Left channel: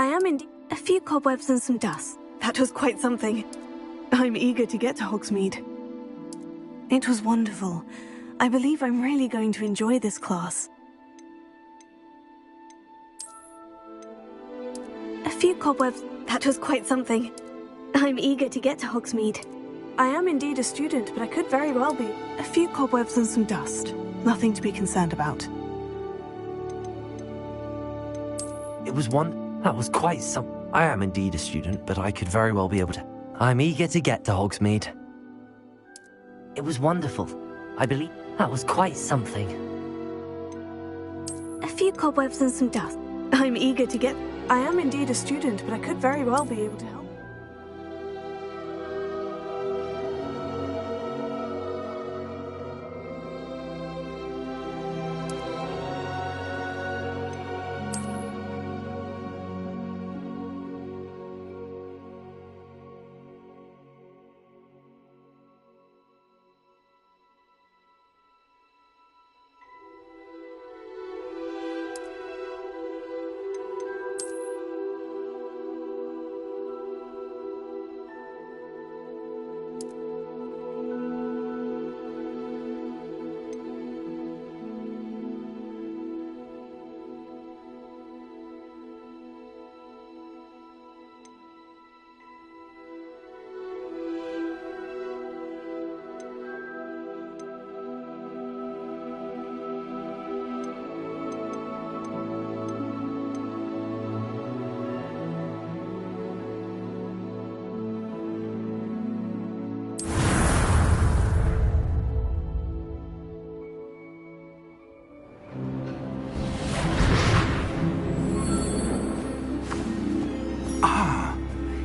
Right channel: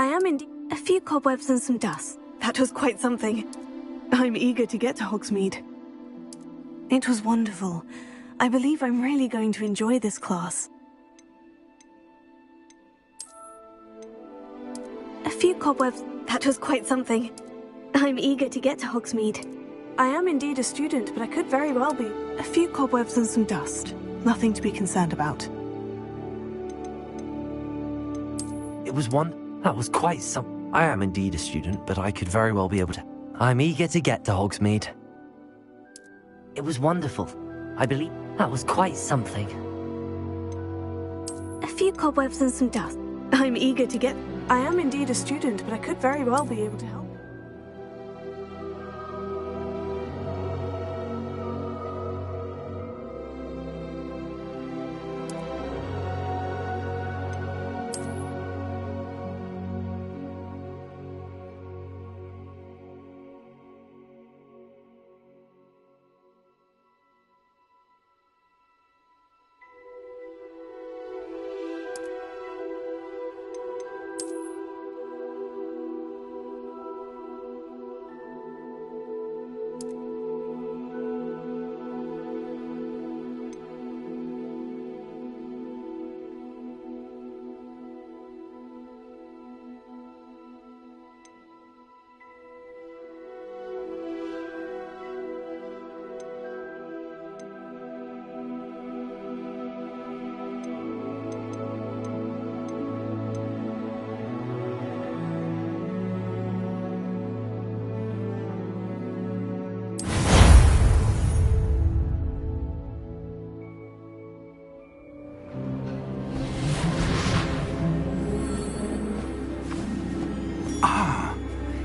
I am indeed. A few cobwebs and some dust. That was quite something. I'm eager to get to Hogsmeade. It was wonderful. I believe I'm really going to enjoy this class. A few cobwebs. That was quite something. I'm eager to get to Hogsmeade. I am indeed a student, but I could very well be. A few cobwebs and some dust. Nothing to be concerned about. It was one. That was quite some. I am indeed a student, but I could very well be able to. I'm eager to get to Hogsmeade. It was wonderful. I believe that was quite something. A few cobwebs and some dust. I'm eager to get. I am indeed a student, but I could very well be able to help.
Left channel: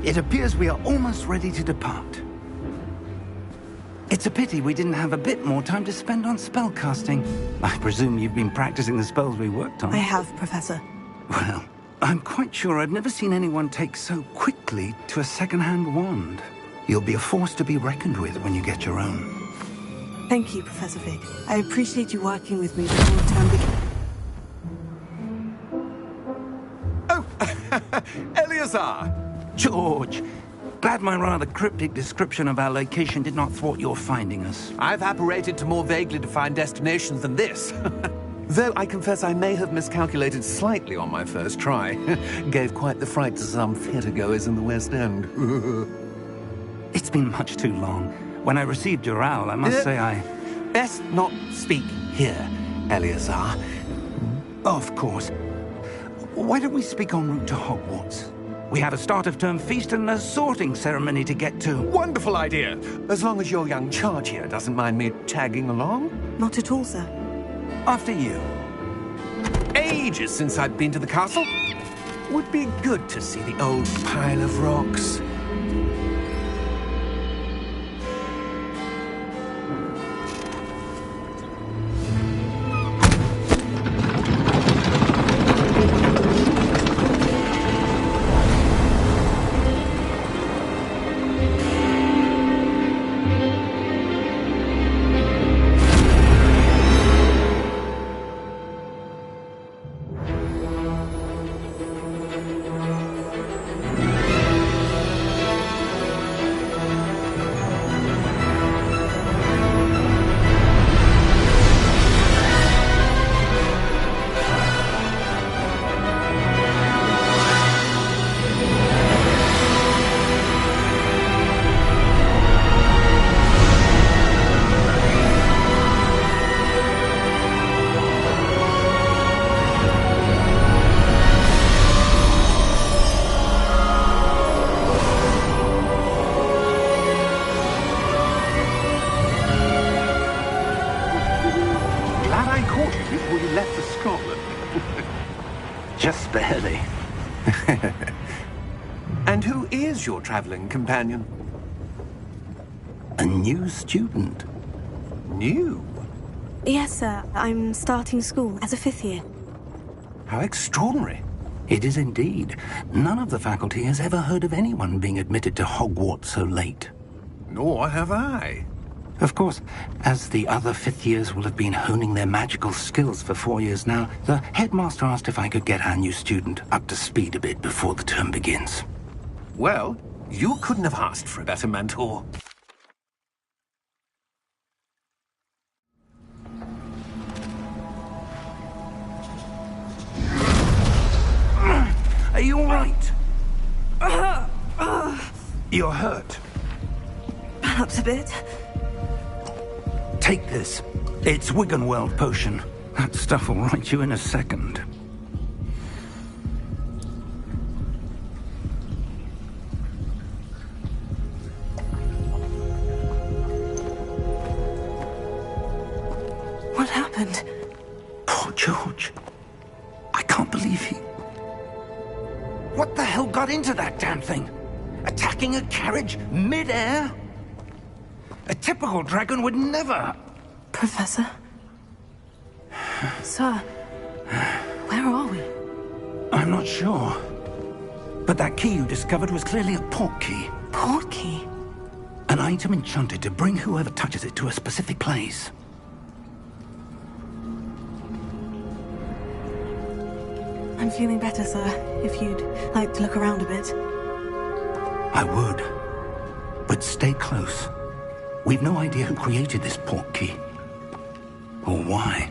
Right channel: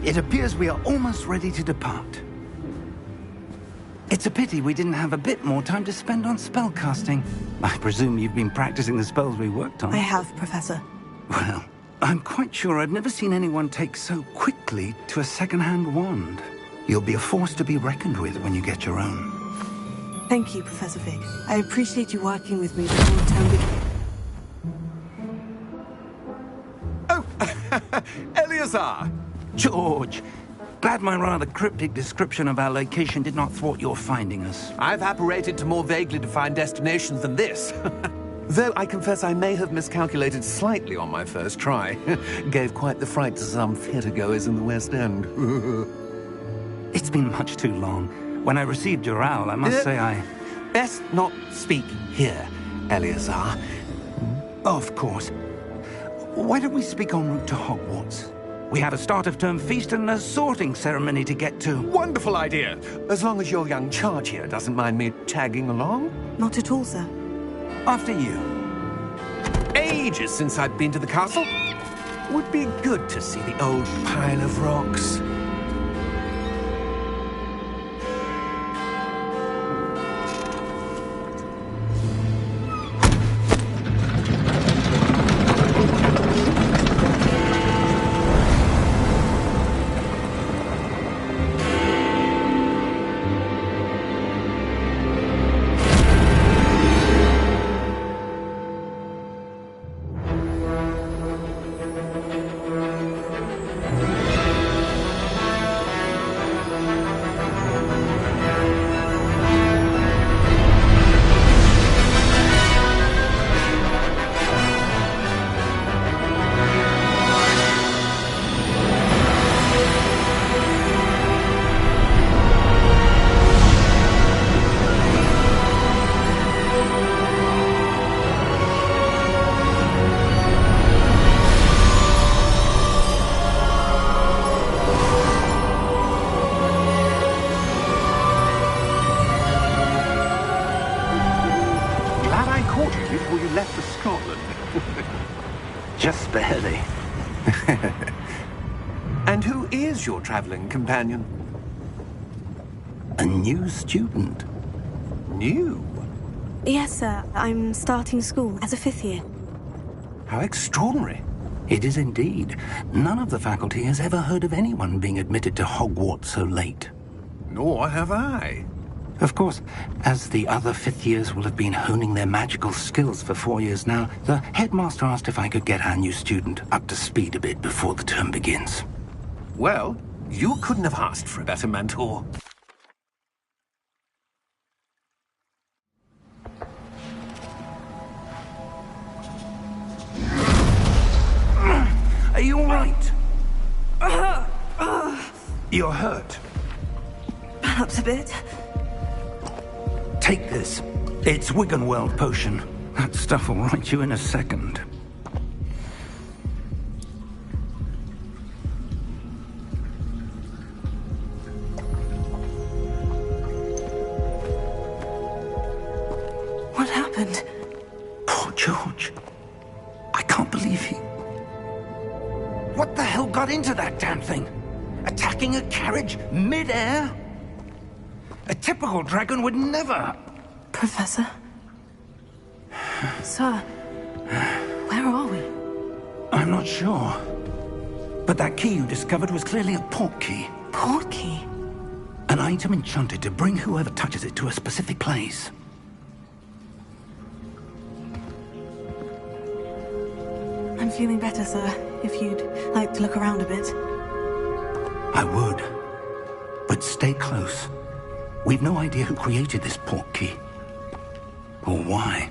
It appears we are almost ready to depart. It's a pity we didn't have a bit more time to spend on spellcasting. I presume you've been practicing the spells we worked on. I have, Professor. Well, I'm quite sure I've never seen anyone take so quickly to a second-hand wand. You'll be a force to be reckoned with when you get your own. Thank you, Professor Fig. I appreciate you working with me before term begins. Oh, Eleazar! George, glad my rather cryptic description of our location did not thwart your finding us. I've apparated to more vaguely defined destinations than this. Though I confess I may have miscalculated slightly on my first try. Gave quite the fright to some theatre-goers in the West End. It's been much too long. When I received your owl, I must say I... Best not speak here, Eleazar. Of course. Why don't we speak en route to Hogwarts? We have a start-of-term feast and a sorting ceremony to get to. Wonderful idea! As long as your young charge here doesn't mind me tagging along. Not at all, sir. After you. Ages since I've been to the castle. Would be good to see the old pile of rocks. Before you left for Scotland. Just barely. And who is your traveling companion? A new student. New? Yes, sir. I'm starting school as a 5th year. How extraordinary. It is indeed. None of the faculty has ever heard of anyone being admitted to Hogwarts so late. Nor have I. Of course, as the other fifth years will have been honing their magical skills for 4 years now, the headmaster asked if I could get our new student up to speed a bit before the term begins. Well, you couldn't have asked for a better mentor. Are you all right? You're hurt. Perhaps a bit. Take this. It's Wiggenweld potion. That stuff will right you in a second. What happened? Poor George. I can't believe he... What the hell got into that damn thing? Attacking a carriage mid-air? A typical dragon would never... Professor? Sir, where are we? I'm not sure. But that key you discovered was clearly a port key. Port key? An item enchanted to bring whoever touches it to a specific place. I'm feeling better, sir. If you'd like to look around a bit. I would. But stay close. We've no idea who created this port key. Or why.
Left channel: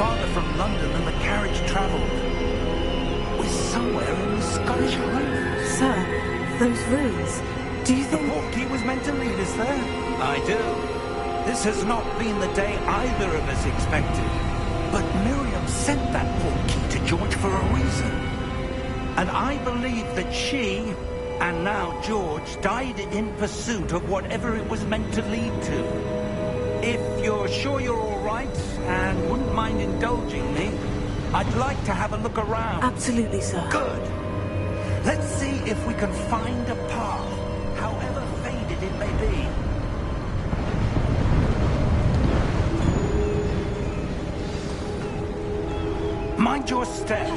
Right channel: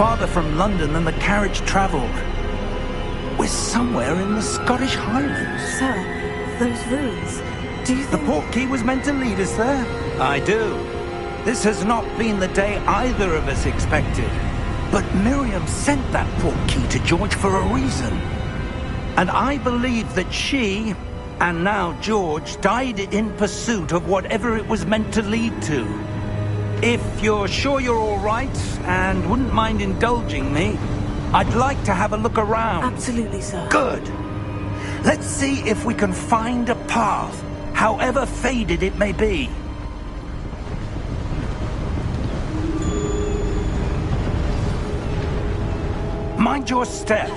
Farther from London than the carriage travelled. We're somewhere in the Scottish Highlands. Sir, those ruins, do you think... The port key was meant to lead us there? I do. This has not been the day either of us expected. But Miriam sent that port key to George for a reason. And I believe that she, and now George, died in pursuit of whatever it was meant to lead to. If you're sure you're all right, and wouldn't mind indulging me, I'd like to have a look around. Absolutely, sir. Good. Let's see if we can find a path, however faded it may be. Mind your step.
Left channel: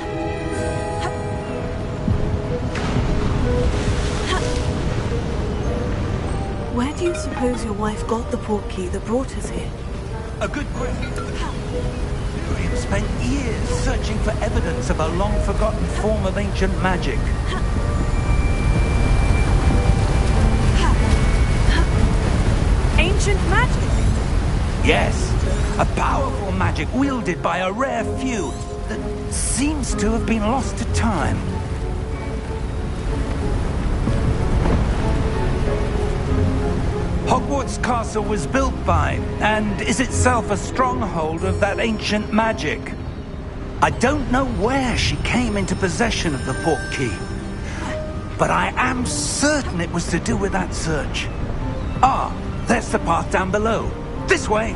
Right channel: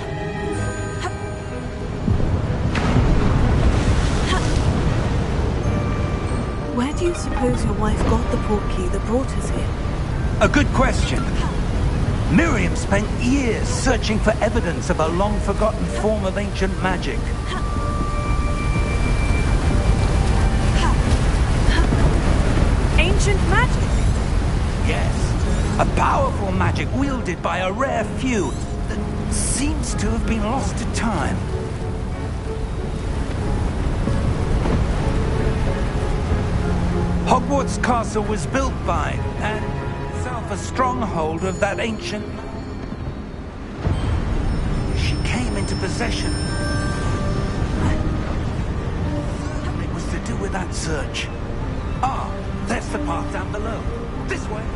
Where do you suppose your wife got the port key that brought us here? A good question. Miriam spent years searching for evidence of a long-forgotten form of ancient magic. Ancient magic? Yes, a powerful magic wielded by a rare few that seems to have been lost to time. Hogwarts Castle was built by, and is itself a stronghold of that ancient magic. I don't know where she came into possession of the port key, but I am certain it was to do with that search. Ah, there's the path down below. This way.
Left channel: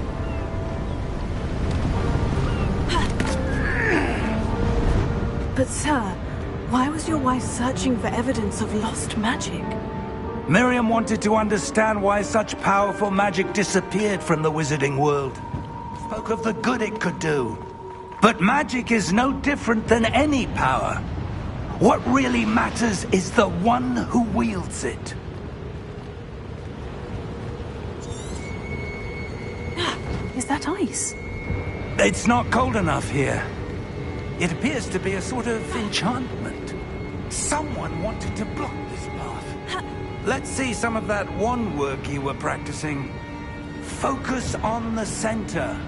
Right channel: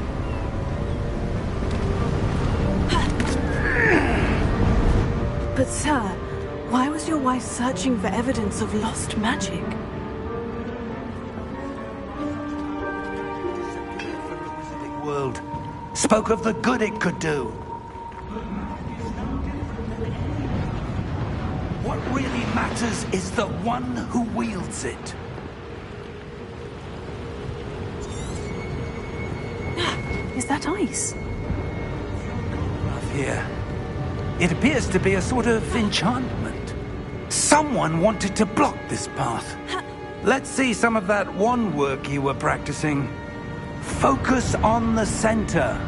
But sir, why was your wife searching for evidence of lost magic? Miriam wanted to understand why such powerful magic disappeared from the wizarding world. Spoke of the good it could do. But magic is no different than any power. What really matters is the one who wields it. Is that ice? It's not cold enough here. It appears to be a sort of enchantment. Someone wanted to block this path. Let's see some of that wand work you were practicing. Focus on the center.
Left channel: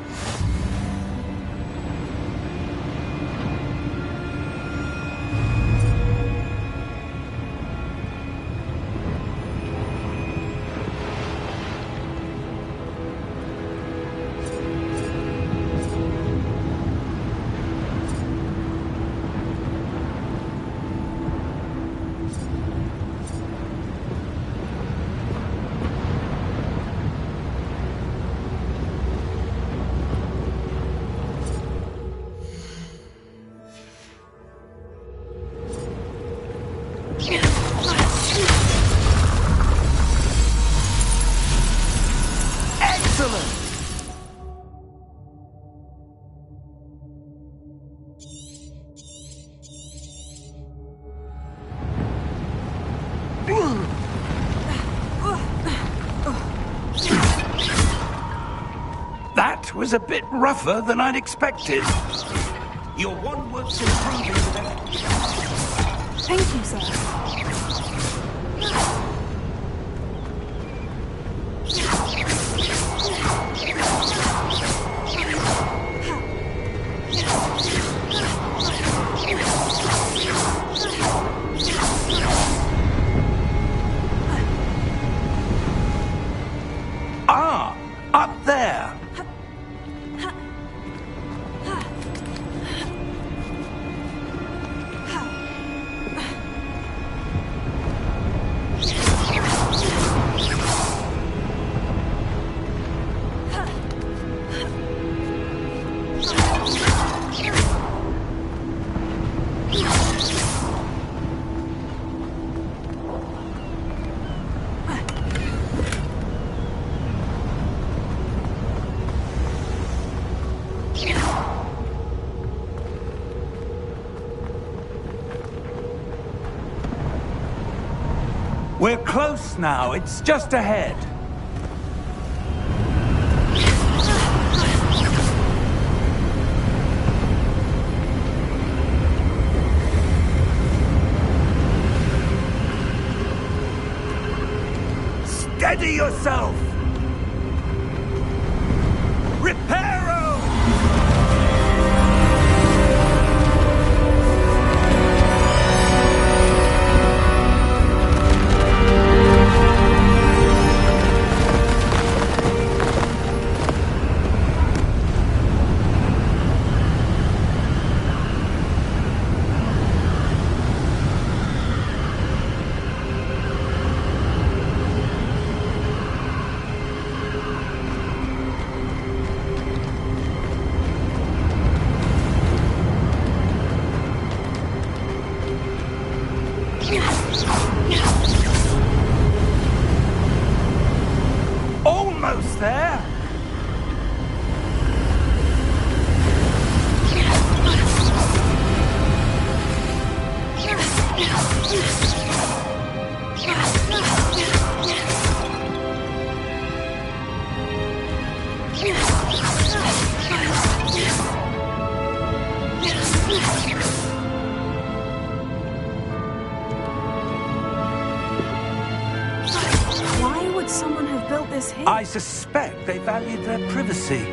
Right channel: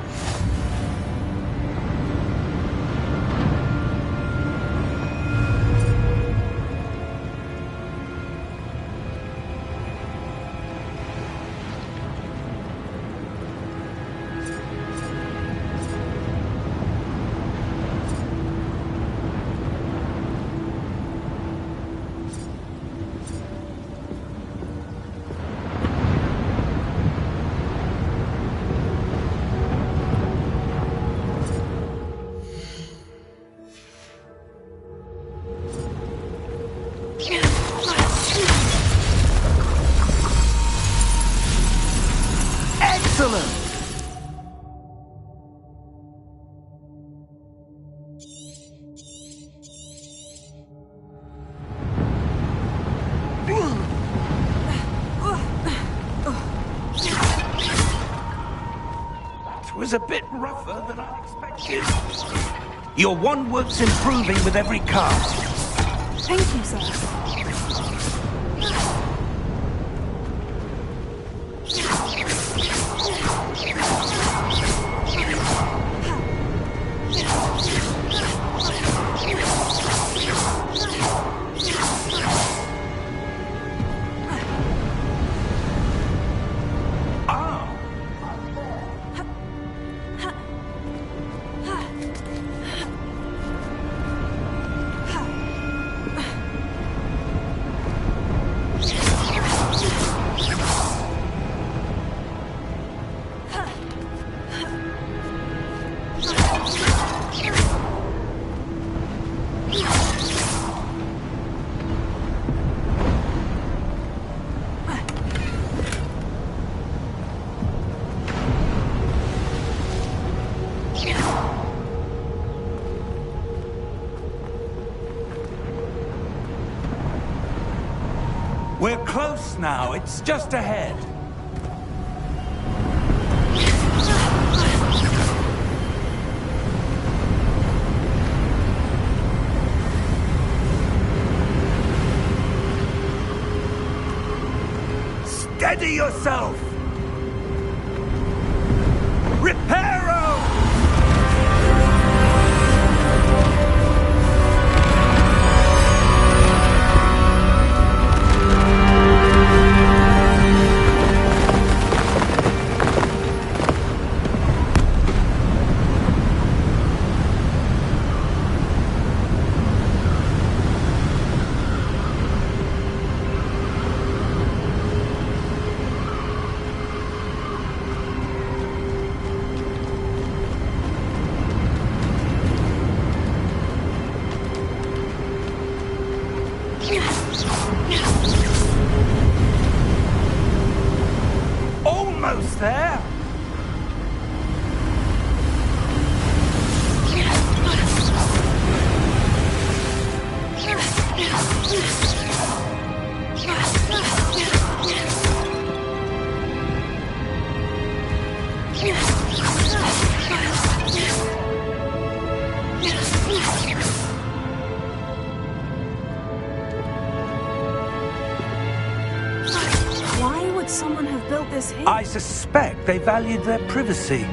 Excellent! That was a bit rougher than I'd expected. Your wand work's improving with every cast. Thank you, sir. Ah, up there. We're close now. It's just ahead. Steady yourself! Reparo! Almost there! Why would someone have built this here? I suspect they valued their privacy.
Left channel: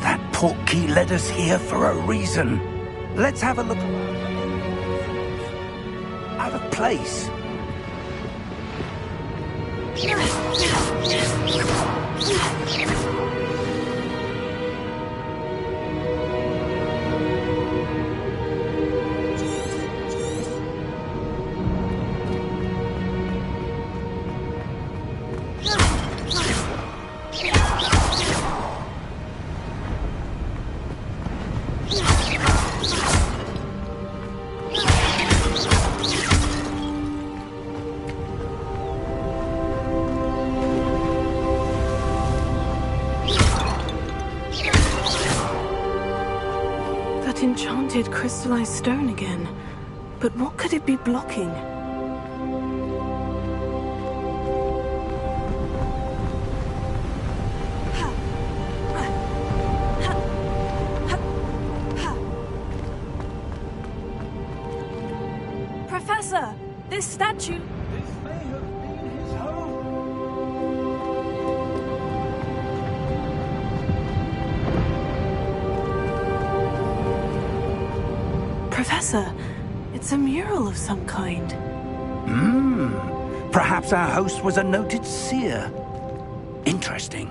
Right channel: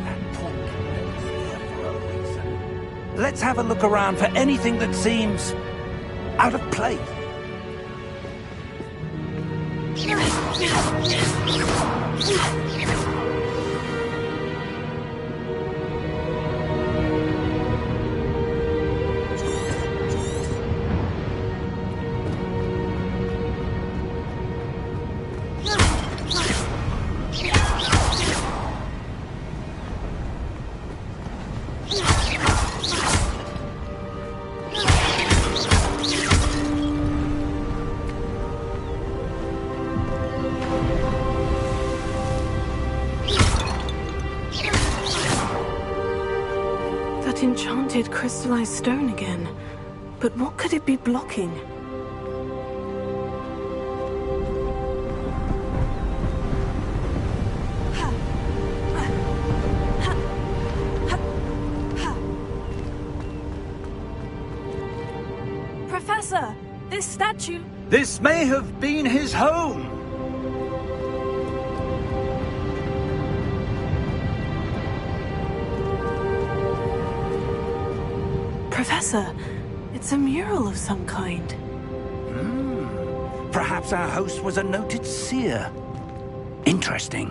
That portkey led us here for a reason. Let's have a look around for anything that seems out of place. That enchanted crystallized stone again. But what could it be blocking? Professor, this statue... This may have been his home. Professor, it's a mural of some kind. Perhaps our host was a noted seer. Interesting.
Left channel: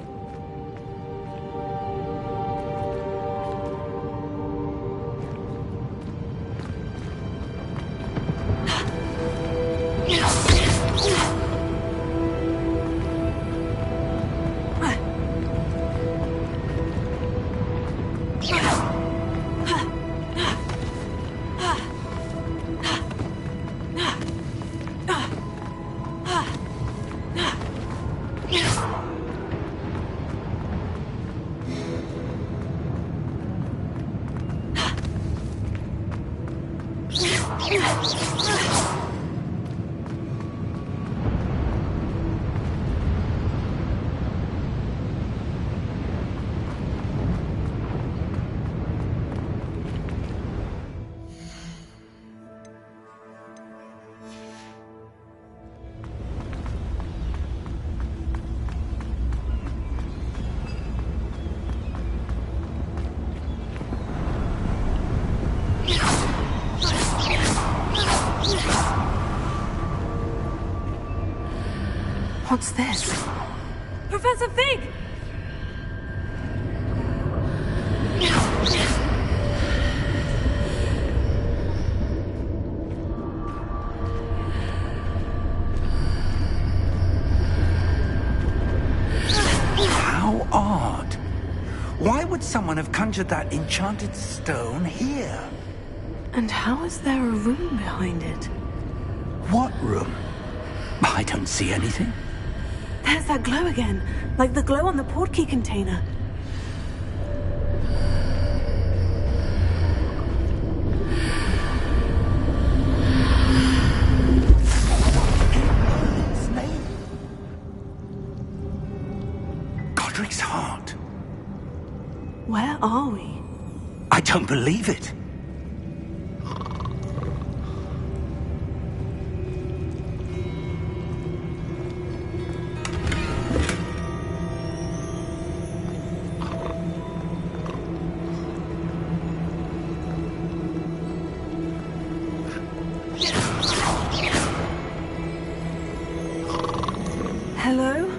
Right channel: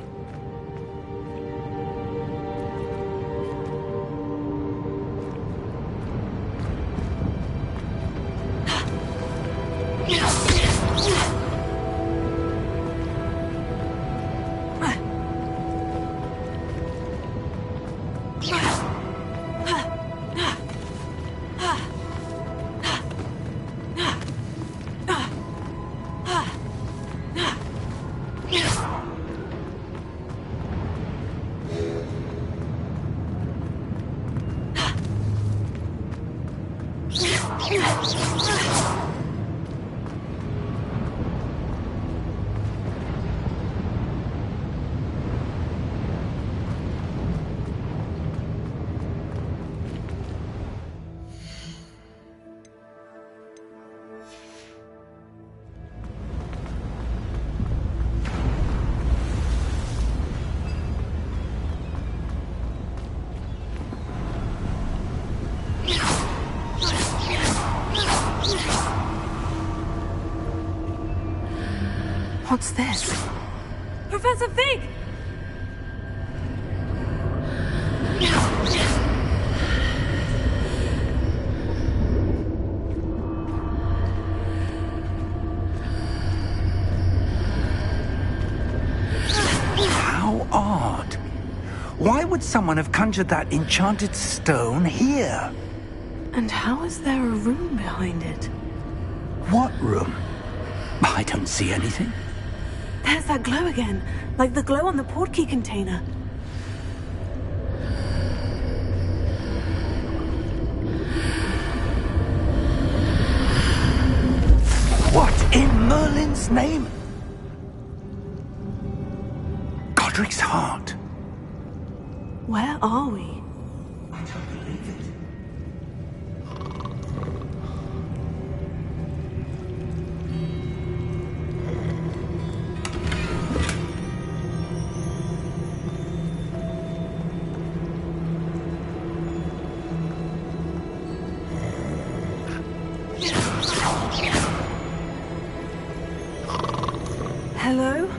What's this? Professor Fig! How odd. Why would someone have conjured that enchanted stone here? And how is there a room behind it? What room? I don't see anything. There's that glow again, like the glow on the portkey container. What in Merlin's name? Godric's heart. Where are we? I don't believe it. Hello?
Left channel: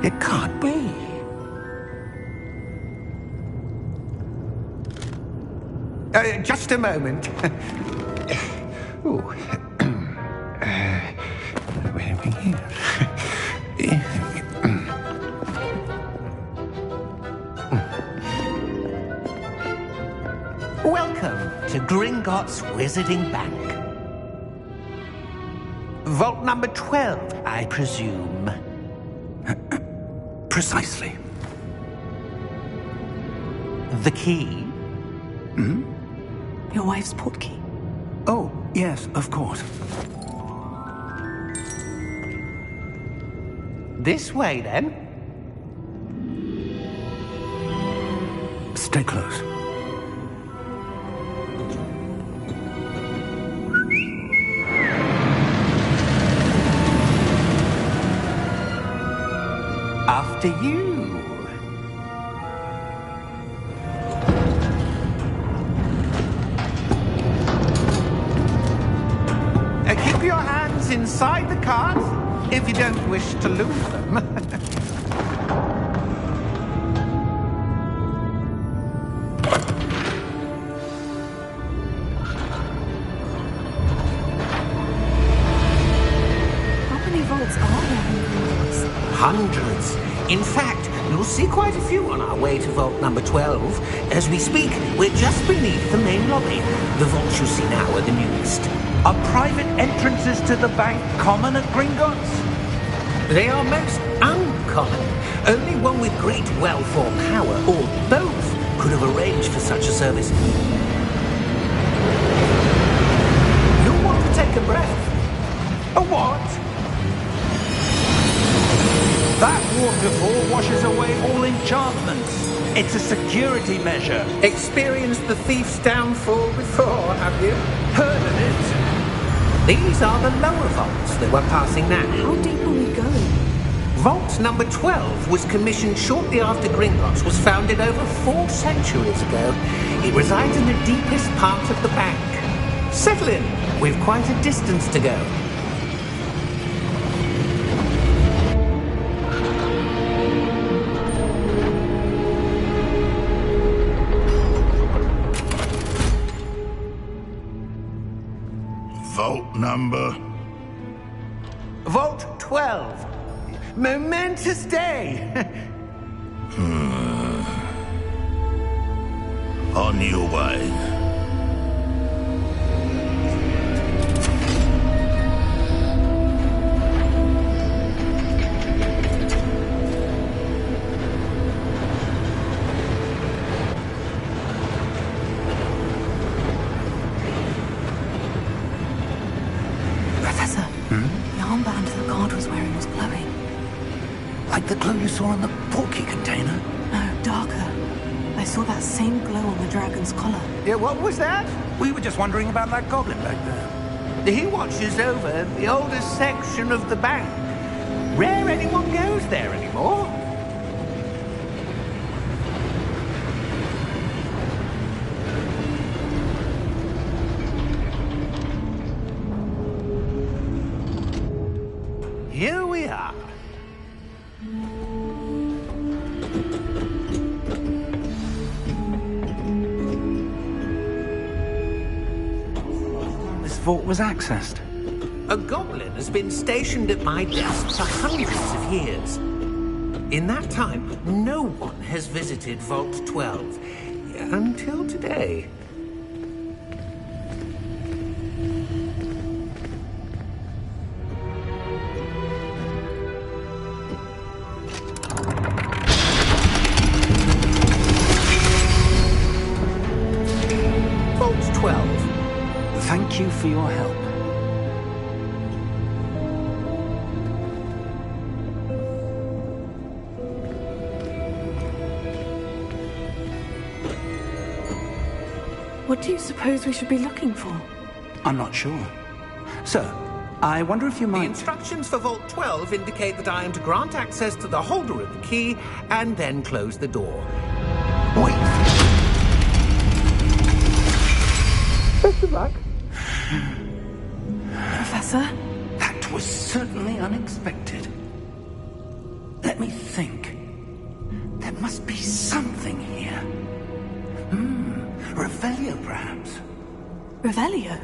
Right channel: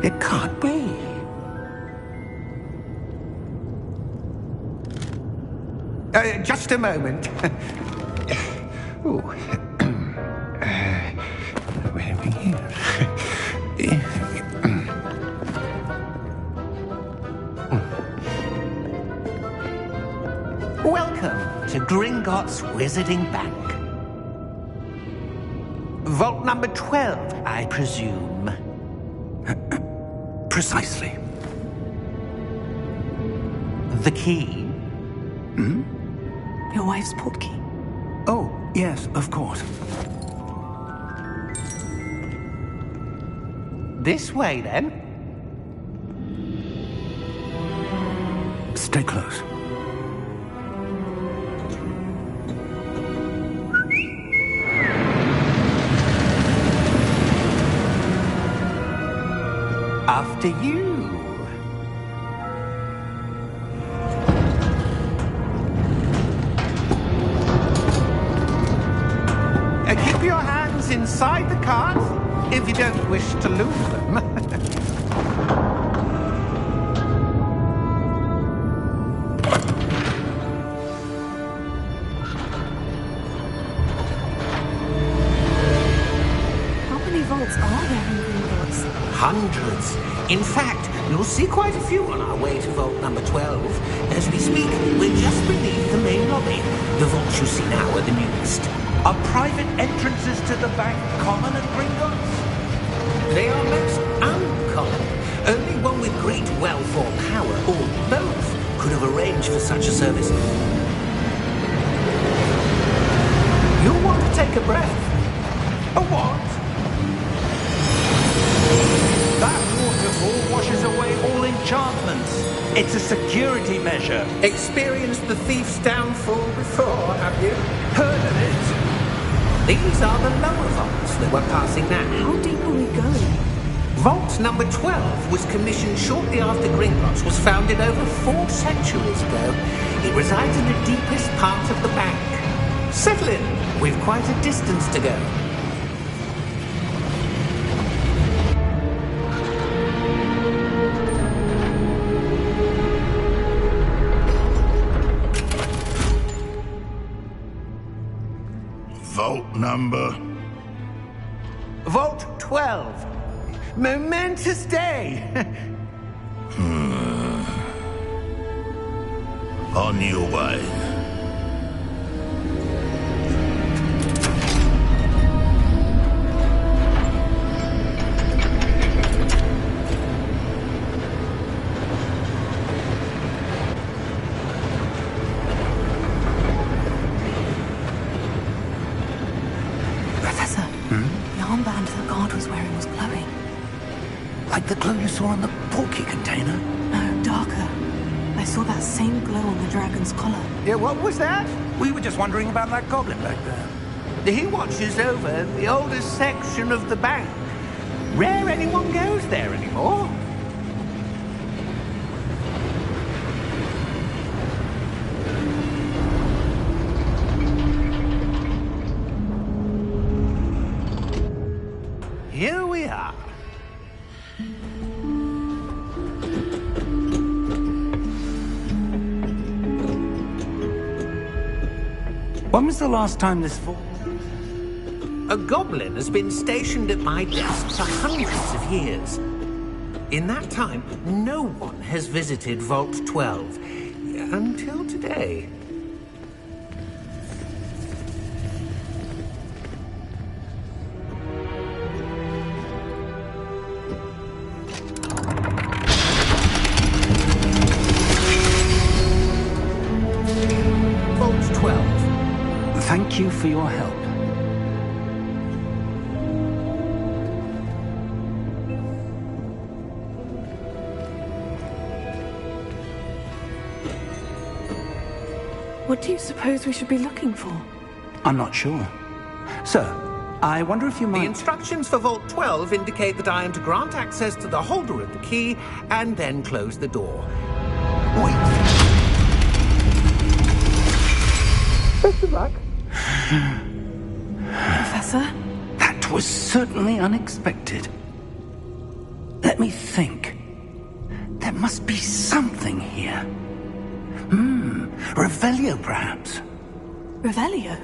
It can't be. Just a moment. Oh. Where are we here? Welcome to Gringotts Wizarding Bank. Vault number 12, I presume. Precisely. The key? Your wife's portkey. Oh, yes, of course. This way, then. Stay close. After you. Keep your hands inside the cart if you don't wish to lose them. How many vaults are there in Gringotts? Hundreds. In fact, You'll see quite a few on our way to Vault number 12. As we speak, we're just beneath the main lobby. The vaults you see now are the newest. Are private entrances to the bank common at Gringotts? They are most uncommon. Only one with great wealth or power, or both, could have arranged for such a service. You'll want to take a breath. A what? That waterfall washes away all enchantments. It's a security measure. Experienced the thief's downfall before, have you? Heard of it? These are the lower vaults that we're passing now. How deep are we going? Vault number 12 was commissioned shortly after Gringotts was founded over 4 centuries ago. It resides in the deepest part of the bank. Settle in. We've quite a distance to go. Vault number? Vault 12. Momentous day. On your way. Professor, the armband the guard was wearing was glowing. Like the glow you saw on the portkey container? No, darker. I saw that same glow on the dragon's collar. Yeah, what was that? We were just wondering about that goblin back there. He watches over the oldest section of the bank. Rare anyone goes there anymore. Here we are. When was the last time this vault was accessed? A goblin has been stationed at my desk for hundreds of years. In that time, no one has visited Vault 12. Until today. Vault 12. Thank you for your help. What do you suppose we should be looking for? I'm not sure. Sir, I wonder if you The might... instructions for Vault 12 indicate that I am to grant access to the holder of the key and then close the door. Wait! Best of luck. Professor? That was certainly unexpected. Let me think. There must be something here. Revelio, perhaps? Revelio?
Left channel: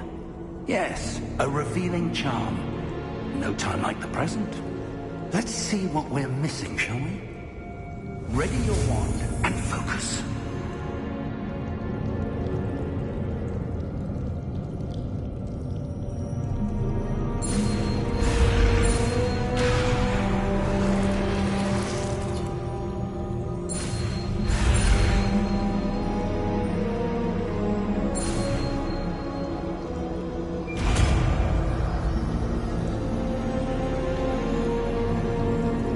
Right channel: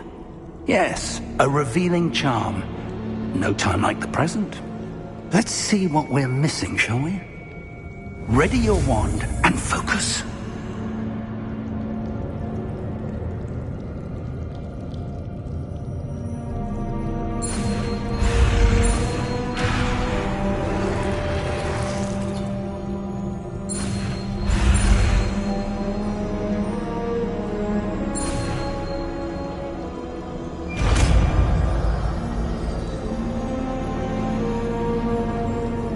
Yes, a revealing charm. No time like the present. Let's see what we're missing, shall we? Ready your wand and focus.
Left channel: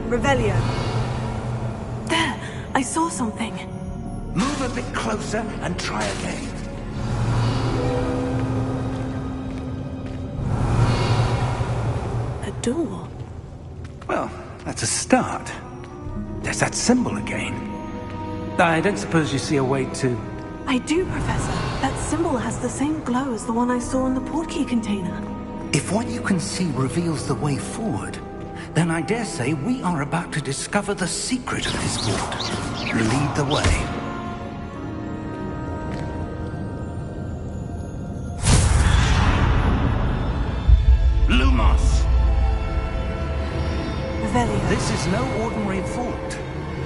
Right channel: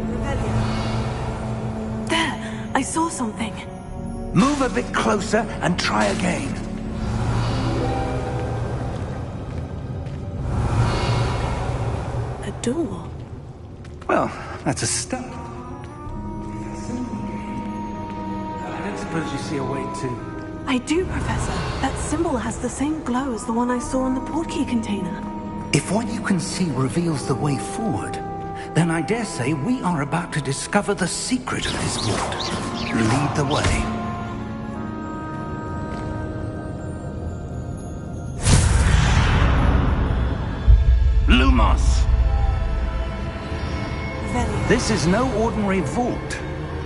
Revelio. There! I saw something. Move a bit closer and try again. A door. Well, that's a start. There's that symbol again. I don't suppose you see a way to... I do, Professor. That symbol has the same glow as the one I saw in the portkey container. If what you can see reveals the way forward, then I dare say we are about to discover the secret of this vault. Lead the way. Lumos! Revelio. This is no ordinary vault.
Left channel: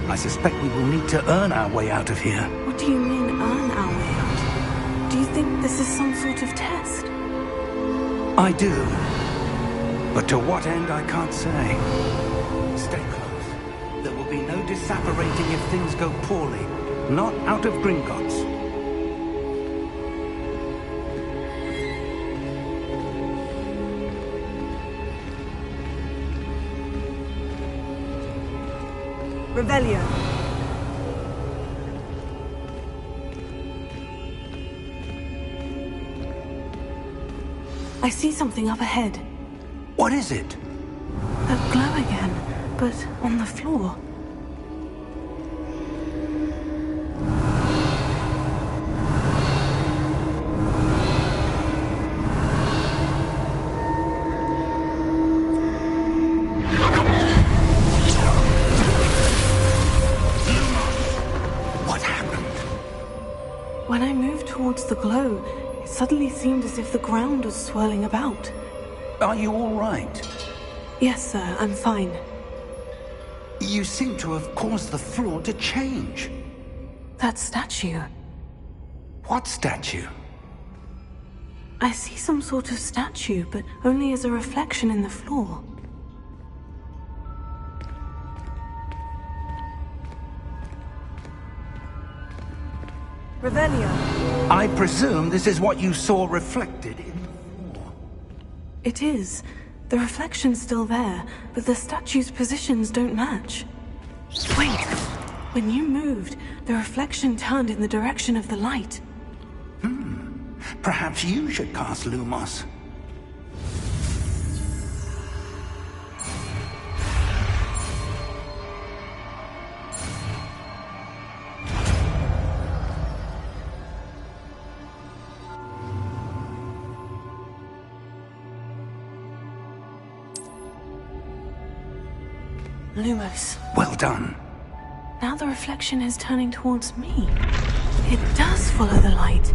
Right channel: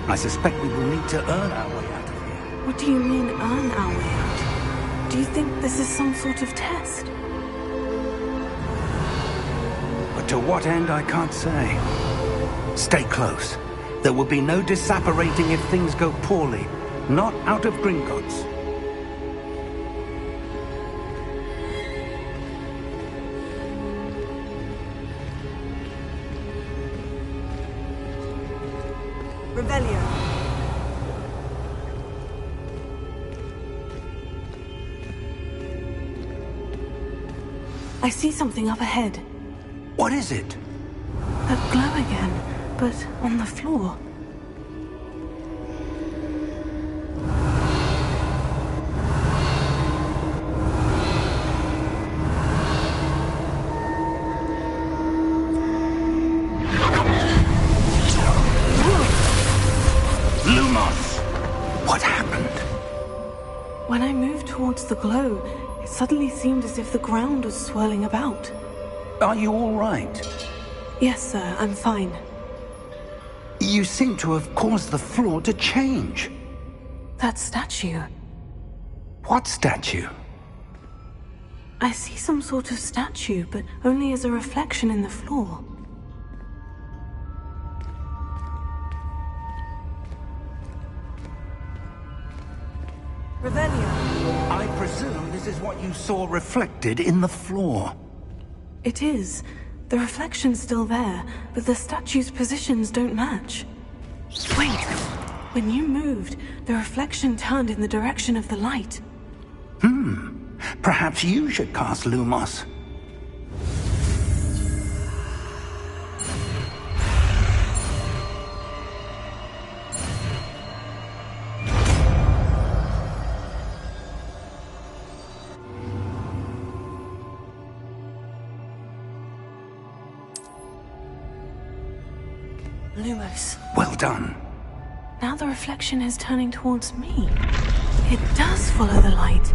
I suspect we will need to earn our way out of here. What do you mean, earn our way out? Do you think this is some sort of test? I do. But to what end, I can't say. Stay close. There will be no disapparating if things go poorly. Not out of Gringotts. Revelio. I see something up ahead. What is it? That glow again, but on the floor. When I moved towards the glow, it suddenly seemed as if the ground was swirling about. Are you all right? Yes, sir, I'm fine. You seem to have caused the floor to change. That statue. What statue? I see some sort of statue, but only as a reflection in the floor. Revelio. I presume this is what you saw reflected in the floor. It is. The reflection's still there, but the statue's positions don't match. Wait! When you moved, the reflection turned in the direction of the light. Perhaps you should cast Lumos. Lumos. Well done. Now the reflection is turning towards me. It does follow the light.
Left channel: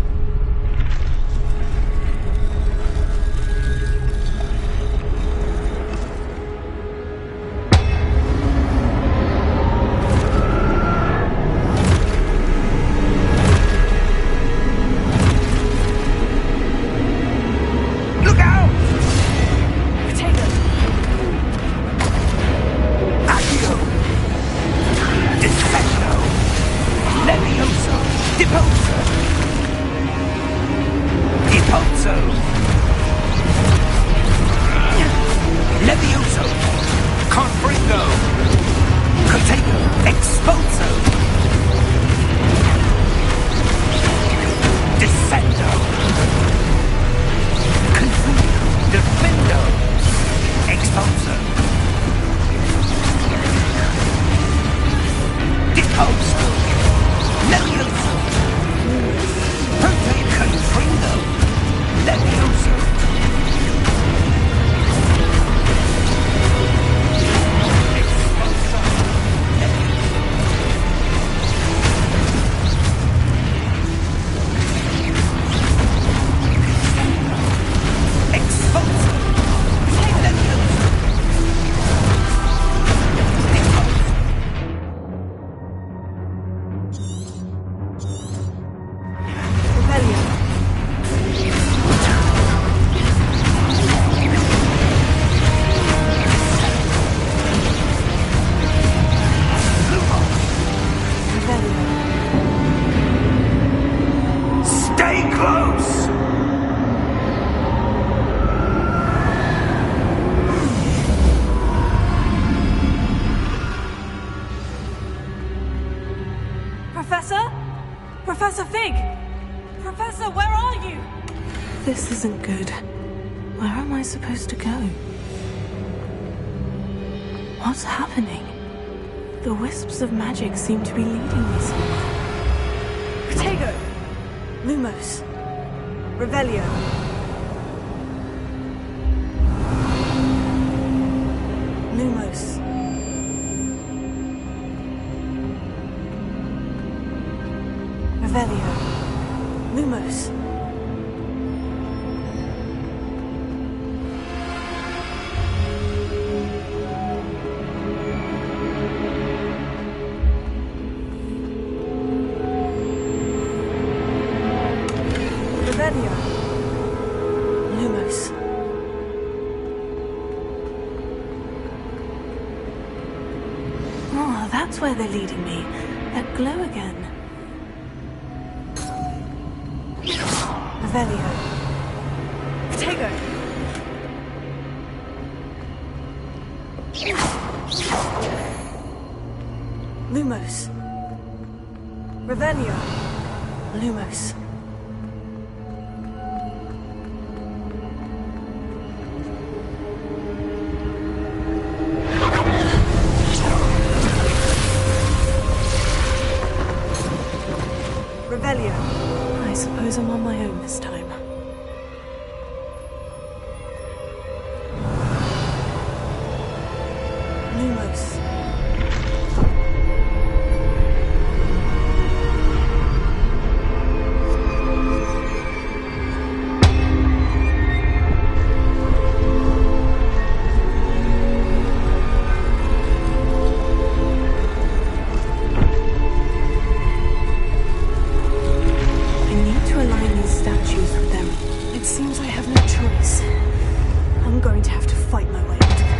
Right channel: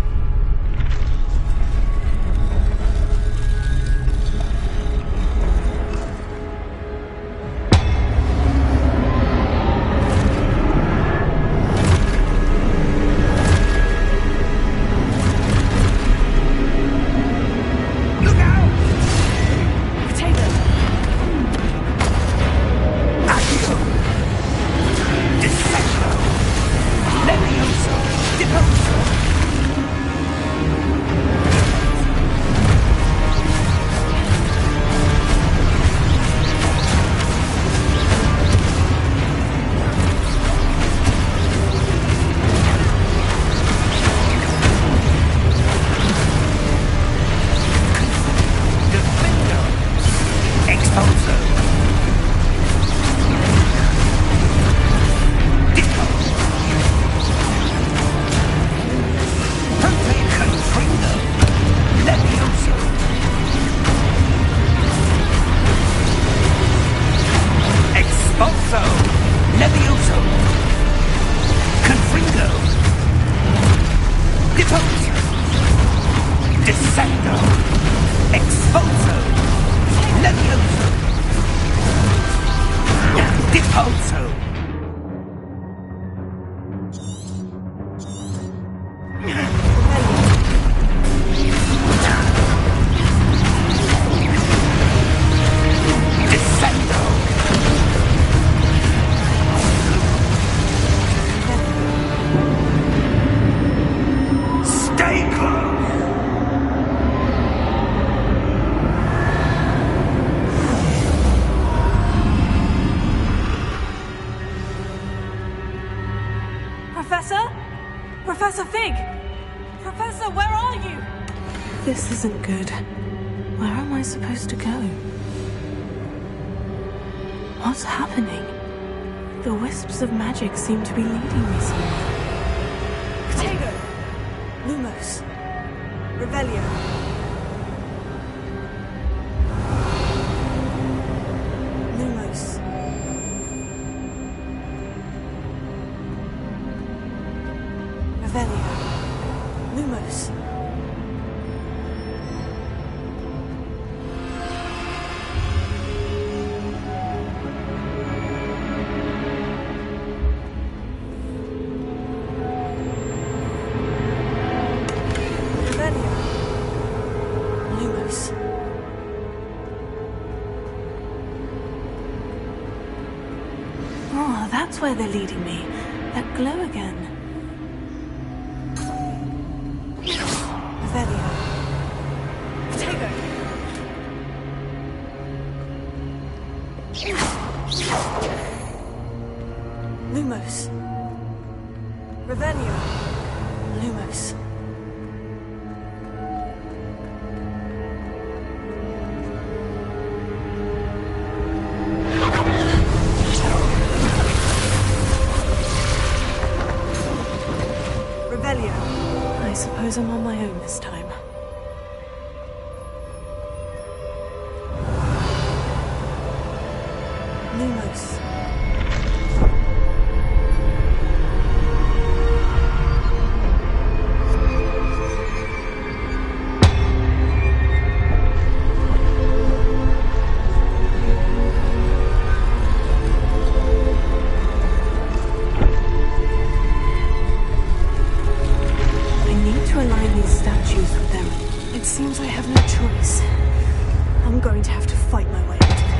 Professor Fig! Professor, where are you? This isn't good. Where am I supposed to go? What's happening? The wisps of magic seem to be leading me somewhere. Protego! Lumos! Revelio! Lumos! Revelio! Lumos! Lumos. Oh, that's where they're leading me. That glow again. Revelio. Tego. Lumos. Revelio. Lumos. Revelio. I suppose I'm on my own this time. Lumos. Seems I have no choice. I'm going to have to fight my way out of here.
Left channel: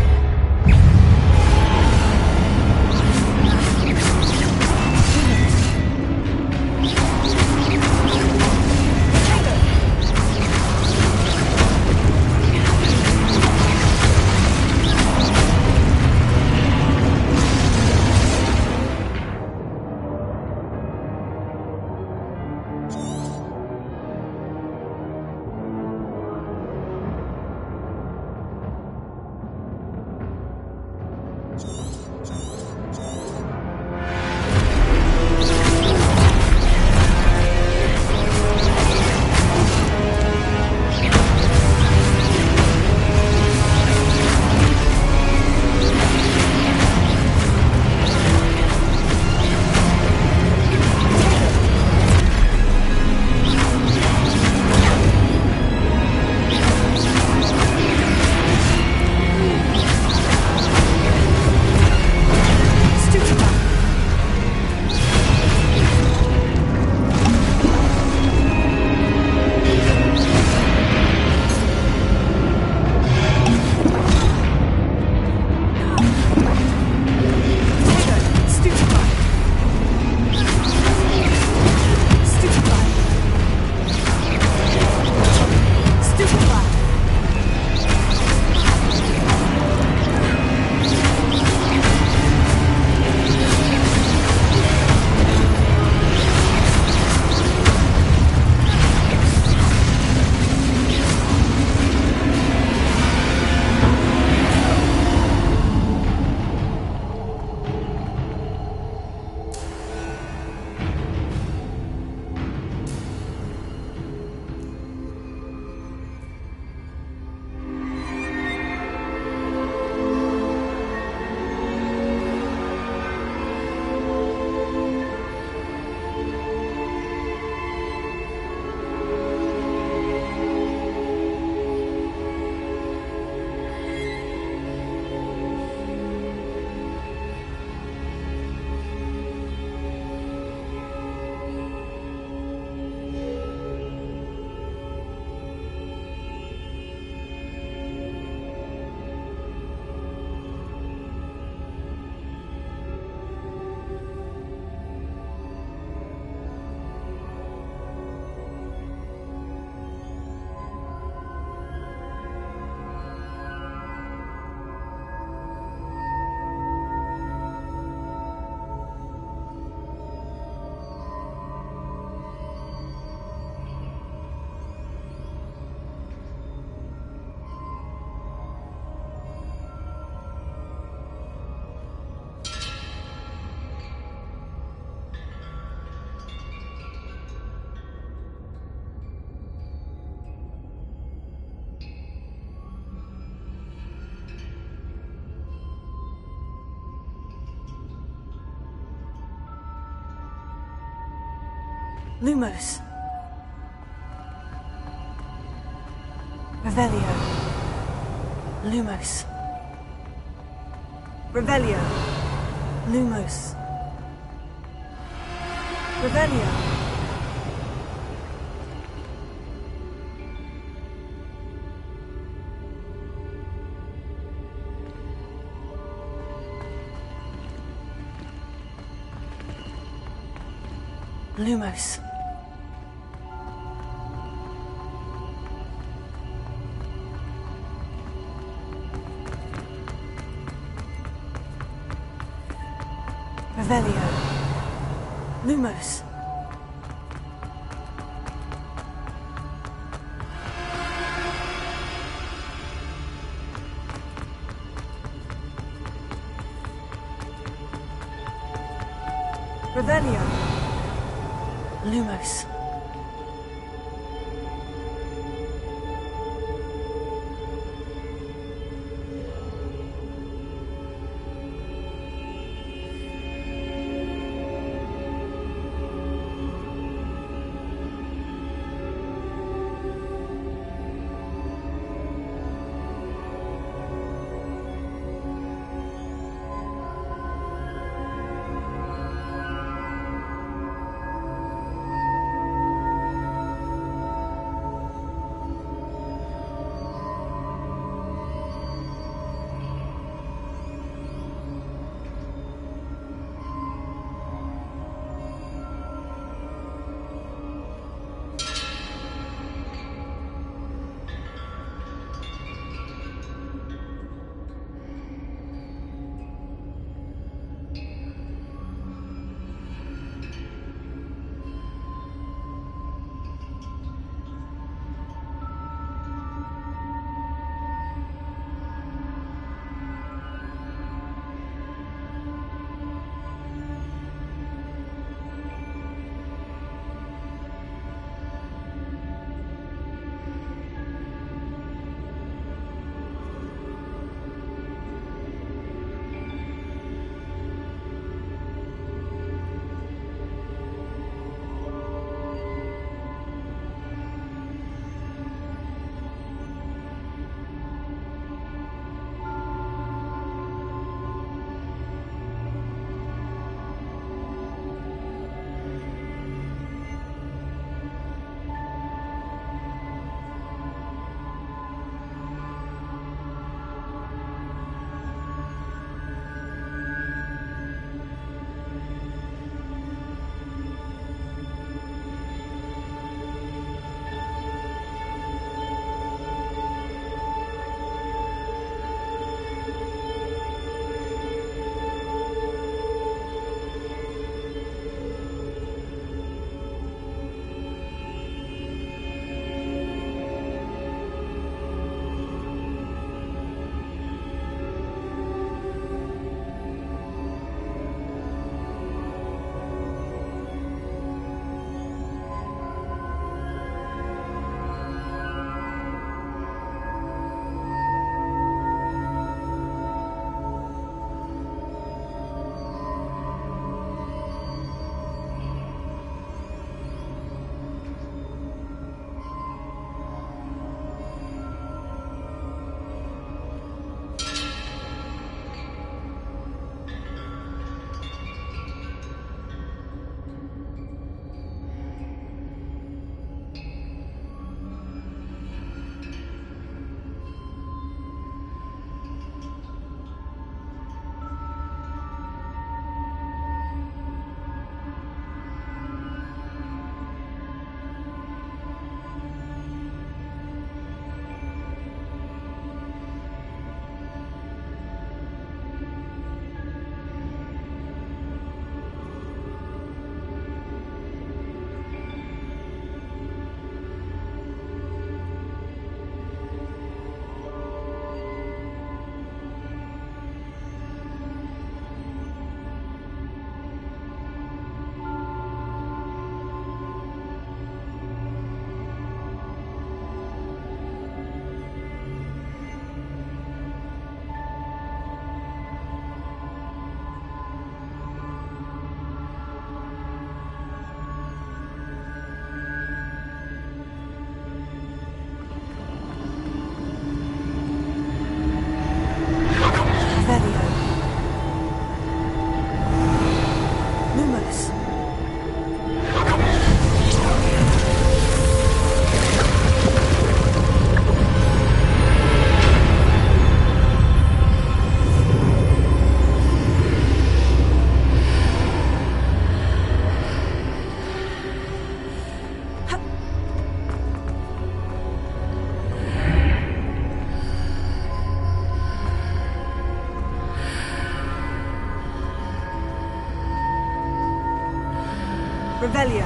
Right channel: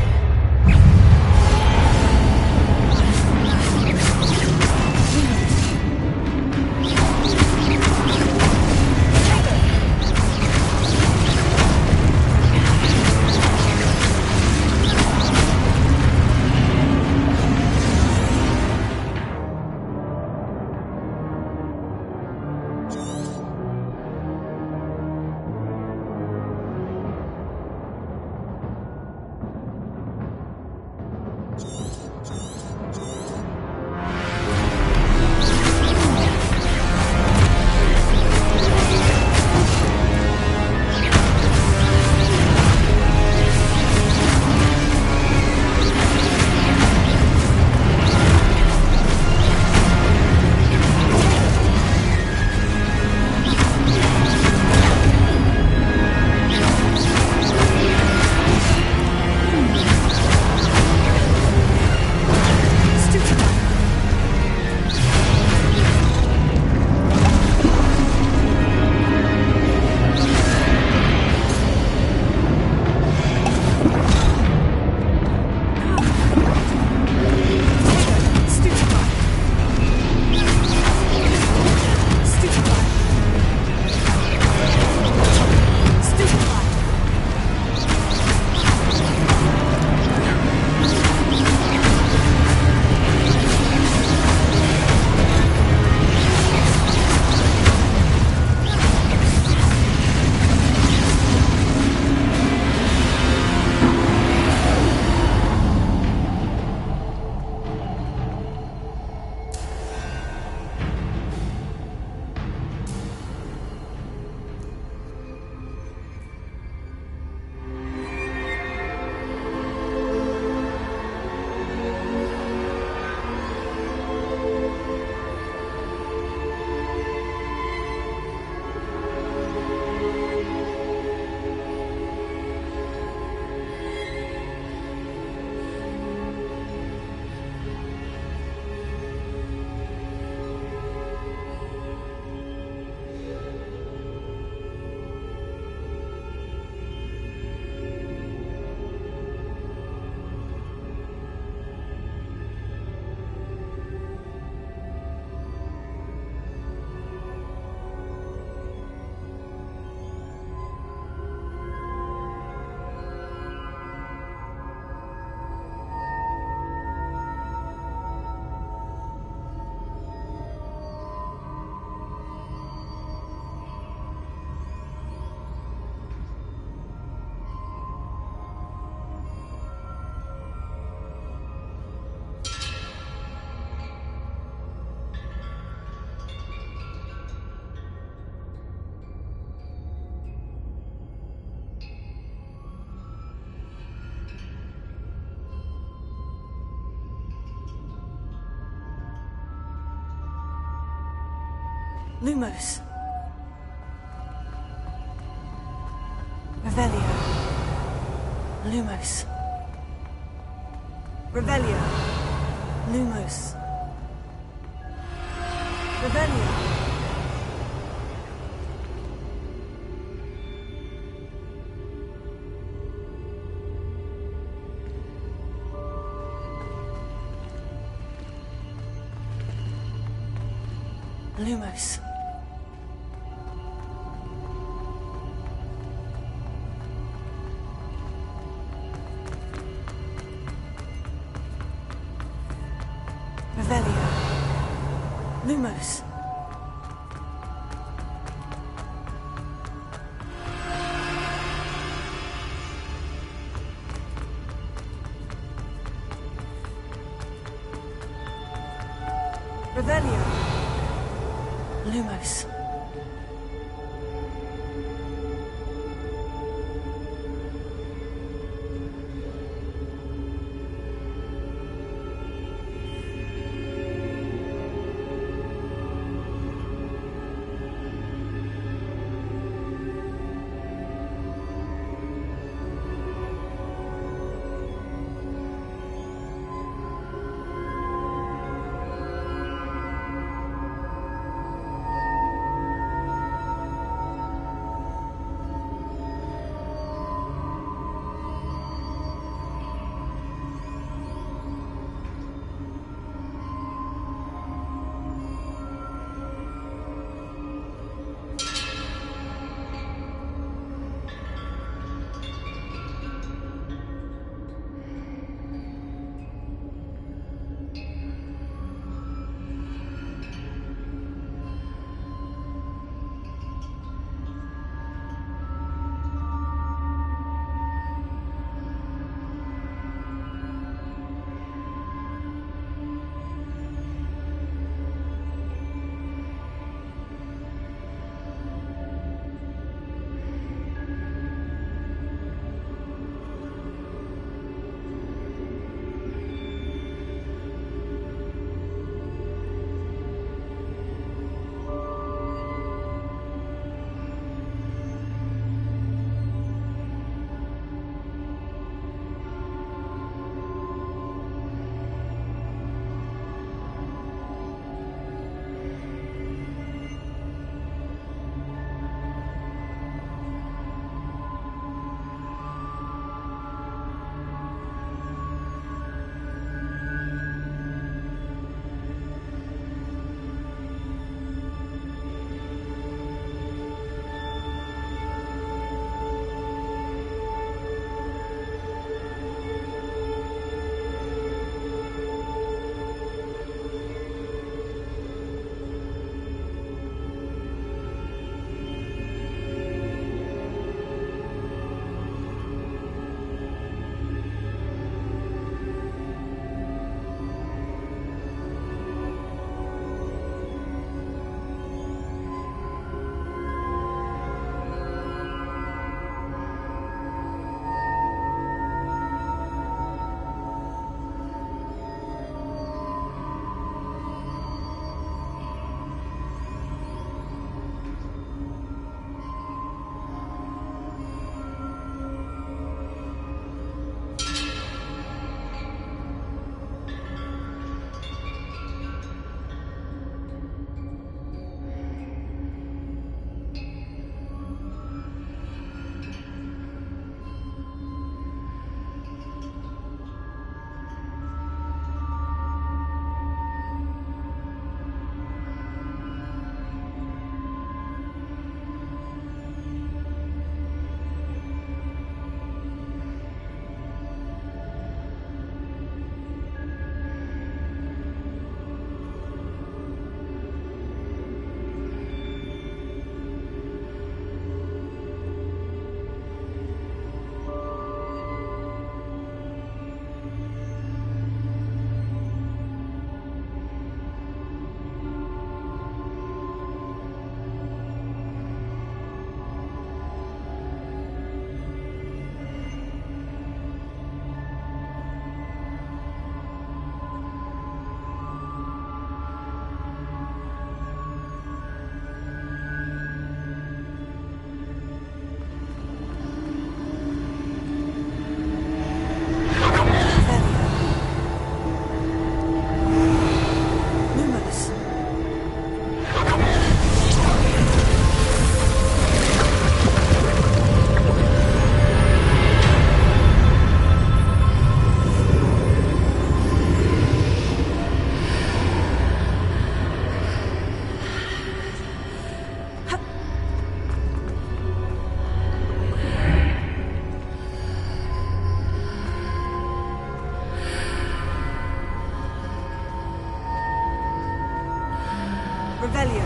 Lumos. Revelio. Lumos. Revelio. Lumos. Revelio. Lumos. Revelio. Lumos. Revelio. Lumos. Revelio.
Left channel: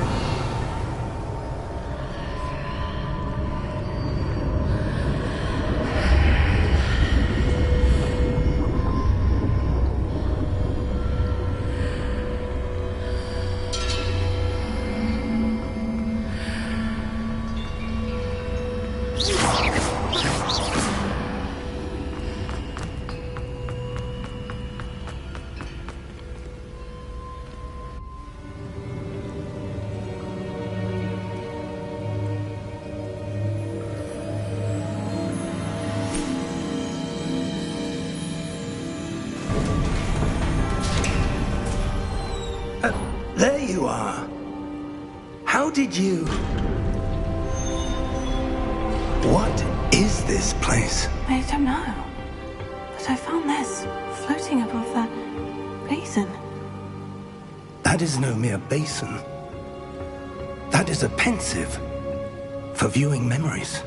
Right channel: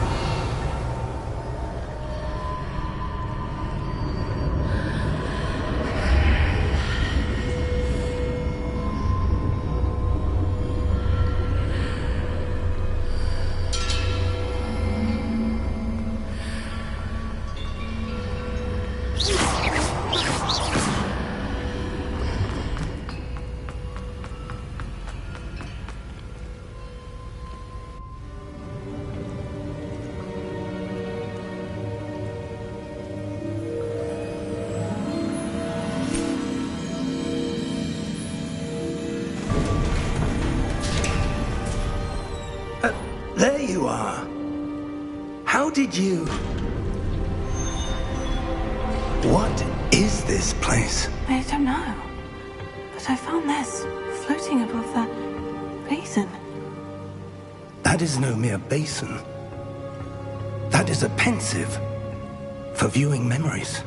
There you are. How did you... What is this place? I don't know. But I found this floating above that basin. That is no mere basin. That is a pensive for viewing memories.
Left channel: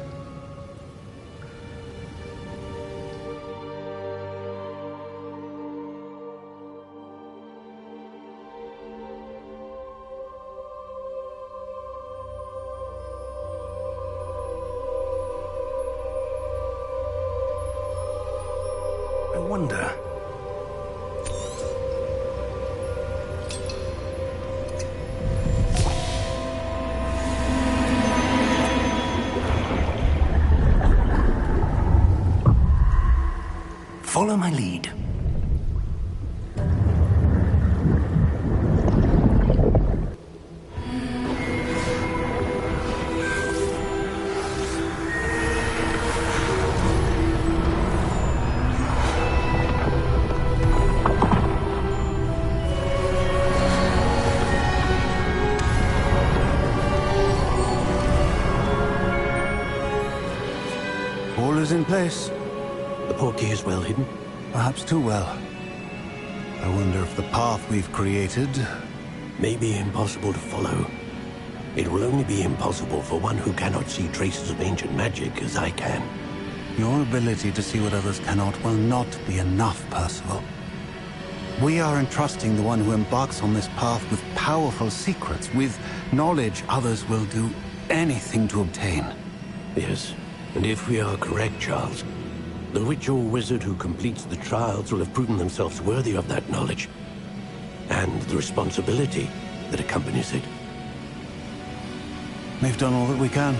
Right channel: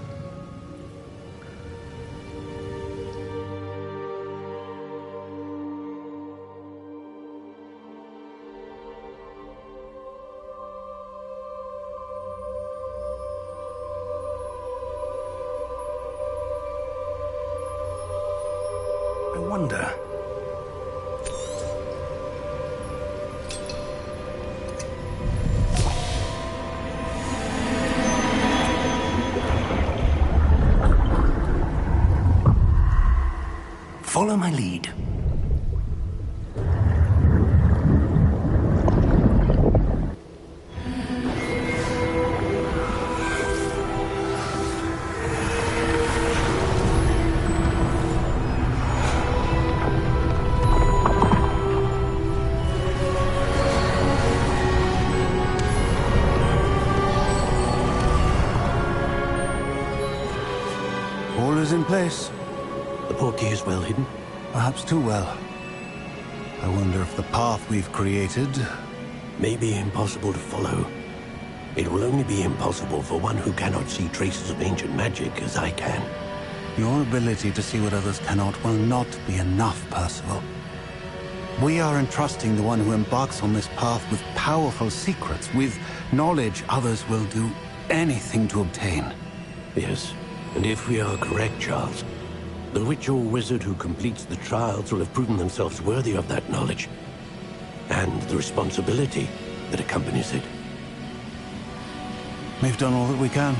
I wonder... Follow my lead. All is in place. The portkey is well hidden. Perhaps too well. I wonder if the path we've created... May be impossible to follow. It will only be impossible for one who cannot see traces of ancient magic as I can. Your ability to see what others cannot will not be enough, Percival. We are entrusting the one who embarks on this path with powerful secrets, with knowledge others will do anything to obtain. Yes, and if we are correct, Charles, the witch or wizard who completes the trials will have proven themselves worthy of that knowledge, and the responsibility that accompanies it. We've done all that we can.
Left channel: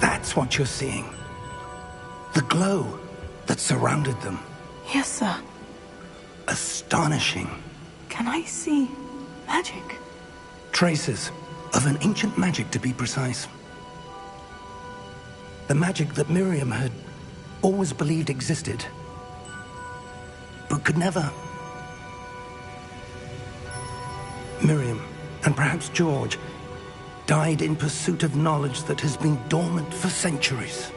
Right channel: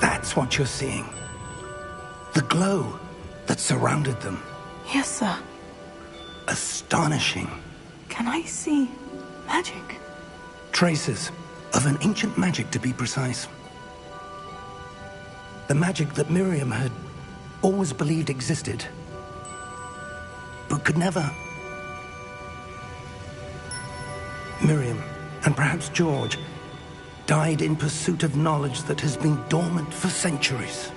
That's what you're seeing. The glow that surrounded them. Yes, sir. Astonishing. Can I see magic? Traces of an ancient magic, to be precise. The magic that Miriam had always believed existed, but could never. Miriam, and perhaps George, died in pursuit of knowledge that has been dormant for centuries.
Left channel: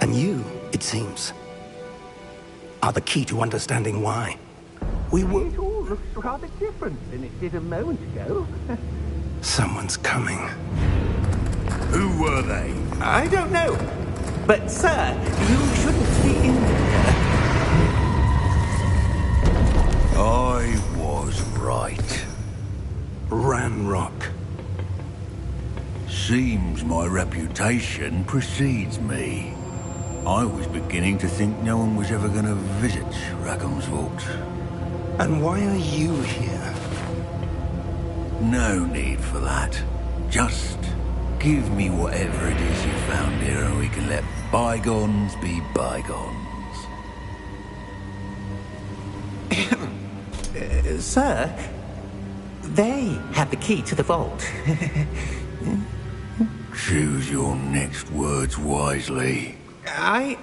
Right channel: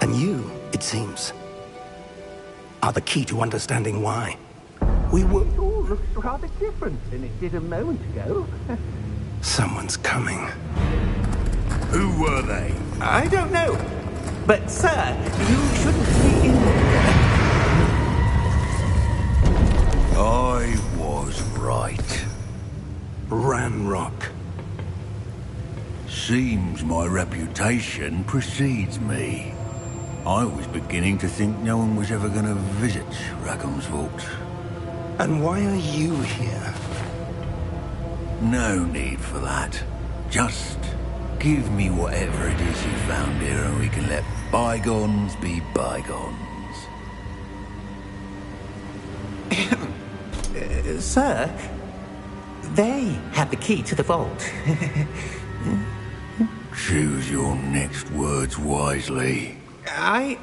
And you, it seems, are the key to understanding why. We were... It all looks rather different than it did a moment ago. Someone's coming. Who were they? I don't know. But, sir, you shouldn't be in here. I was right. Ranrock. Seems my reputation precedes me. I was beginning to think no one was ever going to visit Rackham's Vault. And why are you here? No need for that. Just give me whatever it is you found here and we can let bygones be bygones. Sir, they have the key to the vault. Choose your next words wisely. I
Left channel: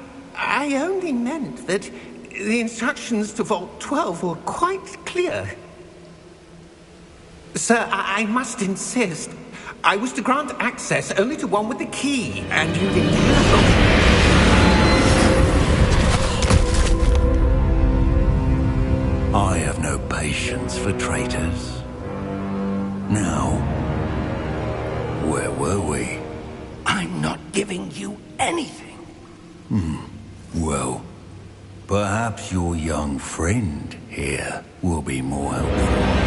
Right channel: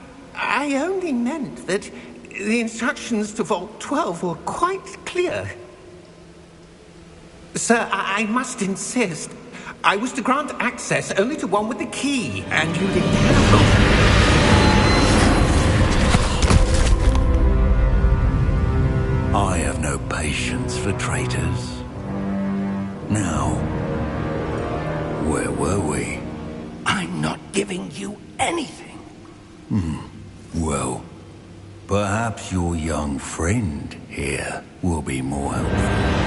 only meant that the instructions to Vault 12 were quite clear. Sir, I must insist. I was to grant access only to one with the key, and you didn't have. I have no patience for traitors. Now, Where were we? I'm not giving you anything. Well, perhaps your young friend here will be more helpful.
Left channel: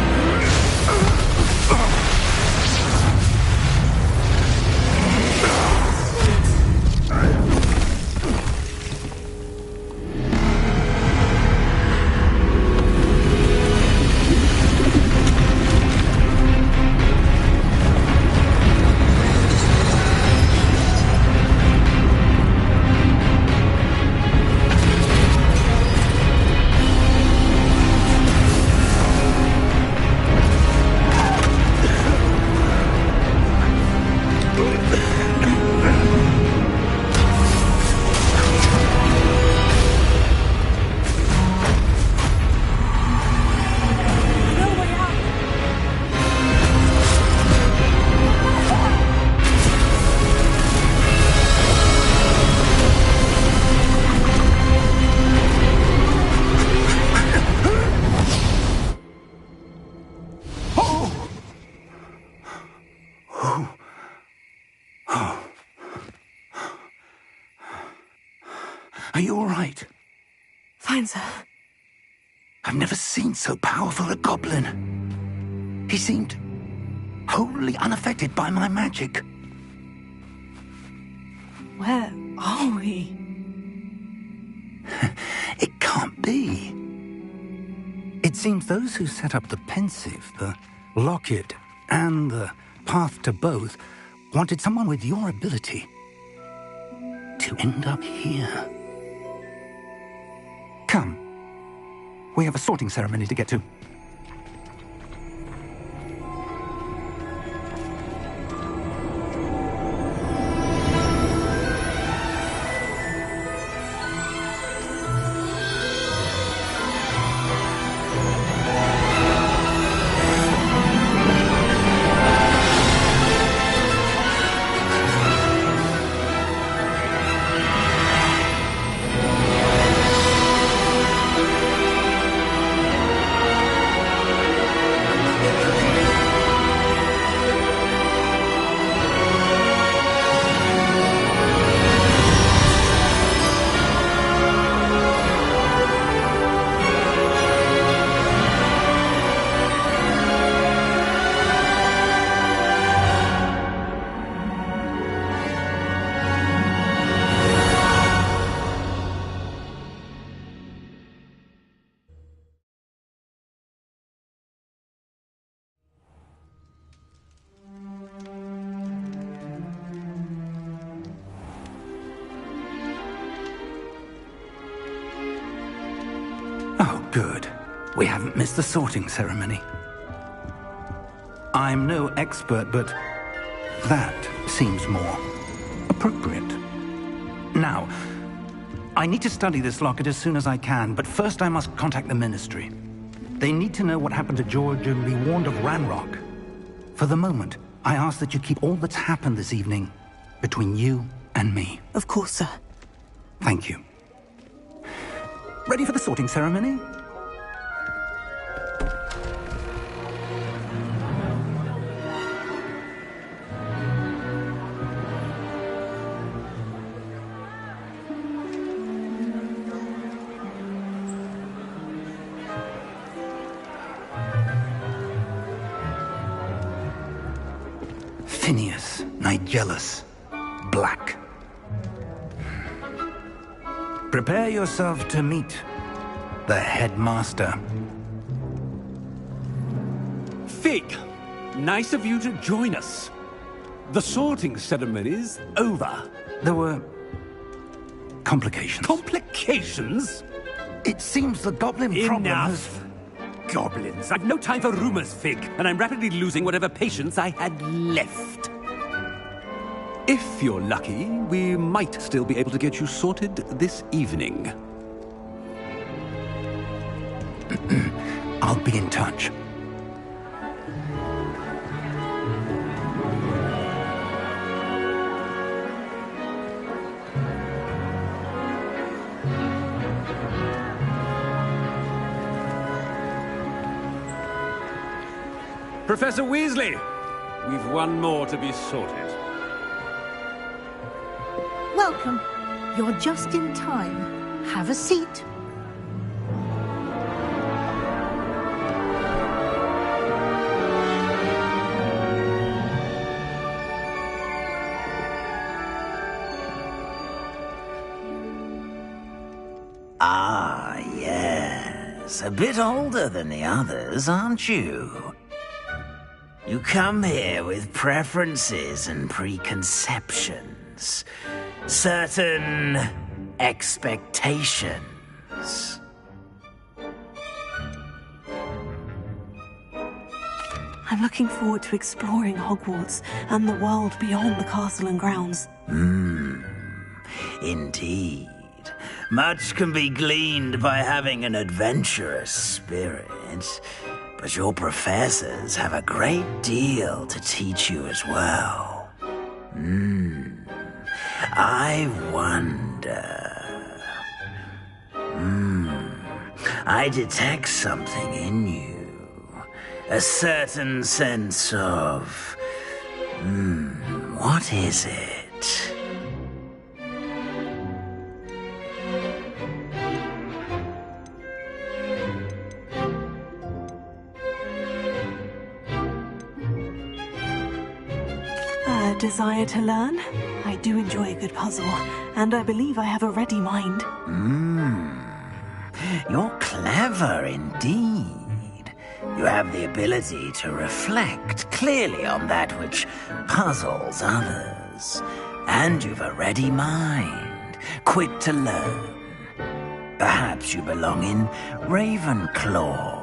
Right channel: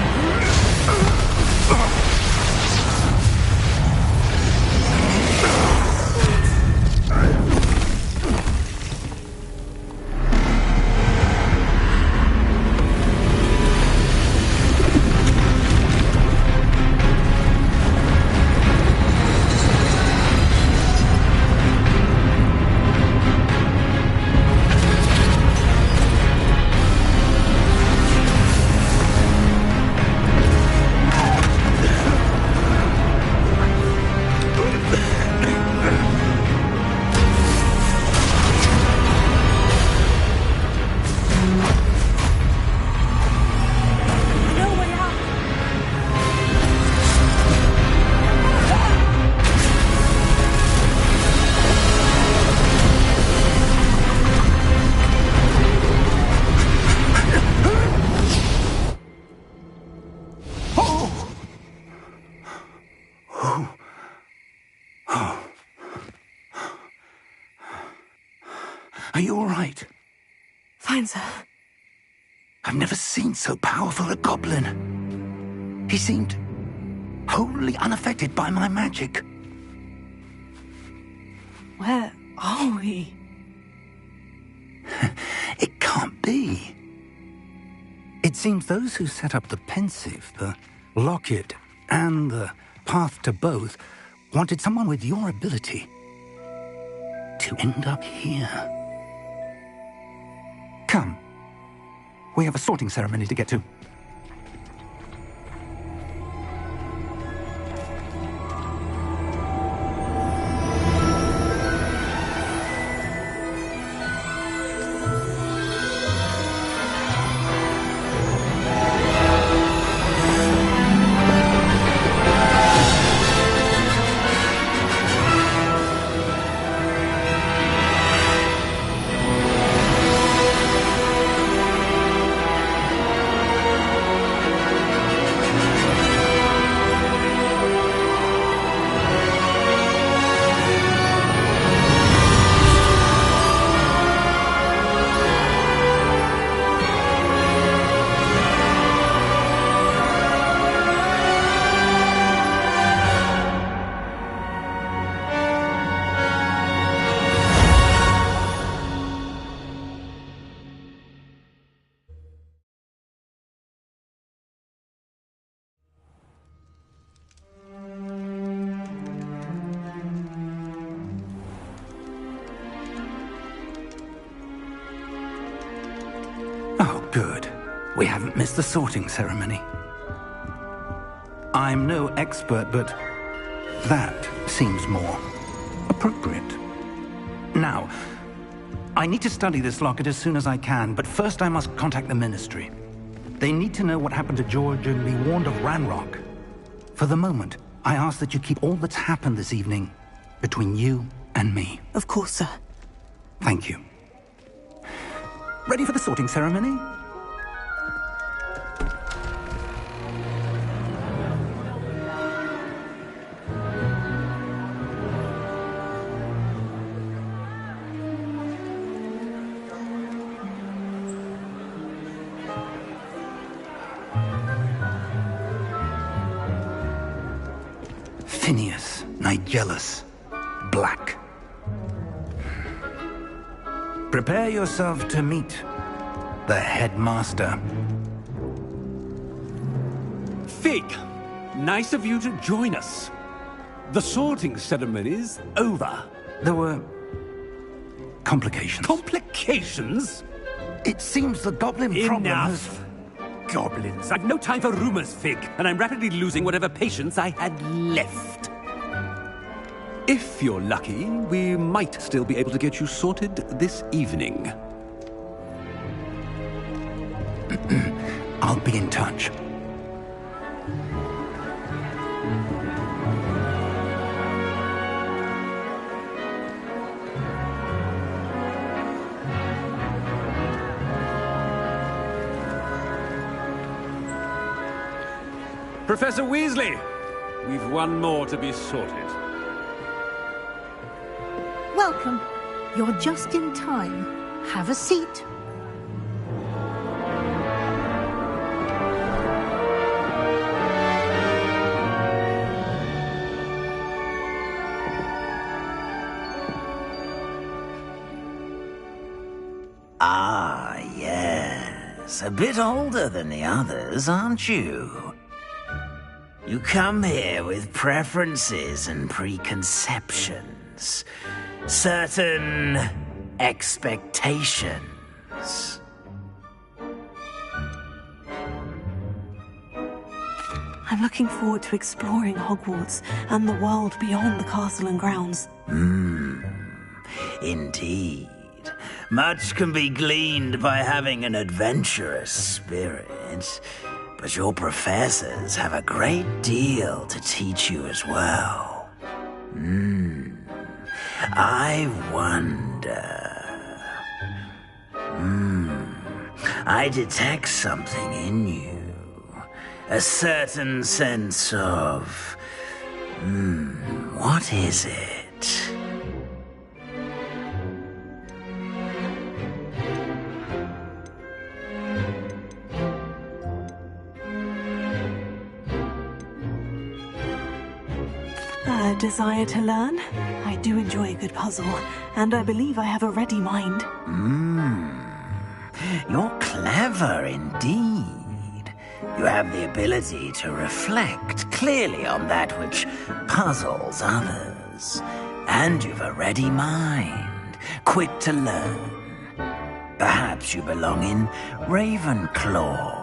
Are you all right? Fine, sir. I've never seen so powerful a goblin. He seemed wholly unaffected by my magic. Where are we? It can't be. It seems those who set up the pensive, the locket, and the path to both wanted someone with your ability to end up here. Come. We have a sorting ceremony to get to. Oh, good. We haven't missed the sorting ceremony. I'm no expert, but that seems more appropriate. Now, I need to study this locket as soon as I can, but first I must contact the Ministry. They need to know what happened to George and be warned of Ranrock. For the moment, I ask that you keep all that's happened this evening between you and me. Of course, sir. Thank you. Ready for the sorting ceremony? Phineas, Nigellus, Black. Prepare yourself to meet the headmaster. Fig, nice of you to join us. The sorting ceremony's over. There were complications. Complications? It seems the goblin problem has... Enough. Goblins. I've no time for rumors, Fig, and I'm rapidly losing whatever patience I had left. If you're lucky, we might still be able to get you sorted this evening. I'll be in touch. Professor Weasley, We've one more to be sorted. Welcome. You're just in time. Have a seat. Ah, yes. A bit older than the others, aren't you? You come here with preferences and preconceptions. Certain expectations. I'm looking forward to exploring Hogwarts and the world beyond the castle and grounds. Indeed. Much can be gleaned by having an adventurous spirit, but your professors have a great deal to teach you as well. I wonder... I detect something in you. A certain sense of... what is it? A desire to learn? I do enjoy a good puzzle, and I believe I have a ready mind. You're clever indeed. You have the ability to reflect clearly on that which puzzles others. And you've a ready mind, quick to learn. Perhaps you belong in Ravenclaw.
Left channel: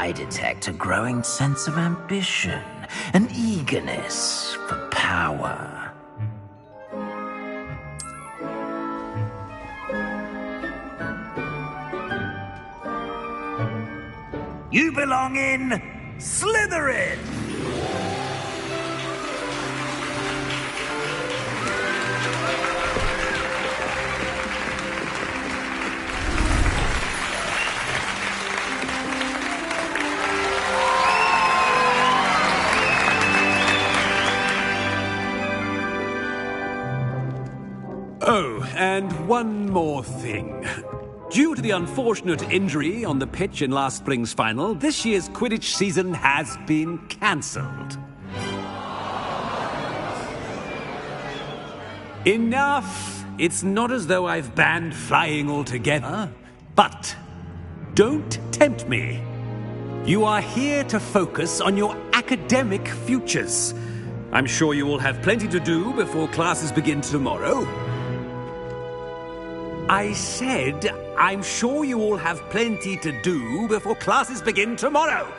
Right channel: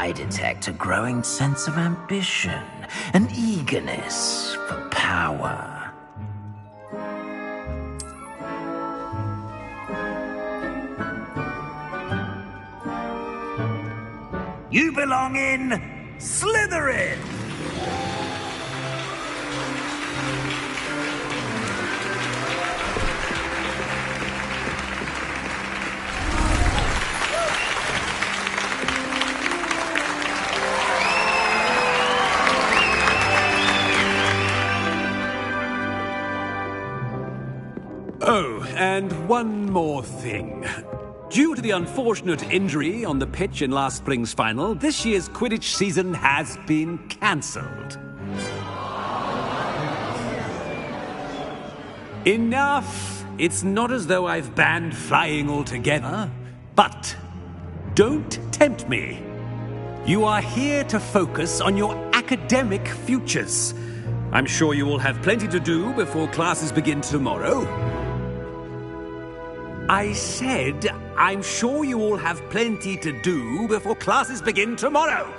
I detect a growing sense of ambition, an eagerness for power. You belong in Slytherin! Oh, and one more thing. Due to the unfortunate injury on the pitch in last spring's final, this year's Quidditch season has been cancelled. Enough! It's not as though I've banned flying altogether, but don't tempt me. You are here to focus on your academic futures. I'm sure you will have plenty to do before classes begin tomorrow. I said, I'm sure you all have plenty to do before classes begin tomorrow.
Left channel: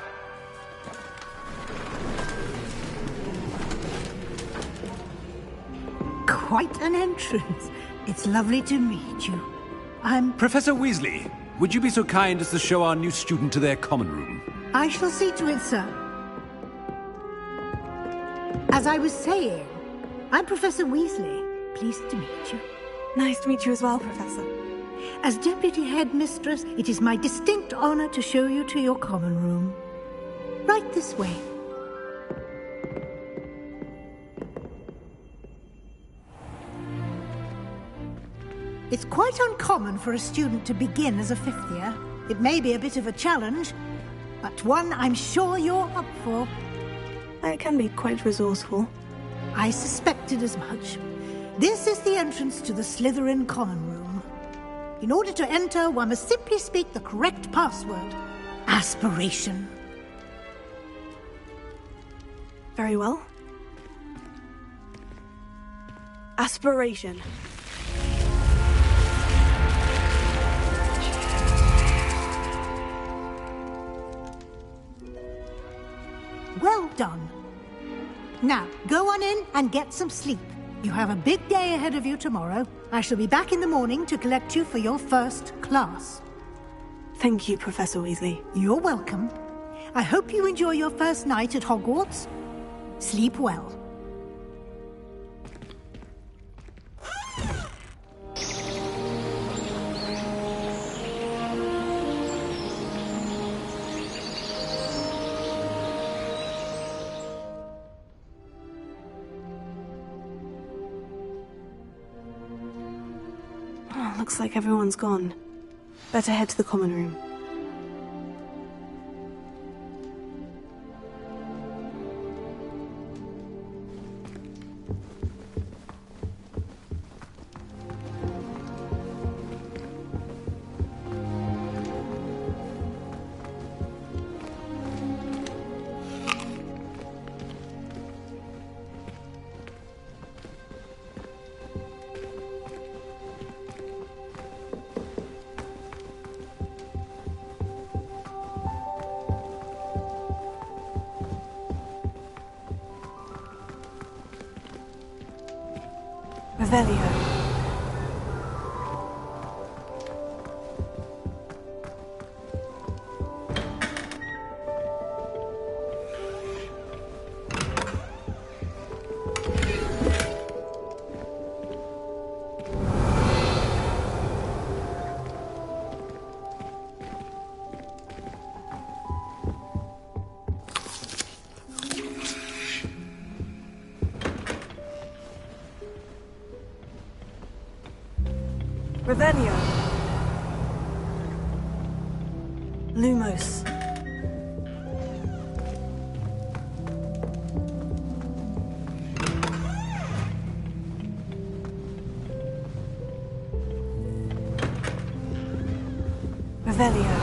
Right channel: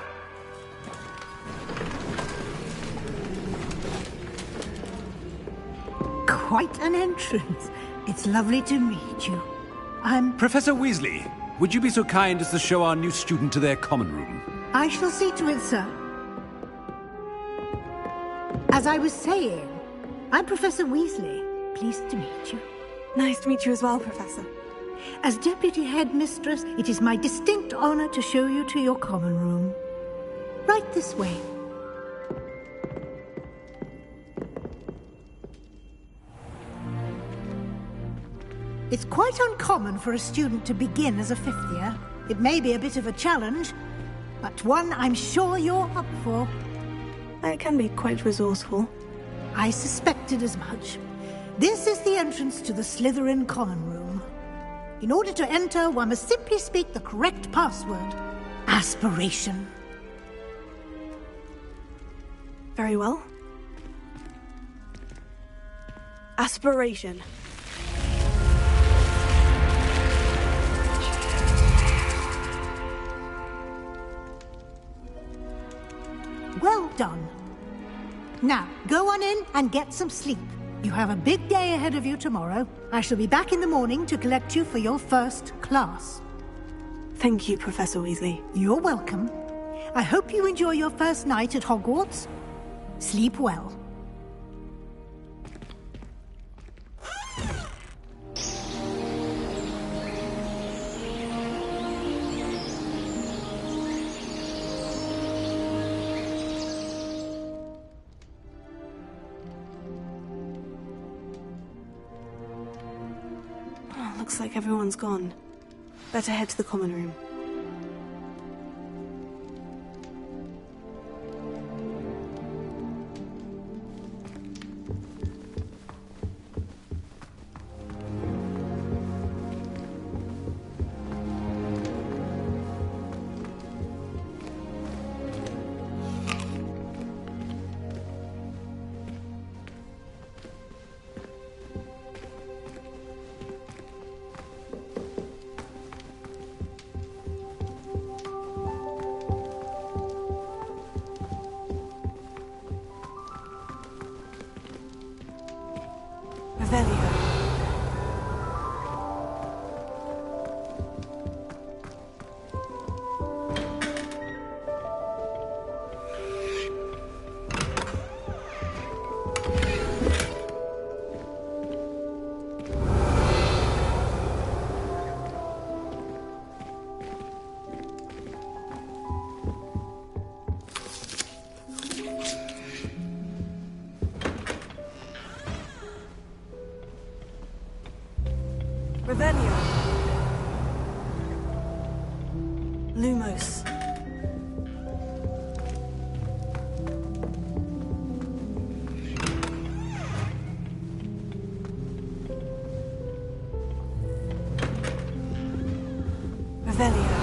Quite an entrance. It's lovely to meet you. I'm... Professor Weasley, would you be so kind as to show our new student to their common room? I shall see to it, sir. As I was saying, I'm Professor Weasley. Pleased to meet you. Nice to meet you as well, Professor. As Deputy Headmistress, it is my distinct honor to show you to your common room. Right this way. It's quite uncommon for a student to begin as a fifth year. It may be a bit of a challenge, but one I'm sure you're up for. I can be quite resourceful. I suspected as much. This is the entrance to the Slytherin common room. In order to enter, one must simply speak the correct password. Aspiration. Very well. Aspiration. Well done. Now, go on in and get some sleep. You have a big day ahead of you tomorrow. I shall be back in the morning to collect you for your first class. Thank you, Professor Weasley. You're welcome. I hope you enjoy your first night at Hogwarts. Sleep well. Looks like everyone's gone. Better head to the common room. Revelio. Revelio. Lumos. Revelio.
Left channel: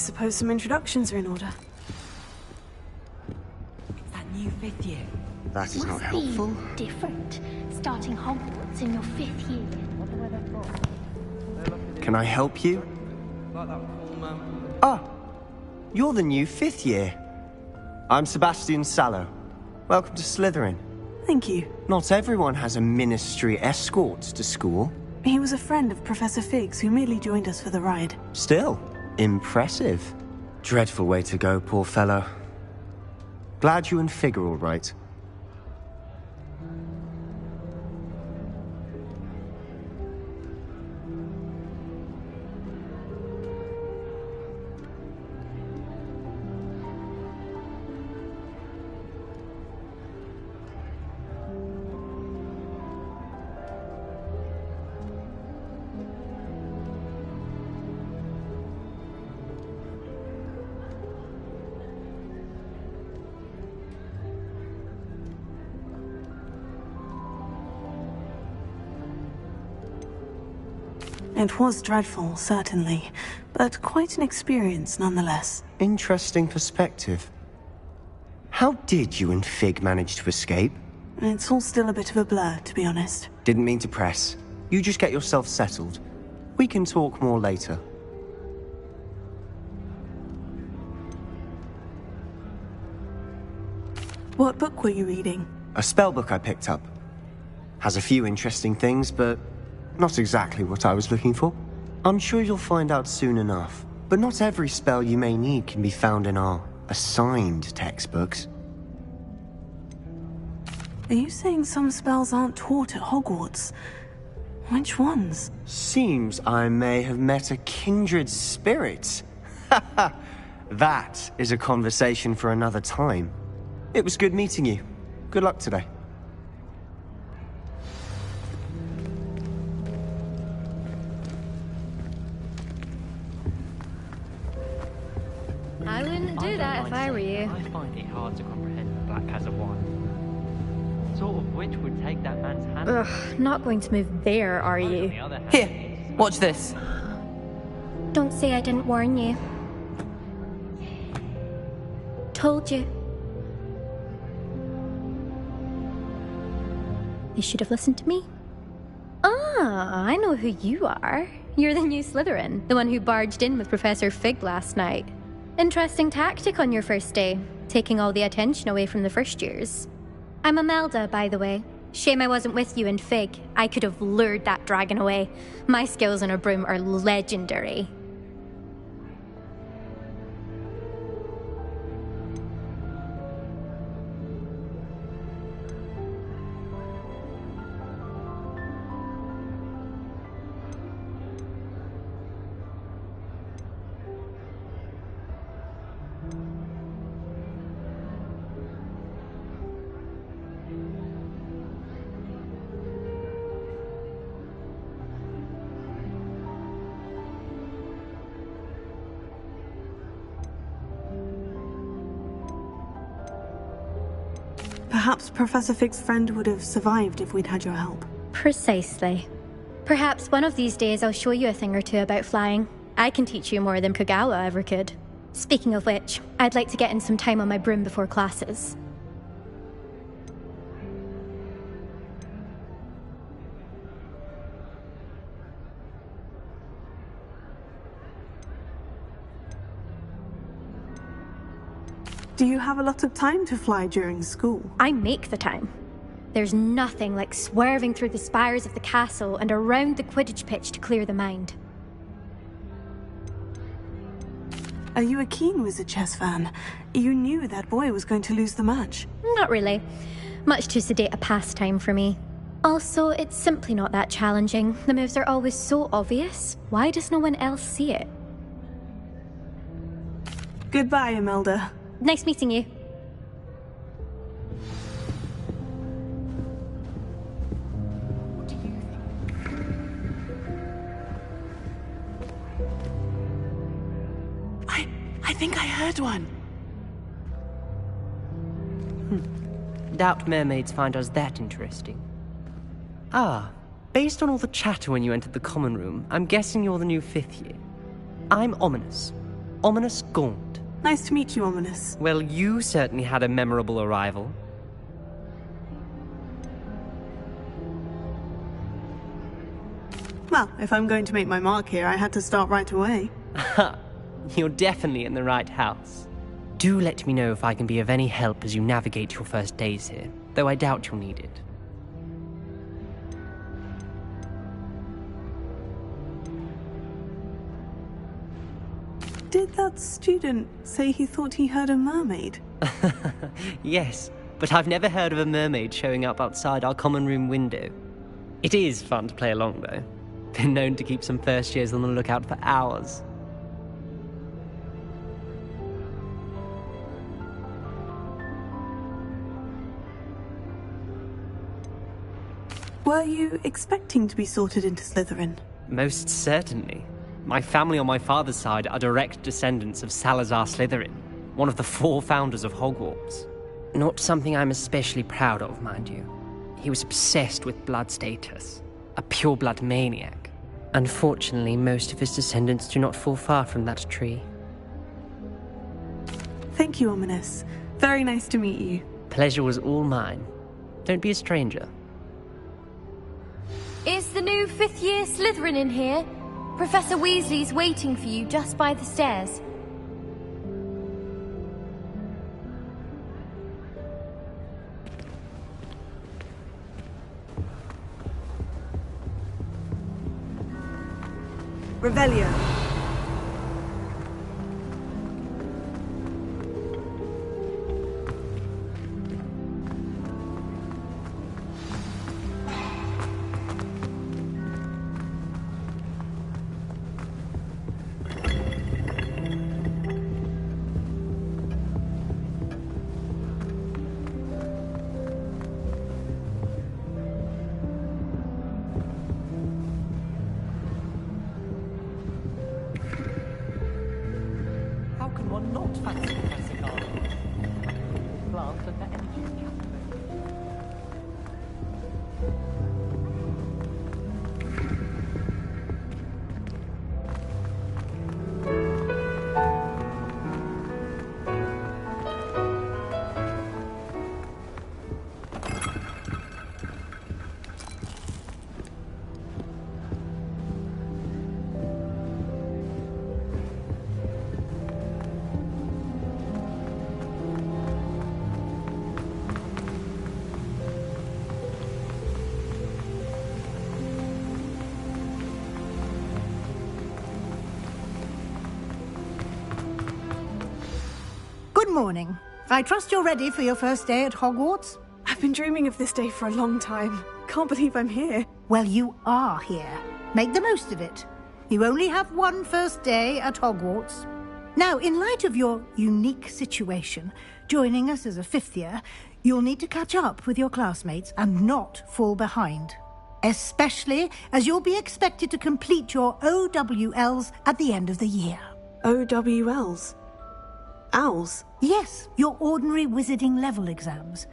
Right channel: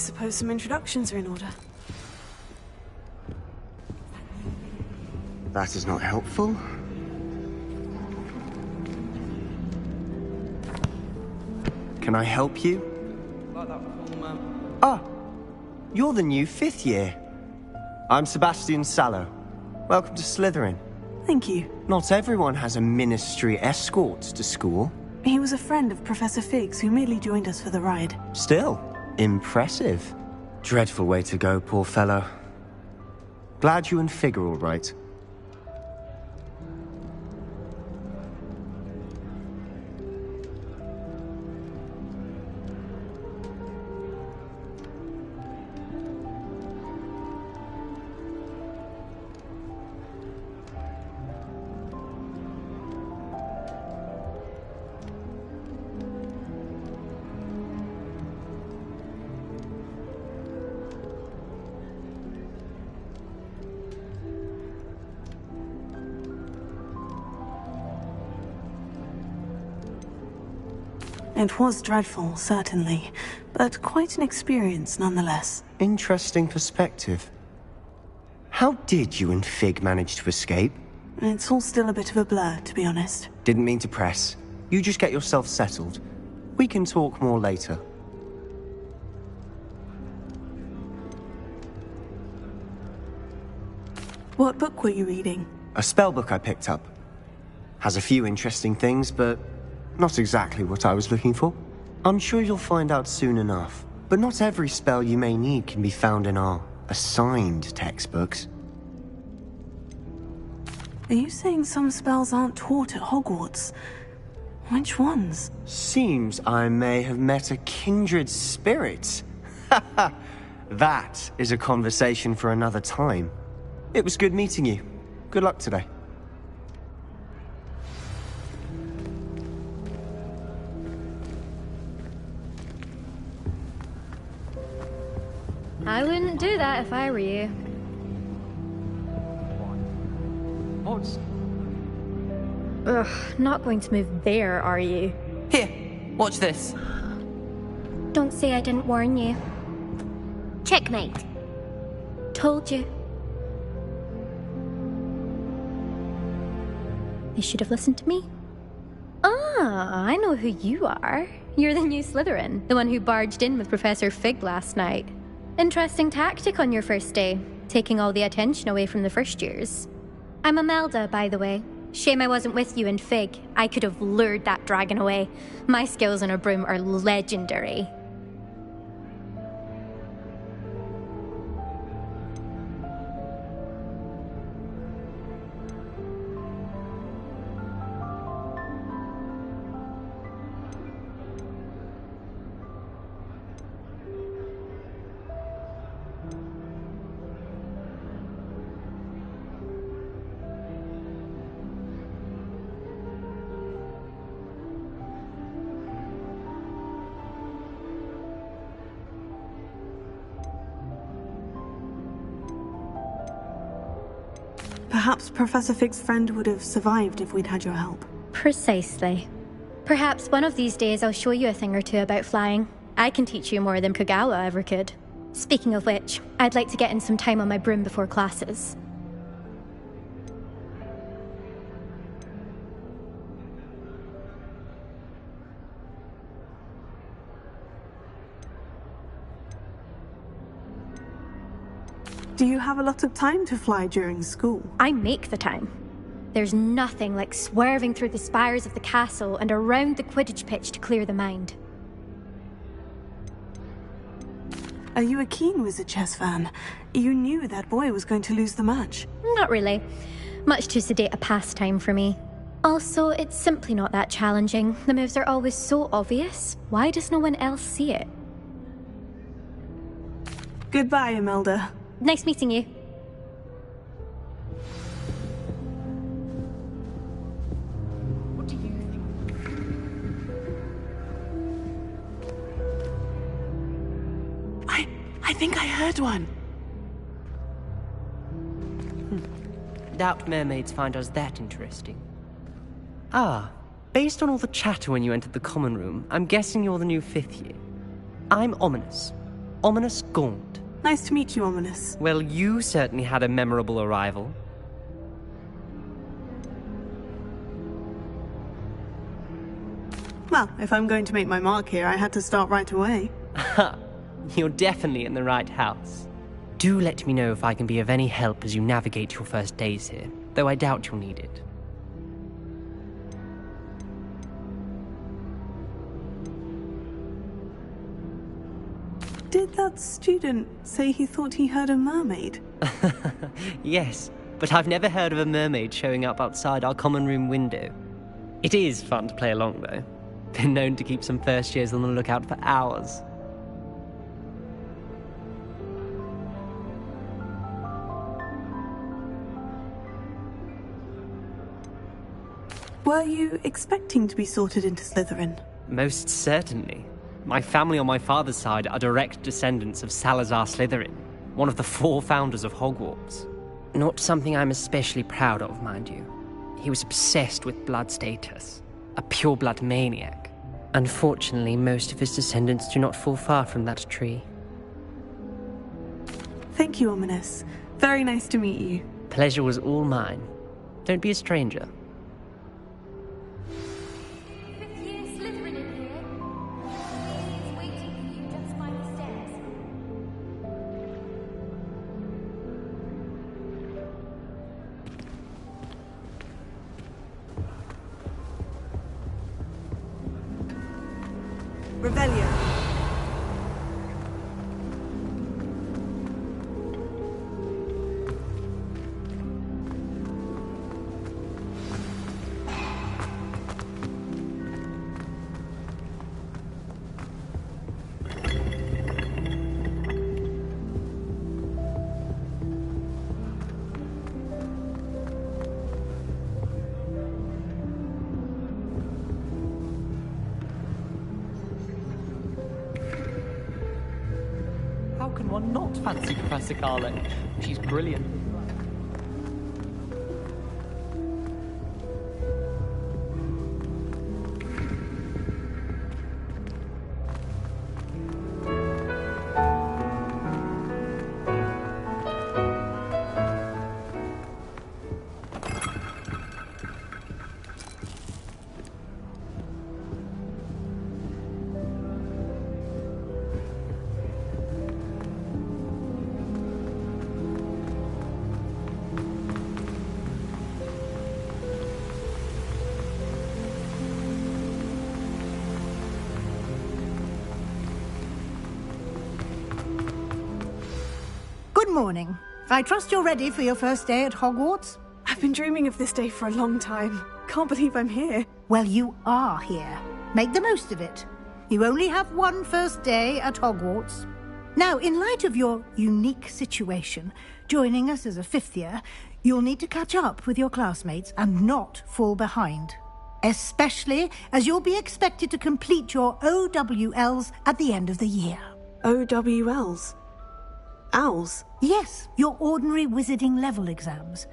suppose some introductions are in order. That new 5th year. That is not helpful. Different. Starting Hogwarts in your 5th year. Can I help you? Ah, you're the new 5th year. I'm Sebastian Sallow. Welcome to Slytherin. Thank you. Not everyone has a ministry escort to school. He was a friend of Professor Fig's who merely joined us for the ride. Still, impressive. Dreadful way to go, poor fellow. Glad you and Fig are all right. It was dreadful, certainly, but quite an experience nonetheless. Interesting perspective. How did you and Fig manage to escape? It's all still a bit of a blur, to be honest. Didn't mean to press. You just get yourself settled. We can talk more later. What book were you reading? A spell book I picked up. Has a few interesting things, but not exactly what I was looking for. I'm sure you'll find out soon enough. But not every spell you may need can be found in our assigned textbooks. Are you saying some spells aren't taught at Hogwarts? Which ones? Seems I may have met a kindred spirit. That is a conversation for another time. It was good meeting you. Good luck today. I wouldn't do that if I were you. I find it hard to comprehend Black has a wife. What sort of witch would take that man's hand? Ugh, not going to move there, are you? Here, watch this. Don't say I didn't warn you. Checkmate. Told you. They should have listened to me. Ah, I know who you are. You're the new Slytherin, the one who barged in with Professor Fig last night. Interesting tactic on your first day, taking all the attention away from the first years. I'm Imelda, by the way. Shame I wasn't with you and Fig. I could have lured that dragon away. My skills on a broom are legendary. Perhaps Professor Fig's friend would have survived if we'd had your help. Precisely. Perhaps one of these days I'll show you a thing or two about flying. I can teach you more than Kogawa ever could. Speaking of which, I'd like to get in some time on my broom before classes. Do you have a lot of time to fly during school? I make the time. There's nothing like swerving through the spires of the castle and around the Quidditch pitch to clear the mind. Are you a keen Wizard chess fan? You knew that boy was going to lose the match. Not really. Much too sedate a pastime for me. Also, it's simply not that challenging. The moves are always so obvious. Why does no one else see it? Goodbye, Imelda. Nice meeting you. What do you think? I think I heard one. Doubt mermaids find us that interesting. Ah, based on all the chatter when you entered the common room, I'm guessing you're the new 5th year. I'm Ominous. Ominous Gaunt. Nice to meet you, Ominous. Well, you certainly had a memorable arrival. Well, if I'm going to make my mark here, I had to start right away. Ha! You're definitely in the right house. Do let me know if I can be of any help as you navigate your first days here, though I doubt you'll need it. Did that student say he thought he heard a mermaid? Yes, but I've never heard of a mermaid showing up outside our common room window. It is fun to play along, though. Been known to keep some first years on the lookout for hours. Were you expecting to be sorted into Slytherin? Most certainly. My family on my father's side are direct descendants of Salazar Slytherin, one of the 4 founders of Hogwarts. Not something I'm especially proud of, mind you. He was obsessed with blood status, a pure-blood maniac. Unfortunately, most of his descendants do not fall far from that tree. Thank you, Ominous. Very nice to meet you. Pleasure was all mine. Don't be a stranger. Is the new 5th year Slytherin in here? Professor Weasley's waiting for you just by the stairs. Revelio. How can one not fancy Professor Carlin? She's brilliant with plants and net. Good morning. I trust you're ready for your first day at Hogwarts? I've been dreaming of this day for a long time. Can't believe I'm here. Well, you are here. Make the most of it. You only have one first day at Hogwarts. Now, in light of your unique situation, joining us as a 5th year, you'll need to catch up with your classmates and not fall behind. Especially as you'll be expected to complete your OWLs at the end of the year. OWLs? Owls? Yes, your ordinary wizarding level exams.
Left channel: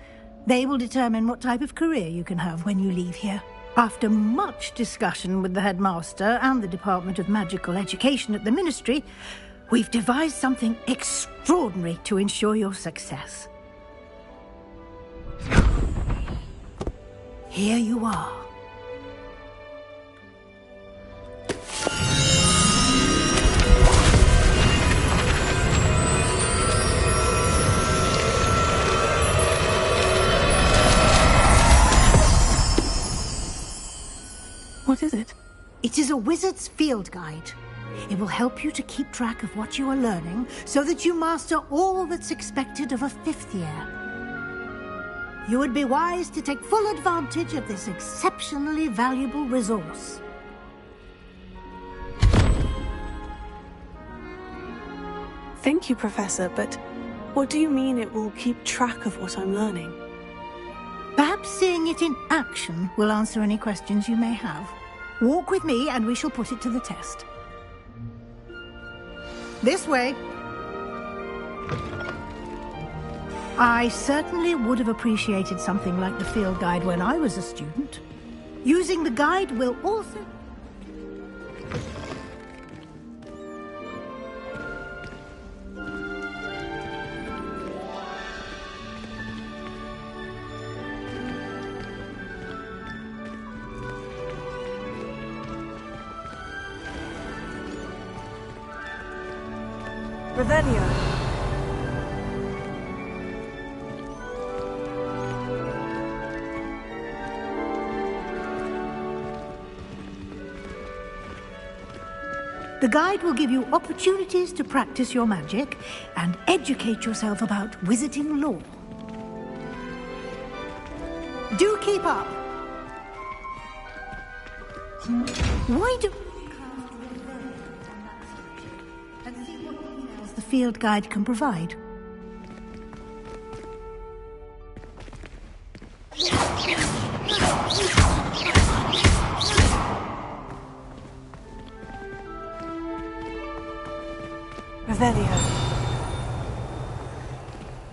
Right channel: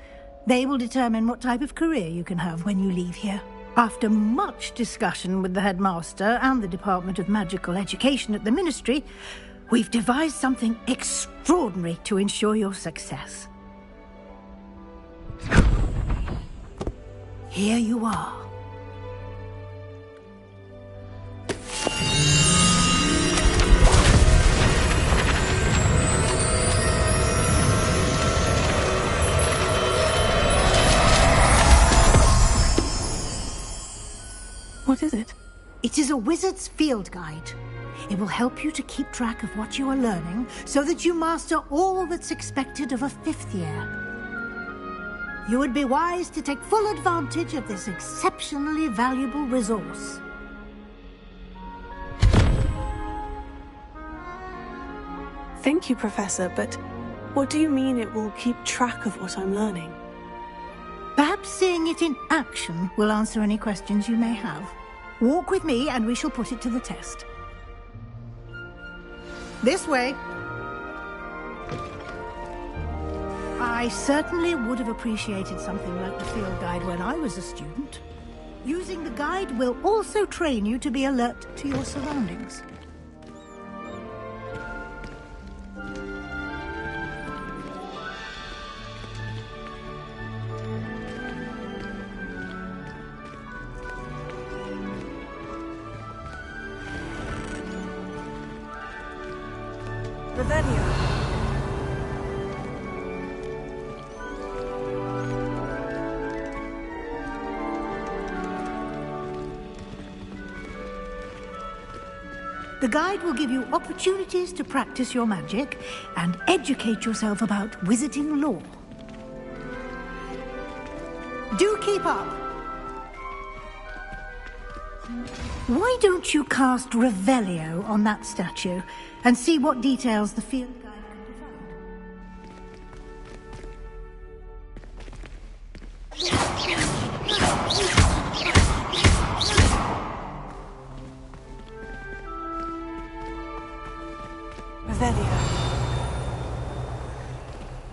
They will determine what type of career you can have when you leave here. After much discussion with the headmaster and the Department of Magical Education at the Ministry, we've devised something extraordinary to ensure your success. Here you are. What is it? It is a wizard's field guide. It will help you to keep track of what you are learning so that you master all that's expected of a 5th year. You would be wise to take full advantage of this exceptionally valuable resource. Thank you, Professor, but what do you mean it will keep track of what I'm learning? Perhaps seeing it in action will answer any questions you may have. Walk with me and we shall put it to the test. This way. I certainly would have appreciated something like the field guide when I was a student. Using the guide will also train you to be alert to your surroundings. Revelio. The guide will give you opportunities to practice your magic and educate yourself about wizarding lore. Do keep up! Why don't you cast Revelio on that statue and see what details the field guide can provide? Revelio.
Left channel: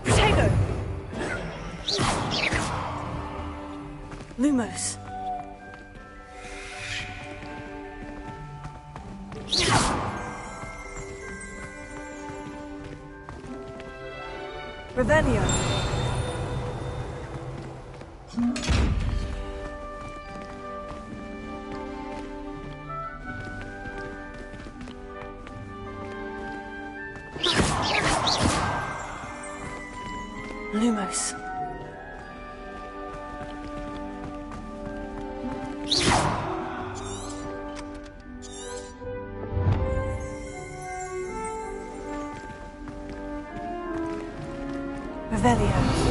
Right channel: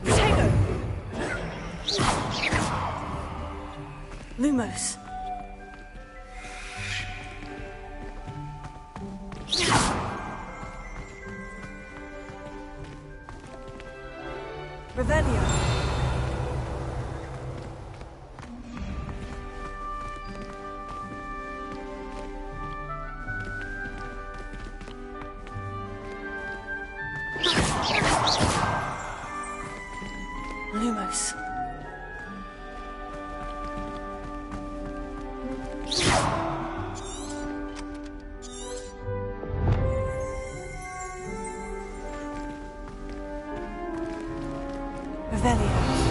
Protego! Lumos. Revelio. Lumos. Revelio.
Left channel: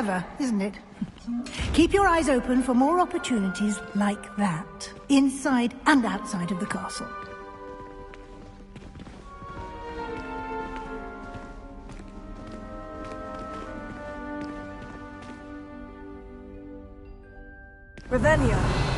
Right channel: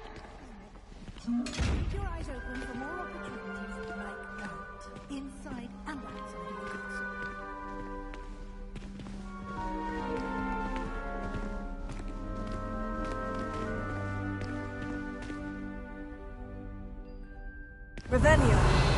Clever, isn't it? Keep your eyes open for more opportunities like that, inside and outside of the castle. Revelio.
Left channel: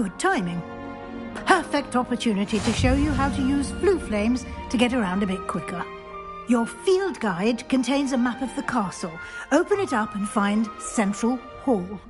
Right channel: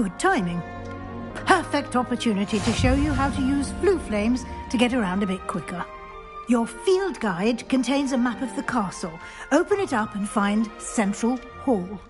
Good timing. Perfect opportunity to show you how to use flue flames to get around a bit quicker. Your field guide contains a map of the castle. Open it up and find Central Hall.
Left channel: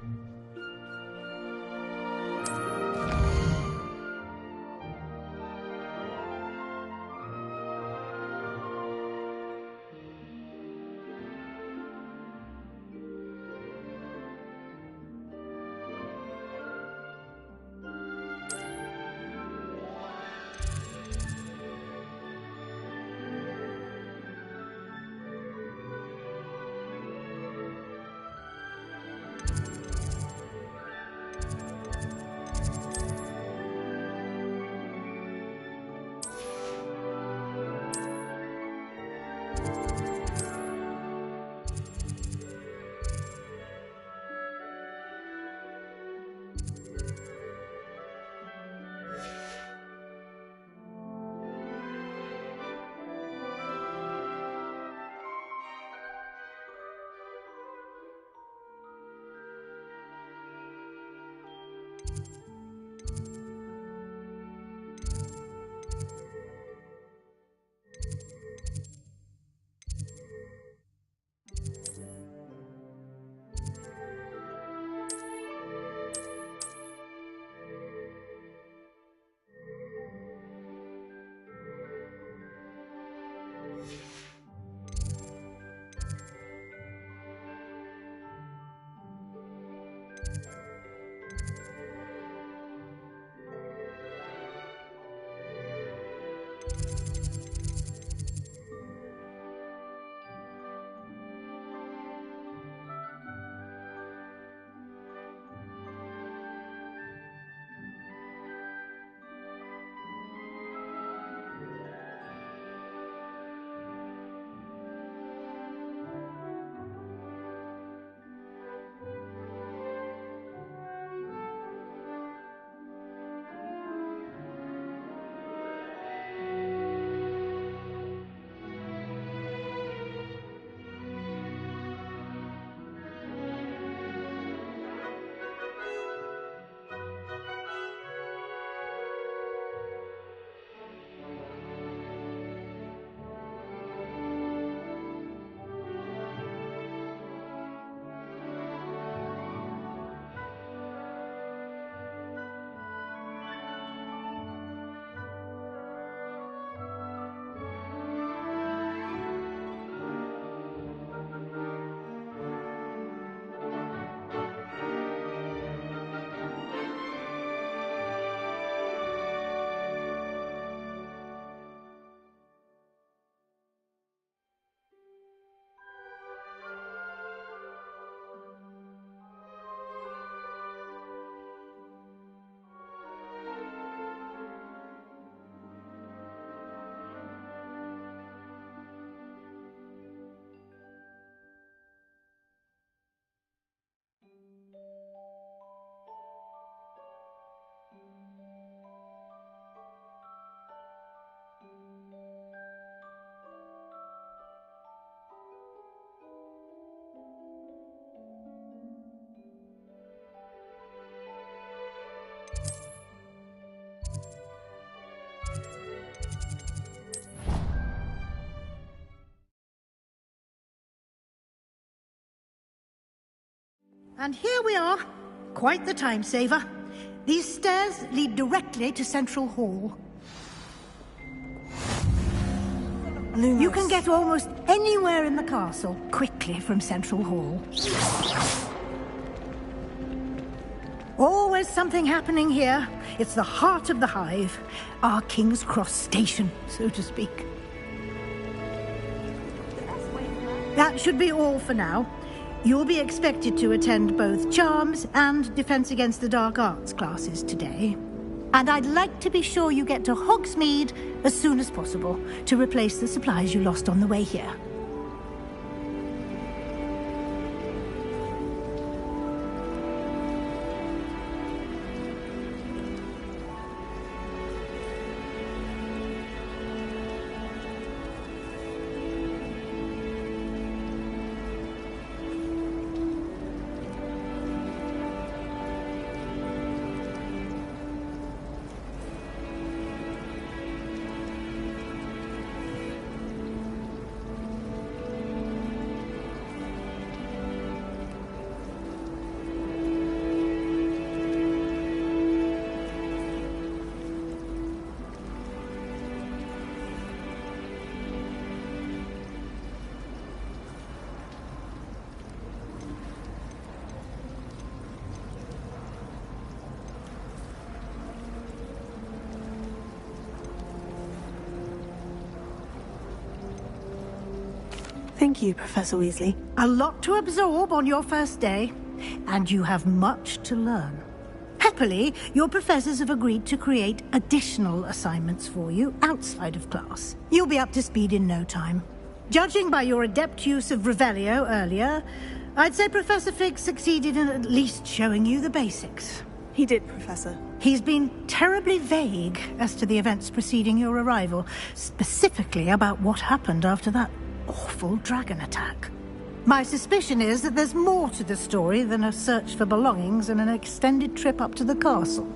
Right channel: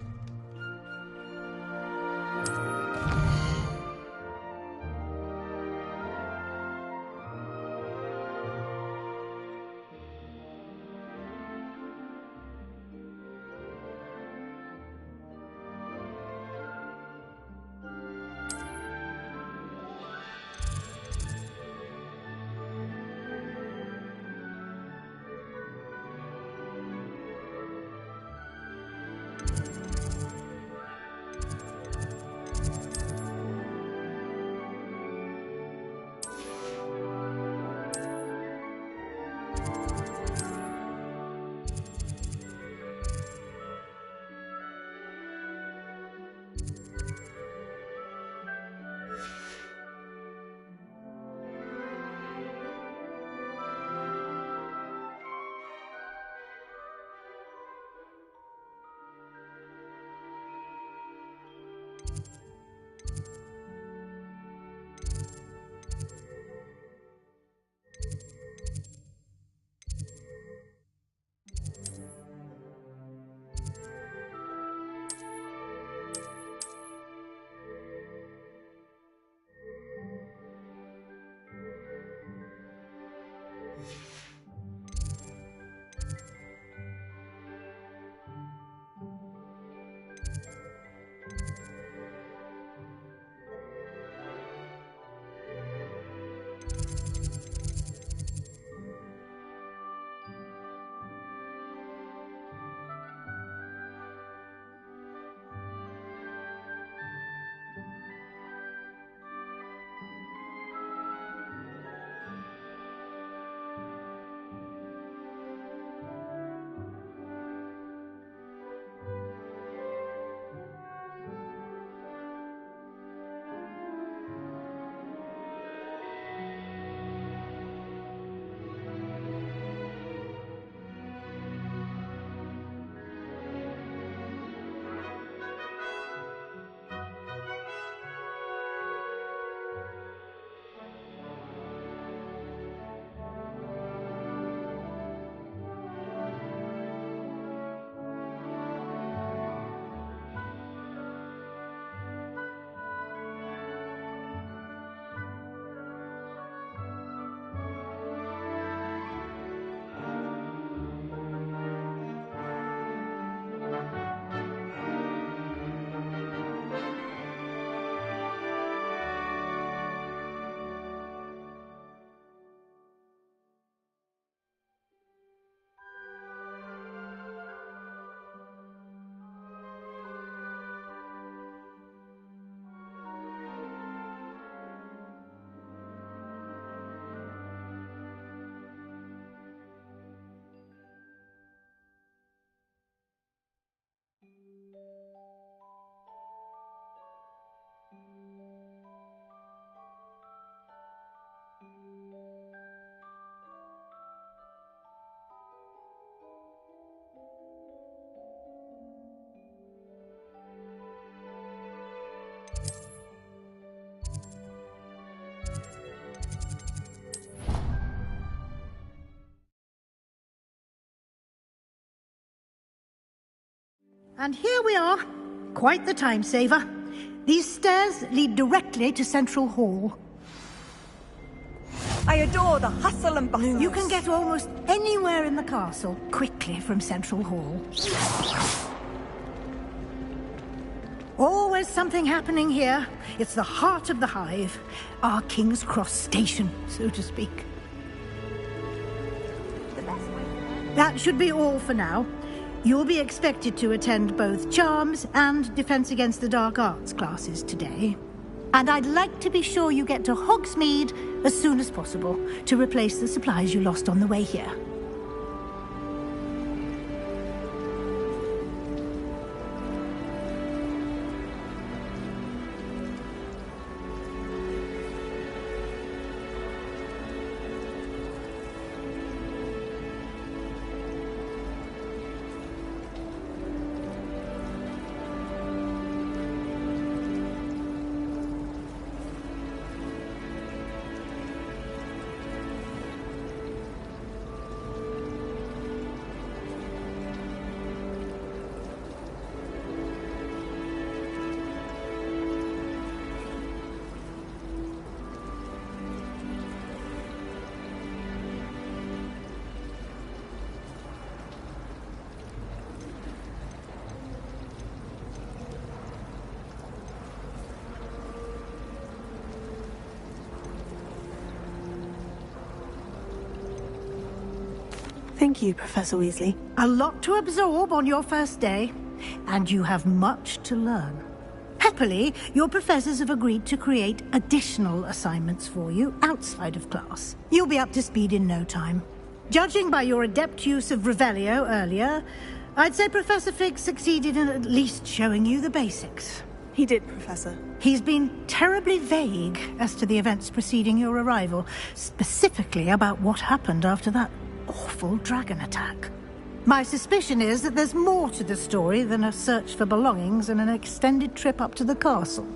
And here we are. Quite the time saver. These stairs lead directly to Central Hall. I adore the hustle and bustle. You can get almost anywhere in the castle quickly from Central Hall. Always something happening here. It's the heart of the Hive. Our King's Cross station, so to speak. That should be all for now. You'll be expected to attend both Charms and Defense Against the Dark Arts classes today. And I'd like to be sure you get to Hogsmeade as soon as possible to replace the supplies you lost on the way here. Thank you, Professor Weasley. A lot to absorb on your first day, and you have much to learn. Happily, your professors have agreed to create additional assignments for you outside of class. You'll be up to speed in no time. Judging by your adept use of Revelio earlier, I'd say Professor Fig succeeded in at least showing you the basics. He did, Professor. He's been terribly vague as to the events preceding your arrival, specifically about what happened after that awful dragon attack. My suspicion is that there's more to the story than a search for belongings and an extended trip up to the castle.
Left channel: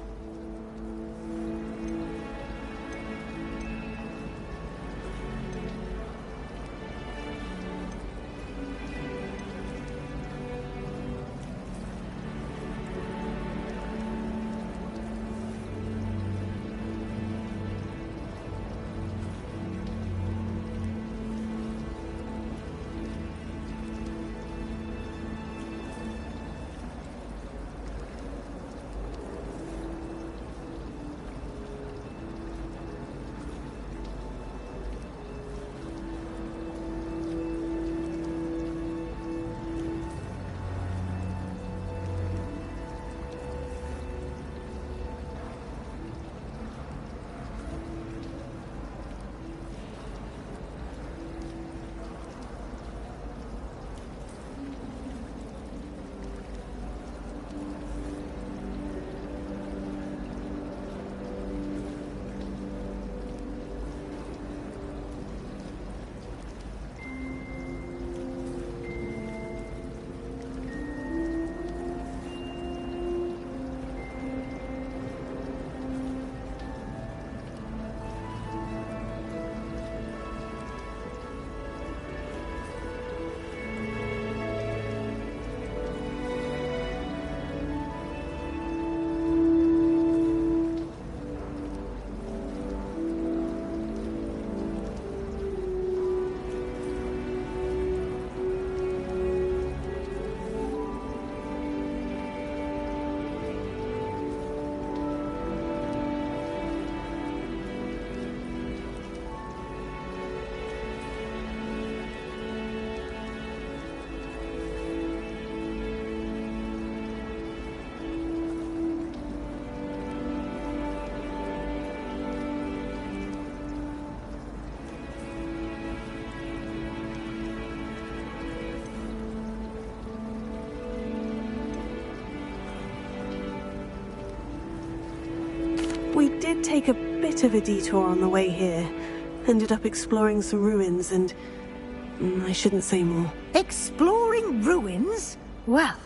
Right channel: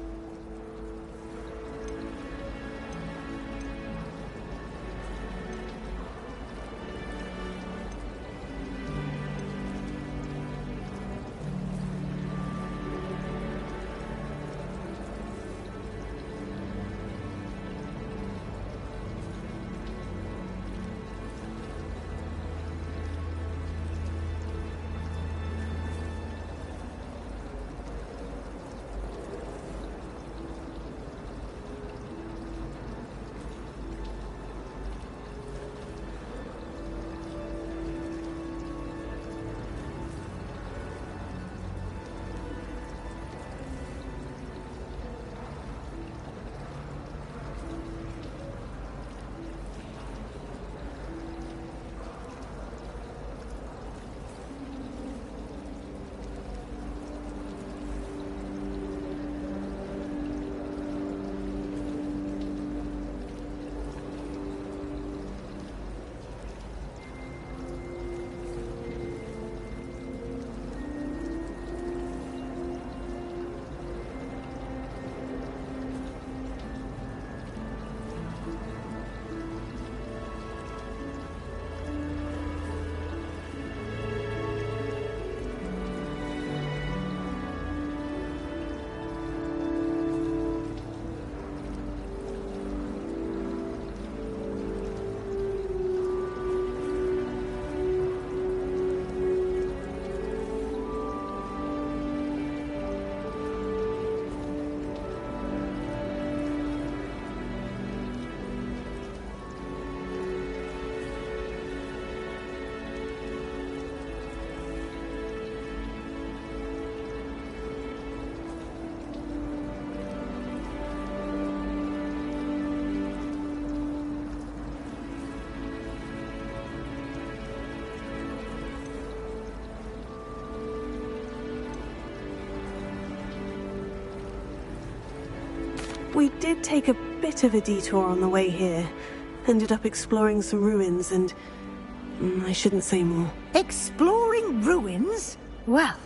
We did take a bit of a detour on the way here. Ended up exploring some ruins and... I shouldn't say more. Exploring ruins? Well,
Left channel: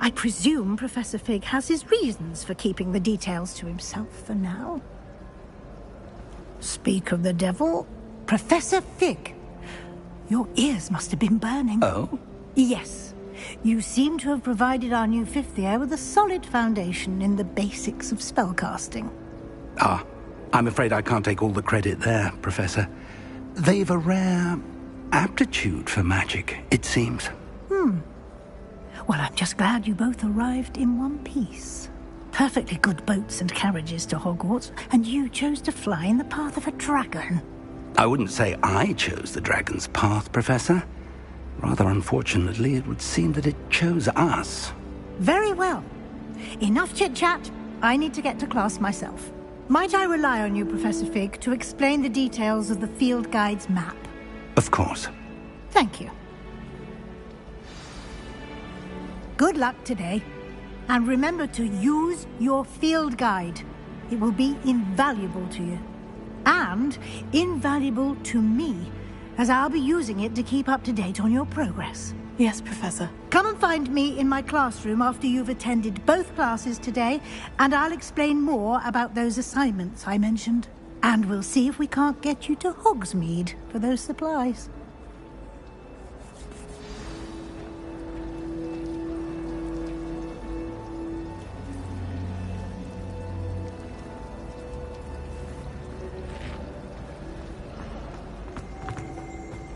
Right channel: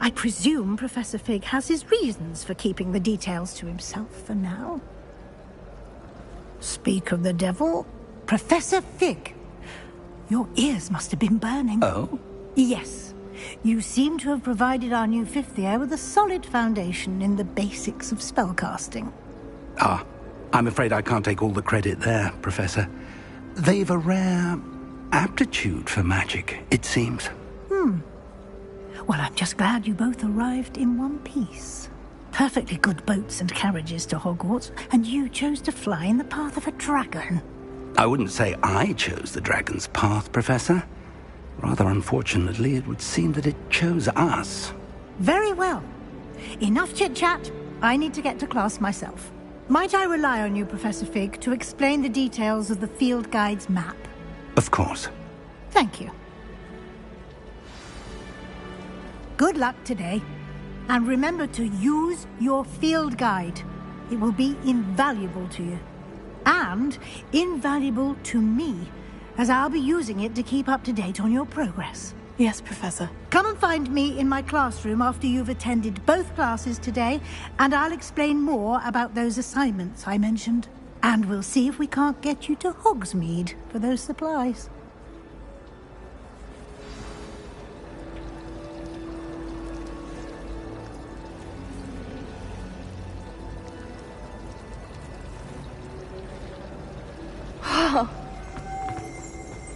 I presume Professor Fig has his reasons for keeping the details to himself for now. Speak of the devil, Professor Fig. Your ears must have been burning. Oh? Yes. You seem to have provided our new fifth year with a solid foundation in the basics of spellcasting. Ah, I'm afraid I can't take all the credit there, Professor. They've a rare aptitude for magic, it seems. Well, I'm just glad you both arrived in one piece. Perfectly good boats and carriages to Hogwarts, and you chose to fly in the path of a dragon. I wouldn't say I chose the dragon's path, Professor. Rather unfortunately, it would seem that it chose us. Very well. Enough chit-chat. I need to get to class myself. Might I rely on you, Professor Fig, to explain the details of the field guide's map? Of course. Thank you. Good luck today. And remember to use your field guide. It will be invaluable to you. And invaluable to me, as I'll be using it to keep up to date on your progress. Yes, Professor. Come and find me in my classroom after you've attended both classes today, and I'll explain more about those assignments I mentioned. And we'll see if we can't get you to Hogsmeade for those supplies.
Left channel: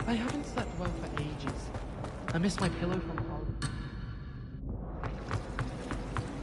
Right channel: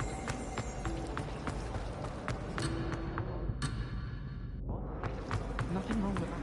I haven't slept well for ages. I miss my pillow from college. Nothing wrong with it.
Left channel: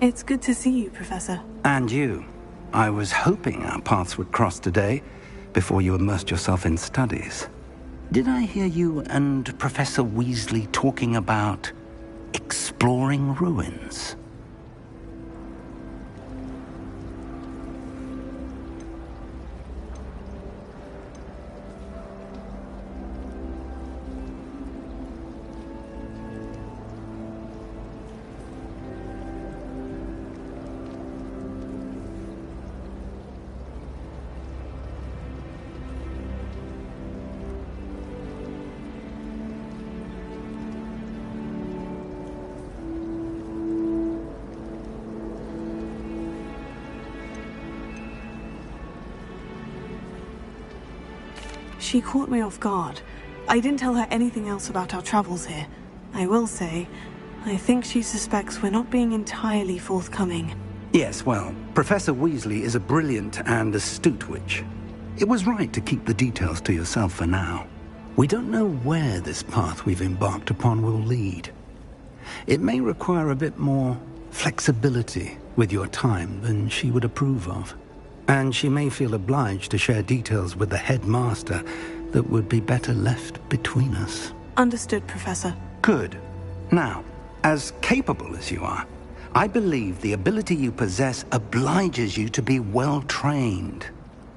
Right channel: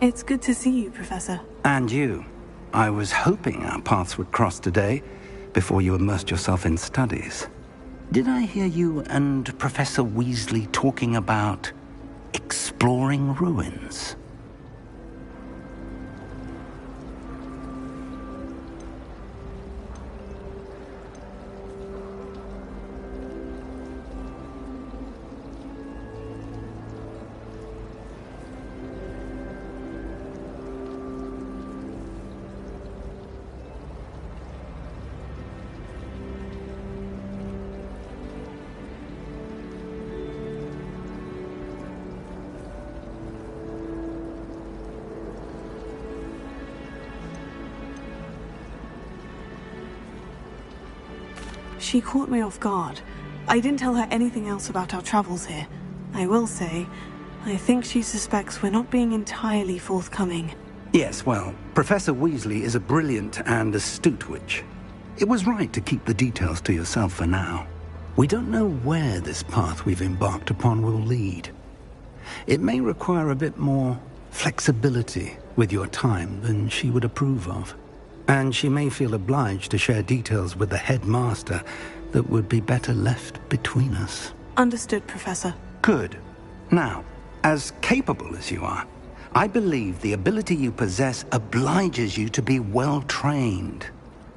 It's good to see you, Professor. And you. I was hoping our paths would cross today, before you immersed yourself in studies. Did I hear you and Professor Weasley talking about exploring ruins? She caught me off guard. I didn't tell her anything else about our travels here. I will say, I think she suspects we're not being entirely forthcoming. Yes, well, Professor Weasley is a brilliant and astute witch. It was right to keep the details to yourself for now. We don't know where this path we've embarked upon will lead. It may require a bit more flexibility with your time than she would approve of. And she may feel obliged to share details with the headmaster that would be better left between us. Understood, Professor. Good. Now, as capable as you are, I believe the ability you possess obliges you to be well trained.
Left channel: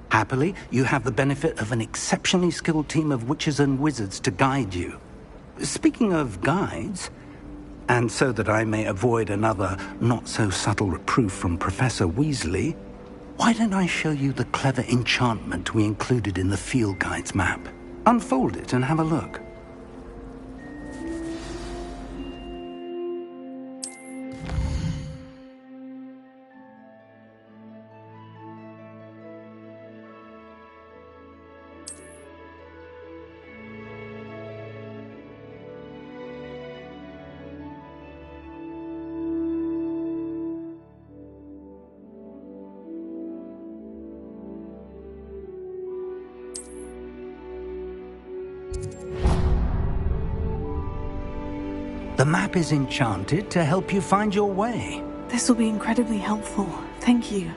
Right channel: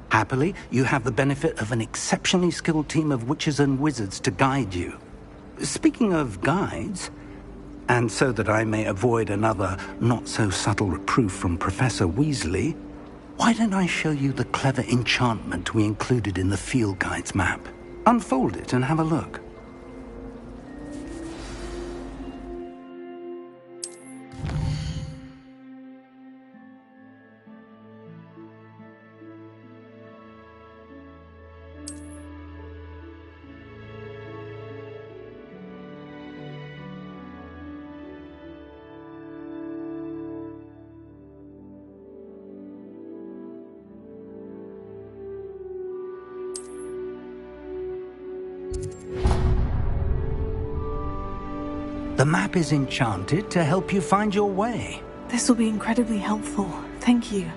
Happily, you have the benefit of an exceptionally skilled team of witches and wizards to guide you. Speaking of guides, and so that I may avoid another not-so-subtle reproof from Professor Weasley, Why don't I show you the clever enchantment we included in the field guide's map? Unfold it and have a look. The map is enchanted to help you find your way. This will be incredibly helpful. Thank you.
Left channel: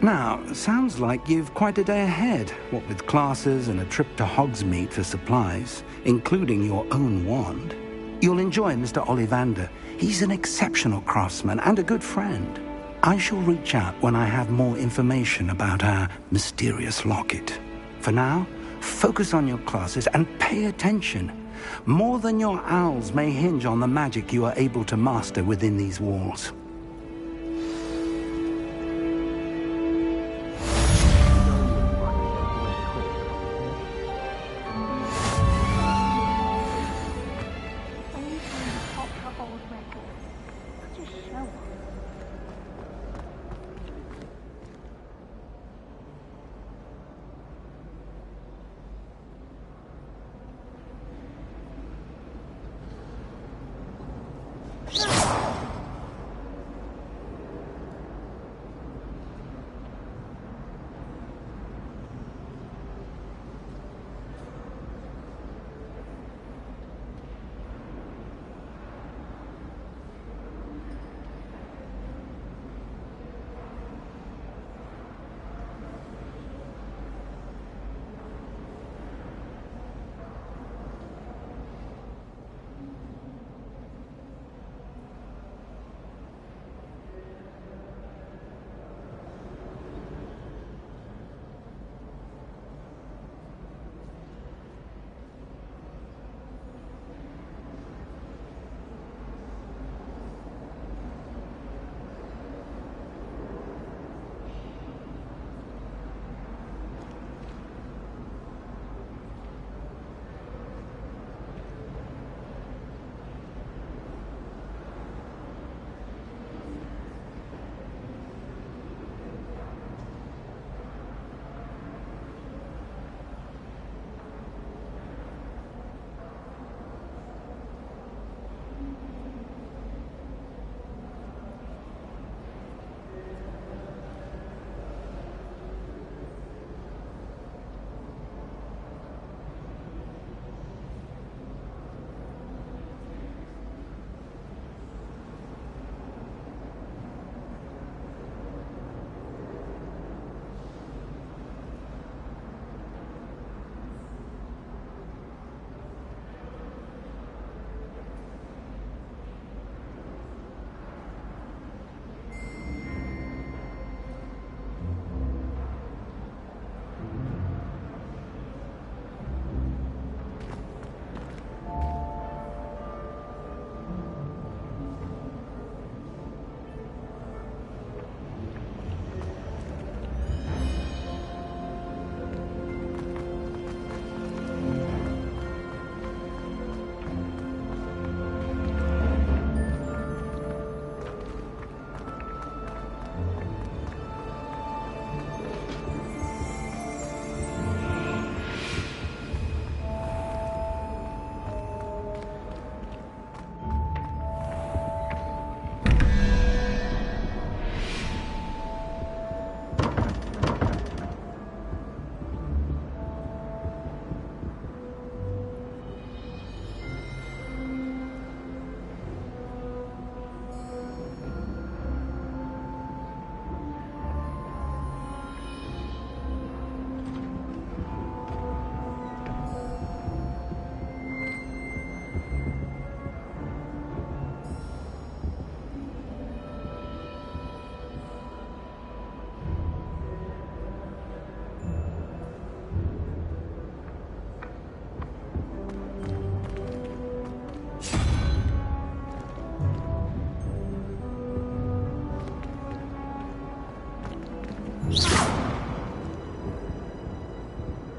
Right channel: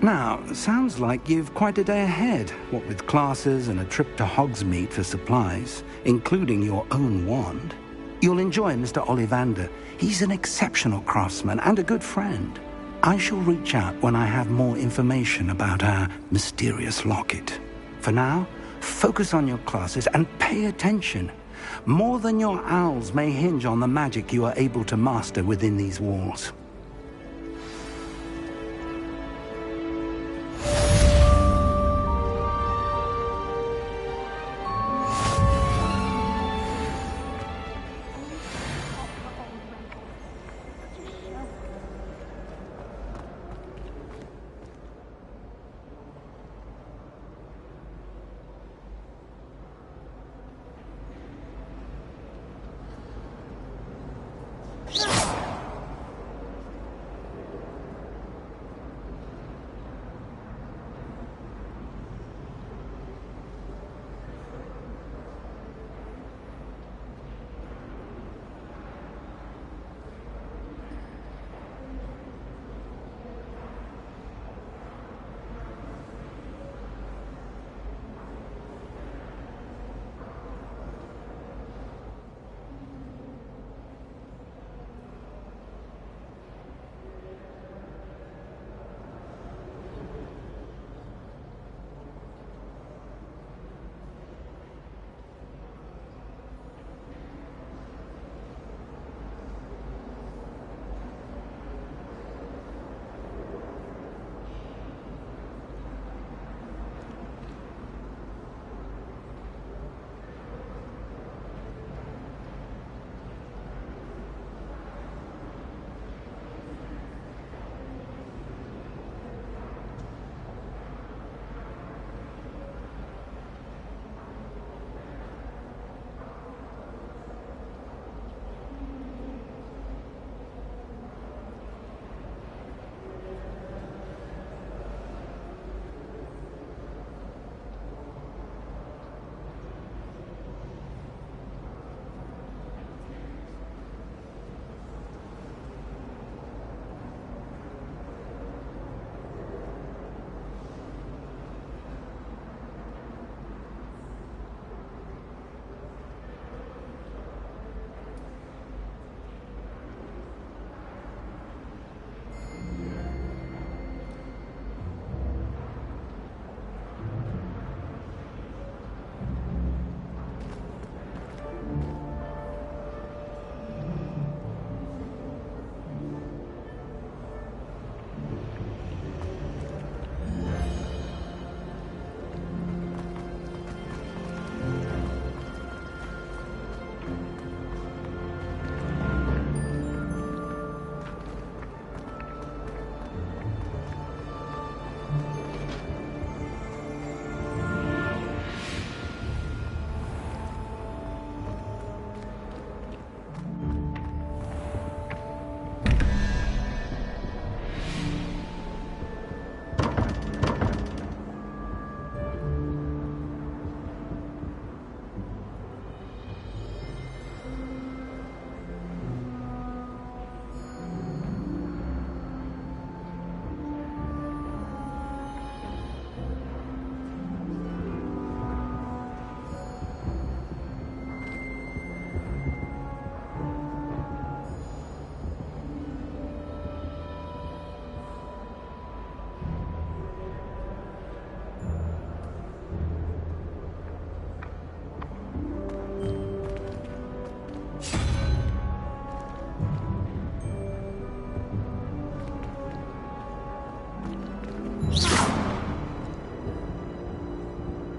Now, sounds like you've quite a day ahead, what with classes and a trip to Hogsmeade for supplies, including your own wand. You'll enjoy Mr. Ollivander. He's an exceptional craftsman and a good friend. I shall reach out when I have more information about our mysterious locket. For now, focus on your classes and pay attention. More than your owls may hinge on the magic you are able to master within these walls.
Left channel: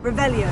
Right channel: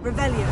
Revelio.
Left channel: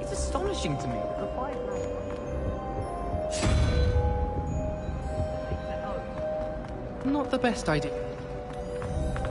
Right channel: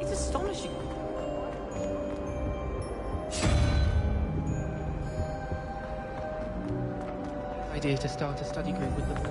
It's astonishing to me. Not the best idea to start a study group with the boy.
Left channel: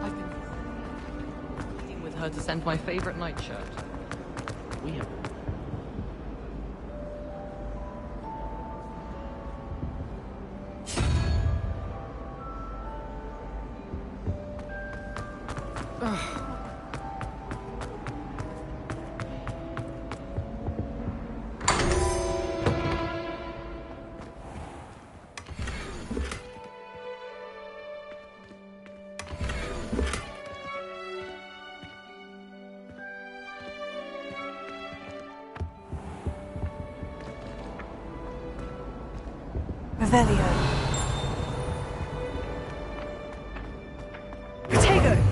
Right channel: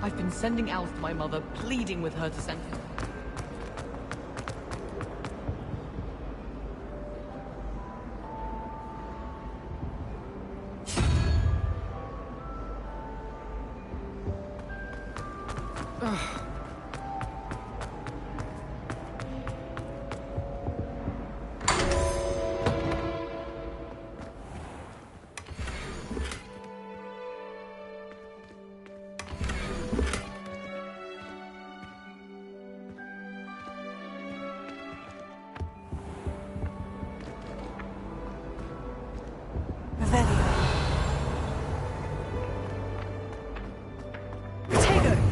I've been sending Alf to my mother, pleading with her to send my favorite nightshirt. Weird. Revelio. Protego!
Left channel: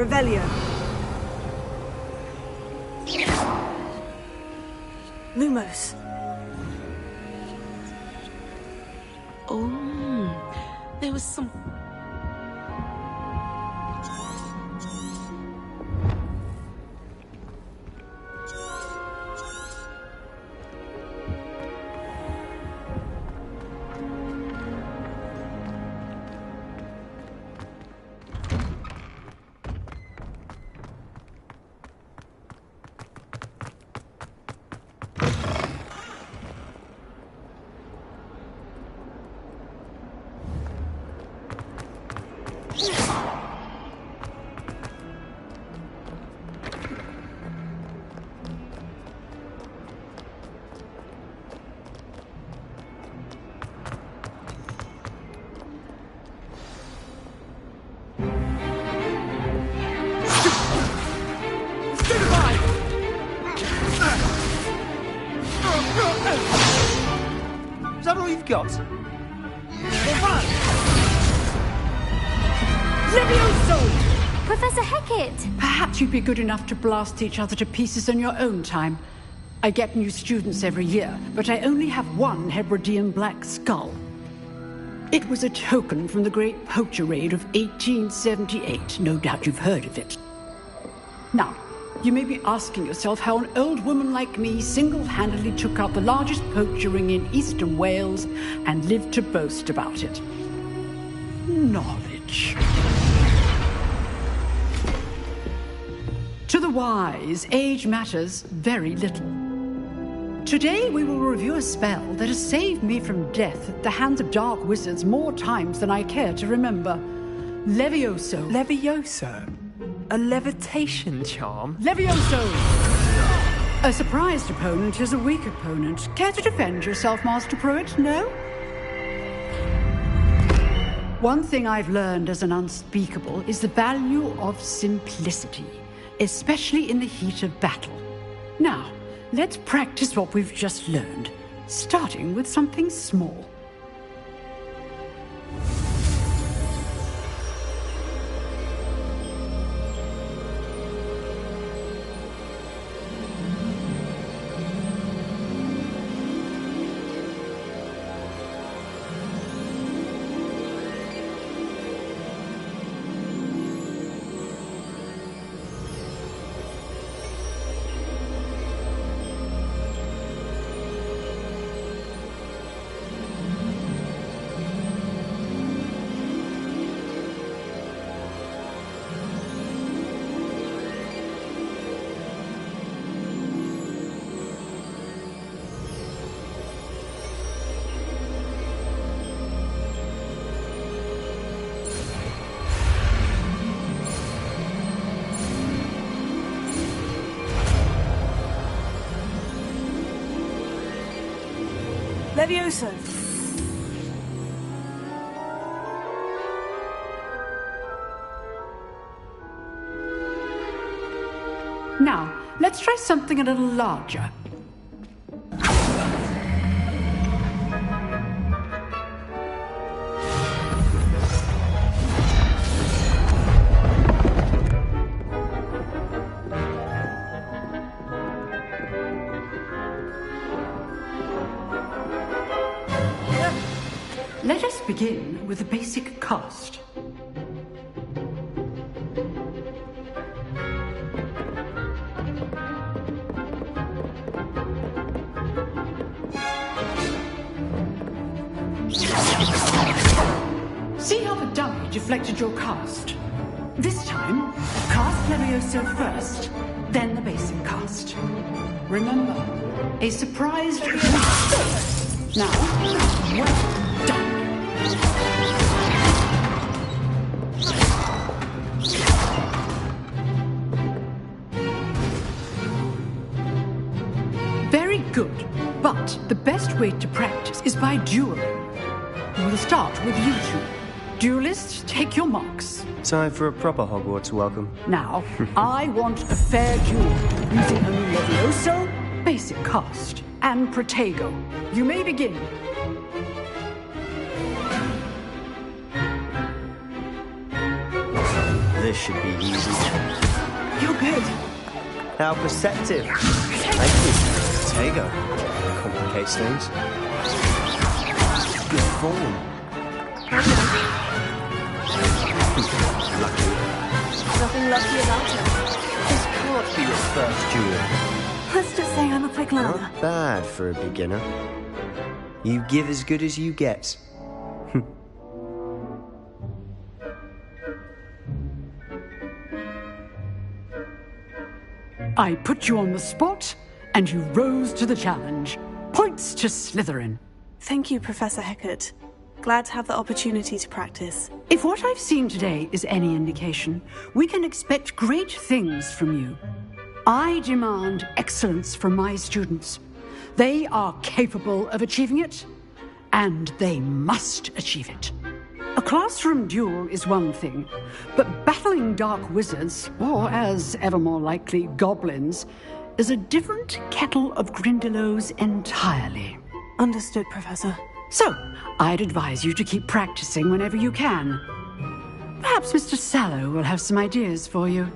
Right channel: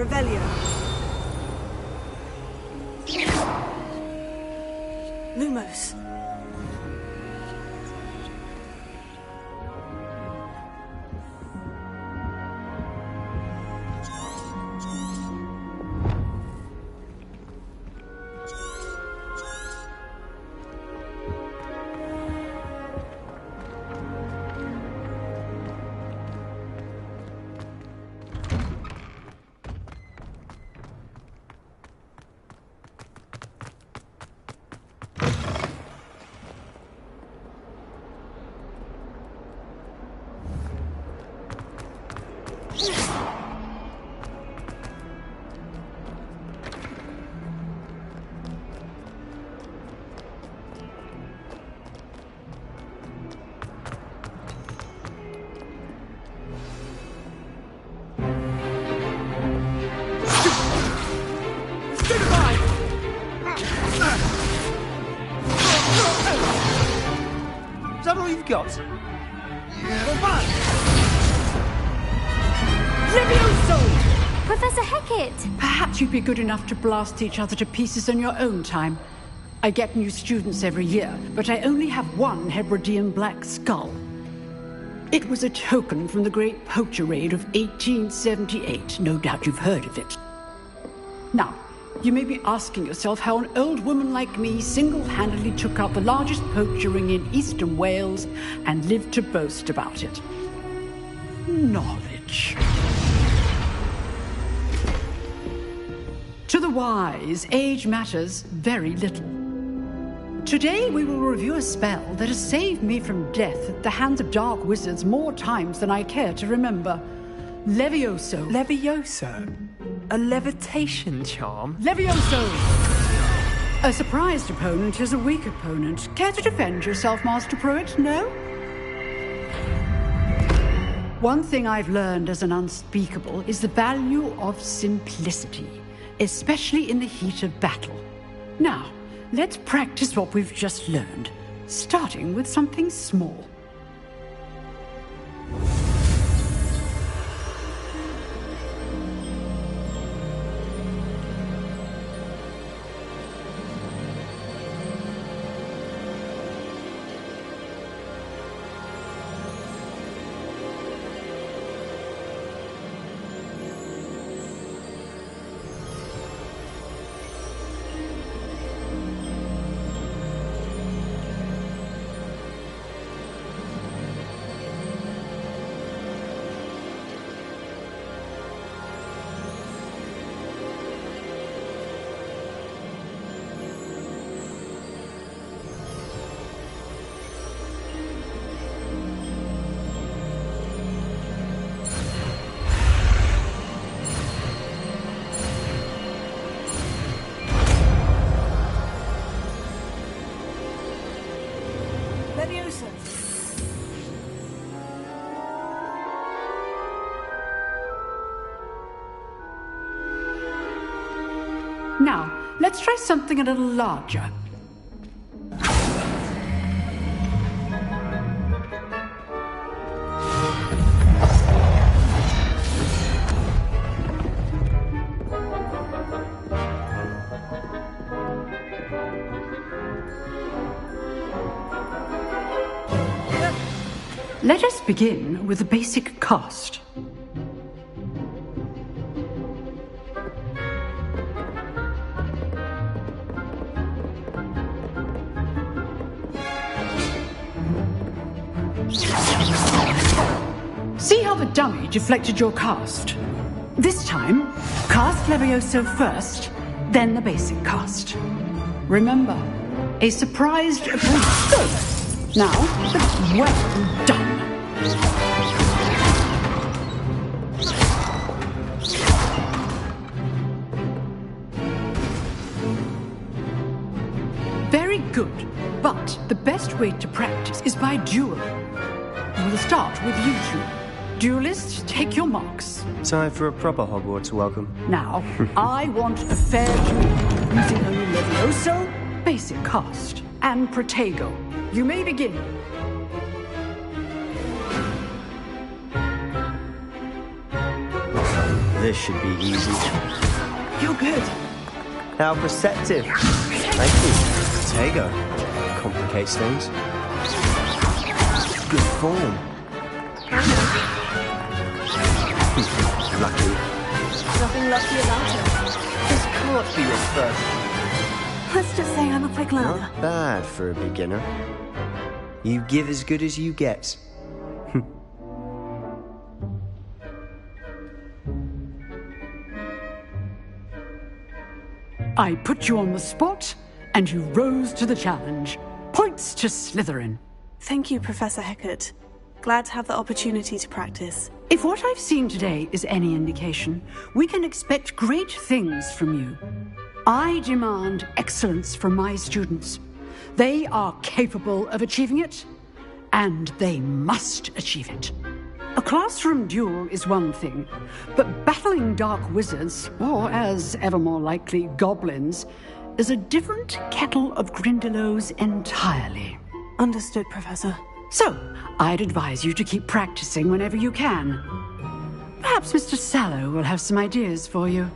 Revelio. Lumos. Oh, there was some... Is that all you've got? Levioso! Professor Hecat! Perhaps you'd be good enough to blast each other to pieces in your own time. I get new students every year, but I only have one Hebridean black skull. It was a token from the Great Poacher Raid of 1878. No doubt you've heard of it. Now, you may be asking yourself how an old woman like me single-handedly took out the largest poacher ring in eastern Wales and lived to boast about it. Knowledge. To the wise, age matters very little. Today we will review a spell that has saved me from death at the hands of dark wizards more times than I care to remember. Levioso. Levioso? A levitation charm? Levioso! A surprised opponent is a weak opponent. Care to defend yourself, Master Pruitt? No? One thing I've learned as an unspeakable is the value of simplicity, especially in the heat of battle. Now, let's practice what we've just learned, starting with something small. Levioso. Now, let's try something a little larger. Let us begin with the basic cast. See how the dummy deflected your cast? This time, cast Levioso first, then the basic cast. Remember, a surprised opponent. Now, well done. Very good, but the best way to practice is by dueling. We'll start with you two. Duelists, take your marks. Time for a proper Hogwarts welcome. Now, I want a fair duel, using only Levioso, basic cast, and Protego. You may begin. This should be easy. You're good. How perceptive. Thank you. Tego. Complicates things. Good form. Lucky. Nothing lucky about it. This can't be your first duel. Let's just say I'm a quick learner. Not bad for a beginner. You give as good as you get. I put you on the spot, and you rose to the challenge. Points to Slytherin. Thank you, Professor Hecat. Glad to have the opportunity to practice. If what I've seen today is any indication, we can expect great things from you. I demand excellence from my students. They are capable of achieving it, and they must achieve it. A classroom duel is one thing, but battling dark wizards, or as ever more likely, goblins, is a different kettle of Grindylows entirely. Understood, Professor. So, I'd advise you to keep practicing whenever you can. Perhaps Mr. Sallow will have some ideas for you.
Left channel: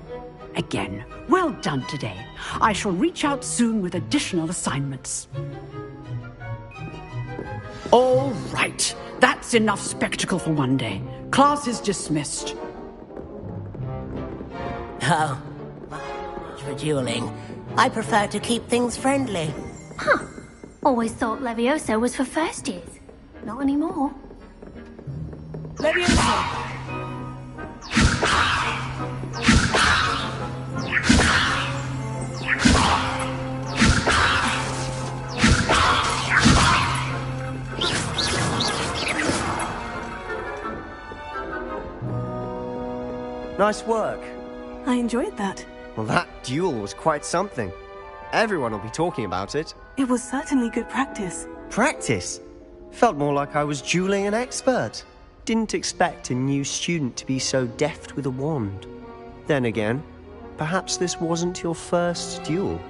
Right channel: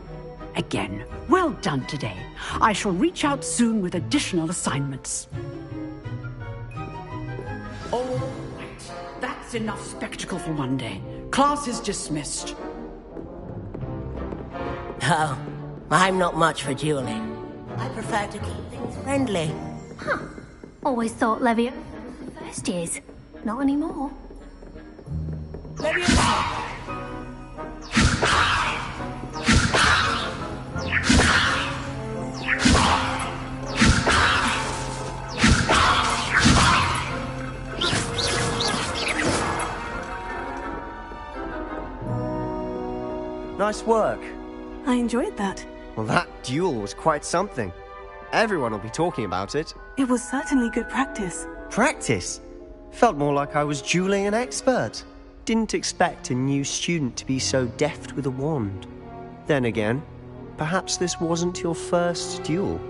Again, well done today. I shall reach out soon with additional assignments. All right. That's enough spectacle for one day. Class is dismissed. Oh, I'm not much for dueling. I prefer to keep things friendly. Huh. Always thought Leviosa was for first years. Not anymore. Leviosa! Nice work. I enjoyed that. Well, that duel was quite something. Everyone will be talking about it. It was certainly good practice. Practice? Felt more like I was dueling an expert. Didn't expect a new student to be so deft with a wand. Then again, perhaps this wasn't your first duel.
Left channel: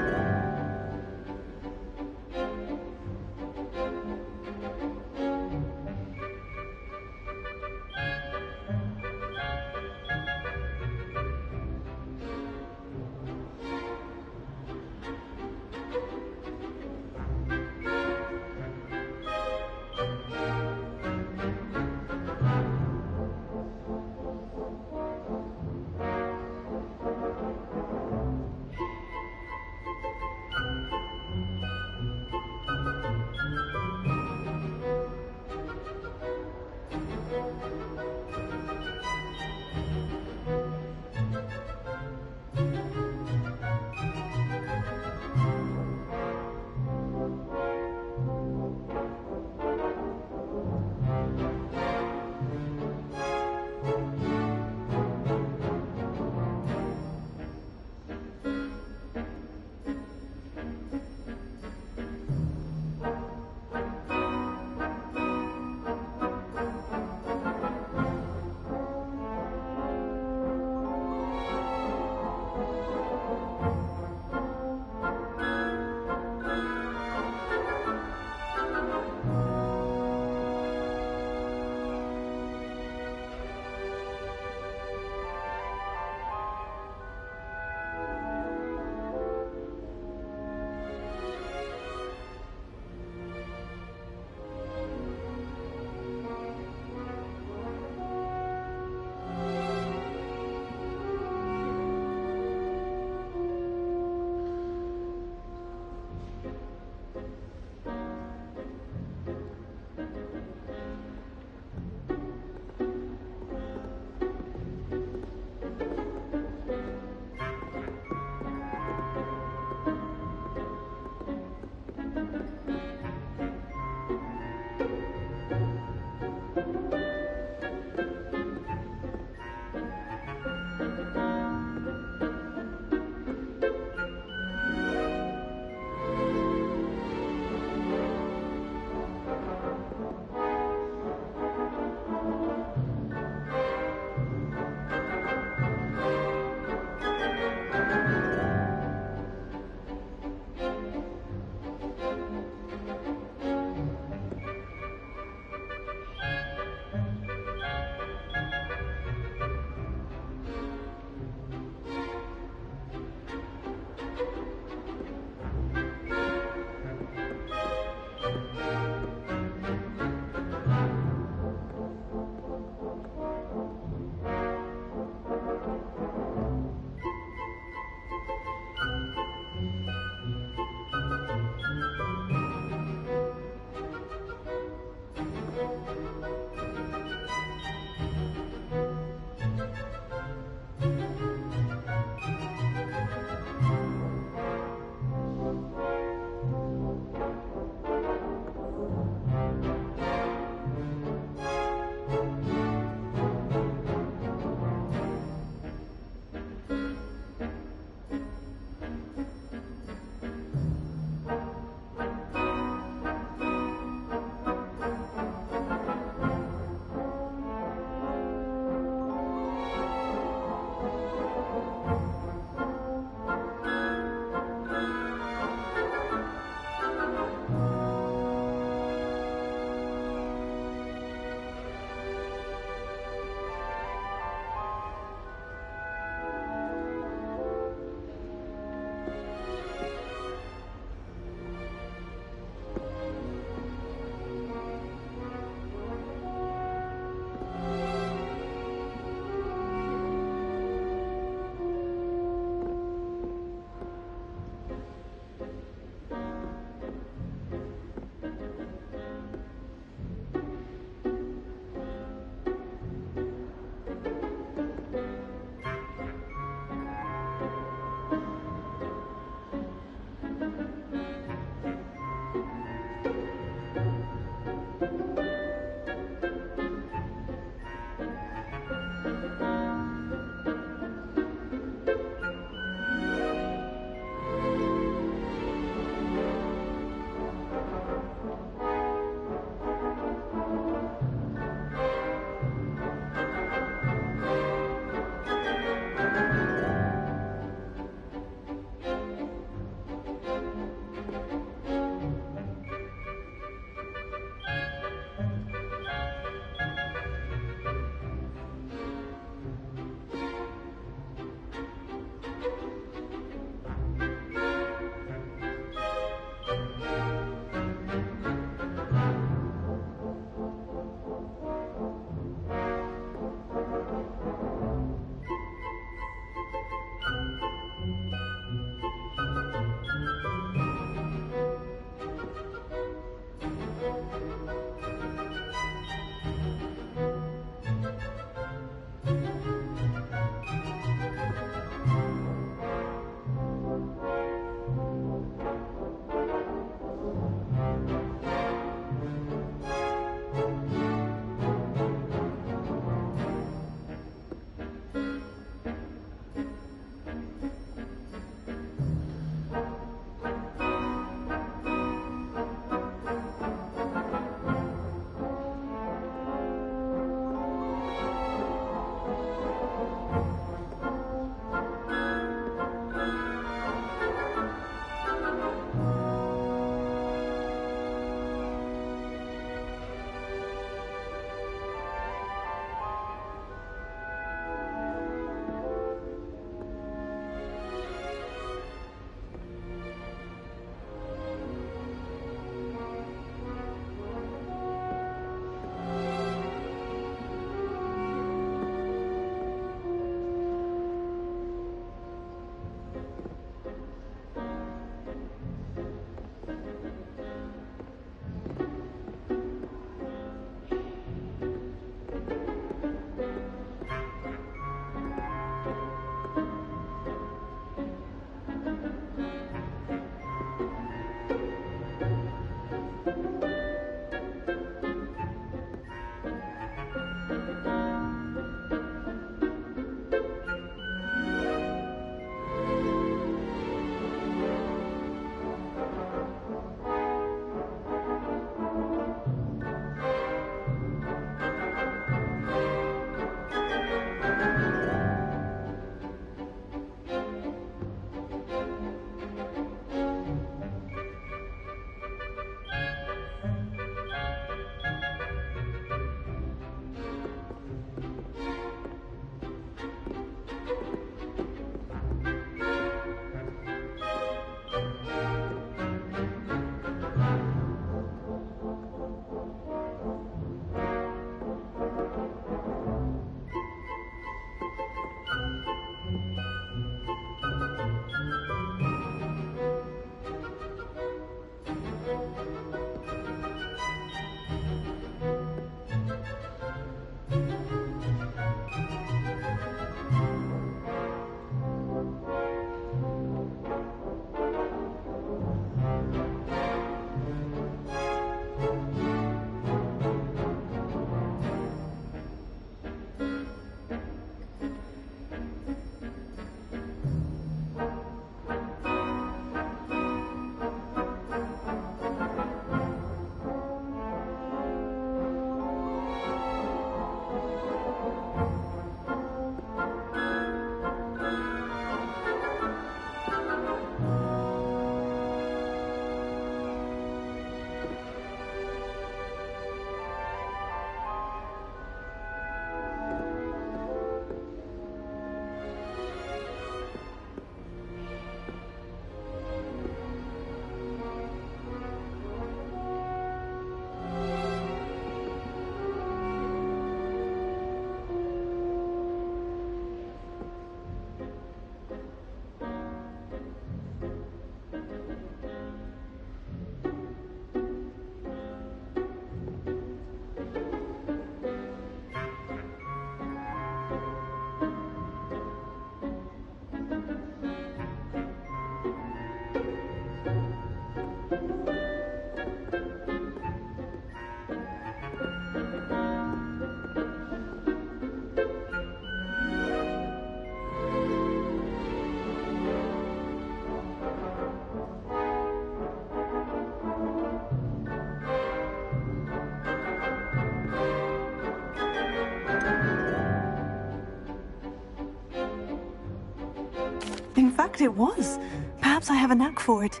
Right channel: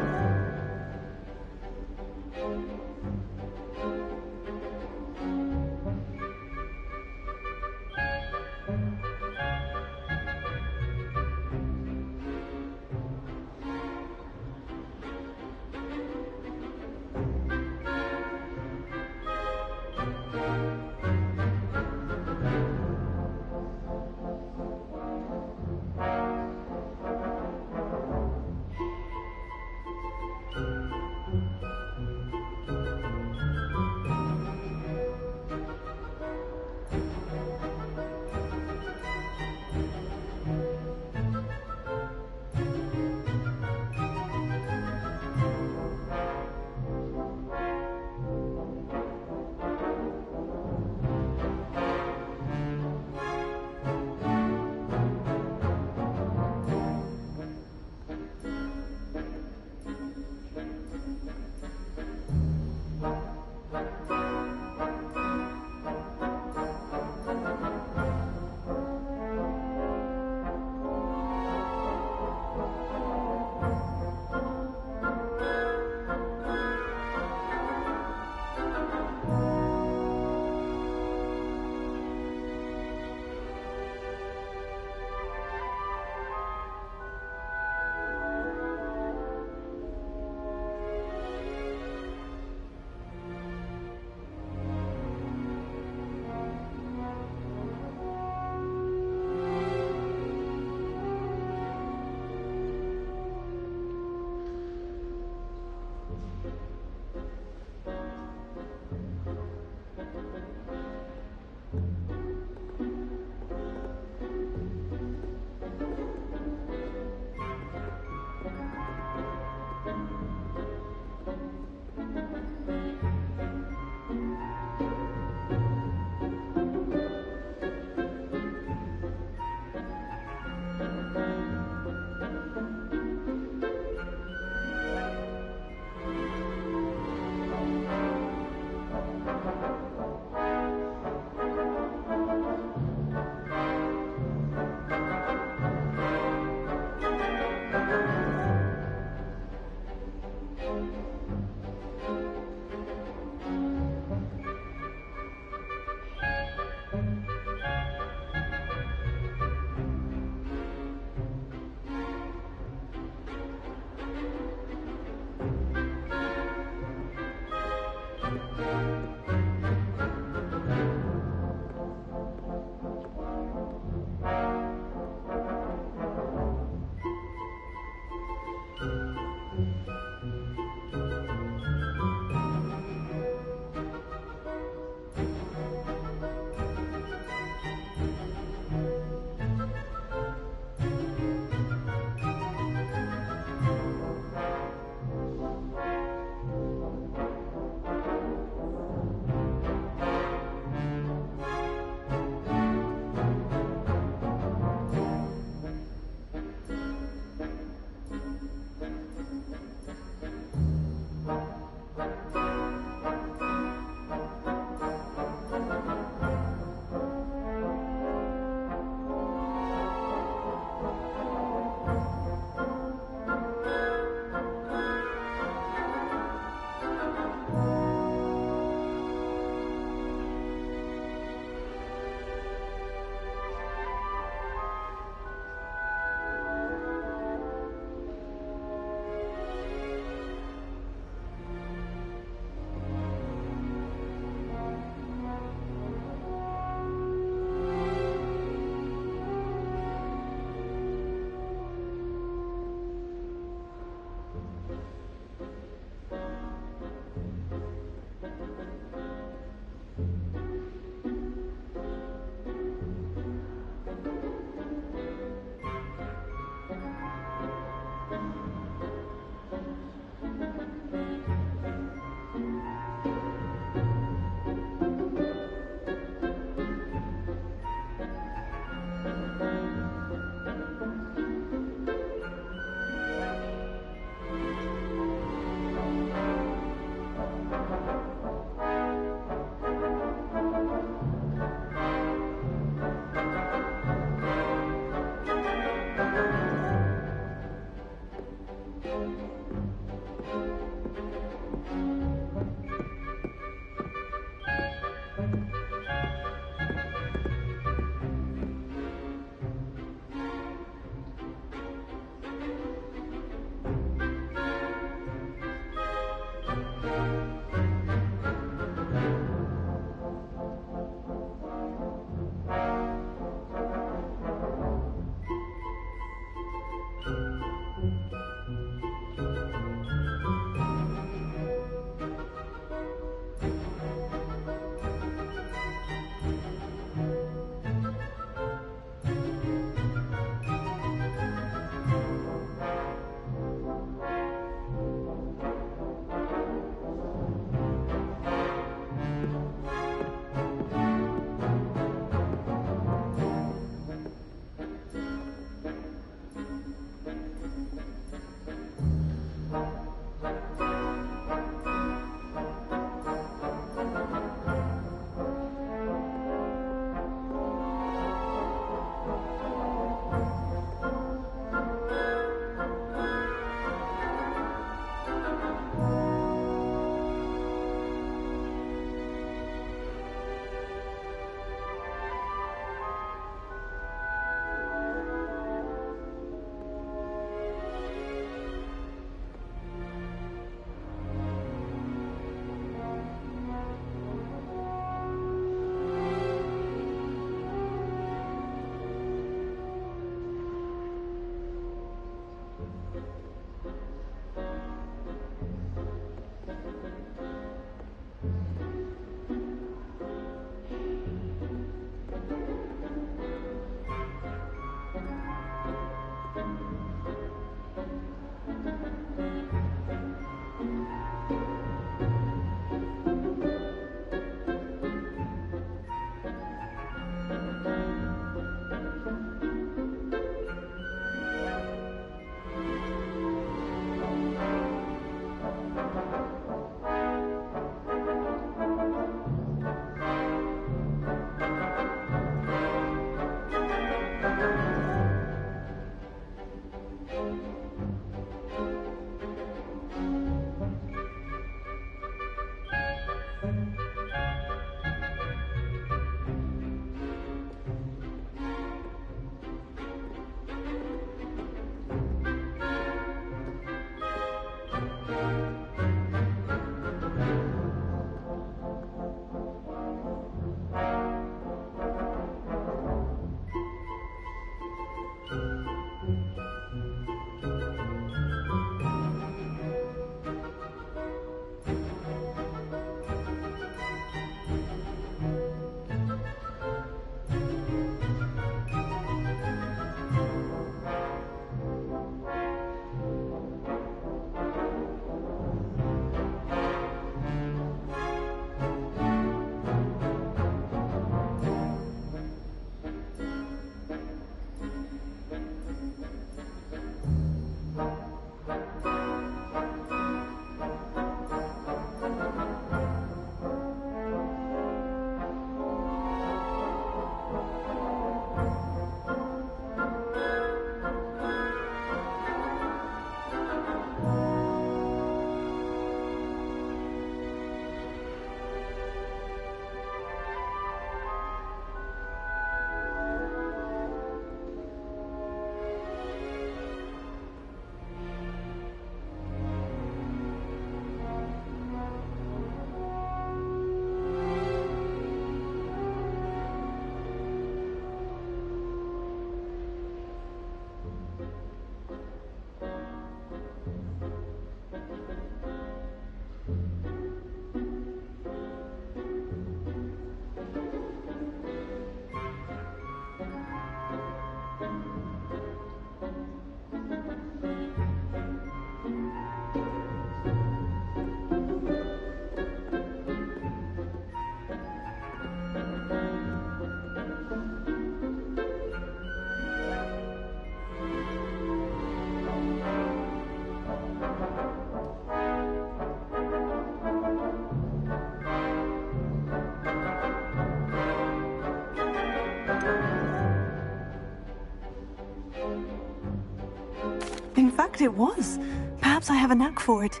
fact it was. Perhaps I have a knack for it.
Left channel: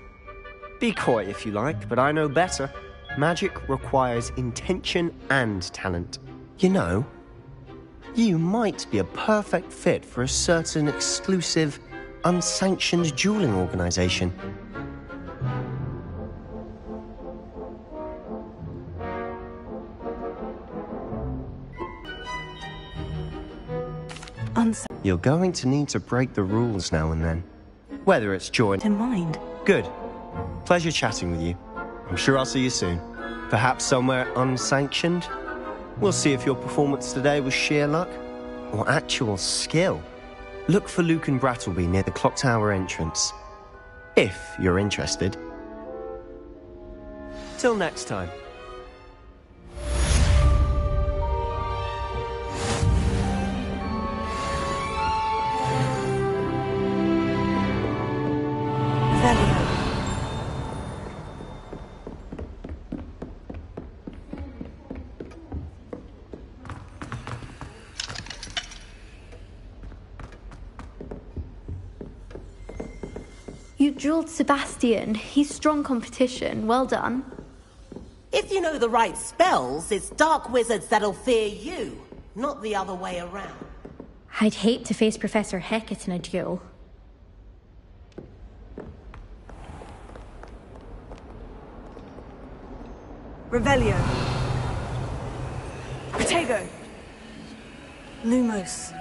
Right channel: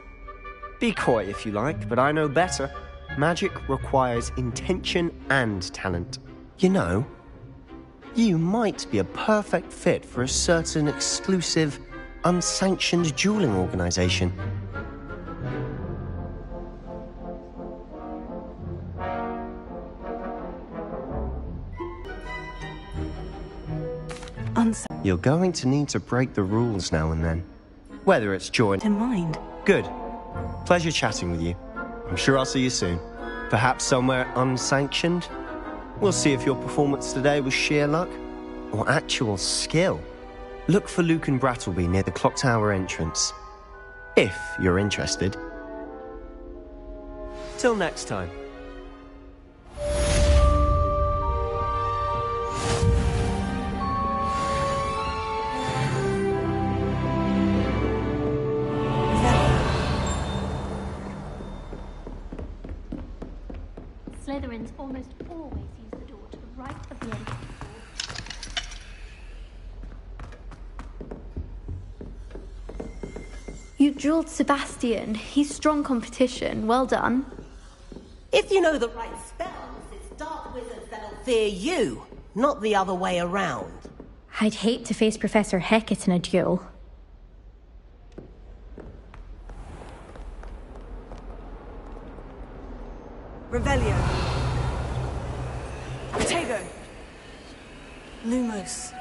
Be coy if you like, but I know better. Magic requires intention and talent. You know, you might be a perfect fit for a certain exclusive, unsanctioned dueling organization. You're going to need to break the rules now and then. Whether it's join in mind. Good. Pleasure chatting with you. I'm sure I'll see you soon. Perhaps somewhere unsanctioned? We'll see if your performance today was sheer luck or actual skill. Look for Luke and Brattleby near the clock tower entrance. If you're interested. Till next time. Slytherins almost always use the door to the right of the entrance door. You drilled Sebastian. He's strong competition. Well done. If you know the right spells, it's dark wizards that'll fear you, not the other way around. I'd hate to face Professor Hecat in a duel. Revelio. Protego. Lumos.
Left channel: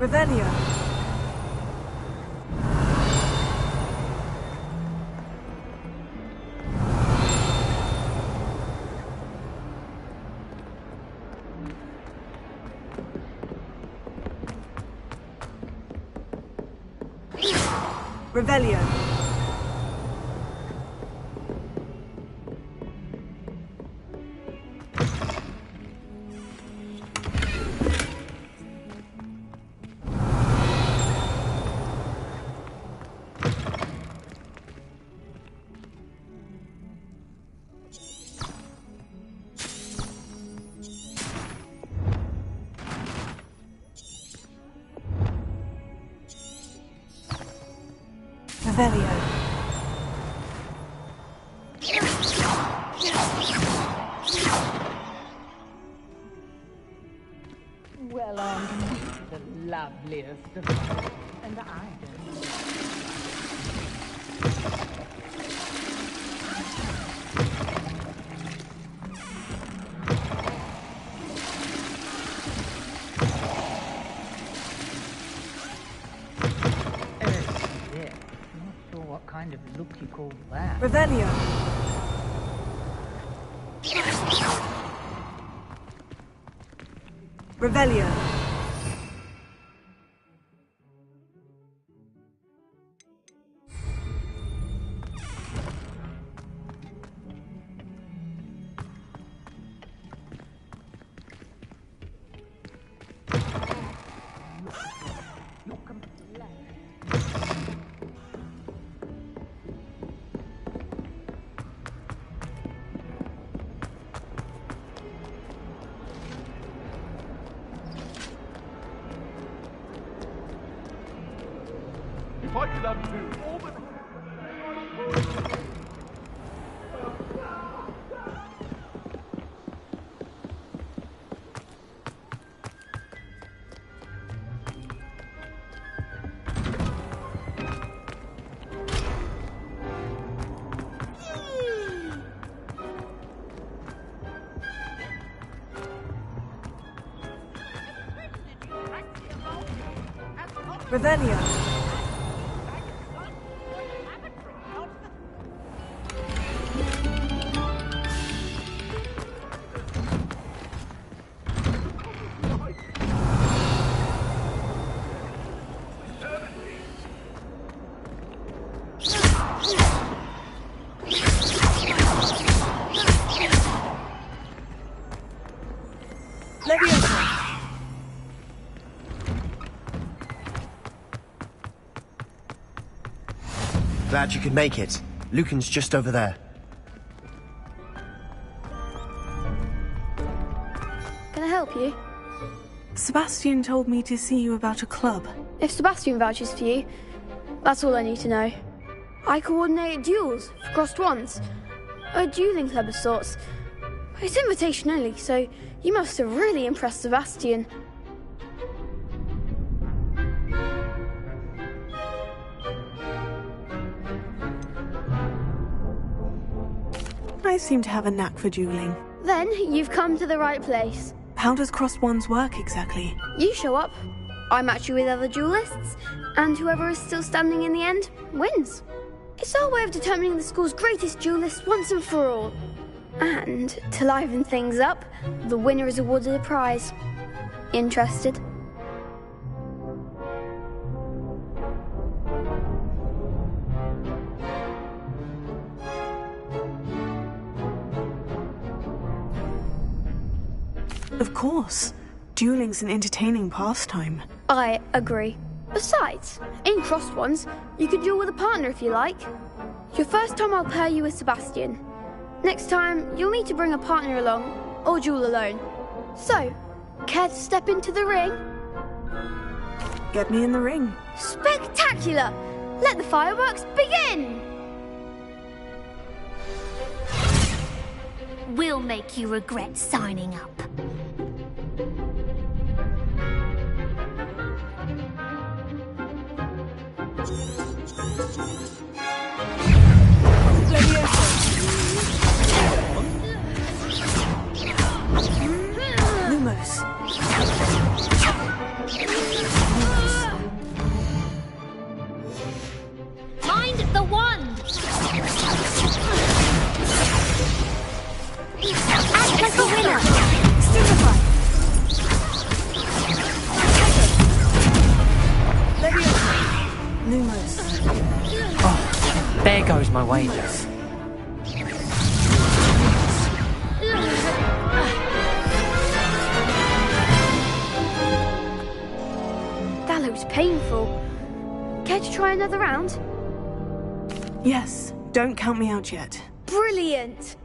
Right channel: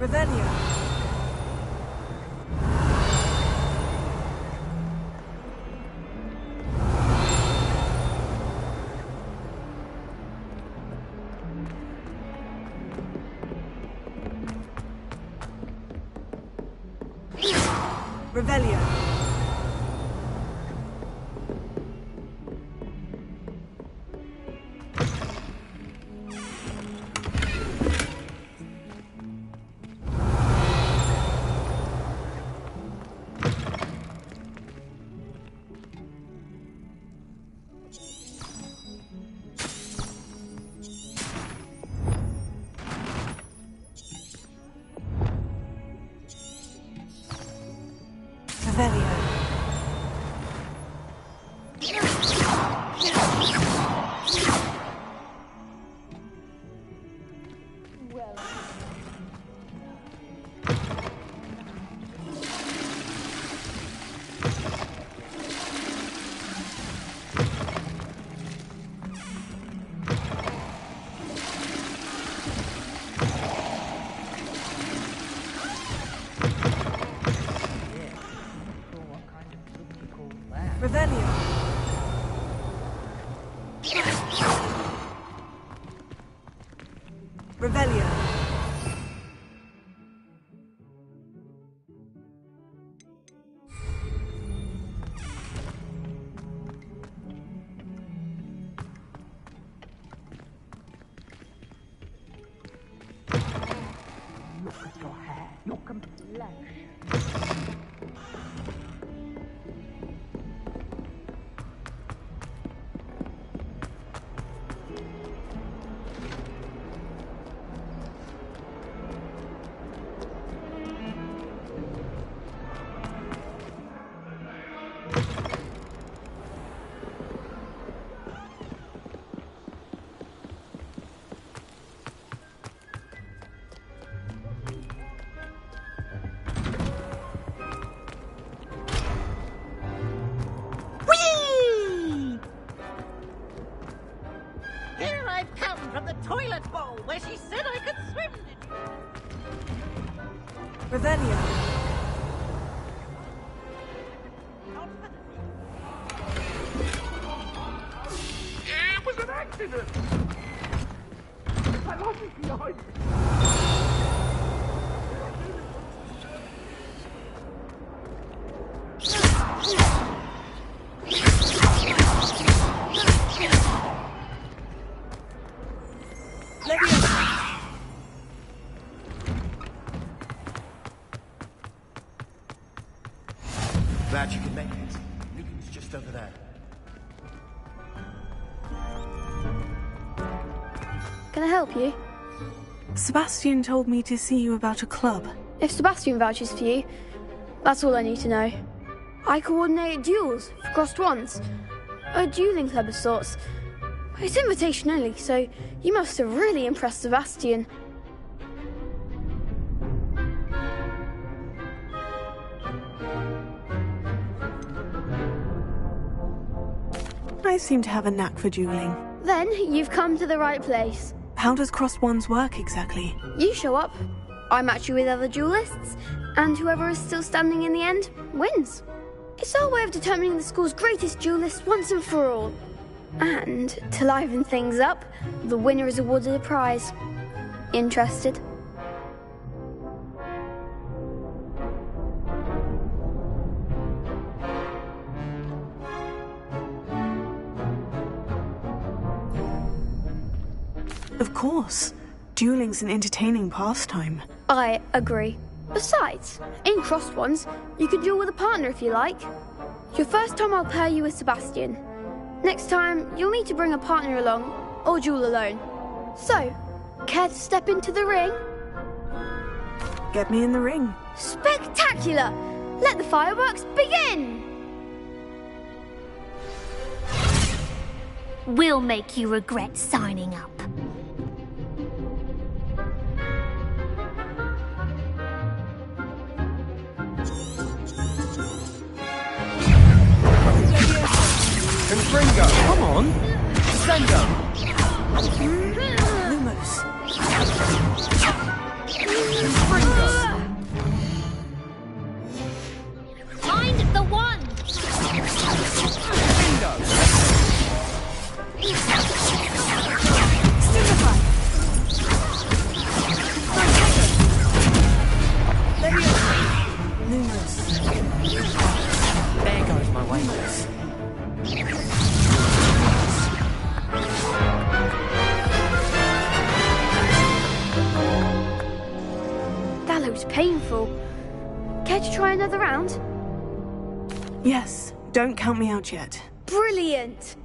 Revelio. Revelio. Revelio. Well, the loveliest of and what kind of look you call that? Revelio. Revelio. You're complex. Here I come from the toilet bowl where she said I could swim. Did you practice? Revelio. It was an accident. I wasn't behind. Glad you could make it. Lucan's just over there. Can I help you? Sebastian told me to see you about a club. If Sebastian vouches for you, that's all I need to know. I coordinate duels for crossed ones. A dueling club of sorts. It's invitation only, so you must have really impressed Sebastian. I seem to have a knack for dueling. Then you've come to the right place. How does crossed ones work exactly? You show up, I match you with other duelists, and whoever is still standing in the end wins. It's our way of determining the school's greatest duelist once and for all. And to liven things up, the winner is awarded a prize. Interested? Of course. Dueling's an entertaining pastime. I agree. Besides, in crossed ones, you could duel with a partner if you like. Your first time I'll pair you with Sebastian. Next time, you'll need to bring a partner along, or duel alone. So, care to step into the ring? Get me in the ring. Spectacular! Let the fireworks begin! We'll make you regret signing up. Come on! Lumos. There goes my wages. That looks painful. Care to try another round? Yes, don't count me out yet. Brilliant!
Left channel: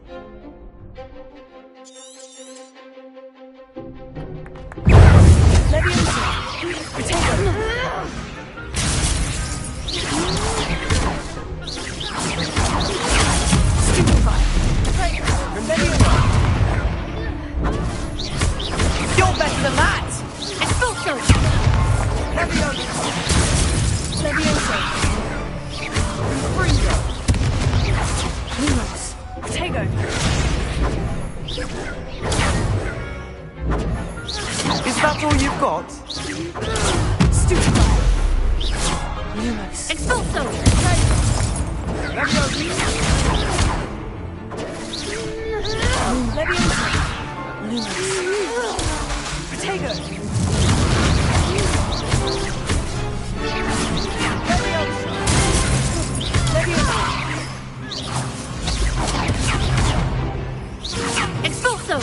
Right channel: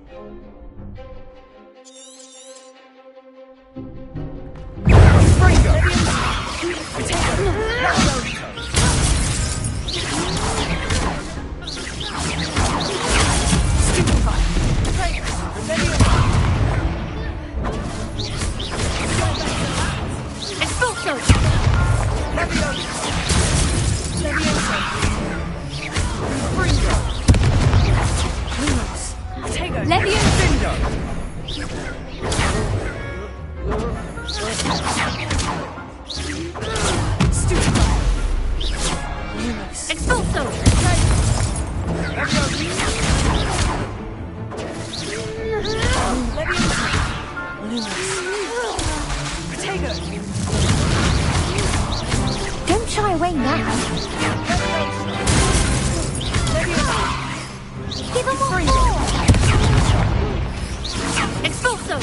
You're better than that! Expulso! Levioso! Fringo! Lumos! Tego! Is that all you've got? Stupefy! Lumos! Expulso! Levioso! Lumos! Protego! Don't shy away now. Levioso! Levioso! Give him more. Expulso!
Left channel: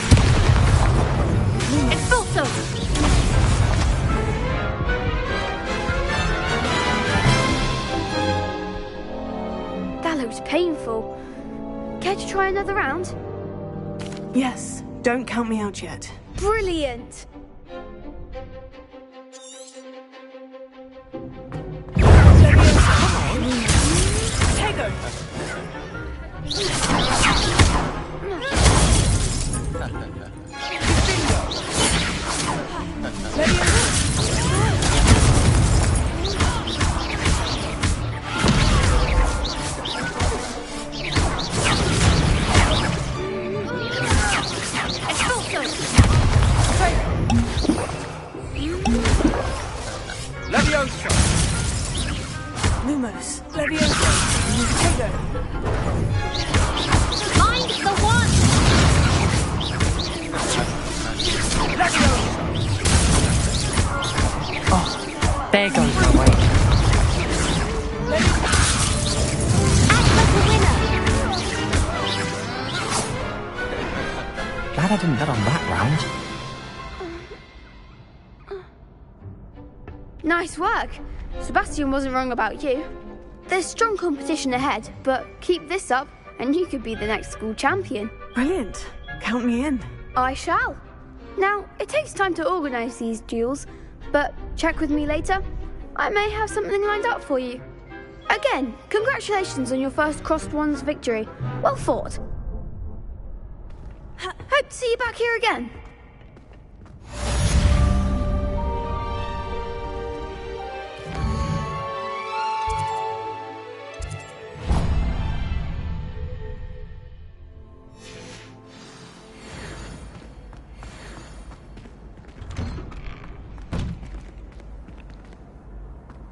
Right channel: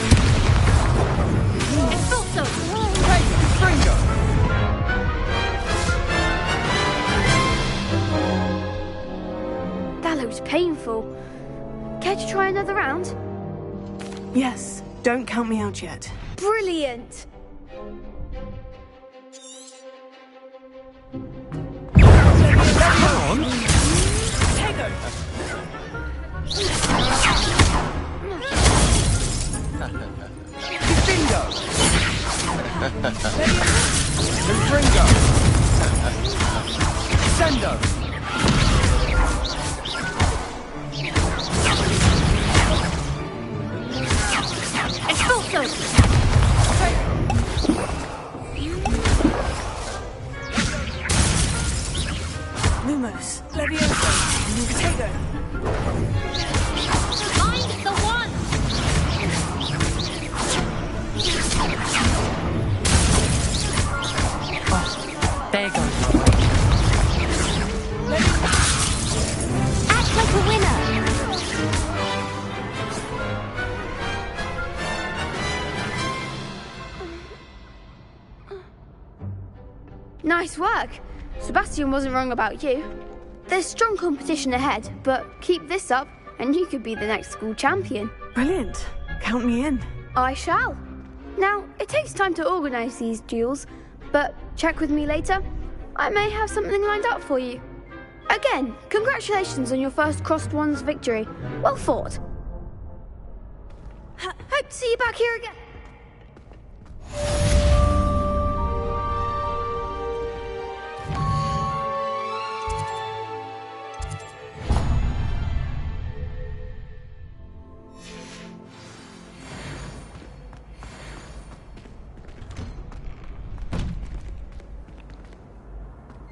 Expulso! That looks painful. Care to try another round? Yes, don't count me out yet. Brilliant! Lumos! Levioso! Protego! Find the one! Oh, there goes my wages. Act like a winner! Glad I didn't bet on that round. Nice work. Sebastian wasn't wrong about you. There's strong competition ahead, but keep this up and you could be the next school champion. Brilliant. Count me in. I shall. Now, it takes time to organise these duels, but check with me later. I may have something lined up for you. Again, congratulations on your first Crossed Ones victory. Well fought. Hope to see you back here again.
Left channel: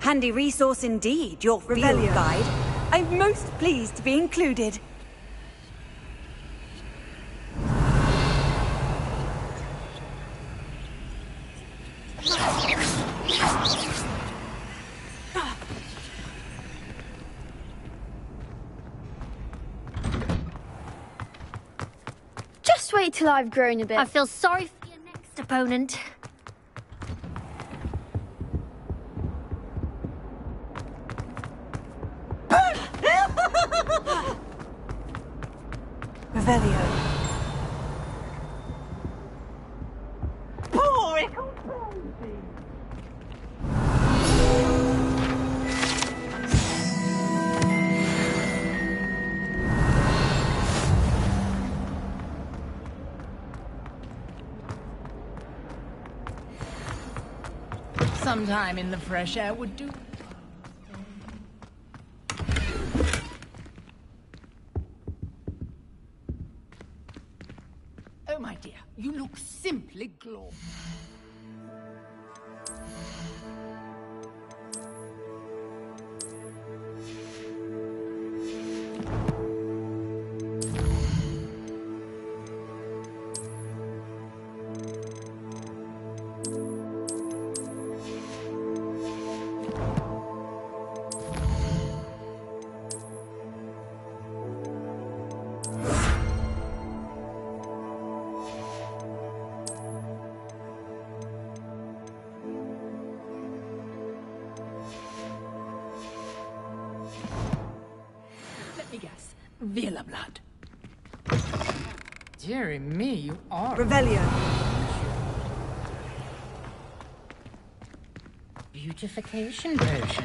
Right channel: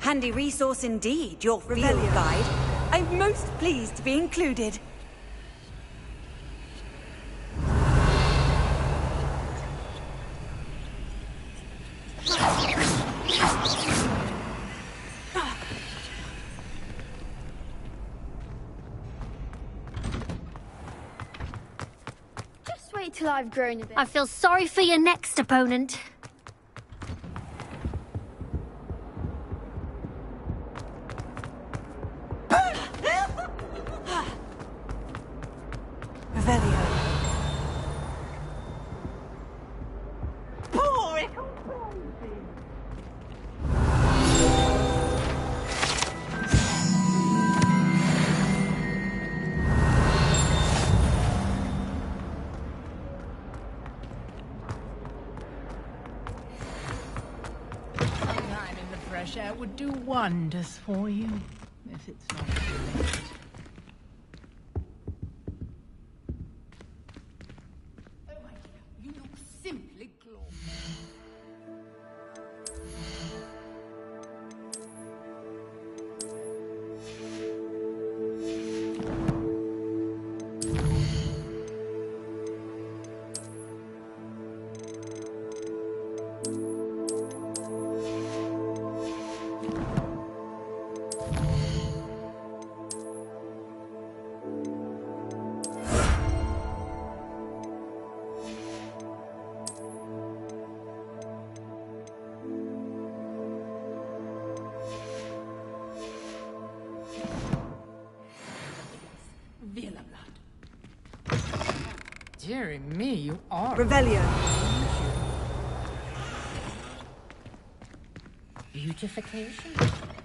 Handy resource indeed, your field Revelio. guide. I'm most pleased to be included. Just wait till I've grown a bit. I feel sorry for your next opponent. Revelio. Some time in the fresh air would do wonders for you. If it's... Oh, my dear, you look simply glorious. Vila blood. Dearie me, you are... Revelio. Beautification version.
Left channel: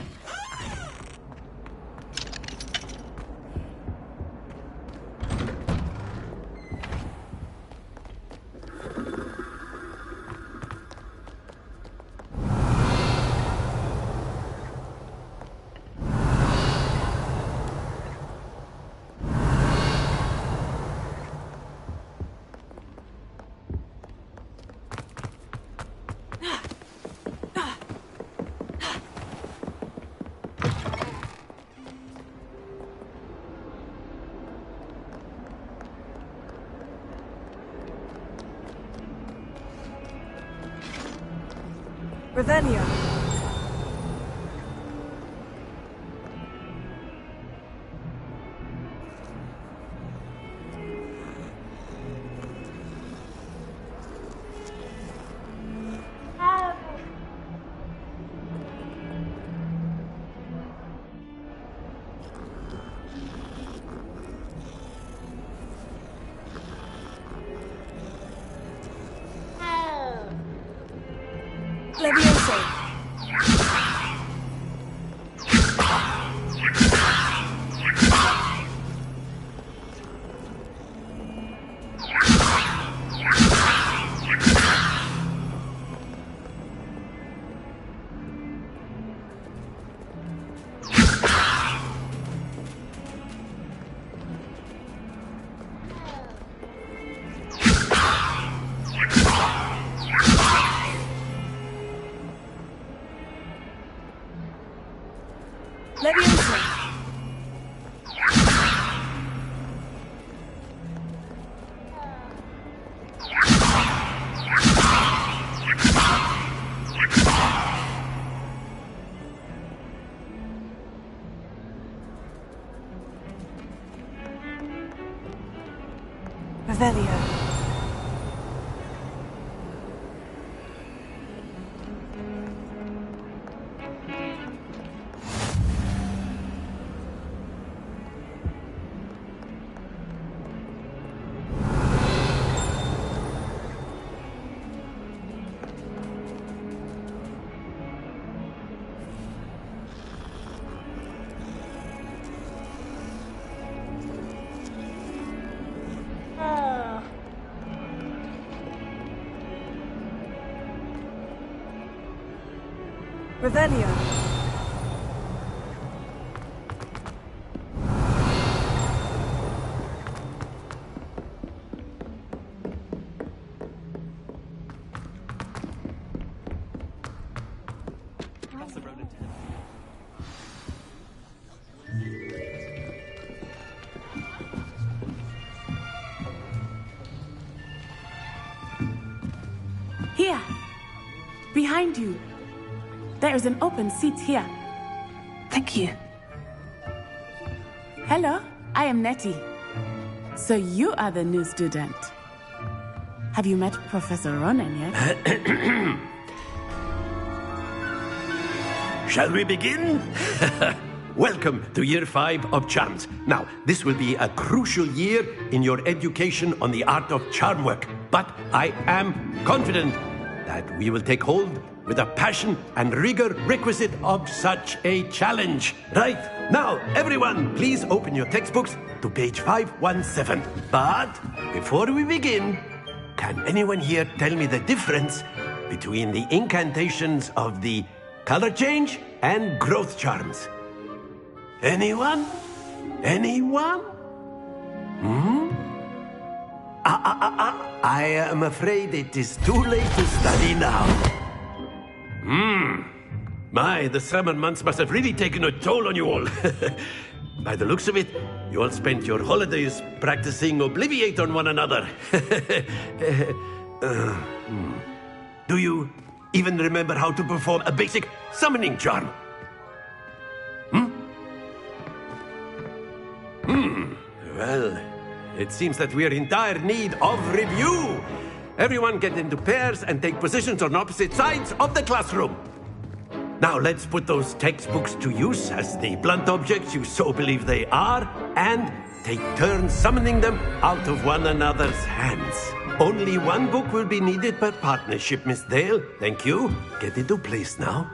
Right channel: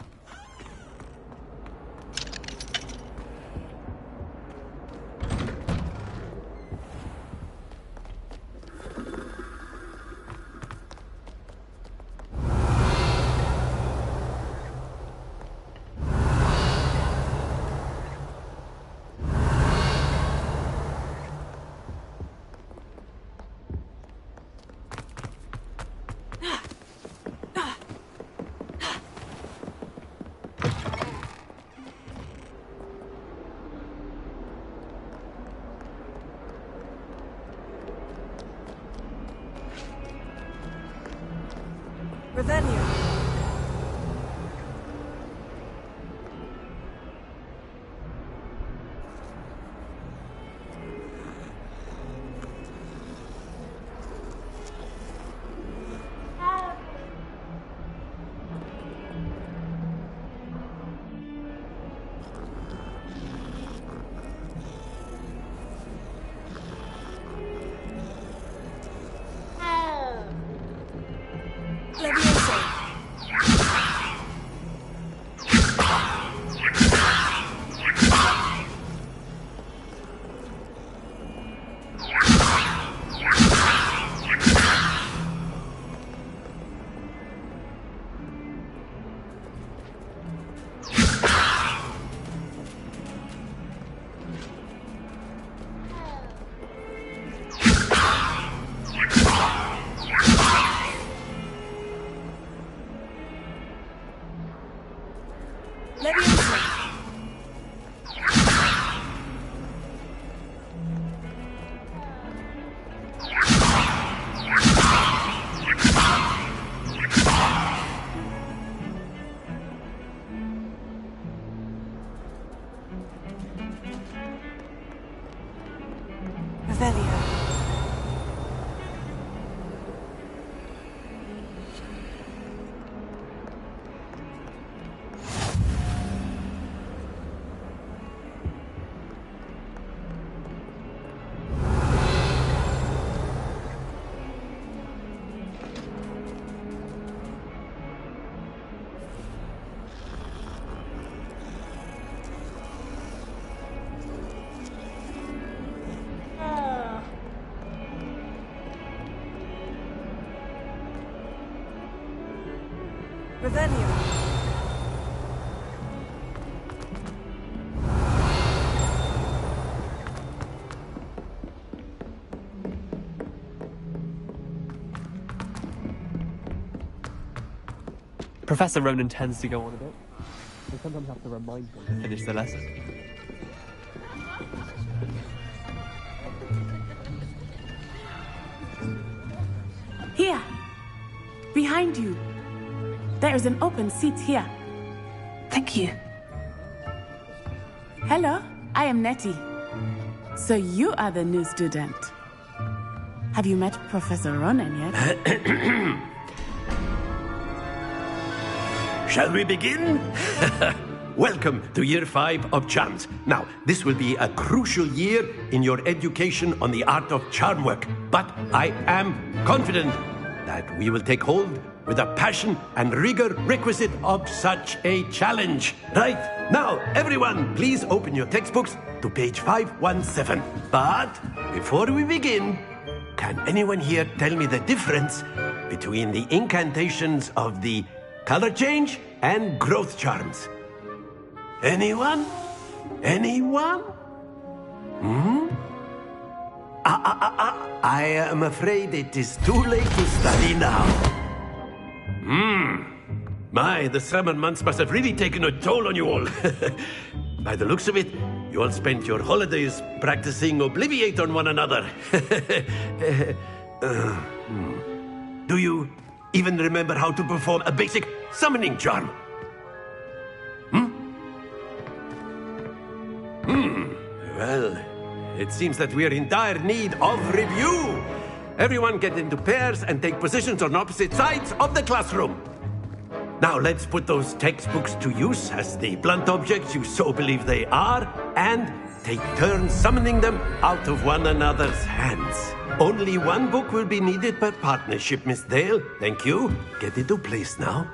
Revelio. Levioso. Levioso. Revelio. Revelio. Professor Ronan tends to go on a bit. We sometimes have to remind him to finish the lesson. Here! Behind you! There is an open seat here. Thank you. Hello, I am Nettie. So you are the new student. Have you met Professor Ronan yet? Shall we begin? Welcome to Year 5 of Charms. Now, this will be a crucial year in your education on the art of charm work. But I am confident that we will take hold with the passion and rigor requisite of such a challenge. Right, now, everyone, please open your textbooks to page 517. But before we begin, can anyone here tell me the difference between the incantations of the color change and growth charms? Anyone? Anyone? I am afraid it is too late to study now. My, the summer months must have really taken a toll on you all. By the looks of it, you all spent your holidays practicing Obliviate on one another. Do you even remember how to perform a basic summoning charm? Well, it seems that we are in dire need of review. Everyone get into pairs and take positions on opposite sides of the classroom. Now let's put those textbooks to use as the blunt objects you so believe they are, and take turns summoning them out of one another's hands. Only one book will be needed per partnership, Miss Dale. Thank you. Get into place now.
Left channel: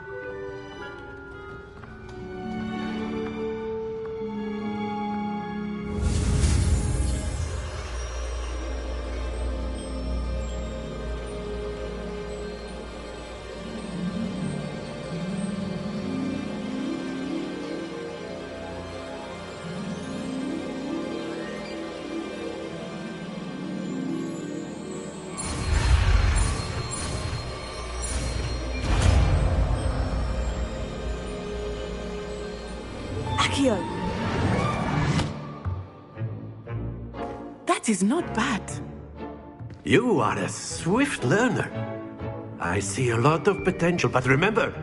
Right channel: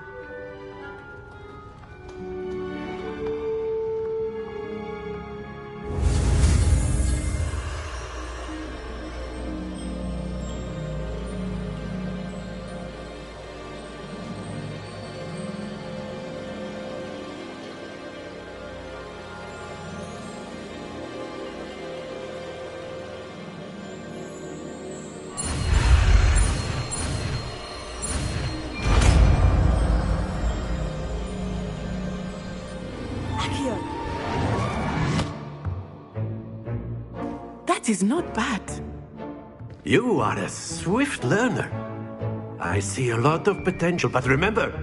That is not bad. You are a swift learner. I see a lot of potential, but remember,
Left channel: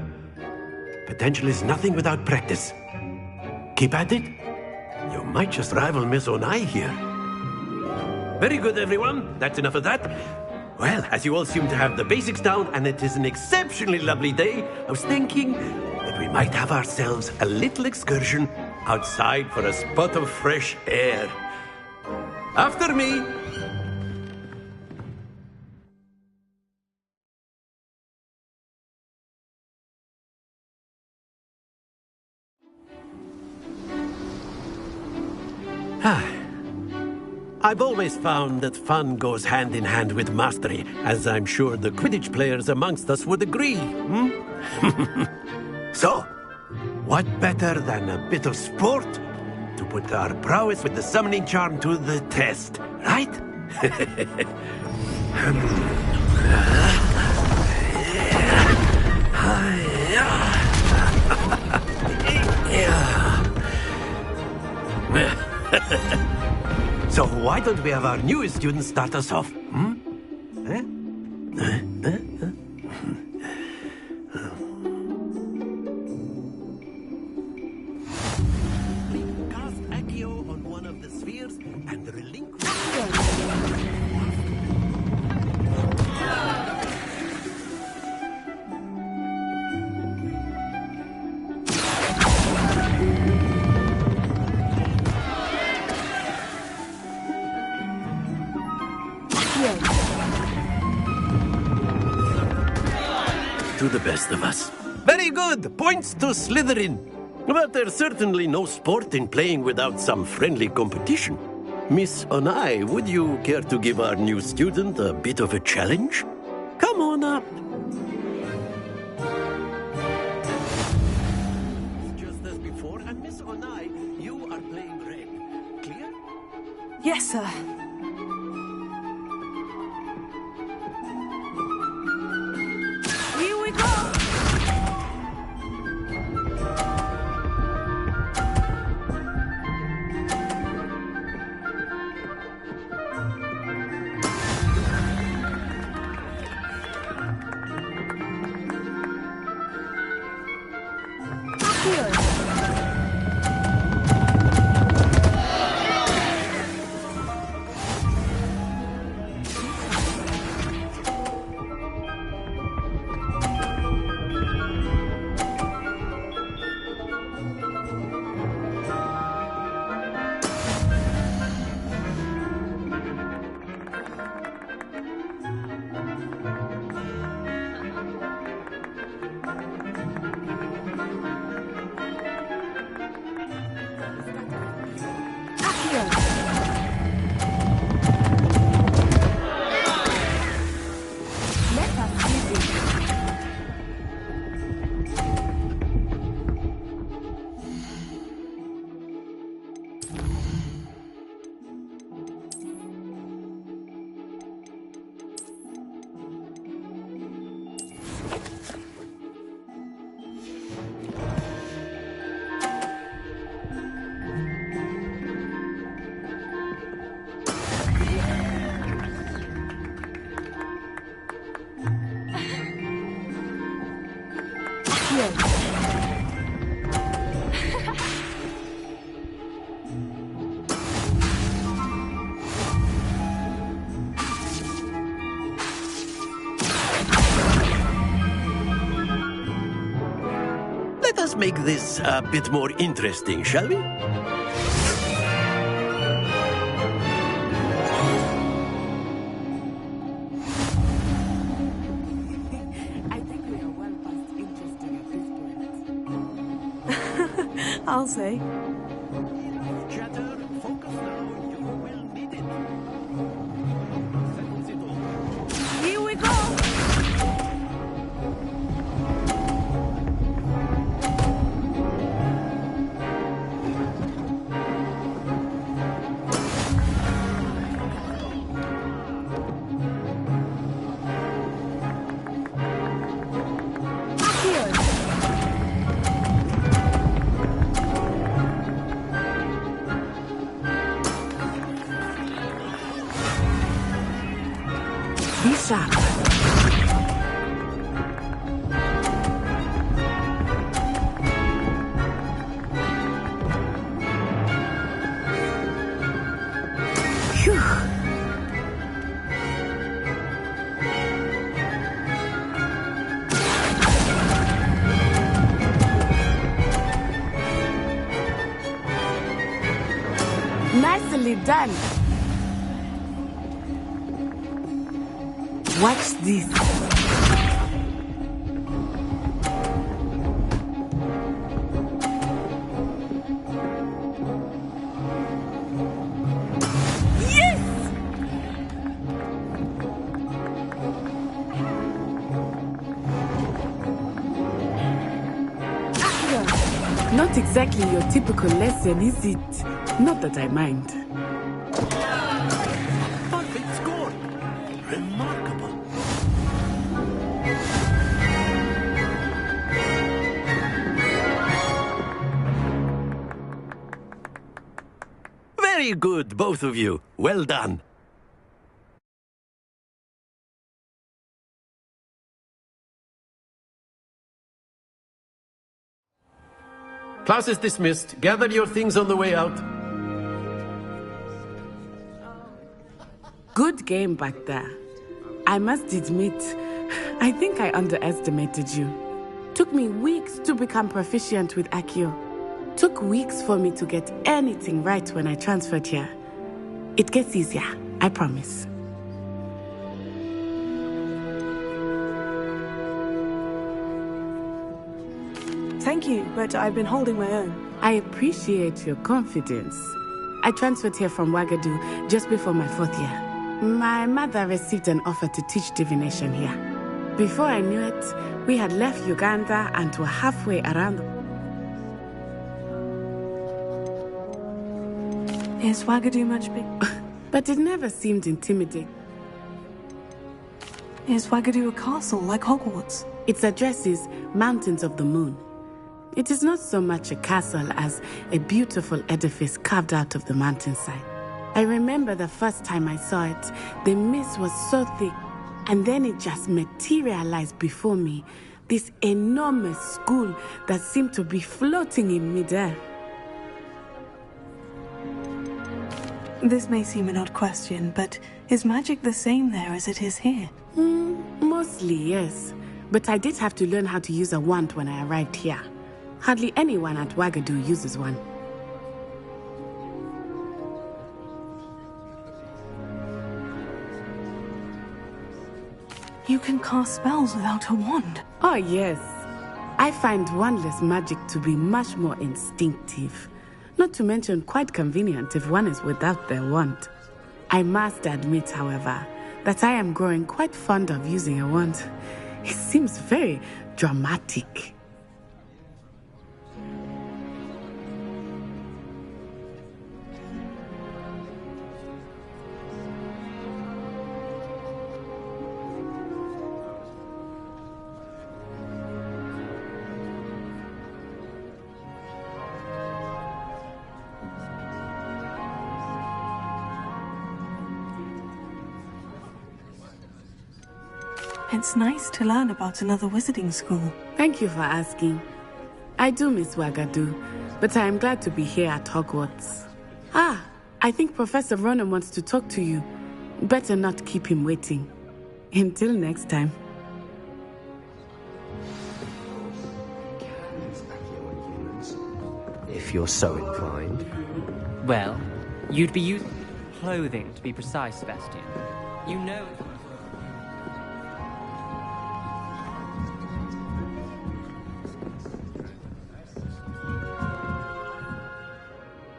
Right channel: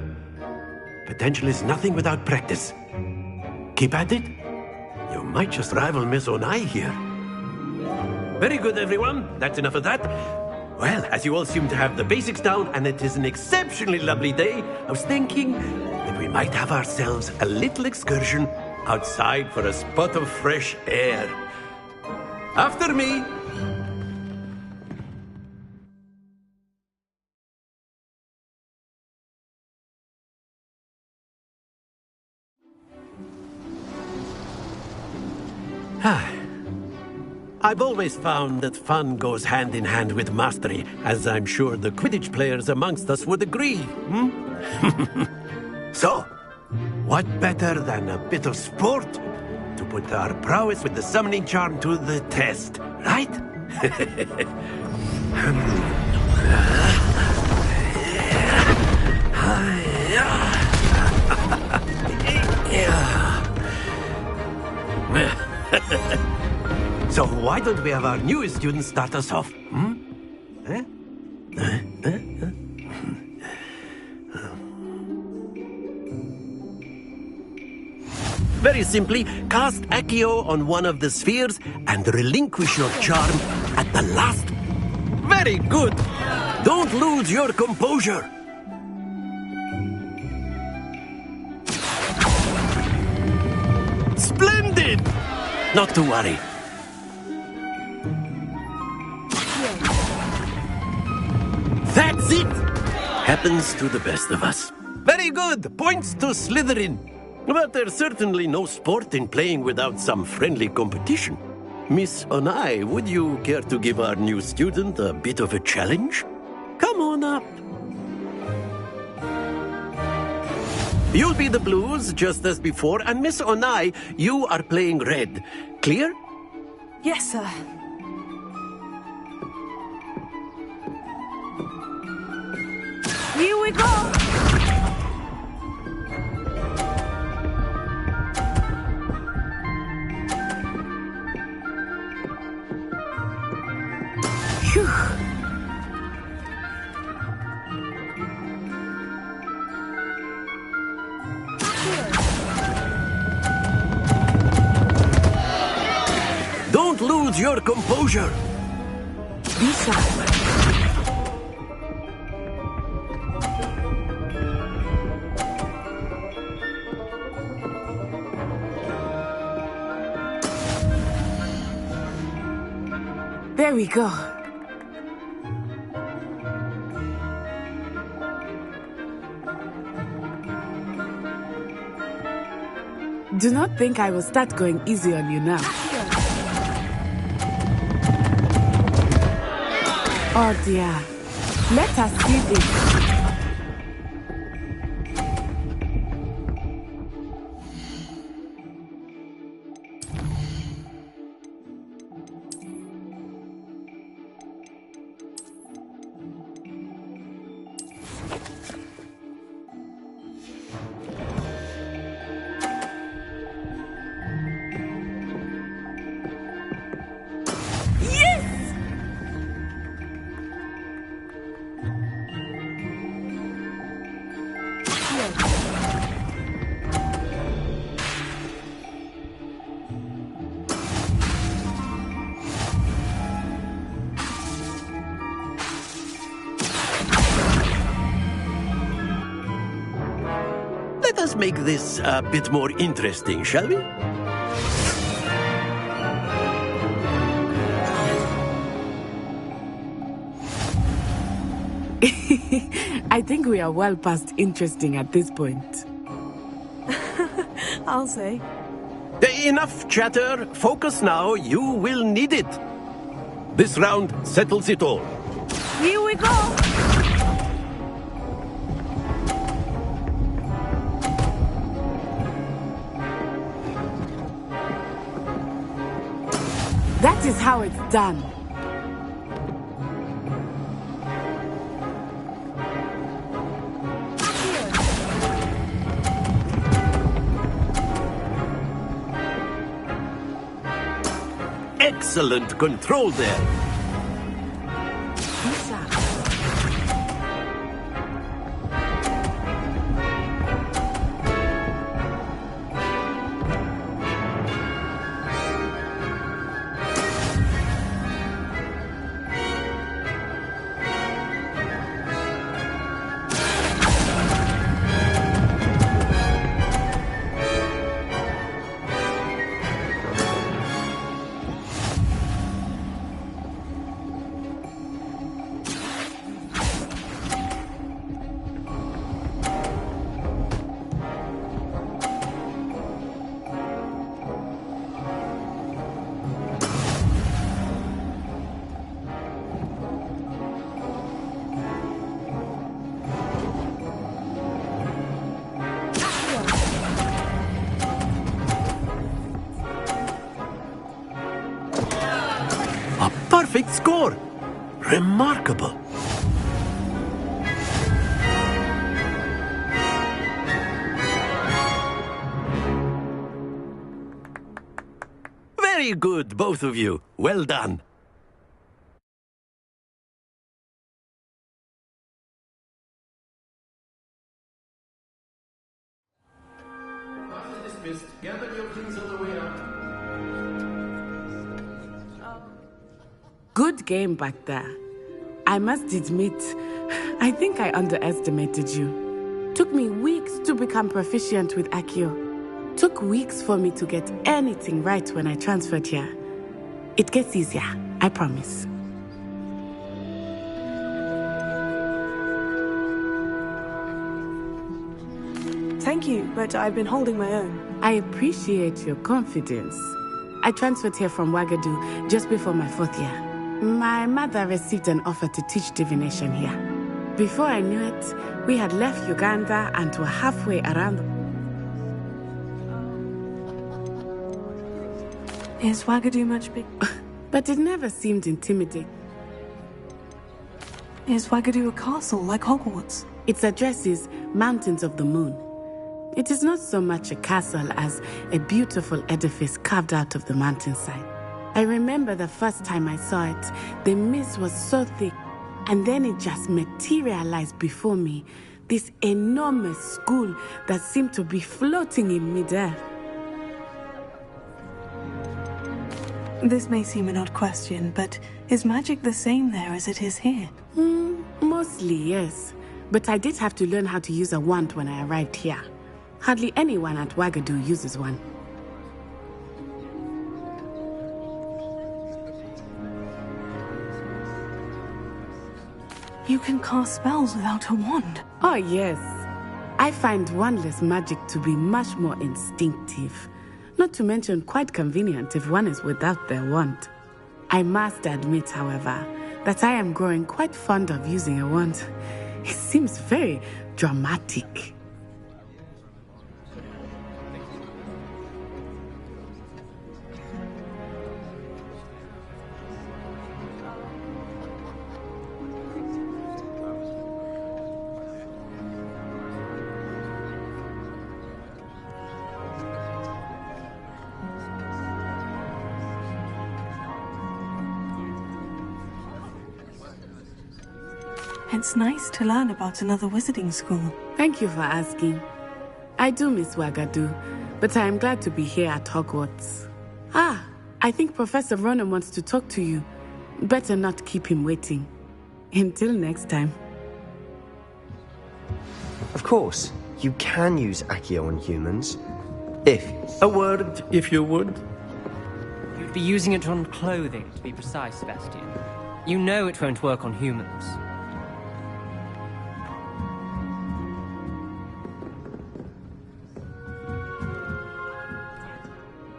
potential is nothing without practice. Keep at it. You might just rival Miss Onai here. Very good, everyone. That's enough of that. Well, as you all seem to have the basics down, and it is an exceptionally lovely day, I was thinking that we might have ourselves a little excursion outside for a spot of fresh air. After me! I've always found that fun goes hand in hand with mastery, as I'm sure the Quidditch players amongst us would agree, So, what better than a bit of sport to put our prowess with the summoning charm to the test, right? So why don't we have our newest student start us off? Very simply, cast Accio on one of the spheres and relinquish your charm at the last. Very good! Don't lose your composure! Splendid! Not to worry. That's it! Happens to the best of us. Very good! Points to Slytherin. But there's certainly no sport in playing without some friendly competition. Miss Onai, would you care to give our new student a bit of a challenge? Come on up. You'll be the blues, just as before, and Miss Onai, you are playing red. Clear? Yes, sir. Here we go! Don't lose your composure. There we go. Do not think I will start going easy on you now. Oh dear. Let us see this. Let us make this a bit more interesting, shall we? I think we are well past interesting at this point. I'll say. Enough chatter. Focus now. You will need it. This round settles it all. Here we go! That is how it's done. Excellent control there. Be sharp. Nicely done. Watch this. Yes! Not exactly your typical lesson, is it? Not that I mind. A perfect score. Remarkable. Very good, both of you. Well done. Class is dismissed. Gather your things on the way out. Good game back there. I must admit, I think I underestimated you. Took me weeks to become proficient with Accio. Took weeks for me to get anything right when I transferred here. It gets easier, I promise. Thank you, but I've been holding my own. I appreciate your confidence. I transferred here from Wagadu just before my 4th year. My mother received an offer to teach divination here. Before I knew it, we had left Uganda and were halfway around. Is Wagadu much big? But it never seemed intimidating. Is Wagadu a castle like Hogwarts? Its address is Mountains of the Moon. It is not so much a castle as a beautiful edifice carved out of the mountainside. I remember the first time I saw it, the mist was so thick, and then it just materialized before me, this enormous school that seemed to be floating in midair. This may seem an odd question, but is magic the same there as it is here? Mostly, yes. But I did have to learn how to use a wand when I arrived here. Hardly anyone at Wagadu uses one. You can cast spells without a wand? Oh, yes. I find wandless magic to be much more instinctive. Not to mention quite convenient if one is without their wand. I must admit, however, that I am growing quite fond of using a wand. It seems very dramatic. It's nice to learn about another wizarding school. Thank you for asking. I do miss Wagadu, but I am glad to be here at Hogwarts. Ah, I think Professor Ronan wants to talk to you. Better not keep him waiting. Until next time. Of course, you can use Accio on humans, if you're so A word, if you would. Well, you'd be using it on clothing, to be precise, Sebastian. You know it won't work on humans.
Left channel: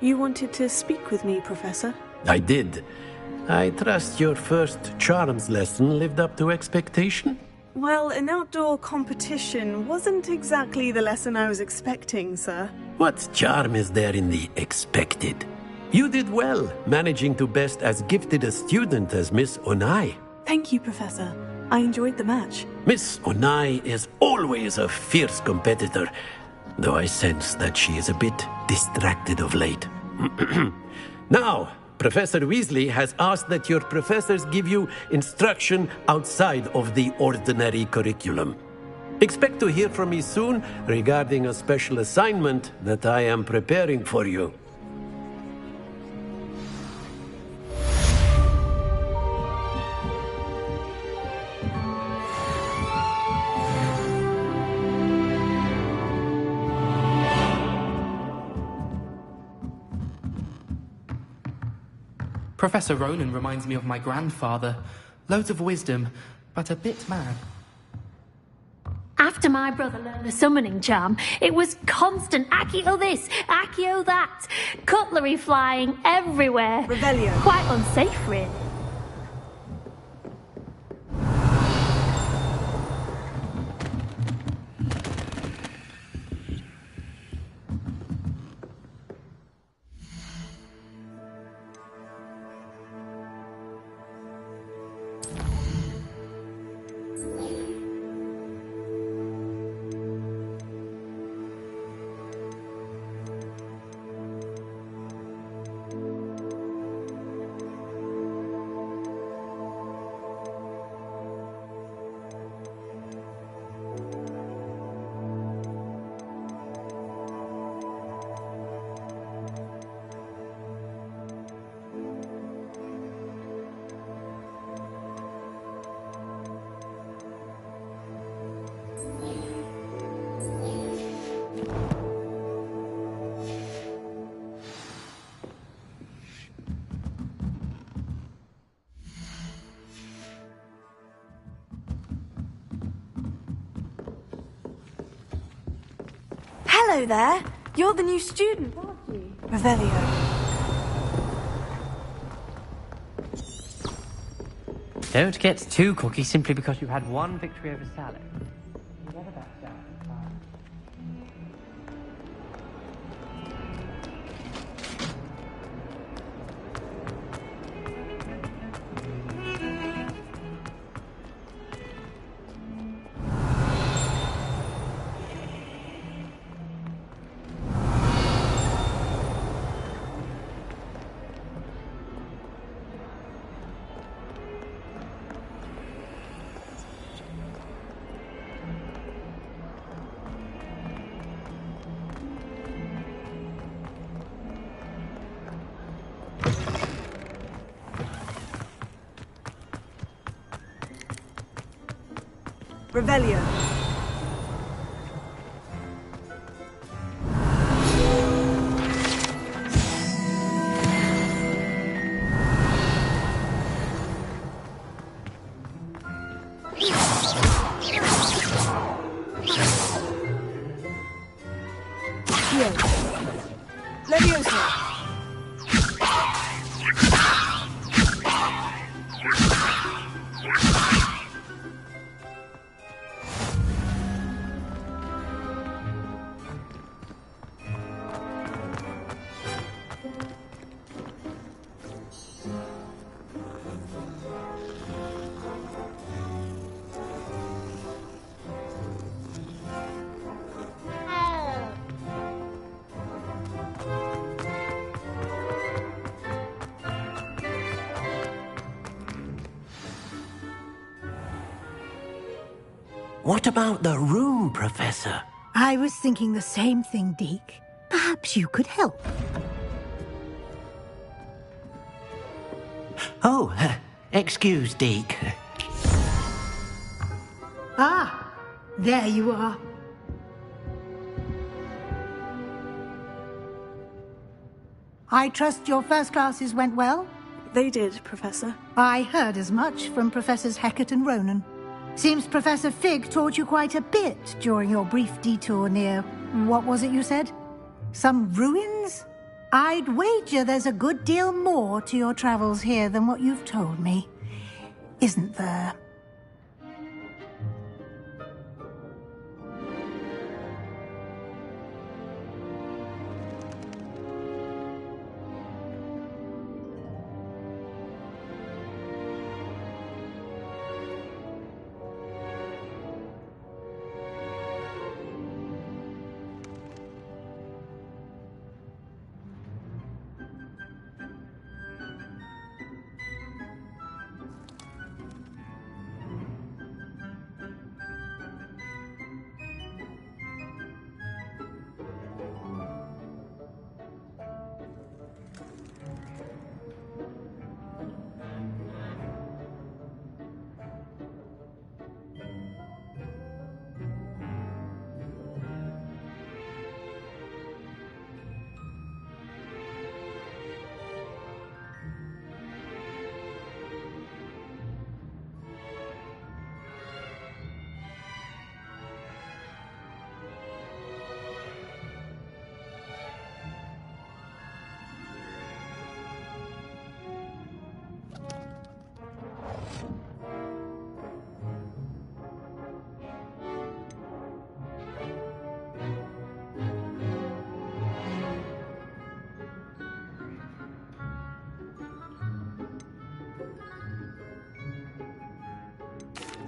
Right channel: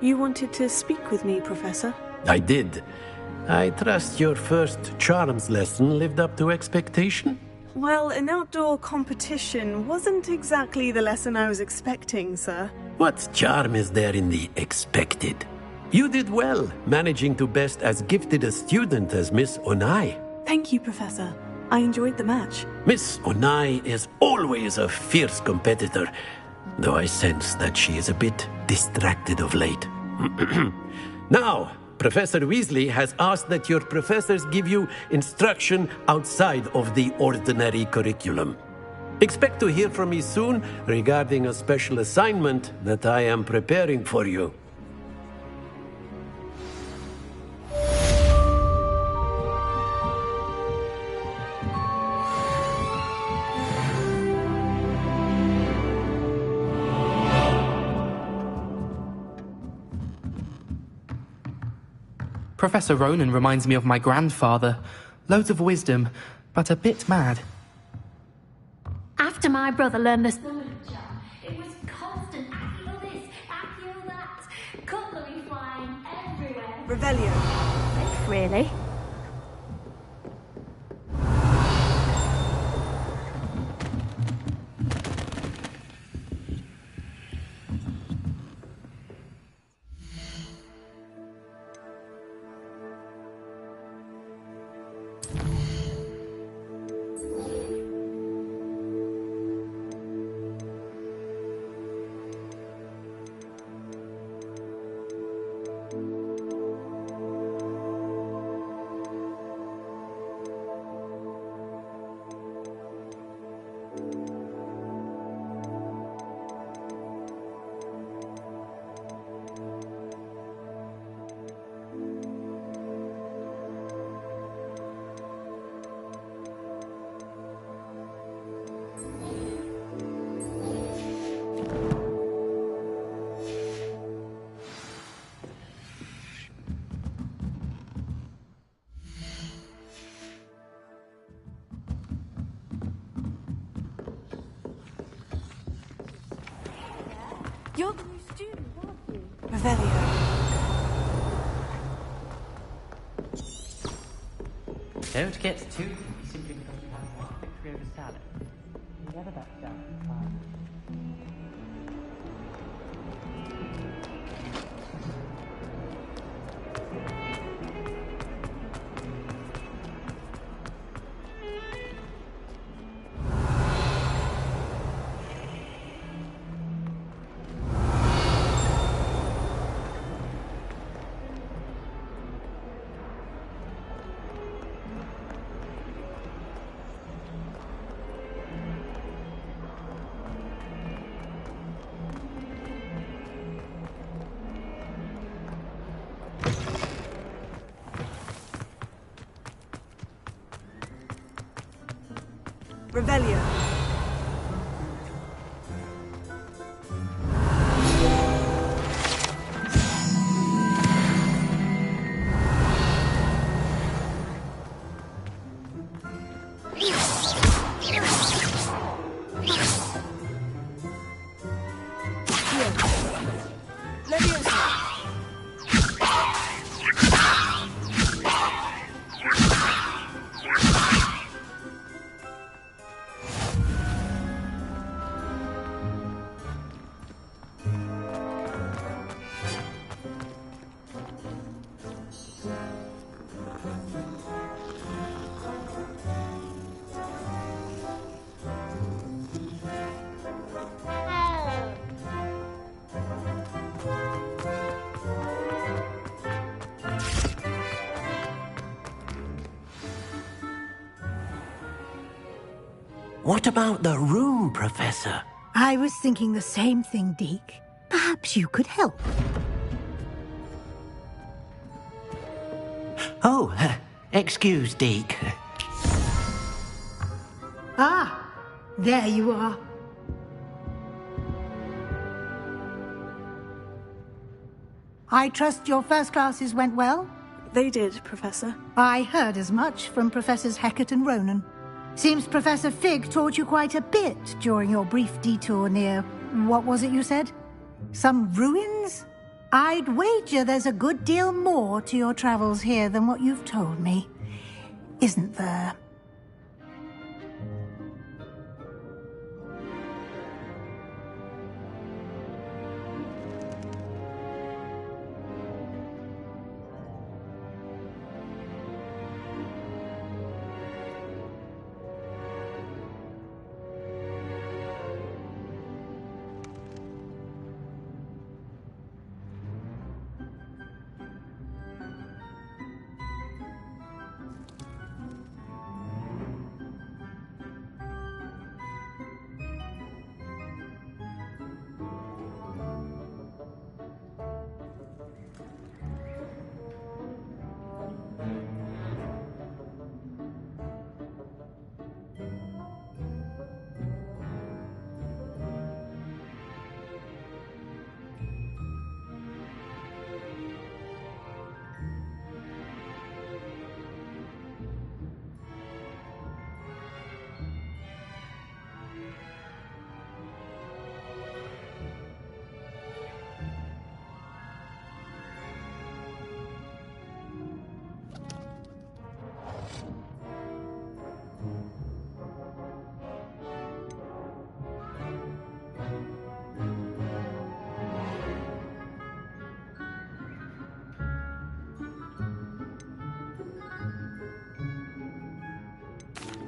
You wanted to speak with me, Professor? I did. I trust your first charms lesson lived up to expectation? Well, an outdoor competition wasn't exactly the lesson I was expecting, sir. What charm is there in the expected? You did well, managing to best as gifted a student as Miss Onai. Thank you, Professor. I enjoyed the match. Miss Onai is always a fierce competitor, though I sense that she is a bit distracted of late. Now, Professor Weasley has asked that your professors give you instruction outside of the ordinary curriculum. Expect to hear from me soon regarding a special assignment that I am preparing for you. Professor Ronan reminds me of my grandfather. Loads of wisdom, but a bit mad. After my brother learned the summoning charm, it was constant Accio this, Accio that. Cutlery flying everywhere. Revelio. Quite unsafe, really. Hello there. You're the new student, aren't you? Revelio. Don't get too cocky simply because you've had one victory over Sallow. Never back down. Revelio. What about the room, Professor? I was thinking the same thing, Deke. Perhaps you could help. Oh, excuse, Deke. Ah, there you are. I trust your first classes went well? They did, Professor. I heard as much from Professors Hecat and Ronan. Seems Professor Fig taught you quite a bit during your brief detour near... what was it you said? Some ruins? I'd wager there's a good deal more to your travels here than what you've told me. Isn't there?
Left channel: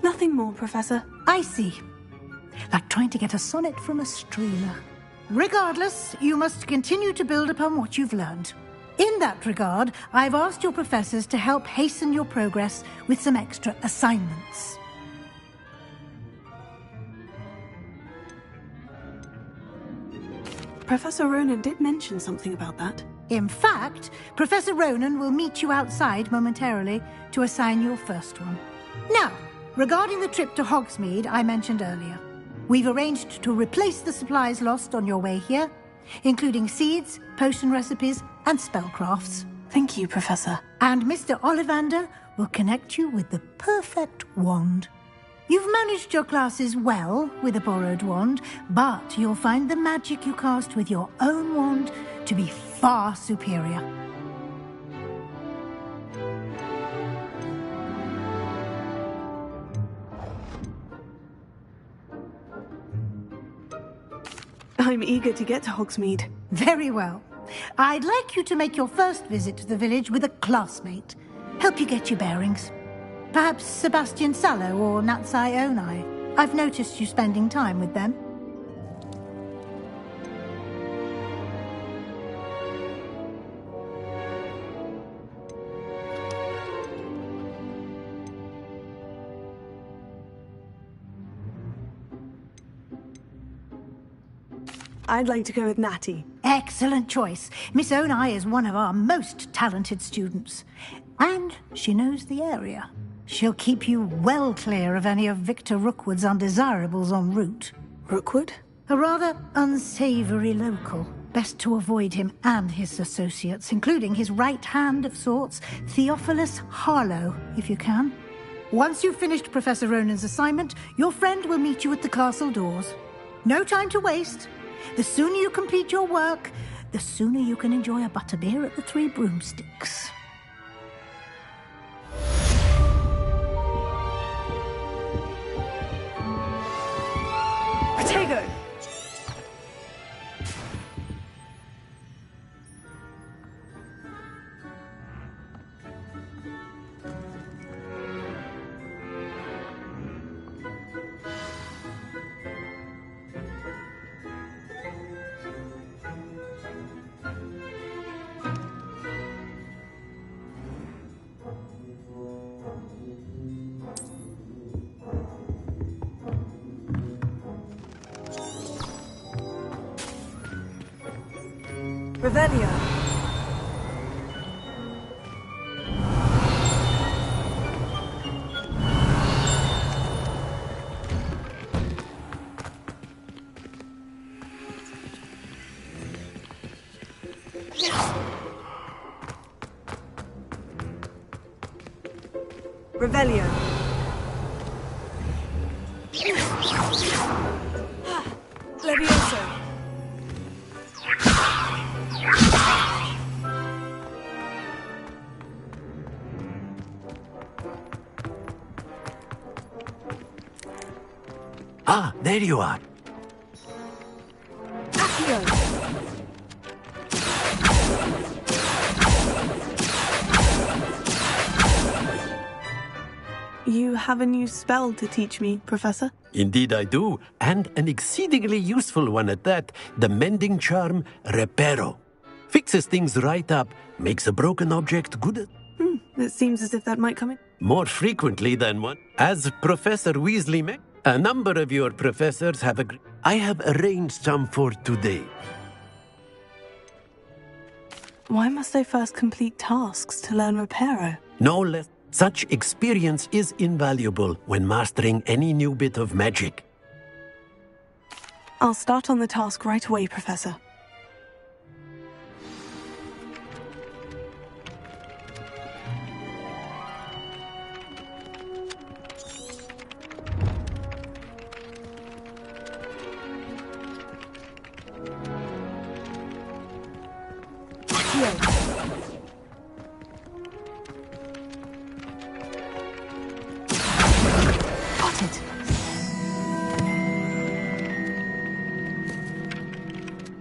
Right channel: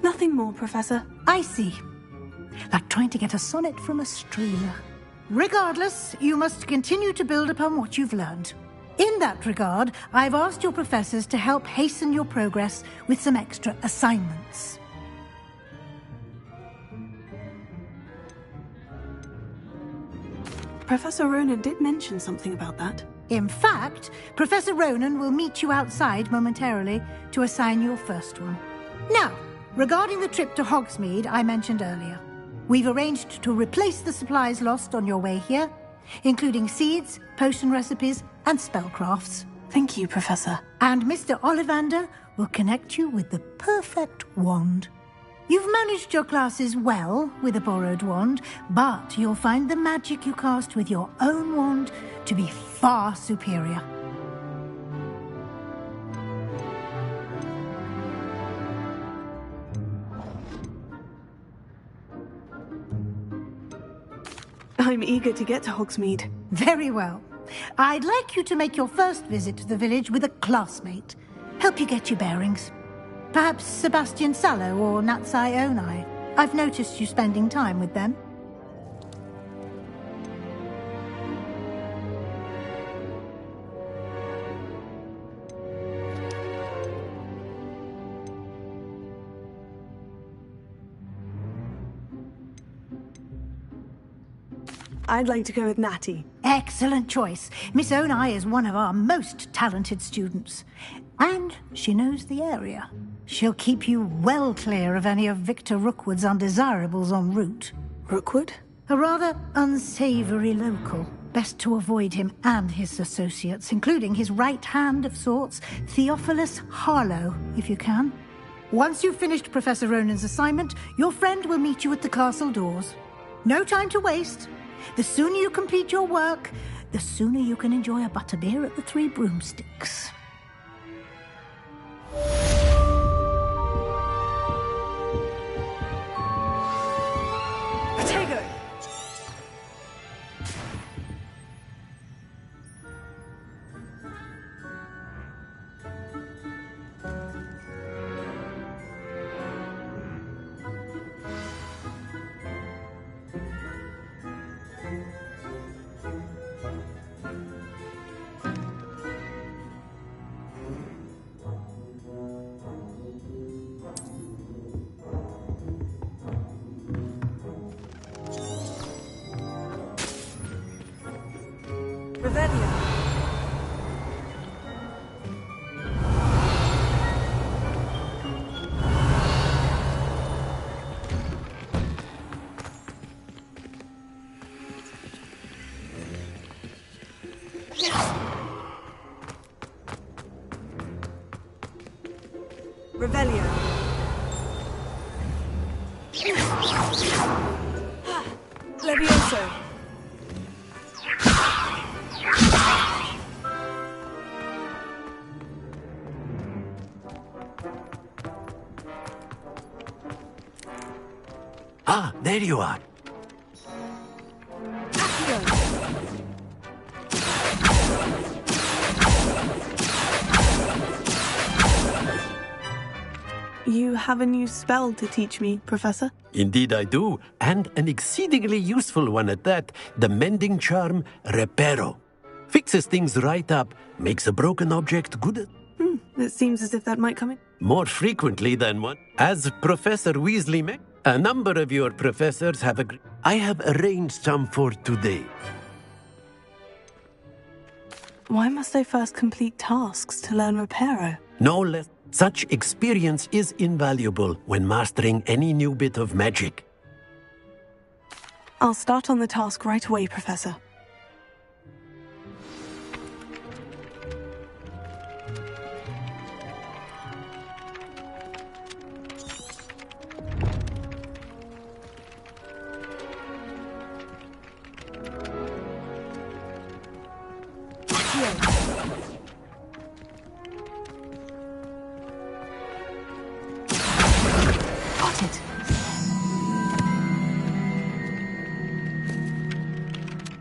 Nothing more, Professor. I see. Like trying to get a sonnet from a streamer. Regardless, you must continue to build upon what you've learned. In that regard, I've asked your professors to help hasten your progress with some extra assignments. Professor Ronan did mention something about that. In fact, Professor Ronan will meet you outside momentarily to assign your first one. Now, regarding the trip to Hogsmeade I mentioned earlier, we've arranged to replace the supplies lost on your way here, including seeds, potion recipes, and spellcrafts. Thank you, Professor. And Mr. Ollivander will connect you with the perfect wand. You've managed your classes well with a borrowed wand, but you'll find the magic you cast with your own wand to be far superior. I'm eager to get to Hogsmeade. Very well. I'd like you to make your first visit to the village with a classmate. Help you get your bearings. Perhaps Sebastian Sallow or Natsai Onai. I've noticed you spending time with them. I'd like to go with Natty. Excellent choice. Miss Onai is one of our most talented students. And she knows the area. She'll keep you well clear of any of Victor Rookwood's undesirables en route. Rookwood? A rather unsavory local. Best to avoid him and his associates, including his right hand of sorts, Theophilus Harlow, if you can. Once you've finished Professor Ronan's assignment, your friend will meet you at the castle doors. No time to waste. The sooner you complete your work, the sooner you can enjoy a butterbeer at the Three Broomsticks. Potato! Revelio. Revelio. Levioso. Ah, there you are. You have a new spell to teach me, Professor? Indeed I do, and an exceedingly useful one at that. The mending charm, Reparo. Fixes things right up, makes a broken object good. It seems as if that might come in. More frequently than one. As Professor Weasley met, a number of your professors have agreed. I have arranged some for today. Why must I first complete tasks to learn Reparo? No less. Such experience is invaluable when mastering any new bit of magic. I'll start on the task right away, Professor.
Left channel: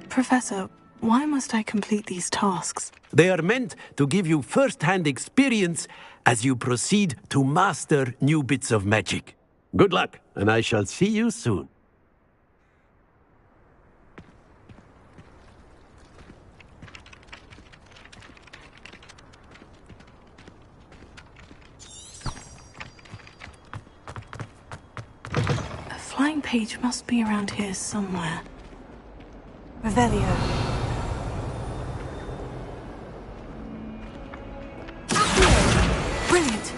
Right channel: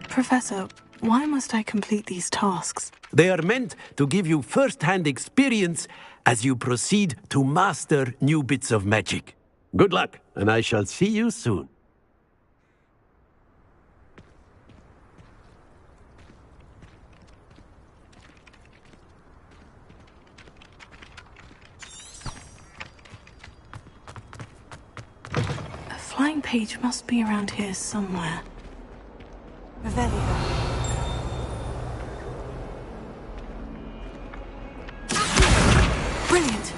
Professor, why must I complete these tasks? They are meant to give you first-hand experience as you proceed to master new bits of magic. Good luck, and I shall see you soon. A flying page must be around here somewhere. Revelio. Brilliant!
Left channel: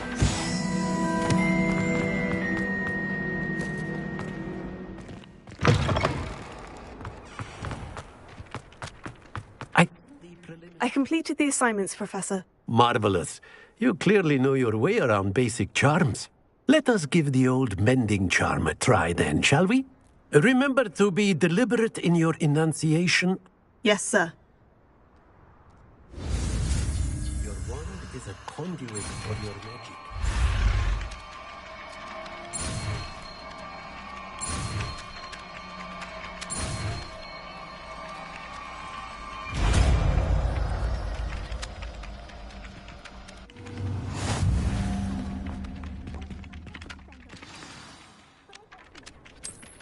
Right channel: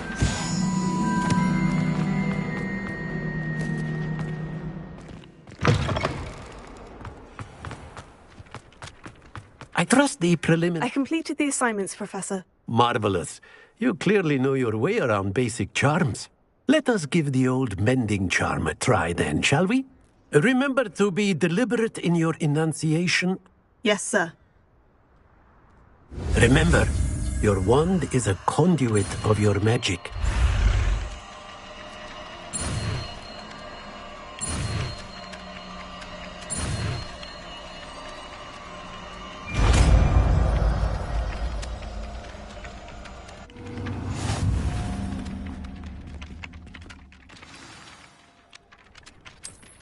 I trust the preliminary... I completed the assignments, Professor. Marvelous. You clearly know your way around basic charms. Let us give the old mending charm a try then, shall we? Remember to be deliberate in your enunciation. Yes, sir. Remember, your wand is a conduit of your magic.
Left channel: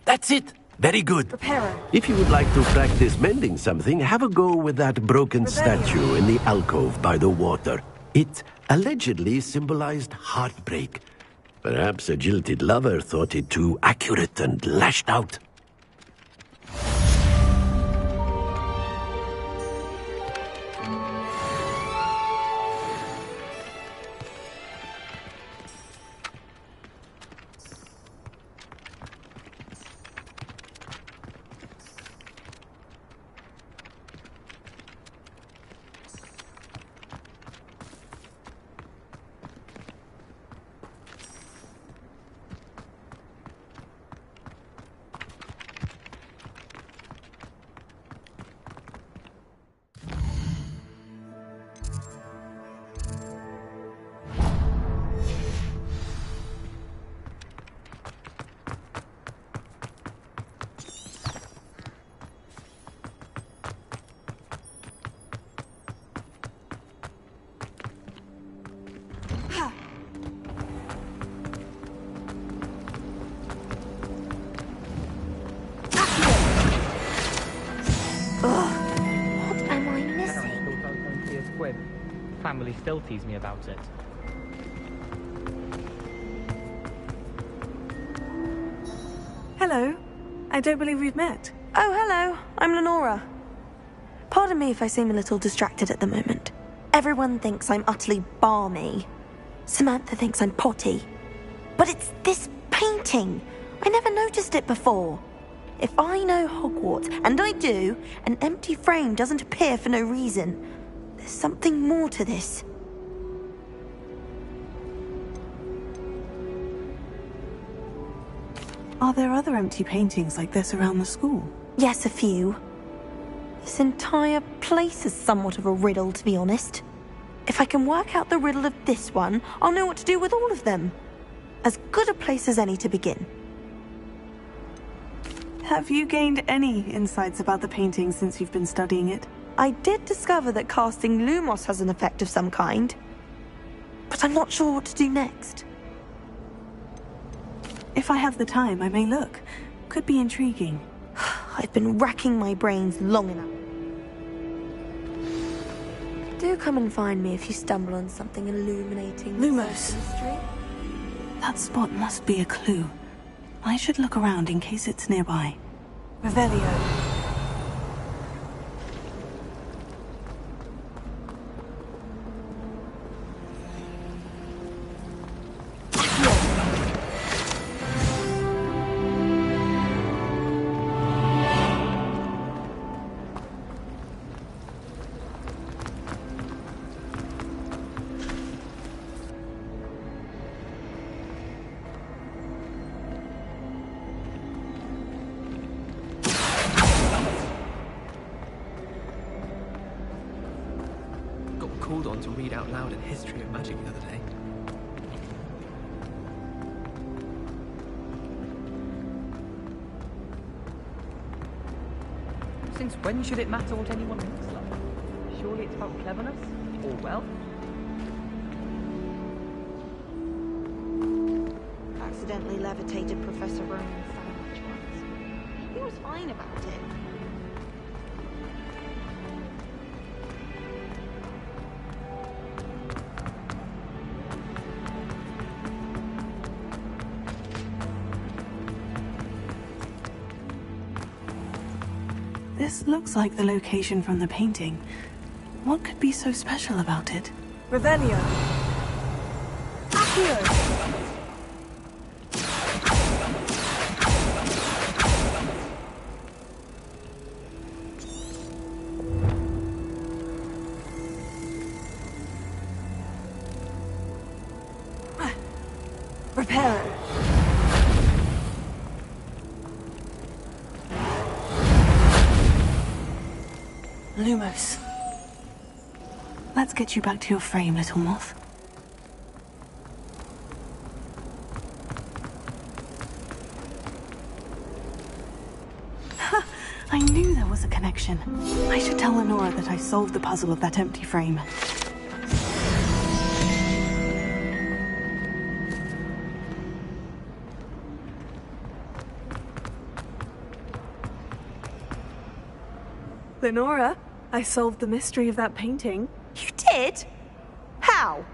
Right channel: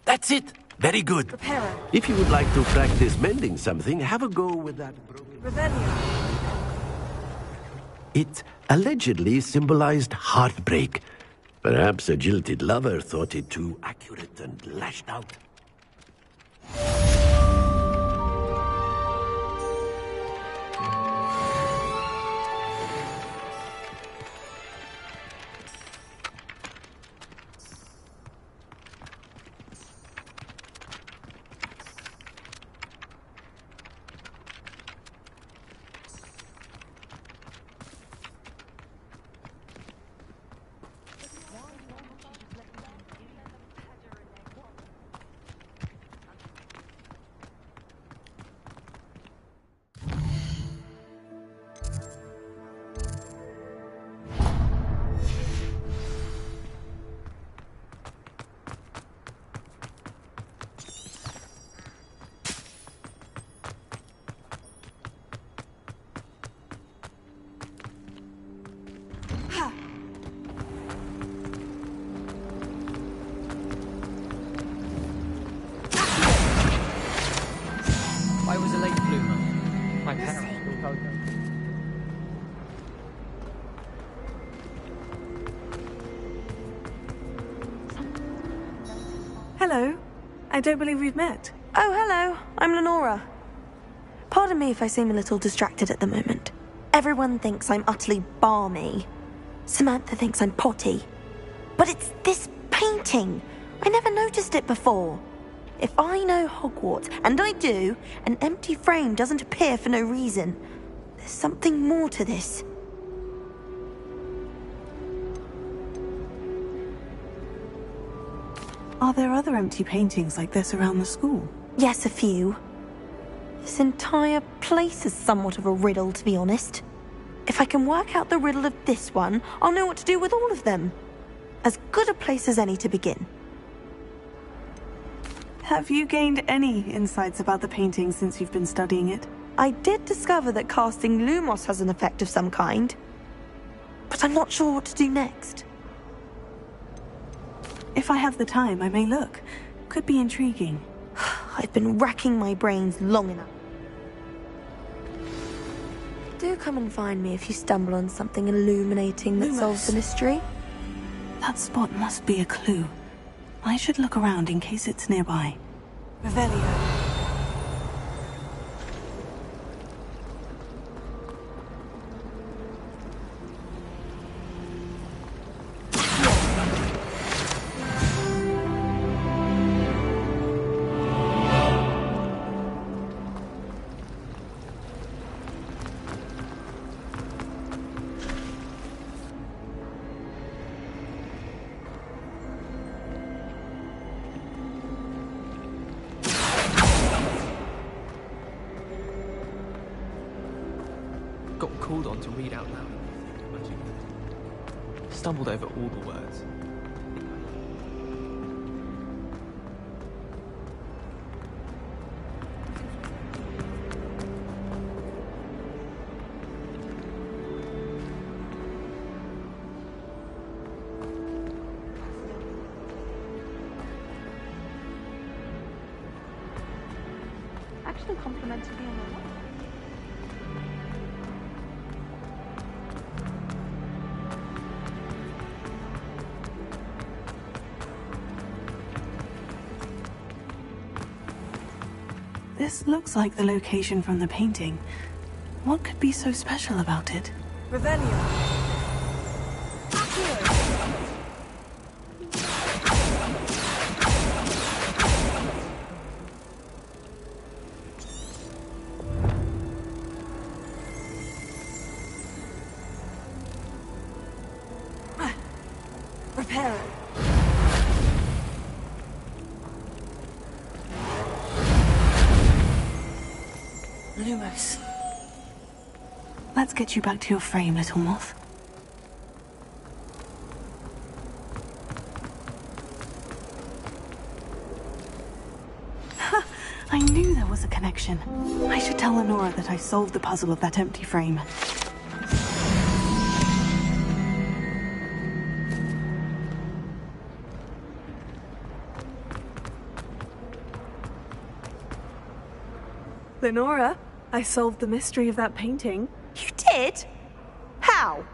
That's it! Very good. Reparo. If you would like to practice mending something, have a go with that broken statue in the alcove by the water. It allegedly symbolized heartbreak. Perhaps a jilted lover thought it too accurate and lashed out. Family still tease me about it. Hello. I don't believe we've met. Oh, hello. I'm Lenora. Pardon me if I seem a little distracted at the moment. Everyone thinks I'm utterly balmy. Samantha thinks I'm potty. But it's this painting. I never noticed it before. If I know Hogwarts, and I do, an empty frame doesn't appear for no reason. There's something more to this. Are there other empty paintings like this around the school? Yes, a few. This entire place is somewhat of a riddle, to be honest. If I can work out the riddle of this one, I'll know what to do with all of them. As good a place as any to begin. Have you gained any insights about the painting since you've been studying it? I did discover that casting Lumos has an effect of some kind, but I'm not sure what to do next. If I have the time, I may look. Could be intriguing. I've been racking my brains long enough. Do come and find me if you stumble on something illuminating that solves the mystery. That spot must be a clue. I should look around in case it's nearby. Revelio. Got called on to read out loud in history of magic the other day. Stumbled over all the words. Since when should it matter what anyone thinks? Surely it's about cleverness or wealth? Accidentally levitated Professor Rowan. He was fine about it. Actually complimented me on that. This looks like the location from the painting. What could be so special about it? Revelio. Accio. Reparo. Lumos. Let's get you back to your frame, little moth. Ha! I knew there was a connection. I should tell Lenora that I solved the puzzle of that empty frame. Lenora, I solved the mystery of that painting. You did? How?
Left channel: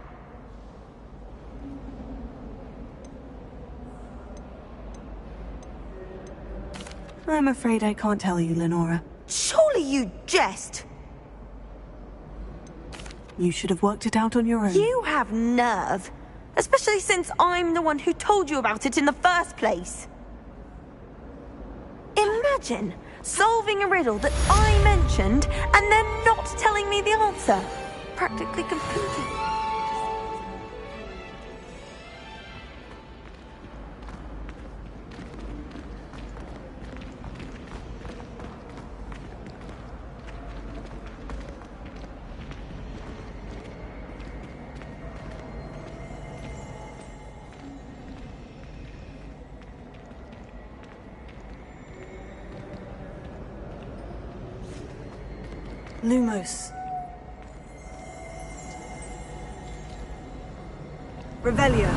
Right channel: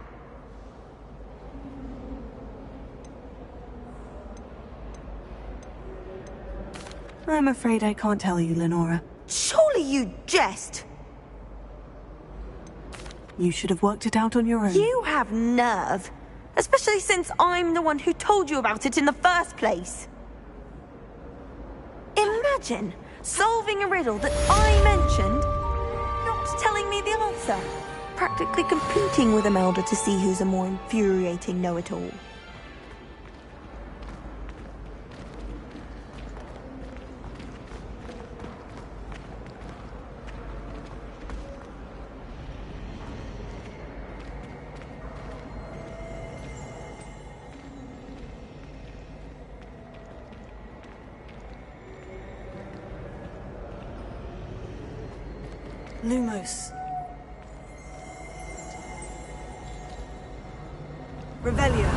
I'm afraid I can't tell you, Lenora. Surely you jest. You should have worked it out on your own. You have nerve. Especially since I'm the one who told you about it in the first place. Imagine solving a riddle that I mentioned and then not telling me the answer. Practically competing with Imelda to see who's a more infuriating know-it-all. Lumos. Revelio.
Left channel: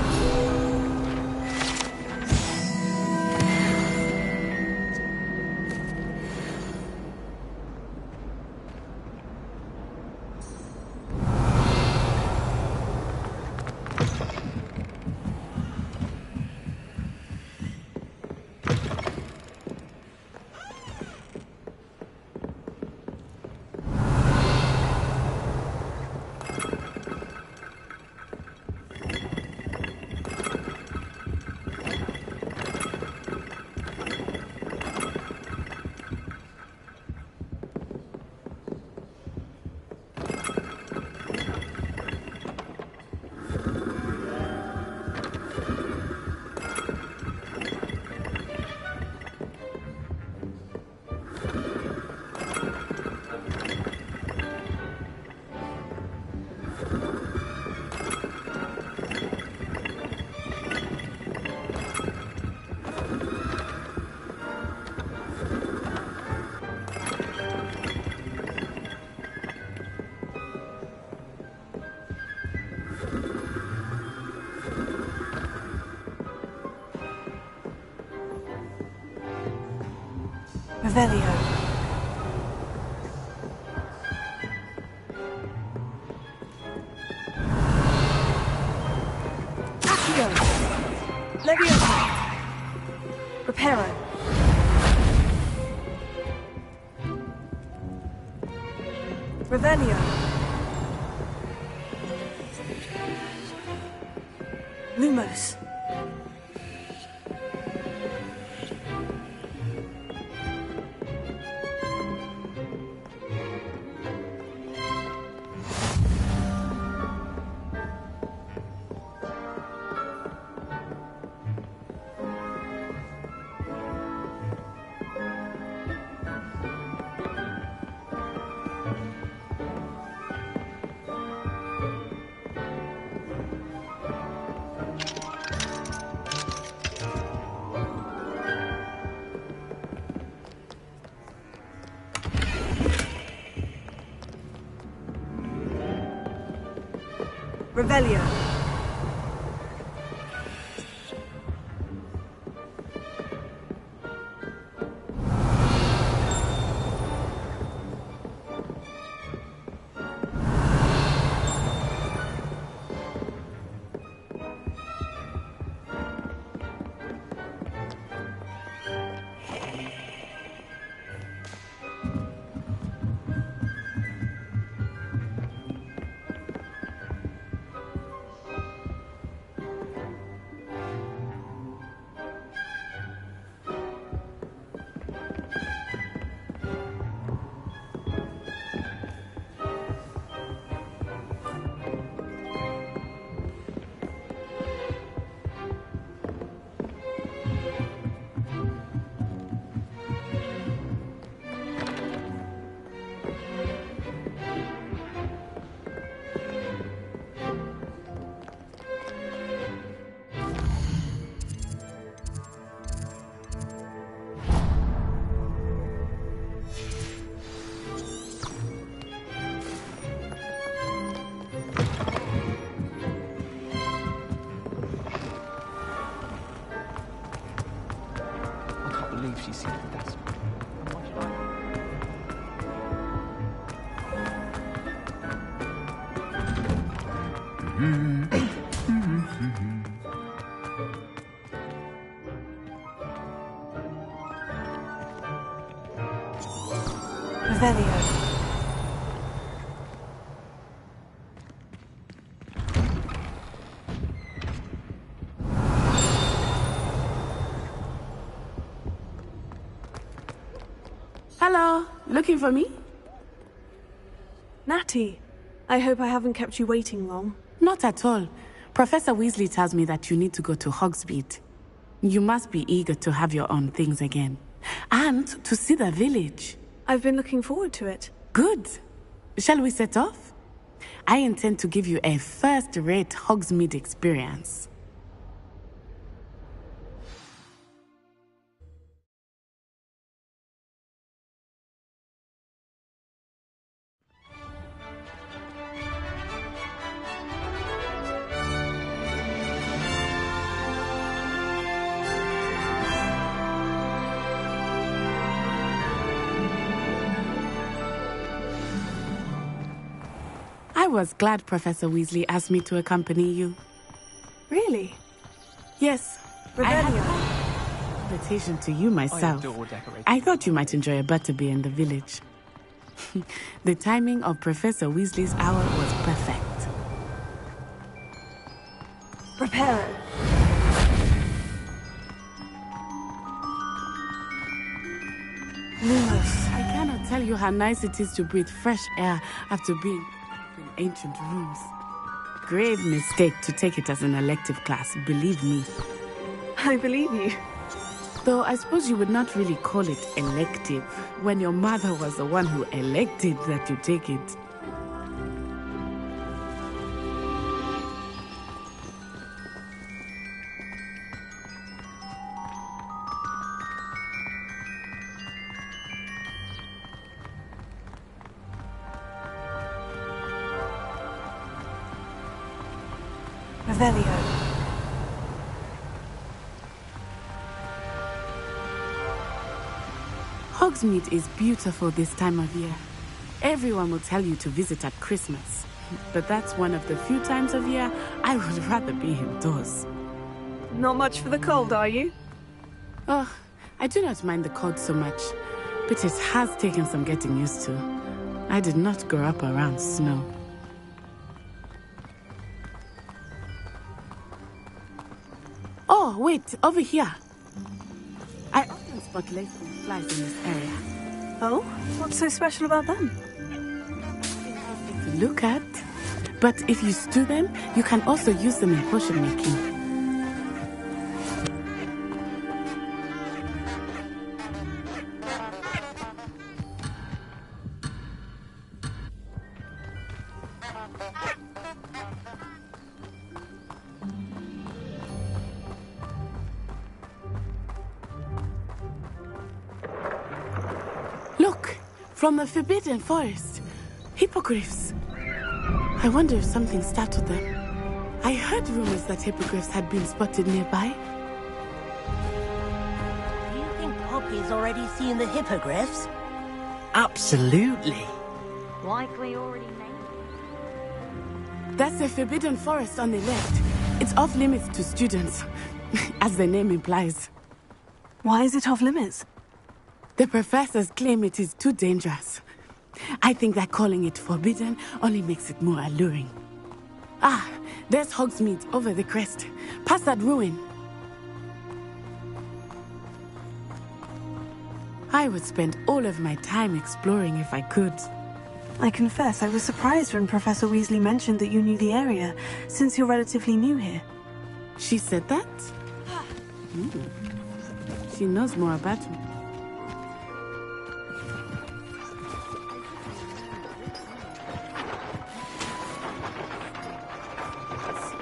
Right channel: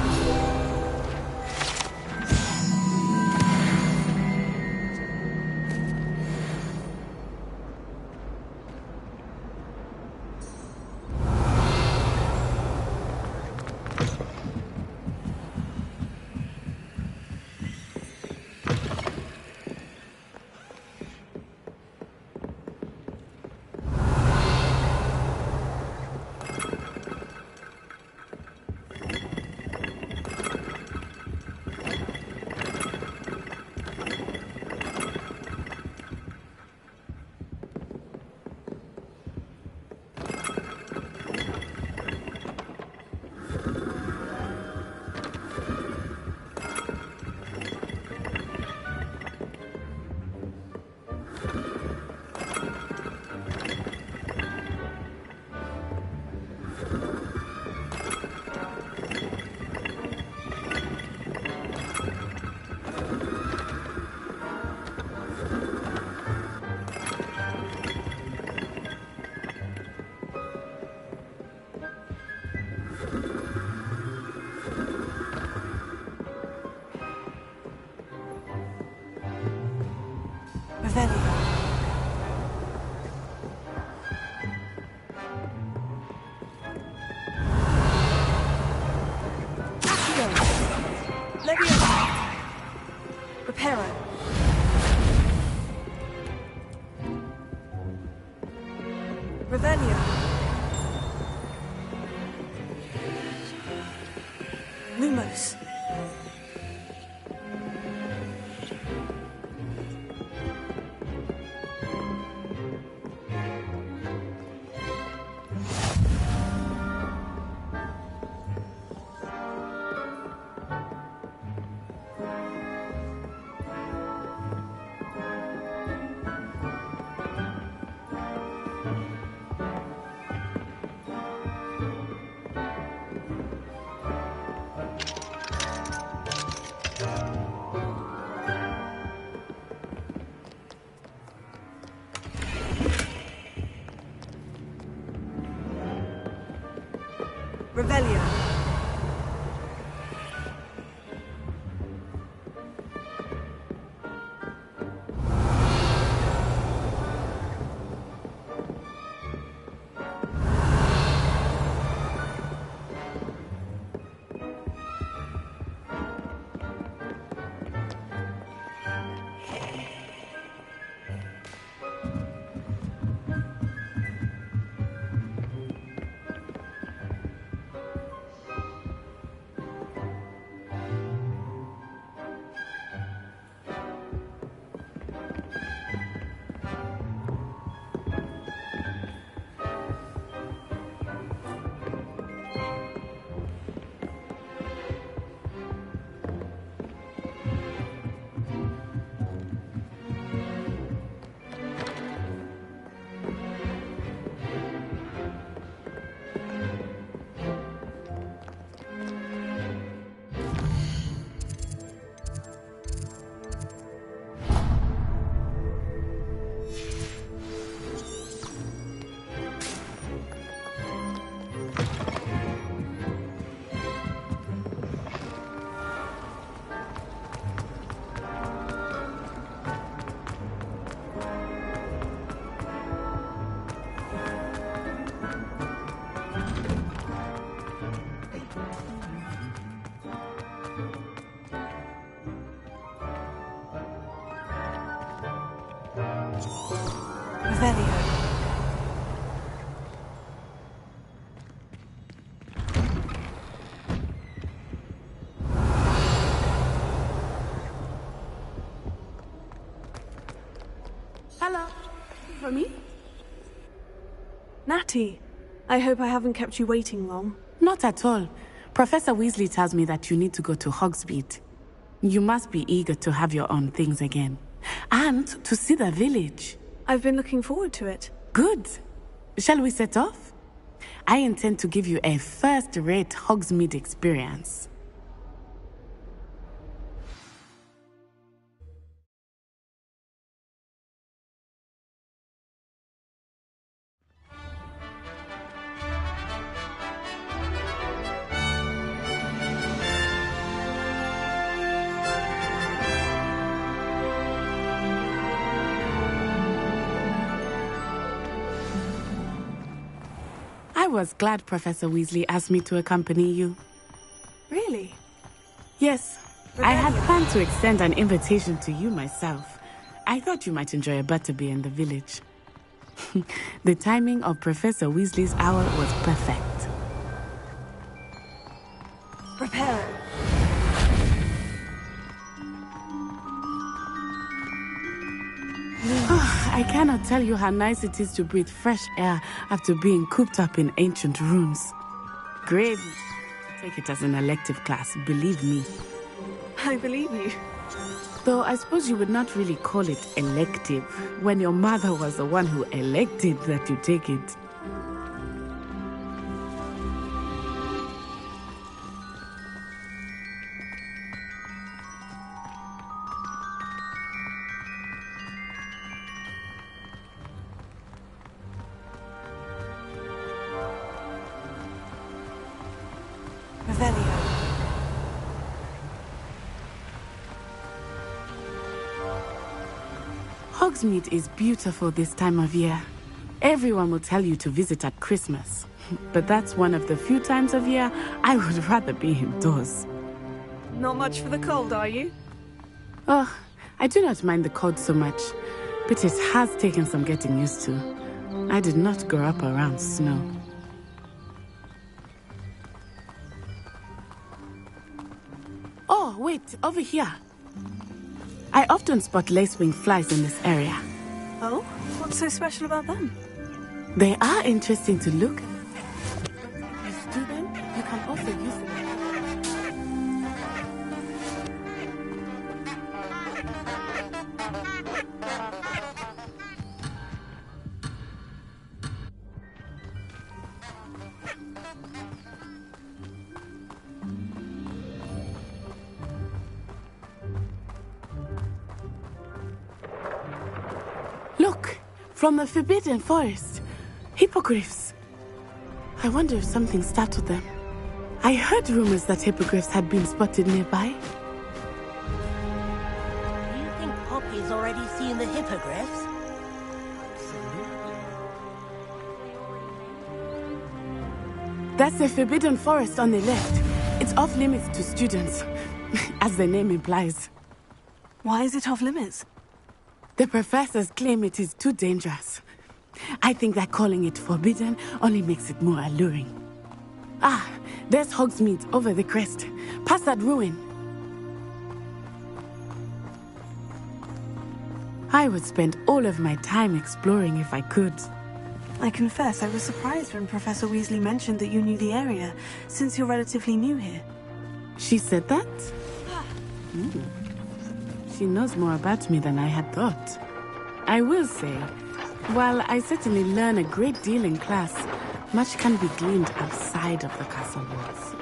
Revelio. Accio. Leviosa. Reparo. Revelio. Lumos. Revelio. Revelio. Hello, looking for me? Natty, I hope I haven't kept you waiting long. Not at all. Professor Weasley tells me that you need to go to Hogsmeade. You must be eager to have your own things again. And to see the village. I've been looking forward to it. Good. Shall we set off? I intend to give you a first-rate Hogsmeade experience. I was glad Professor Weasley asked me to accompany you. Really? Yes. I had planned to extend an invitation to you myself. I thought you might enjoy a butterbeer in the village. The timing of Professor Weasley's hour was perfect. Prepare. I cannot tell you how nice it is to breathe fresh air after being cooped up in ancient rooms. Grave mistake to take it as an elective class, believe me. I believe you. Though I suppose you would not really call it elective when your mother was the one who elected that you take it. Revelio. Hogsmeade is beautiful this time of year. Everyone will tell you to visit at Christmas. But that's one of the few times of year I would rather be indoors. Not much for the cold, are you? Oh, I do not mind the cold so much, but it has taken some getting used to. I did not grow up around snow. Oh, wait, over here. I often spot lacewing flies in this area. Oh? What's so special about them? They are interesting to look at, but if you stew them, you can also use them in potion making. Look, from the Forbidden Forest. Hippogriffs. I wonder if something startled them. I heard rumors that hippogriffs had been spotted nearby. Do you think Poppy's already seen the hippogriffs? Absolutely. Likely already named. That's the Forbidden Forest on the left. It's off limits to students, as the name implies. Why is it off limits? The professors claim it is too dangerous. I think that calling it forbidden only makes it more alluring. Ah, there's Hogsmeade over the crest. Past that ruin. I would spend all of my time exploring if I could. I confess I was surprised when Professor Weasley mentioned that you knew the area, since you're relatively new here. She said that? She knows more about me than I had thought. I will say, while I certainly learn a great deal in class, much can be gleaned outside of the castle walls.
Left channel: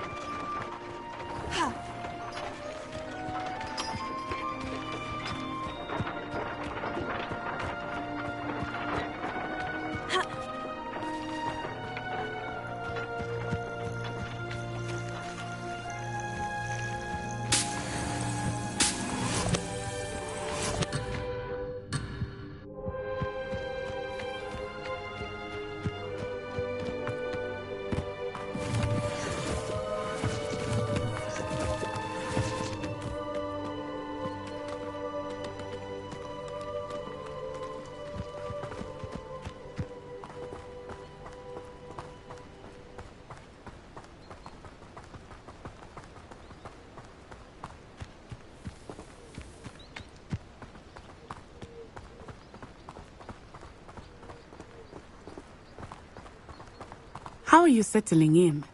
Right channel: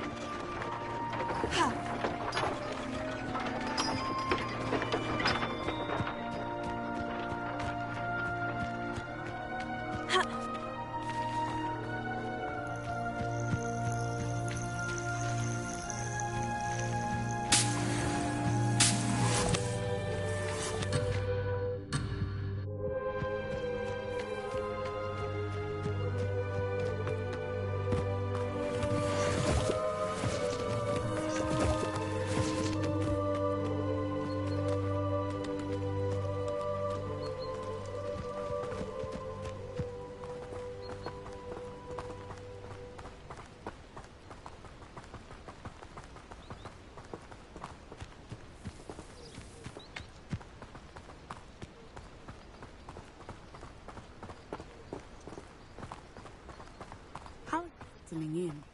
How are you settling in?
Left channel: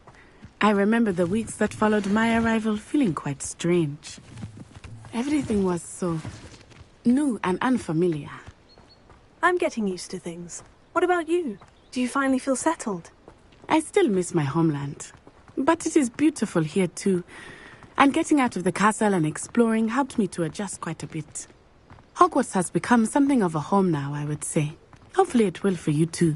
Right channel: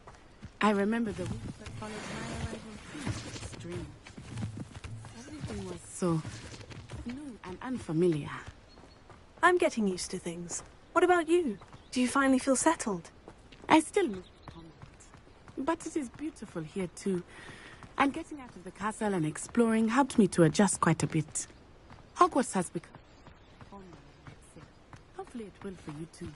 I remember the weeks that followed my arrival feeling quite strange. Everything was so new and unfamiliar. I'm getting used to things. What about you? Do you finally feel settled? I still miss my homeland. But it is beautiful here too. And getting out of the castle and exploring helped me to adjust quite a bit. Hogwarts has become something of a home now, I would say. Hopefully it will for you too.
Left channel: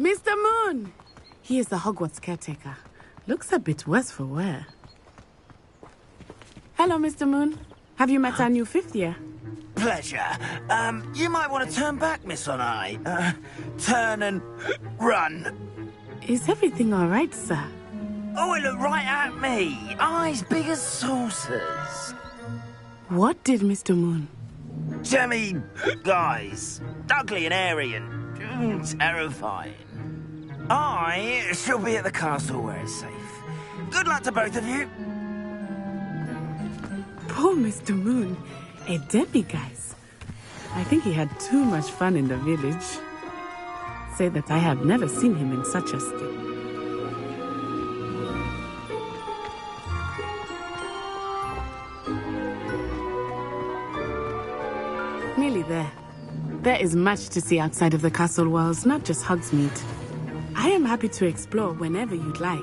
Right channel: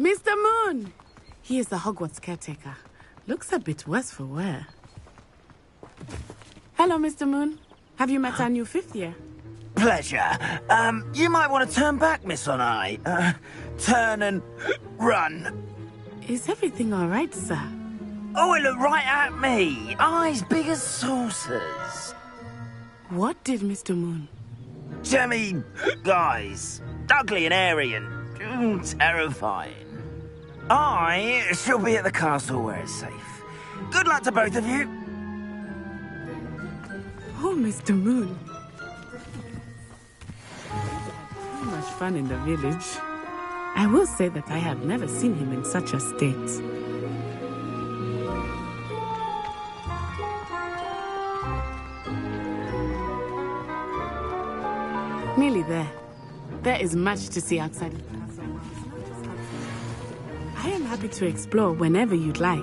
Mr. Moon! He is the Hogwarts caretaker. Looks a bit worse for wear. Hello, Mr. Moon. Have you met our new fifth year? Pleasure. You might want to turn back, Miss Onai. Turn and run. Is everything all right, sir? Oh, it looked right at me. Eyes big as saucers. What did Mr. Moon? Jemmy, guys. Ugly and airy and terrifying. I shall be at the castle where it's safe. Good luck to both of you. Poor Mr. Moon. A demiguise. I think he had too much fun in the village. I will say that I have never seen him in such a state. Nearly there. There is much to see outside of the castle walls, not just Hogsmeade. I am happy to explore whenever you'd like.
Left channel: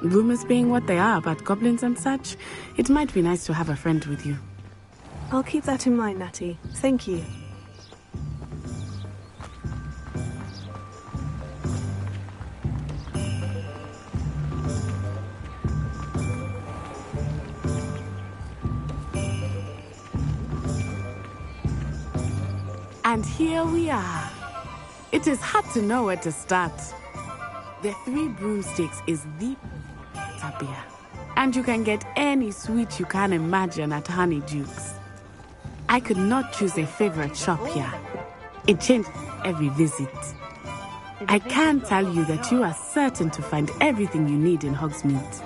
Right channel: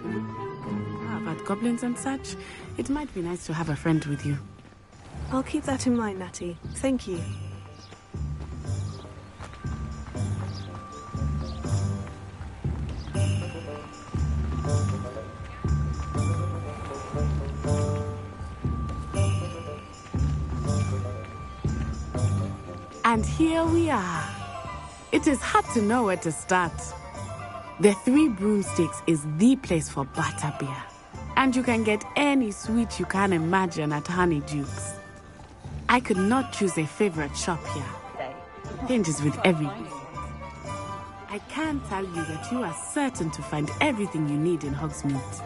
Rumors being what they are about goblins and such, it might be nice to have a friend with you. I'll keep that in mind, Natty. Thank you. And here we are. It is hard to know where to start. The Three Broomsticks is the place for butterbeer. And you can get any sweet you can imagine at Honeydukes. I could not choose a favorite shop here. It changes with every visit. I can tell you that you are certain to find everything you need in Hogsmeade.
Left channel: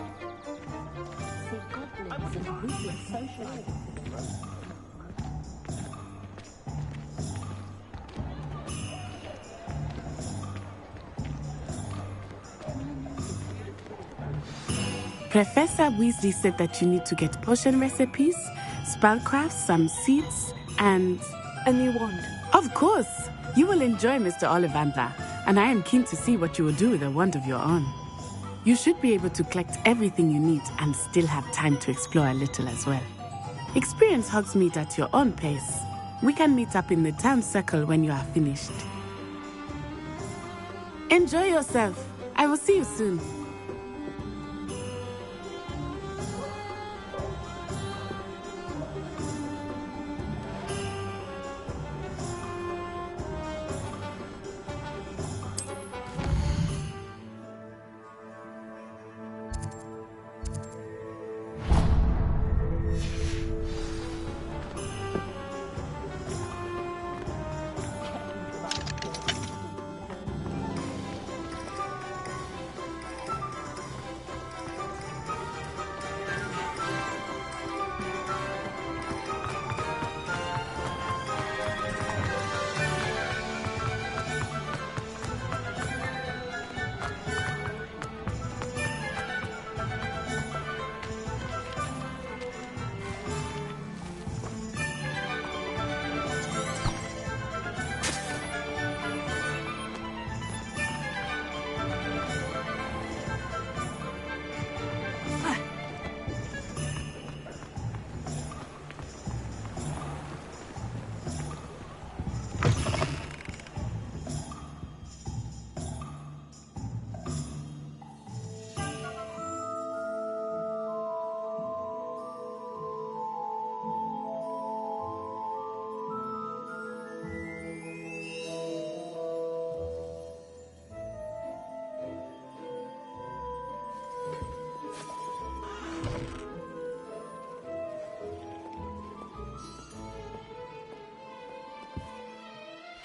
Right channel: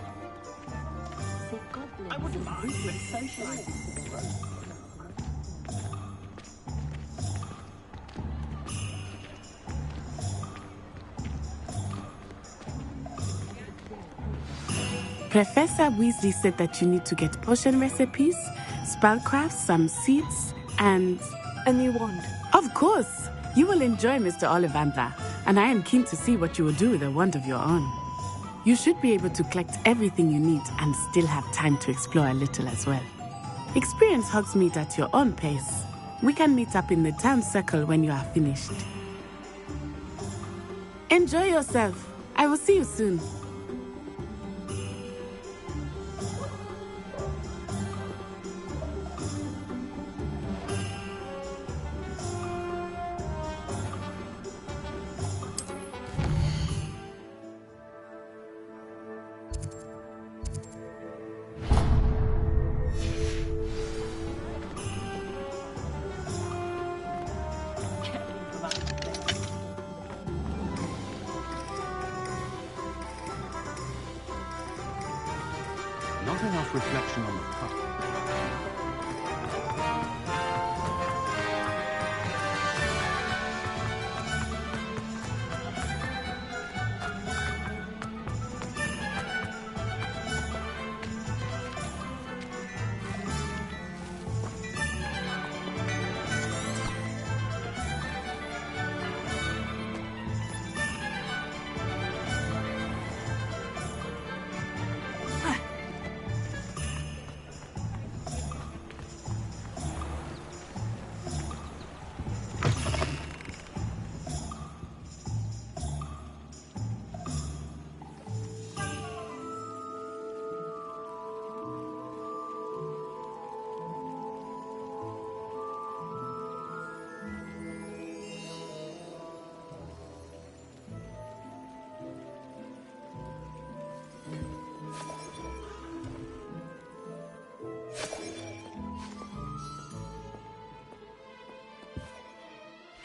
Professor Weasley said that you need to get potion recipes, spellcrafts, some seeds, and... a new wand. Of course! You will enjoy Mr. Ollivander, and I am keen to see what you will do with a wand of your own. You should be able to collect everything you need and still have time to explore a little as well. Experience Hogsmeade at your own pace. We can meet up in the town circle when you are finished. Enjoy yourself. I will see you soon.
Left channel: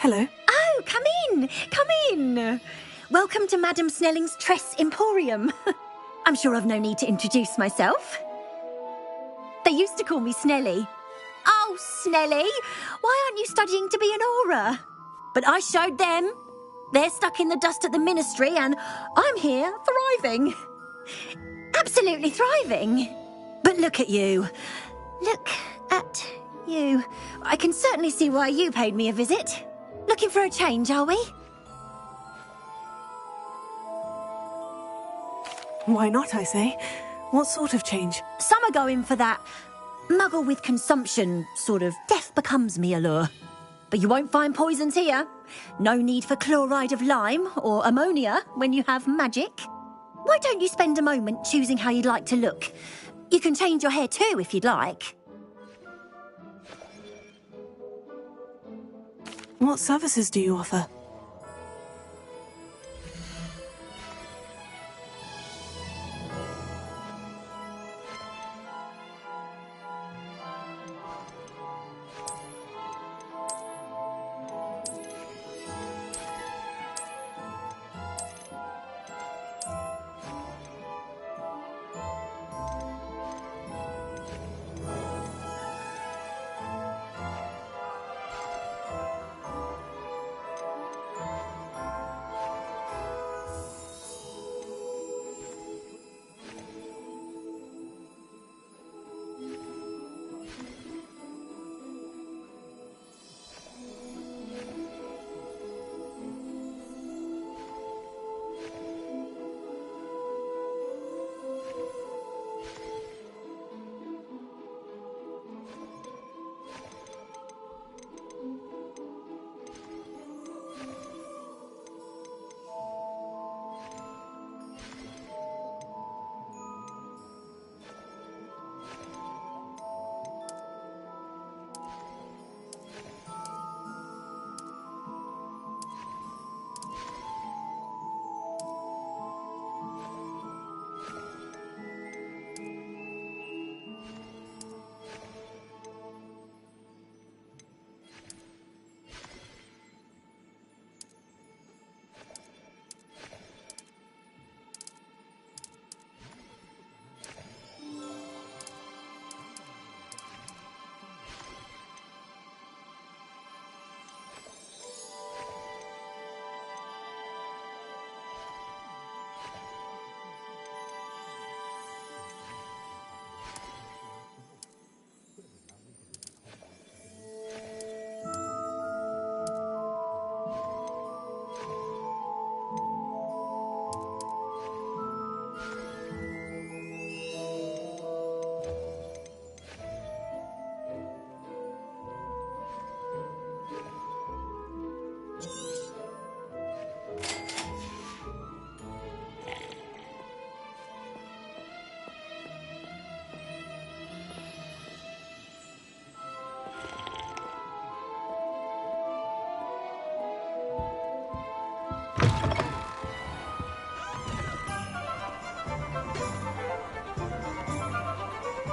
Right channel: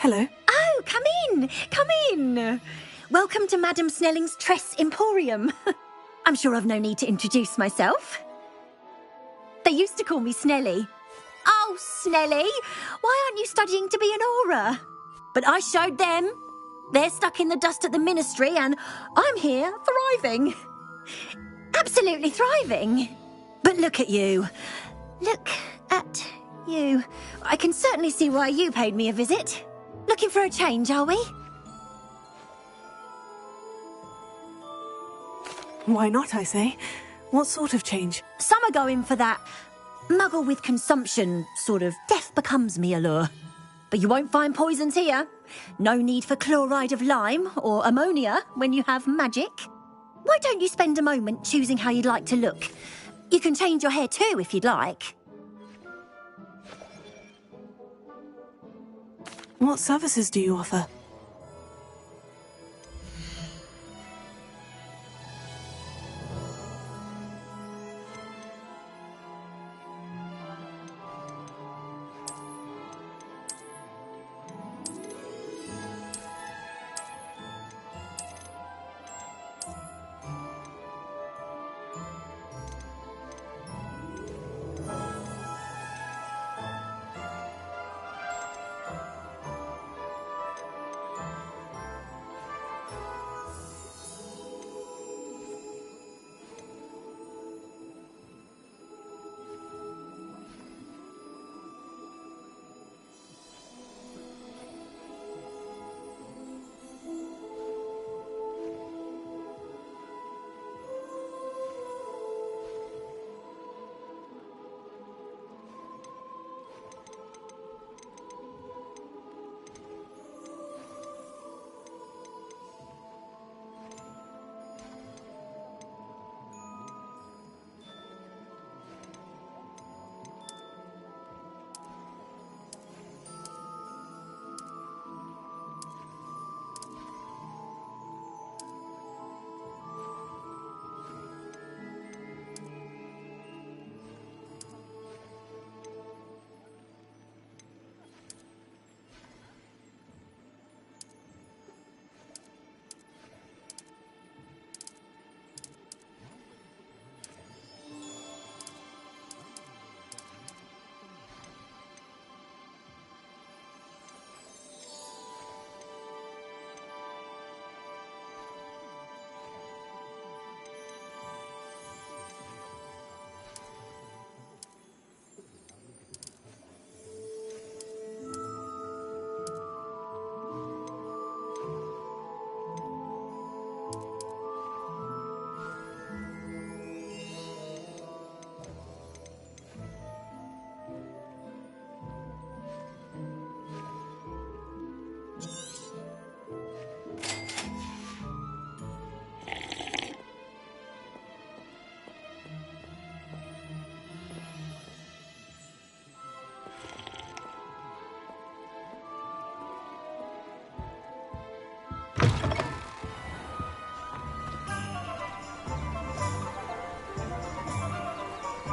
Hello. Oh, come in! Come in! Welcome to Madame Snelling's Tress Emporium. I'm sure I've no need to introduce myself. They used to call me Snelly. Oh, Snelly! Why aren't you studying to be an aura? But I showed them. They're stuck in the dust at the ministry and I'm here thriving. Absolutely thriving. But look at you. Look at you. I can certainly see why you paid me a visit. Looking for a change, are we? Why not, I say? What sort of change? Some are going for that muggle with consumption, sort of death becomes me allure. But you won't find poisons here. No need for chloride of lime or ammonia when you have magic. Why don't you spend a moment choosing how you'd like to look? You can change your hair too if you'd like. What services do you offer?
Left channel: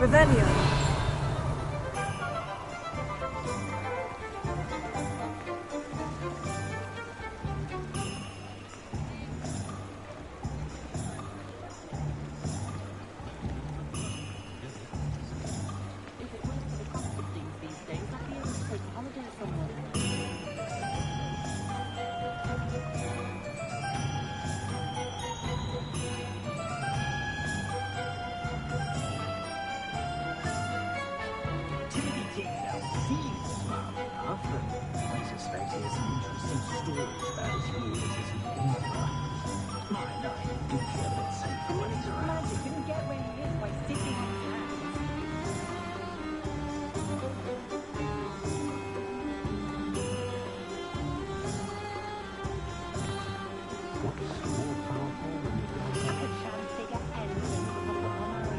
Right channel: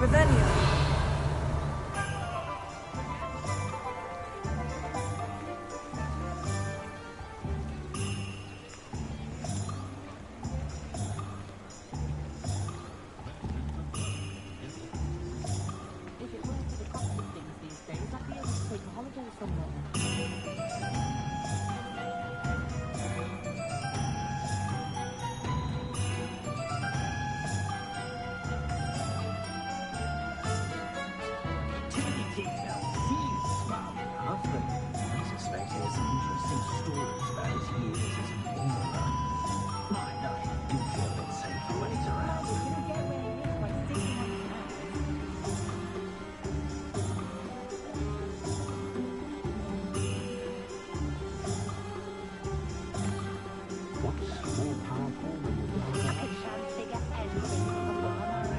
Revelio. Timothy Teasdale seems smart enough, but I suspect he has some interesting stories about his years as an aura. Mine, I do feel a bit safer when he's around. You can get where he is by sticking on his hands. What's more powerful than the dark I can't figure anything from a farmer.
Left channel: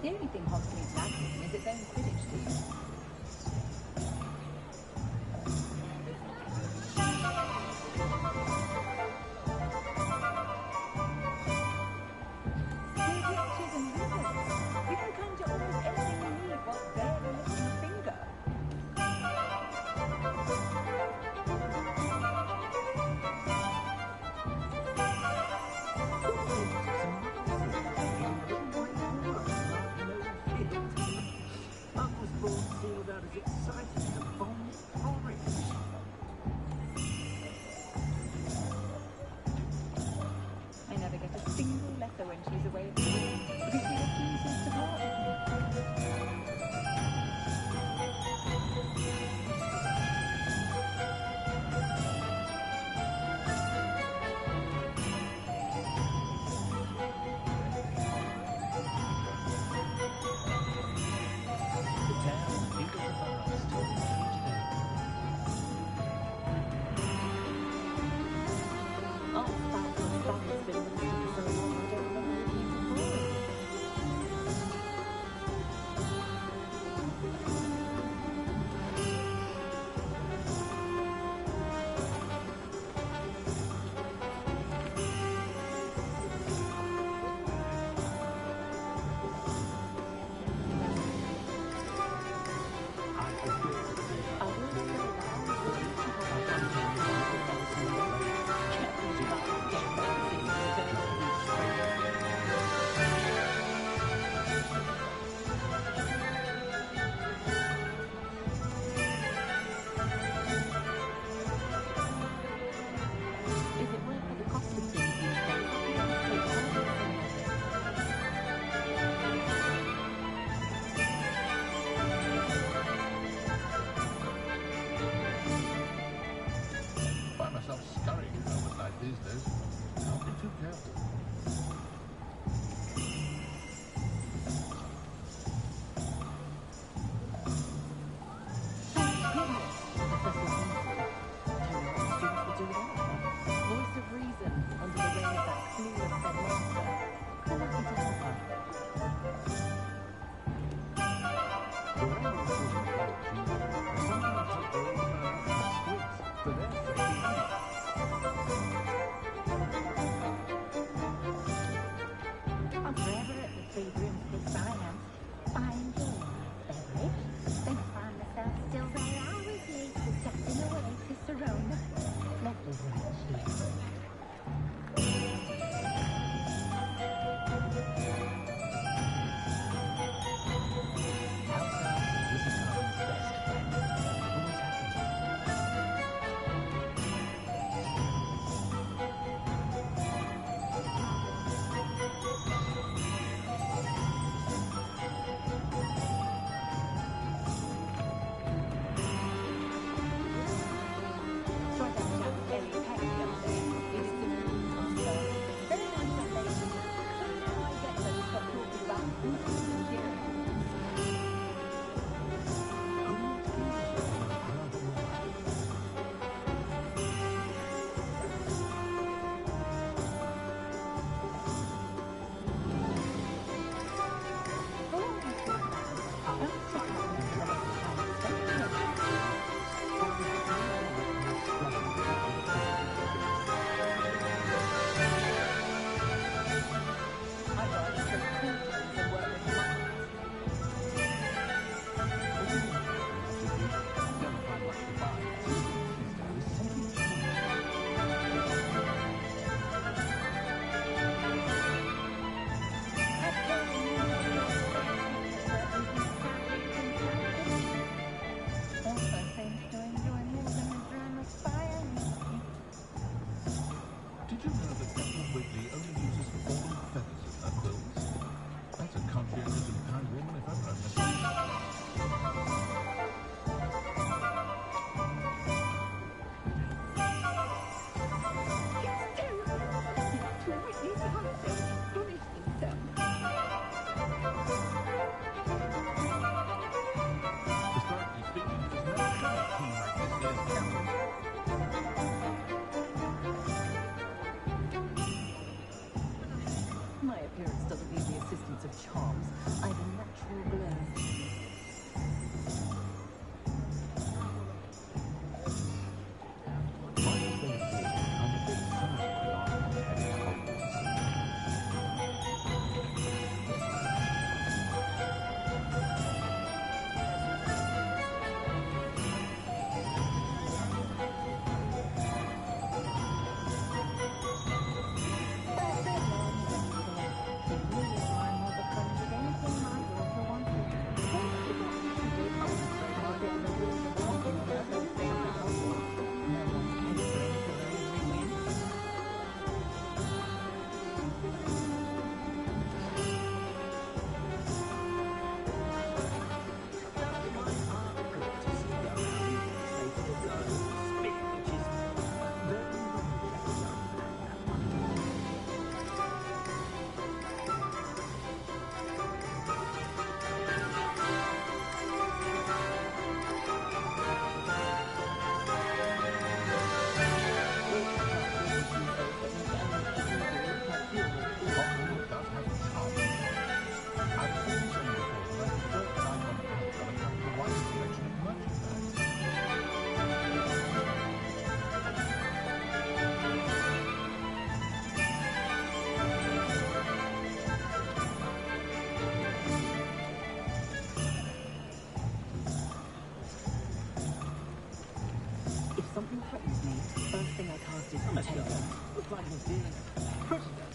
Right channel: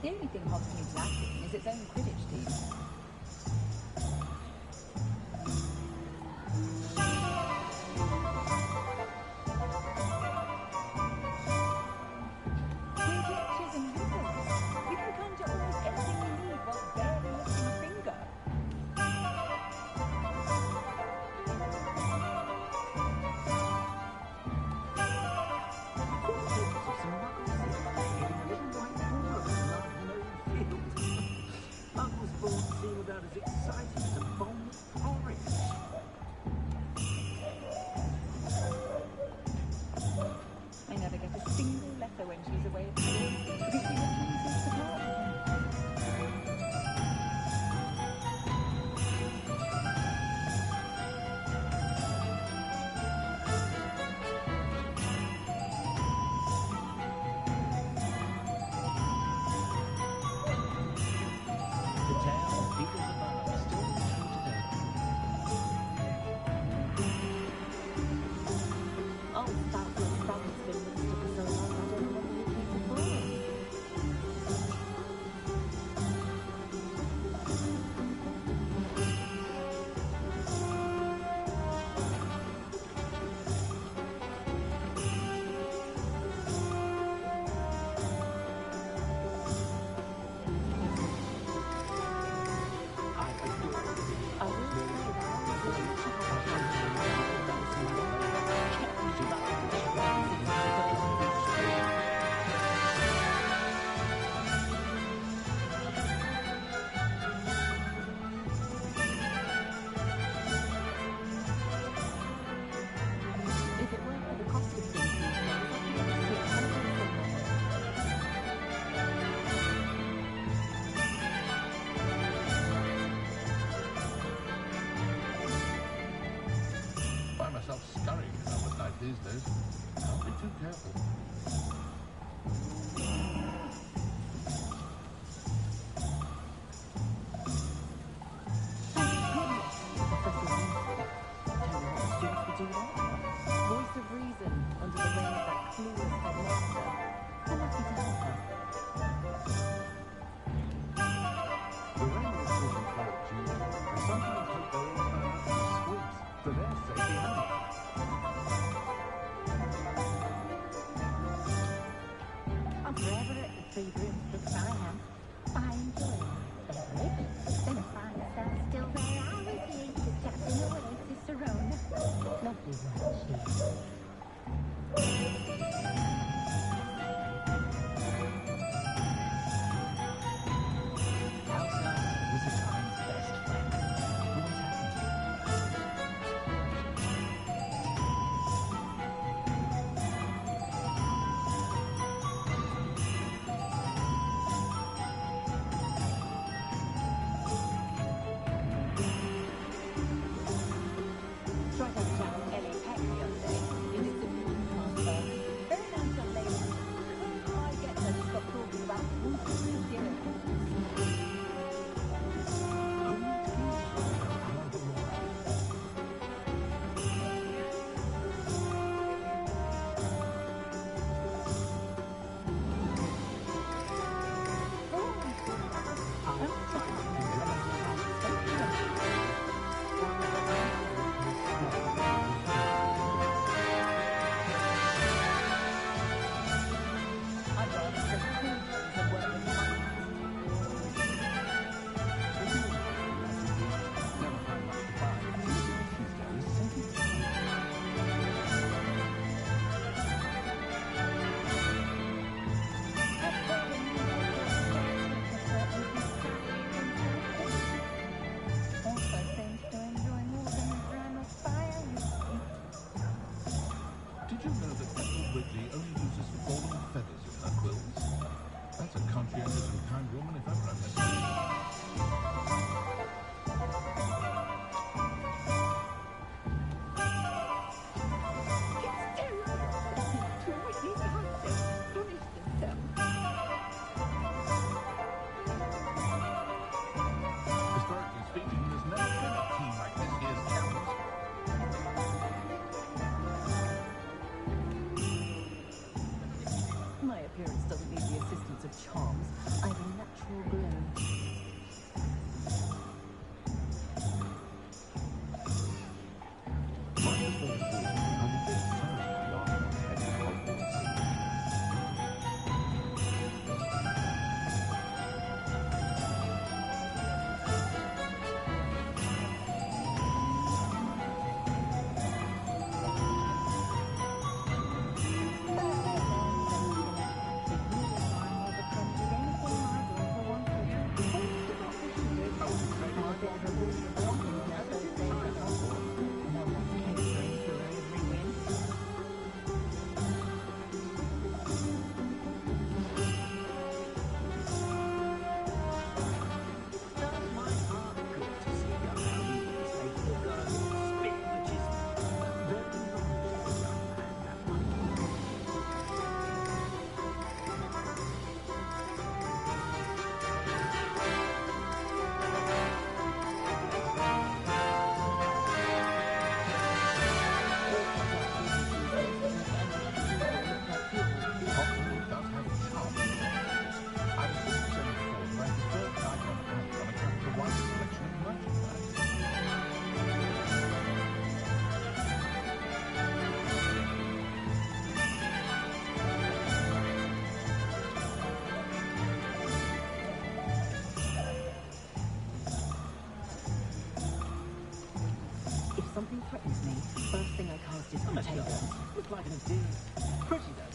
The only thing Hogsmeade's lacking is its own Quidditch team. We're witches and wizards. We can conjure almost anything we need while barely lifting a finger. Muggles bought seem about as exciting as a bomb porridge. I never get a single letter when she's away at school because she refuses to part with me. The tale of Beetle the Bard is still true today. Oh, that little Sally's been minister for so long, I don't remember who came before him. I adore the I will say that I was really to have a champagne that was in the way. If it weren't for the cost of things these days, I'd be able to take a holiday somewhere. Find myself scurrying home at night these days. Can't be too careful. Thank goodness, Professor Weasley. Don't know what the students would do without her. Voice of reason under the reign of that clueless headmaster. We're lucky to have her. The way my children play at Junior, I sometimes hope they all turn out to be squids, for their safety and mine. I'm forever at the Three Broomsticks, I am. I enjoy a nice beverage. Then I find myself still there hours later, chatting away to Serona. Lovely work she is. House elves are Wizardtime's best friend. Always have been. appearance doesn't need the assistance of charms. I have a natural glow. Right as they appear to me, I'm a bit sad my last one's headed to Hogwarts. If something threatens me, first thing I cast is Contagion. Looks like an idea. Pretty though.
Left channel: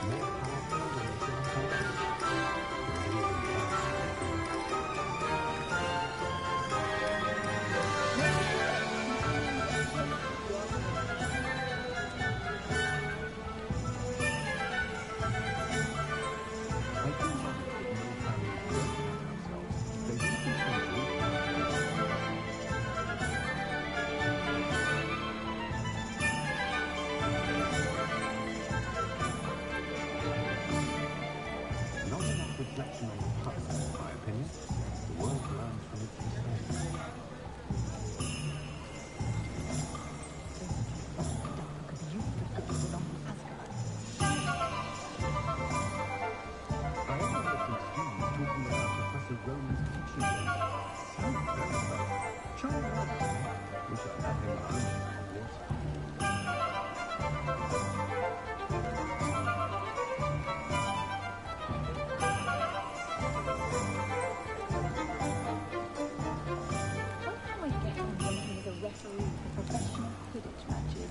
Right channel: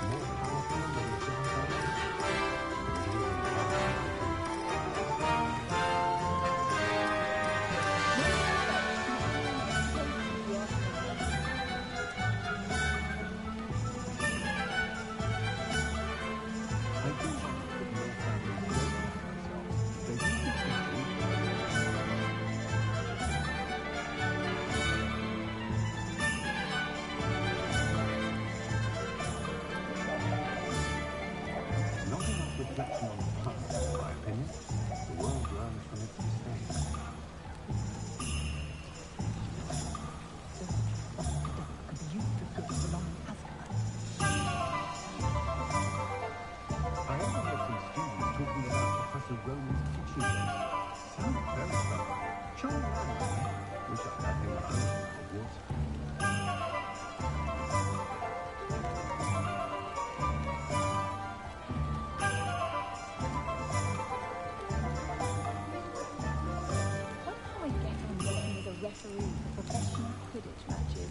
More powerful than the charm force? I do wonder if more families don't like ourselves. They do think not enough reflection on the past, in my opinion. The world learns from its mistakes. I overheard some students talking about Professor Roman's teaching days. Sounds very clever. Charlie Roman, eh? Wish I'd had him when I was at Hogwarts. Referee for professional Quidditch matches.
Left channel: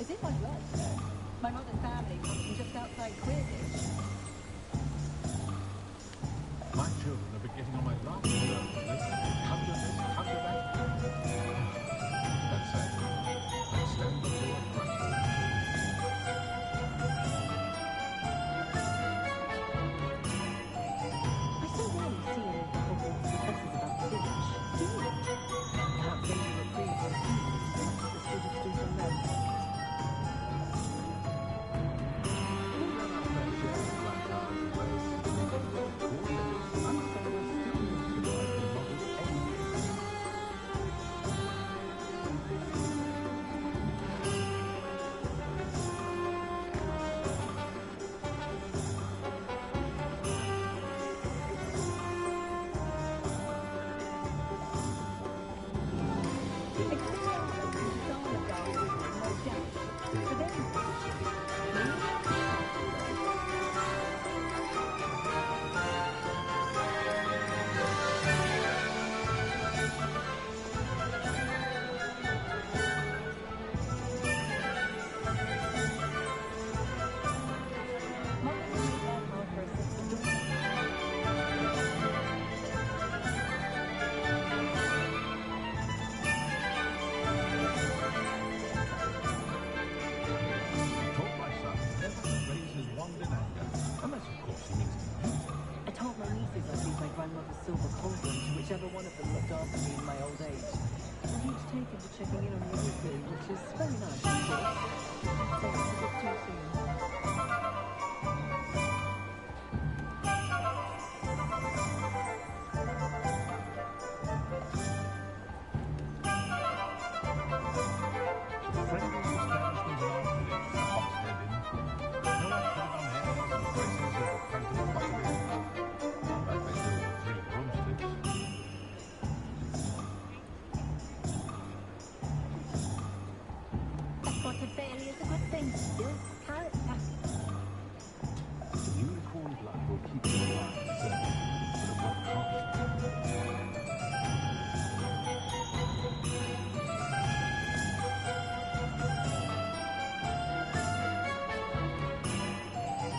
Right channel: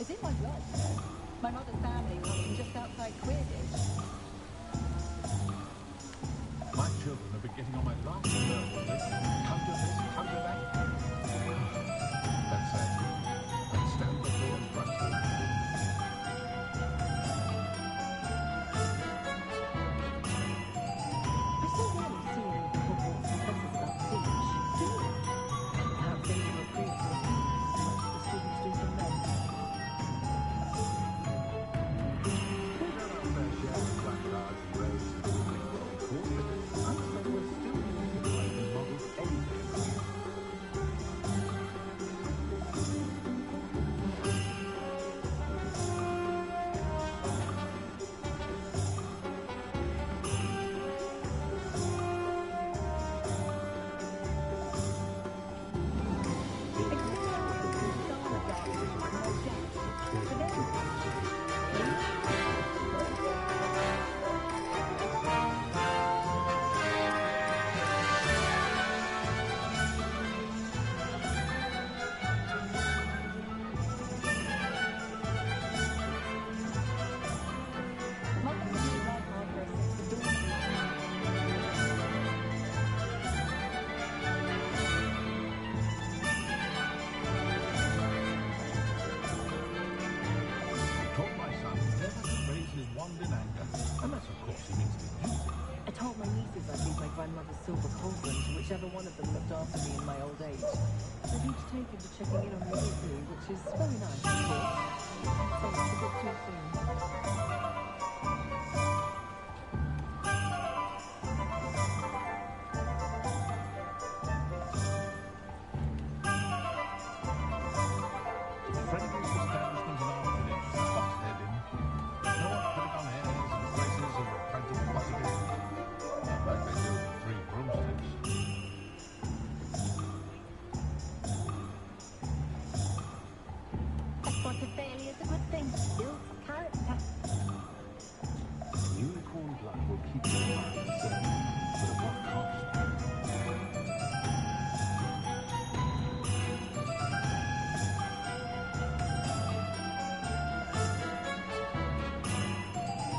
It's in my blood, you know. My mother's family comes from just outside Quidditch. My children have been getting on my last nerve lately. Come to this, come to that. That said, I'd stand before a bright home. I so rarely see any of the Hogwarts professors about the village. Do you? Perhaps they will reprieve their students as much as the students do from them. We've done our fair share of black cards and roads and building world coordinates. I'm afraid we're still used to life in models anything. Taught my son never to raise his wand in anger, unless, of course, he means to use it. I told my nieces I'd leave my grandmother's silver cauldron to whichever one of them looked after me in my old age. They've each taken to checking in on me weekly, which is very nice, of course. I'd say it's a bit too soon. The friendliest establishment in our village is the Hogshead Inn. No one putting on airs and graces over a pint of butterbeer. Like they do with the Three Broomsticks. A spot of failure is a good thing. Builds character. Unicorn blood will keep you alive, certainly. But at what cost?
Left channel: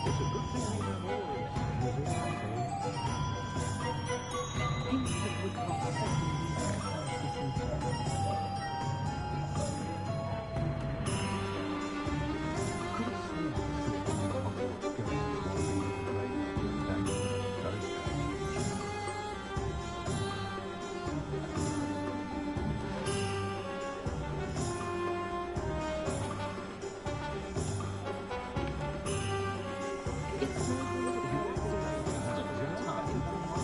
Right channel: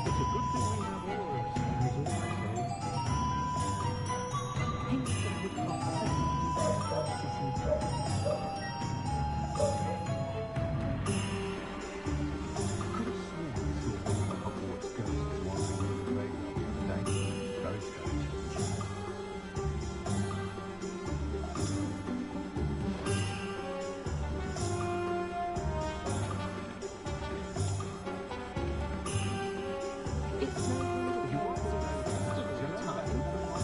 It's a good thing we have oars, is all I say. Kingston Woodcock certainly needs a fun city. Could have sworn I saw one of the Hogwarts ghosts wandering through the graveyard the other day. Very strange. It's no wonder that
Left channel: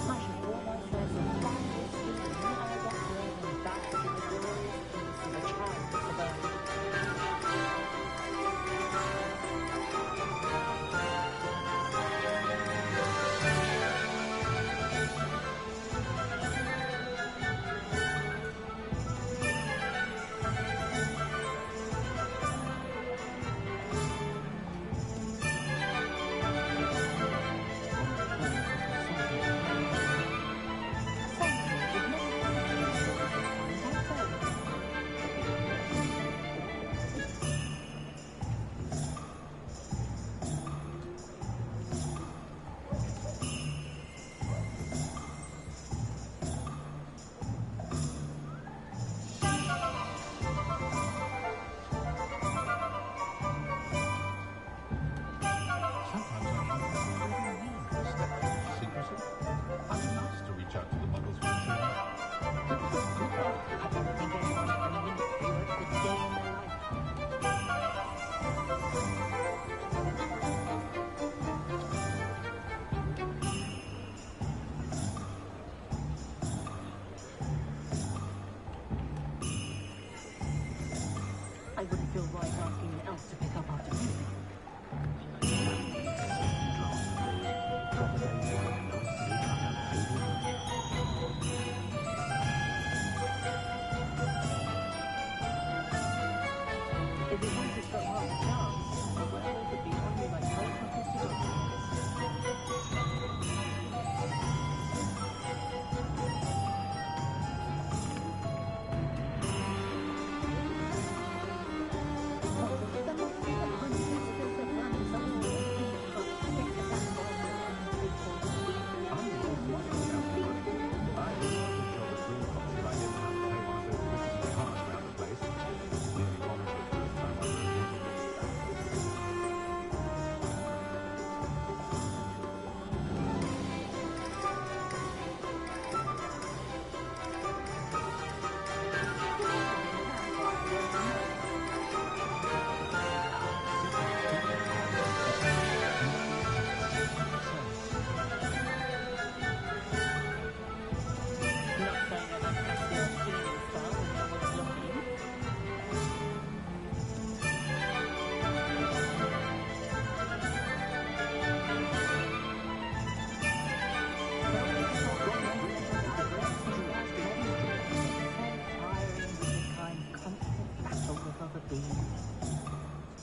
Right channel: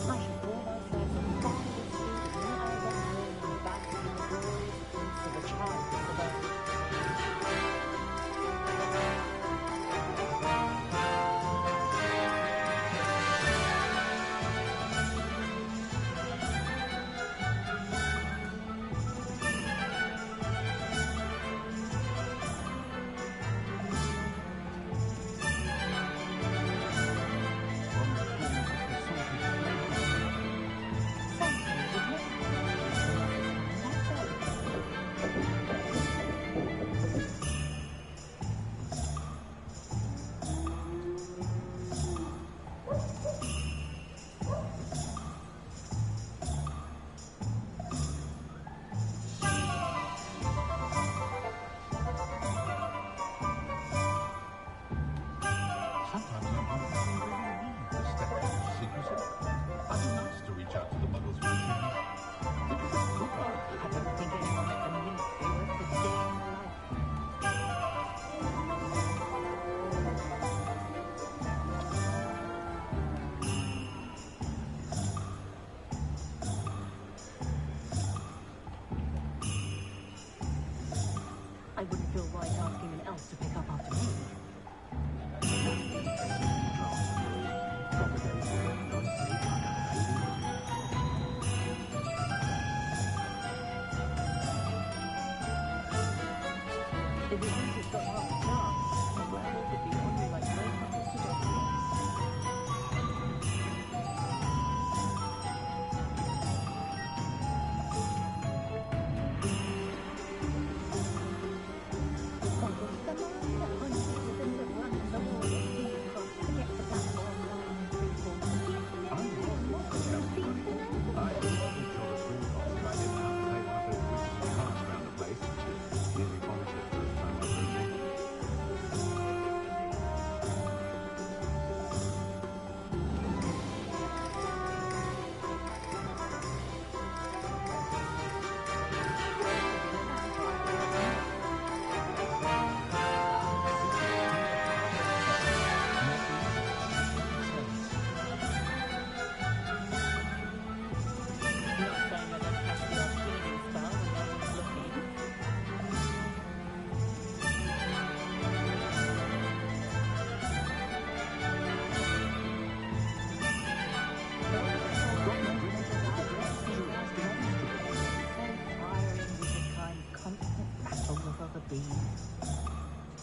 I shall pour myself a fabulous food and I wouldn't feel right asking an elf to pick up after me. No need to sleepy drafts with me. Proper day's work, nice sleep, and a baby moon. If it once it's got half a chance, a werewolf would be on you like both knuckles to dog ears.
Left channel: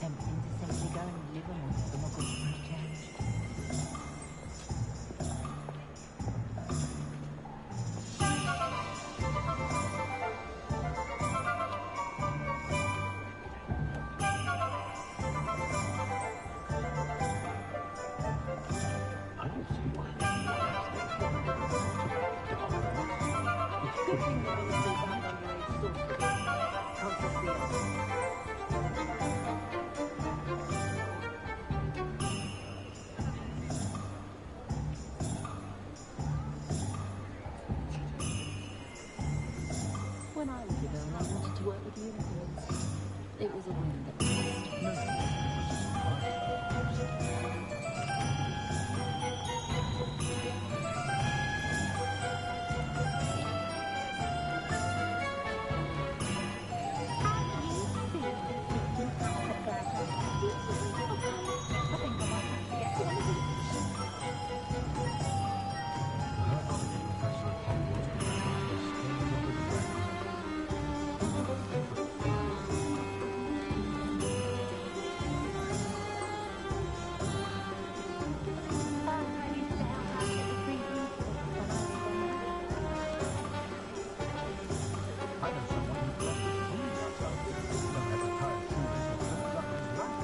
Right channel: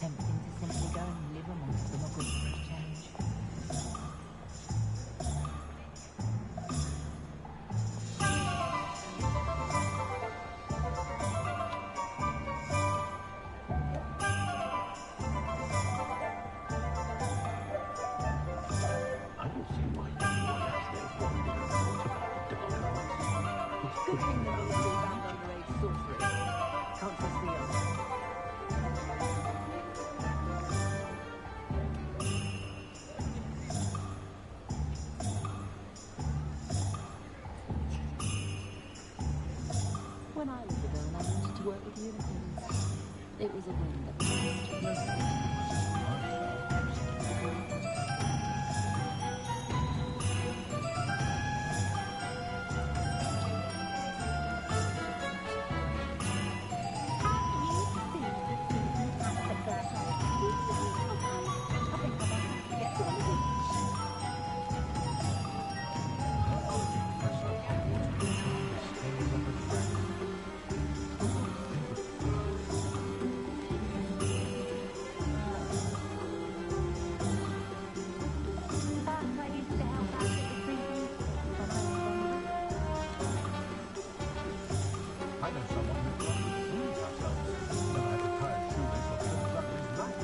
Tempting to simply go and live amongst the muggles for a change. I don't see why anyone has no wonder and thought about the dark arts. It's Good thing the ministry banned underage sorcery. Can't trust the elves. When I was a girl, I wanted to work with unicorns. It was a whim that passed. No, it was just my Herbology professor at Hogwarts could chart the scales of a dragon. Who's got a favorite flower? I used to help out at the free food when I was younger. I know someone who planted trees ourselves. Never had to tie a shoelace or slip up his back.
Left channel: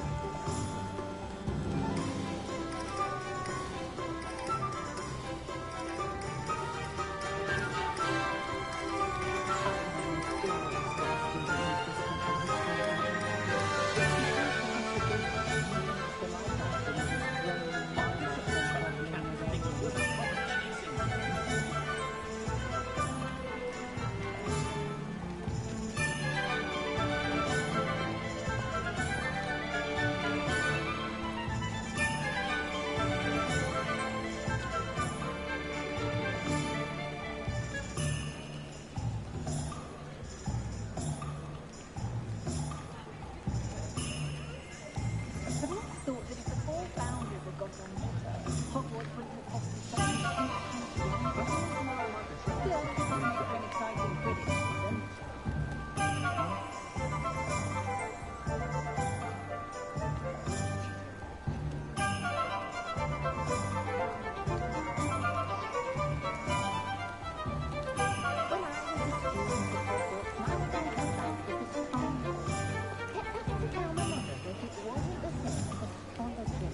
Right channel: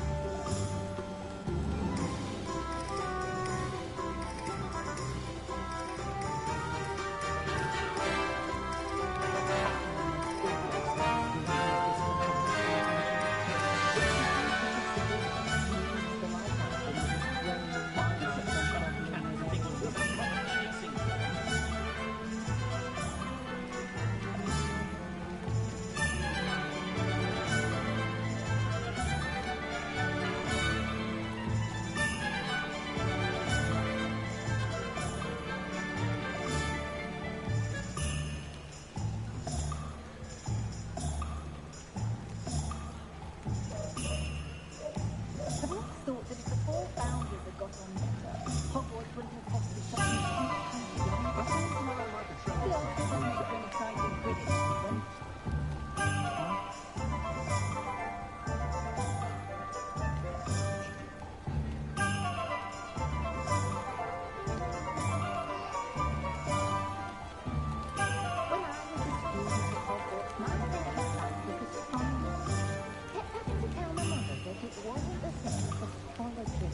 Have you ever thought that if the four founders had got on better, Hogwarts wouldn't have fostered such an intense young Still, this would make for an exciting Quidditch season. When I was a student at Hogwarts, my favourite fact was astronomy. Kept having to tell my mother that it wasn't the same as astrology.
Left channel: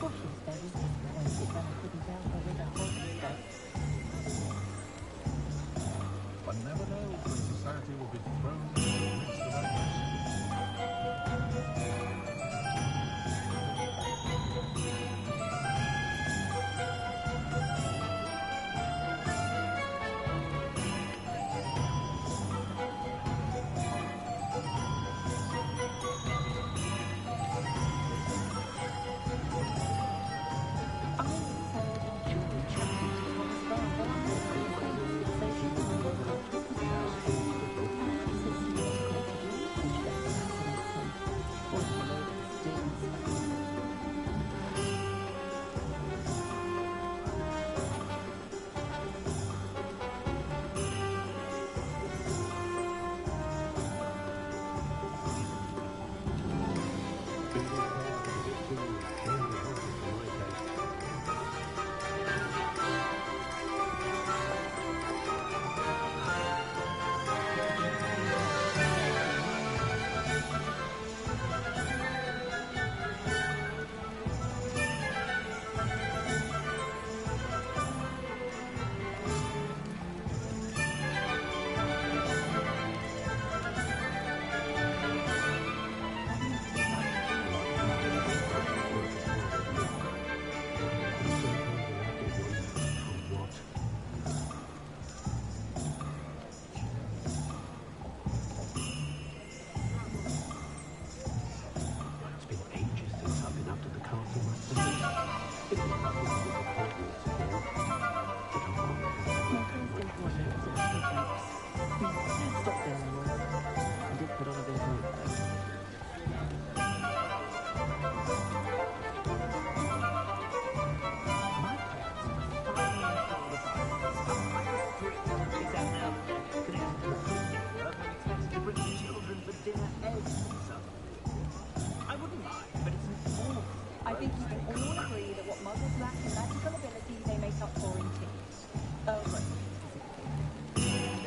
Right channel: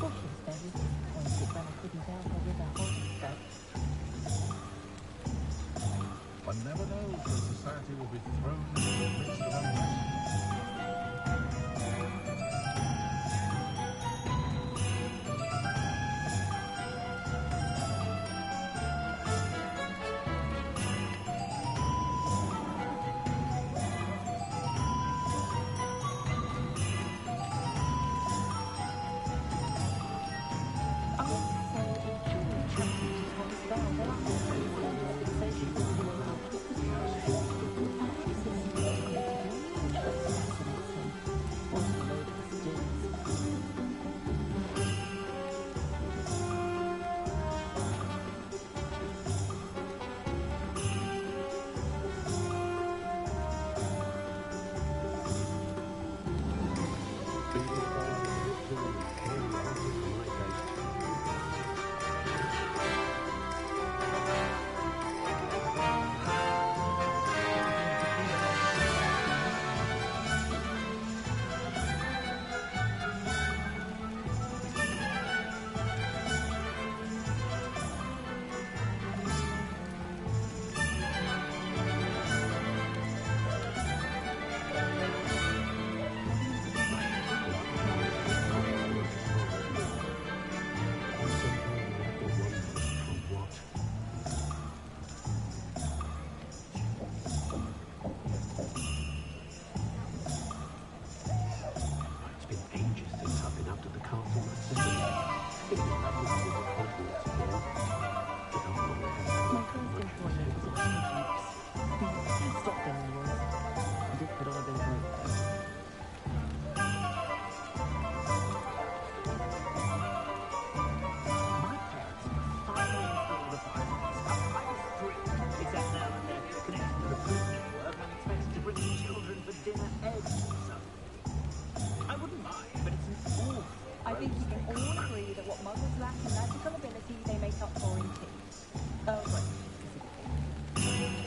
Well, she was very disappointed when I couldn't help her with a horoscope. One never knows when society will be thrown into the midst of unrest. I think you can all agree that what muggles lack in magical ability, they make up for in tea. Oh, great. Specifically.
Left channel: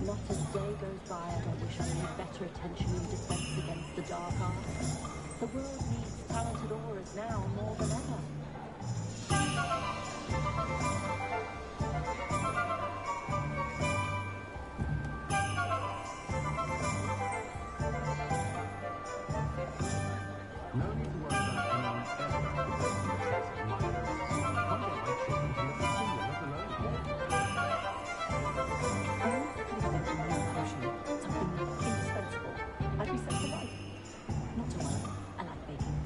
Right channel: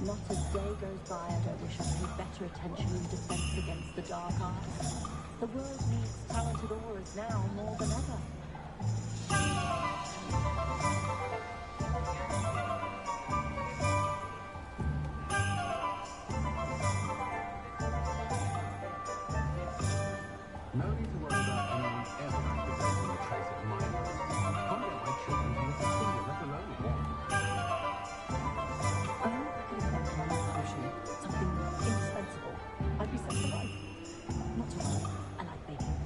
Not a day goes by I don't wish I paid better attention in defense against the dark arts. The world needs talented aurors now more than ever. No need to worry about anyone ever activating a trace of my arts. Can't get my children to lift a finger, let alone one. Something indispensable. I'd be set for life. Not to worry. I like baking.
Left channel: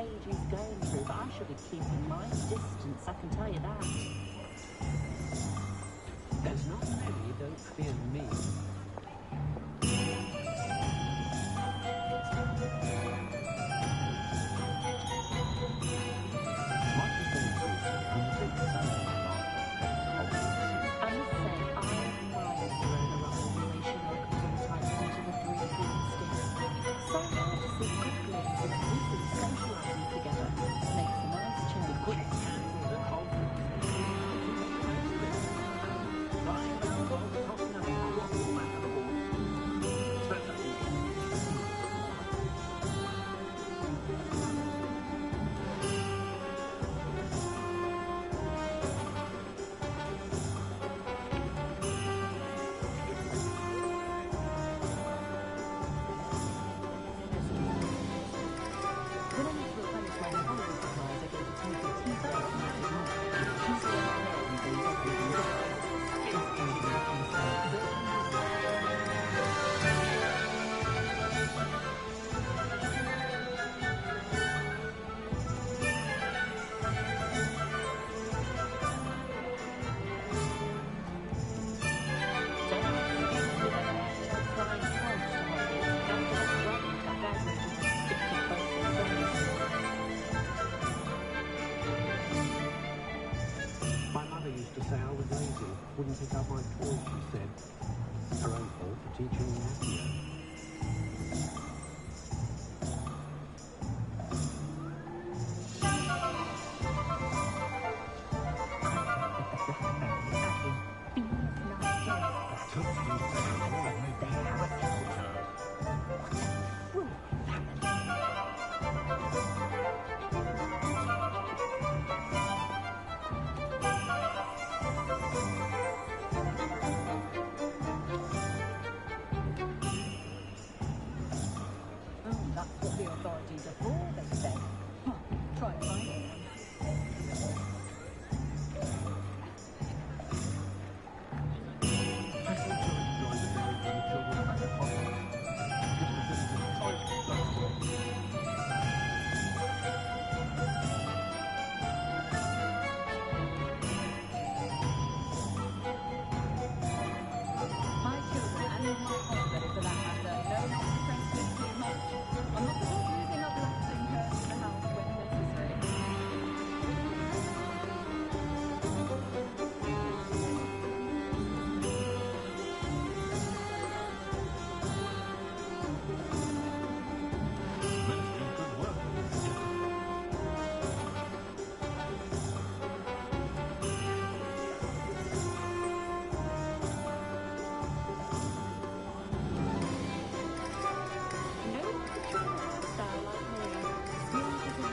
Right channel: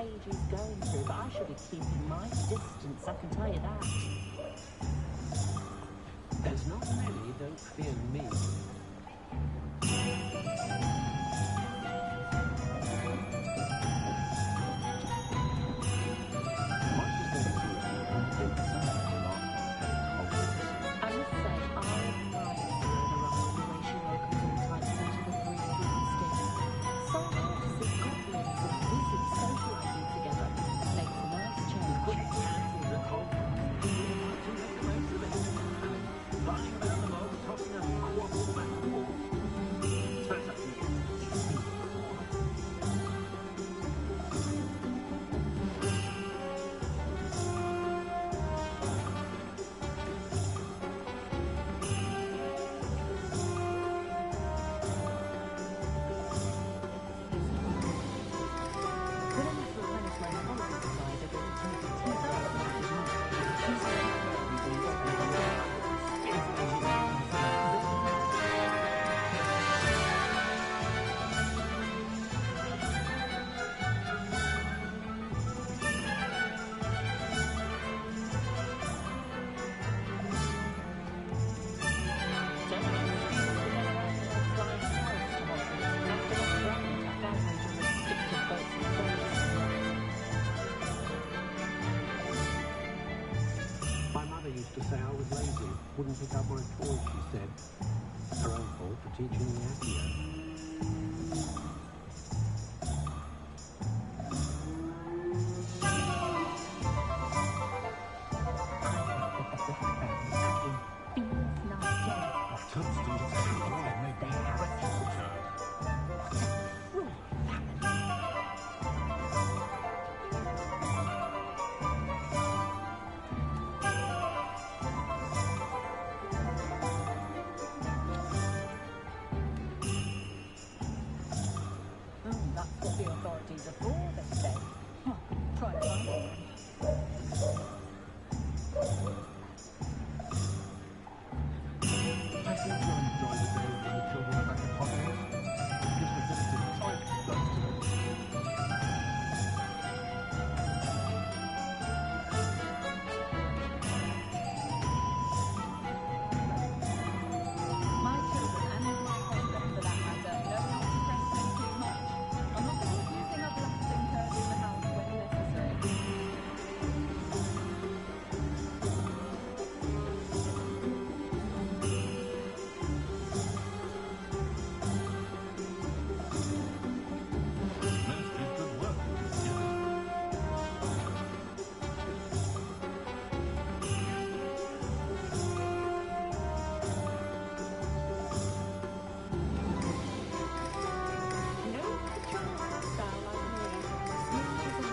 stage he's going through, but I shall be keeping my distance, I can tell you that. There's not many don't fear me. Much as they do, I'm a big fan of the last Hogwarts. I must say, I admire Serena Ryan, the way she welcomes all types into the three broomsticks. So rare to see goblins and wizards socialising together. Makes a nice change. Quick cancels at Hogwarts. You have to make the most of it. Flying around the world, tossing up quaddle back and forth. Turns out you can see the more. When I need to replenish my herbology supplies, I go to Timothy Tea's house and I do. He's the one who believes operating My mother used to say I was lazy, wouldn't pick up my toys, she said. Her own fault for teaching me Accio. That's what the authorities are for, they say. Huh. Try and find one. I also enjoy the days when the children are back at Hogwarts. Gives the village a tight buzz to it. My children, and my husband for that matter, know not to press me too much. I'm not above using a blasting curse in the house when necessary. Ministry's good work. No control hairstyle like me. Smooth as a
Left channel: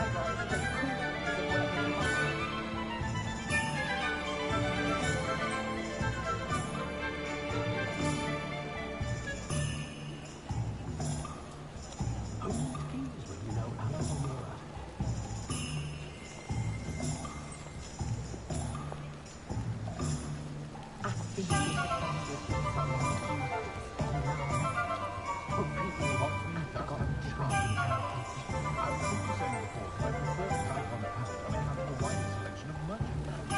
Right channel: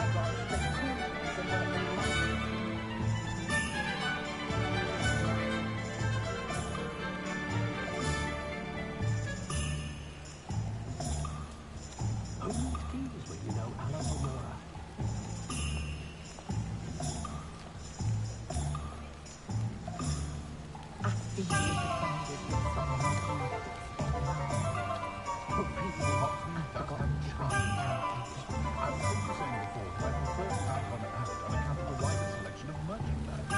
I'd rather stay cool than work in mine. Who needs keys when you know Alamora? I feel disappointed with someone like you. Oh, people watch me. That's not describing characters. I was simply saying before that I prefer Skype on Palette on account of the wider selection of merchandise.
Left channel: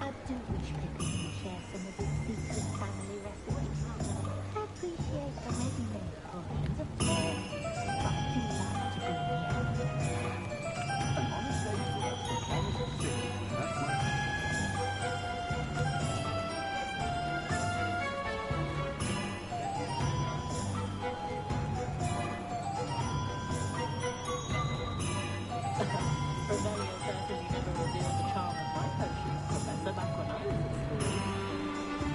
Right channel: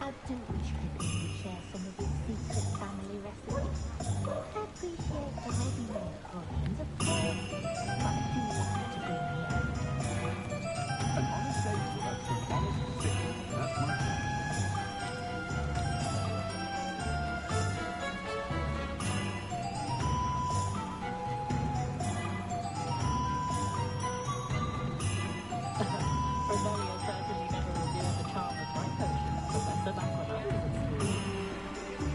I do wish Pippin would share some of his secret family recipes. I appreciate the ready-made portions, of course, but I do like to be near. An honest day's work for an honest city. That's my thing. Revelio certainly never revealed the charm of my potions, Professor, back when I was at school.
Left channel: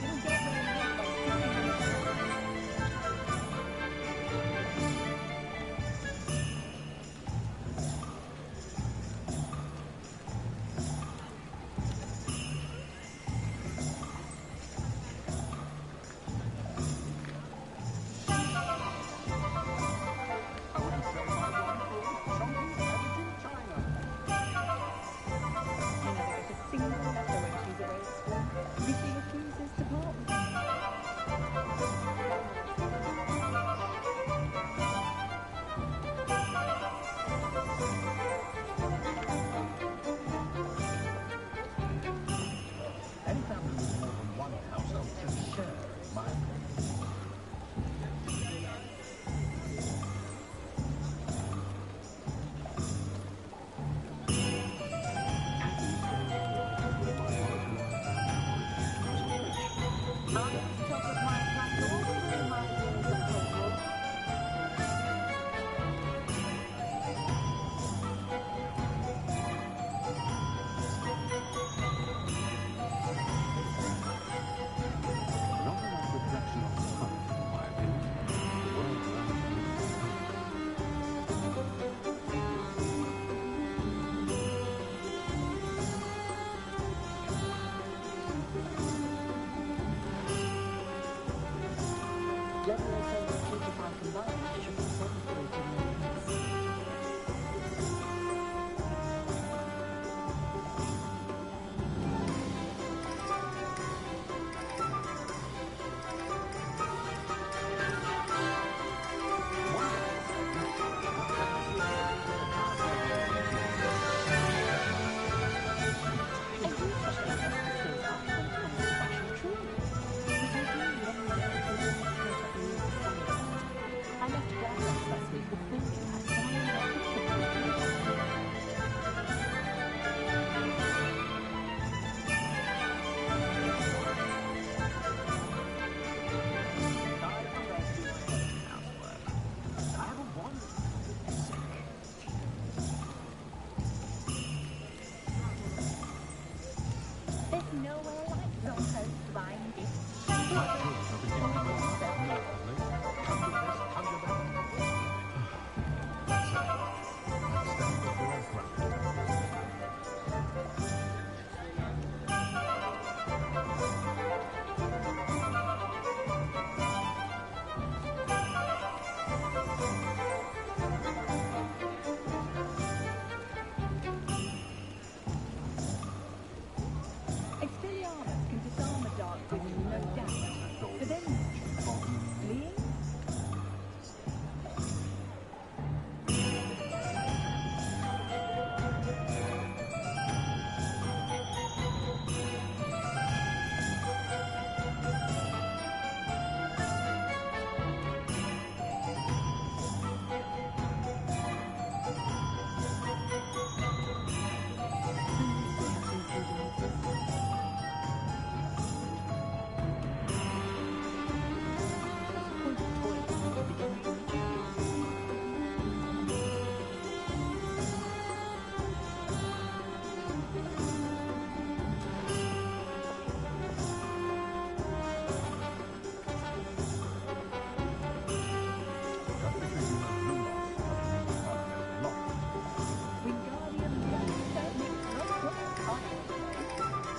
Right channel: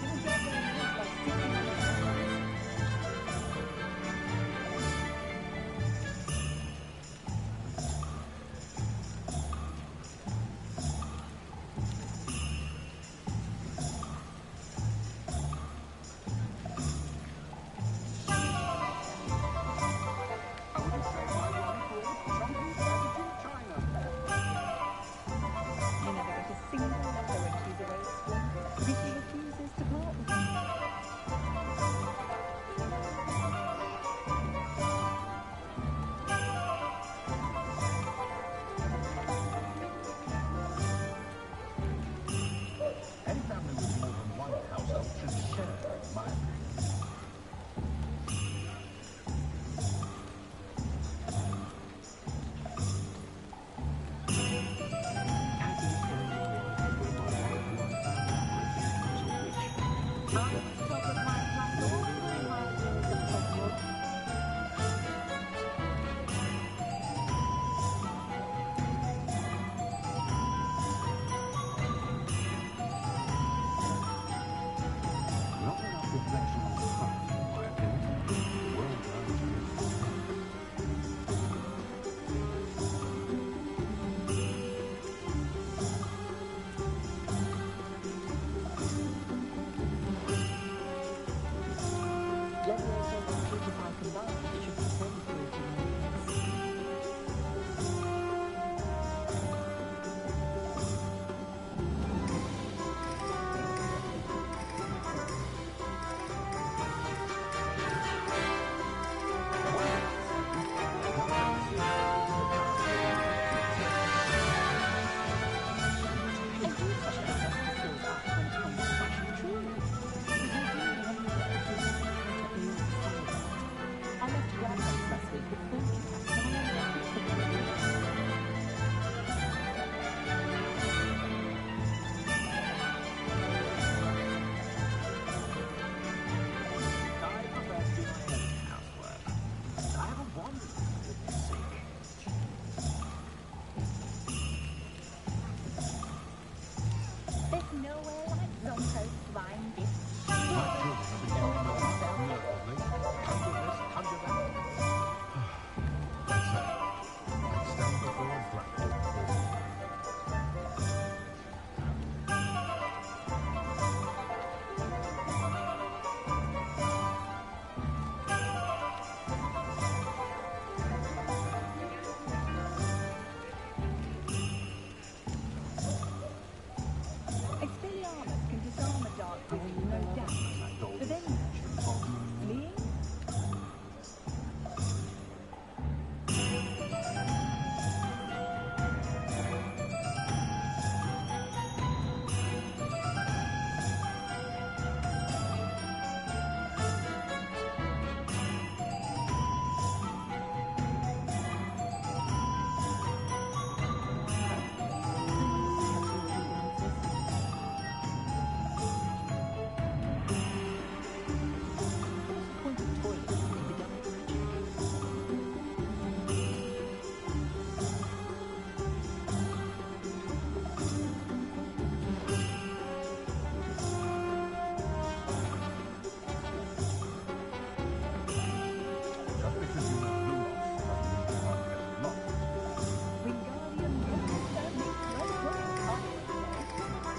didn't get where he is by sitting on his hands. I wouldn't trade my one for all the chunky editing China. You never get a single letter when she's away at school. Vicky refuses to part with them. Any family with more than one household should share, in my opinion. I was top of my class all through my years at Hogwarts. Not enough reflection on the past, in my opinion. The world learns from its mistakes. Leviosa and Stupefy combined should be 7 fruit in weakness. I do such a test the skills up when it comes to fashion, truly. But I do wonder if we just try to oversell it. I left Glamrex last week with filming hats and I ended up with the I prefer to do my own housework. I have a wand, for goodness sake. There's nowhere like Zonko's blind gift. My children are beginning to laugh nervously. Conjure this, conjure that. That's it. I'd stand before a dragon. Expelliarmus can disarm a dark wizard, no doubt. But then, fleeing? Just because you know Lumos doesn't mean you can't get lost. Wingardium Leviosa makes no good cover.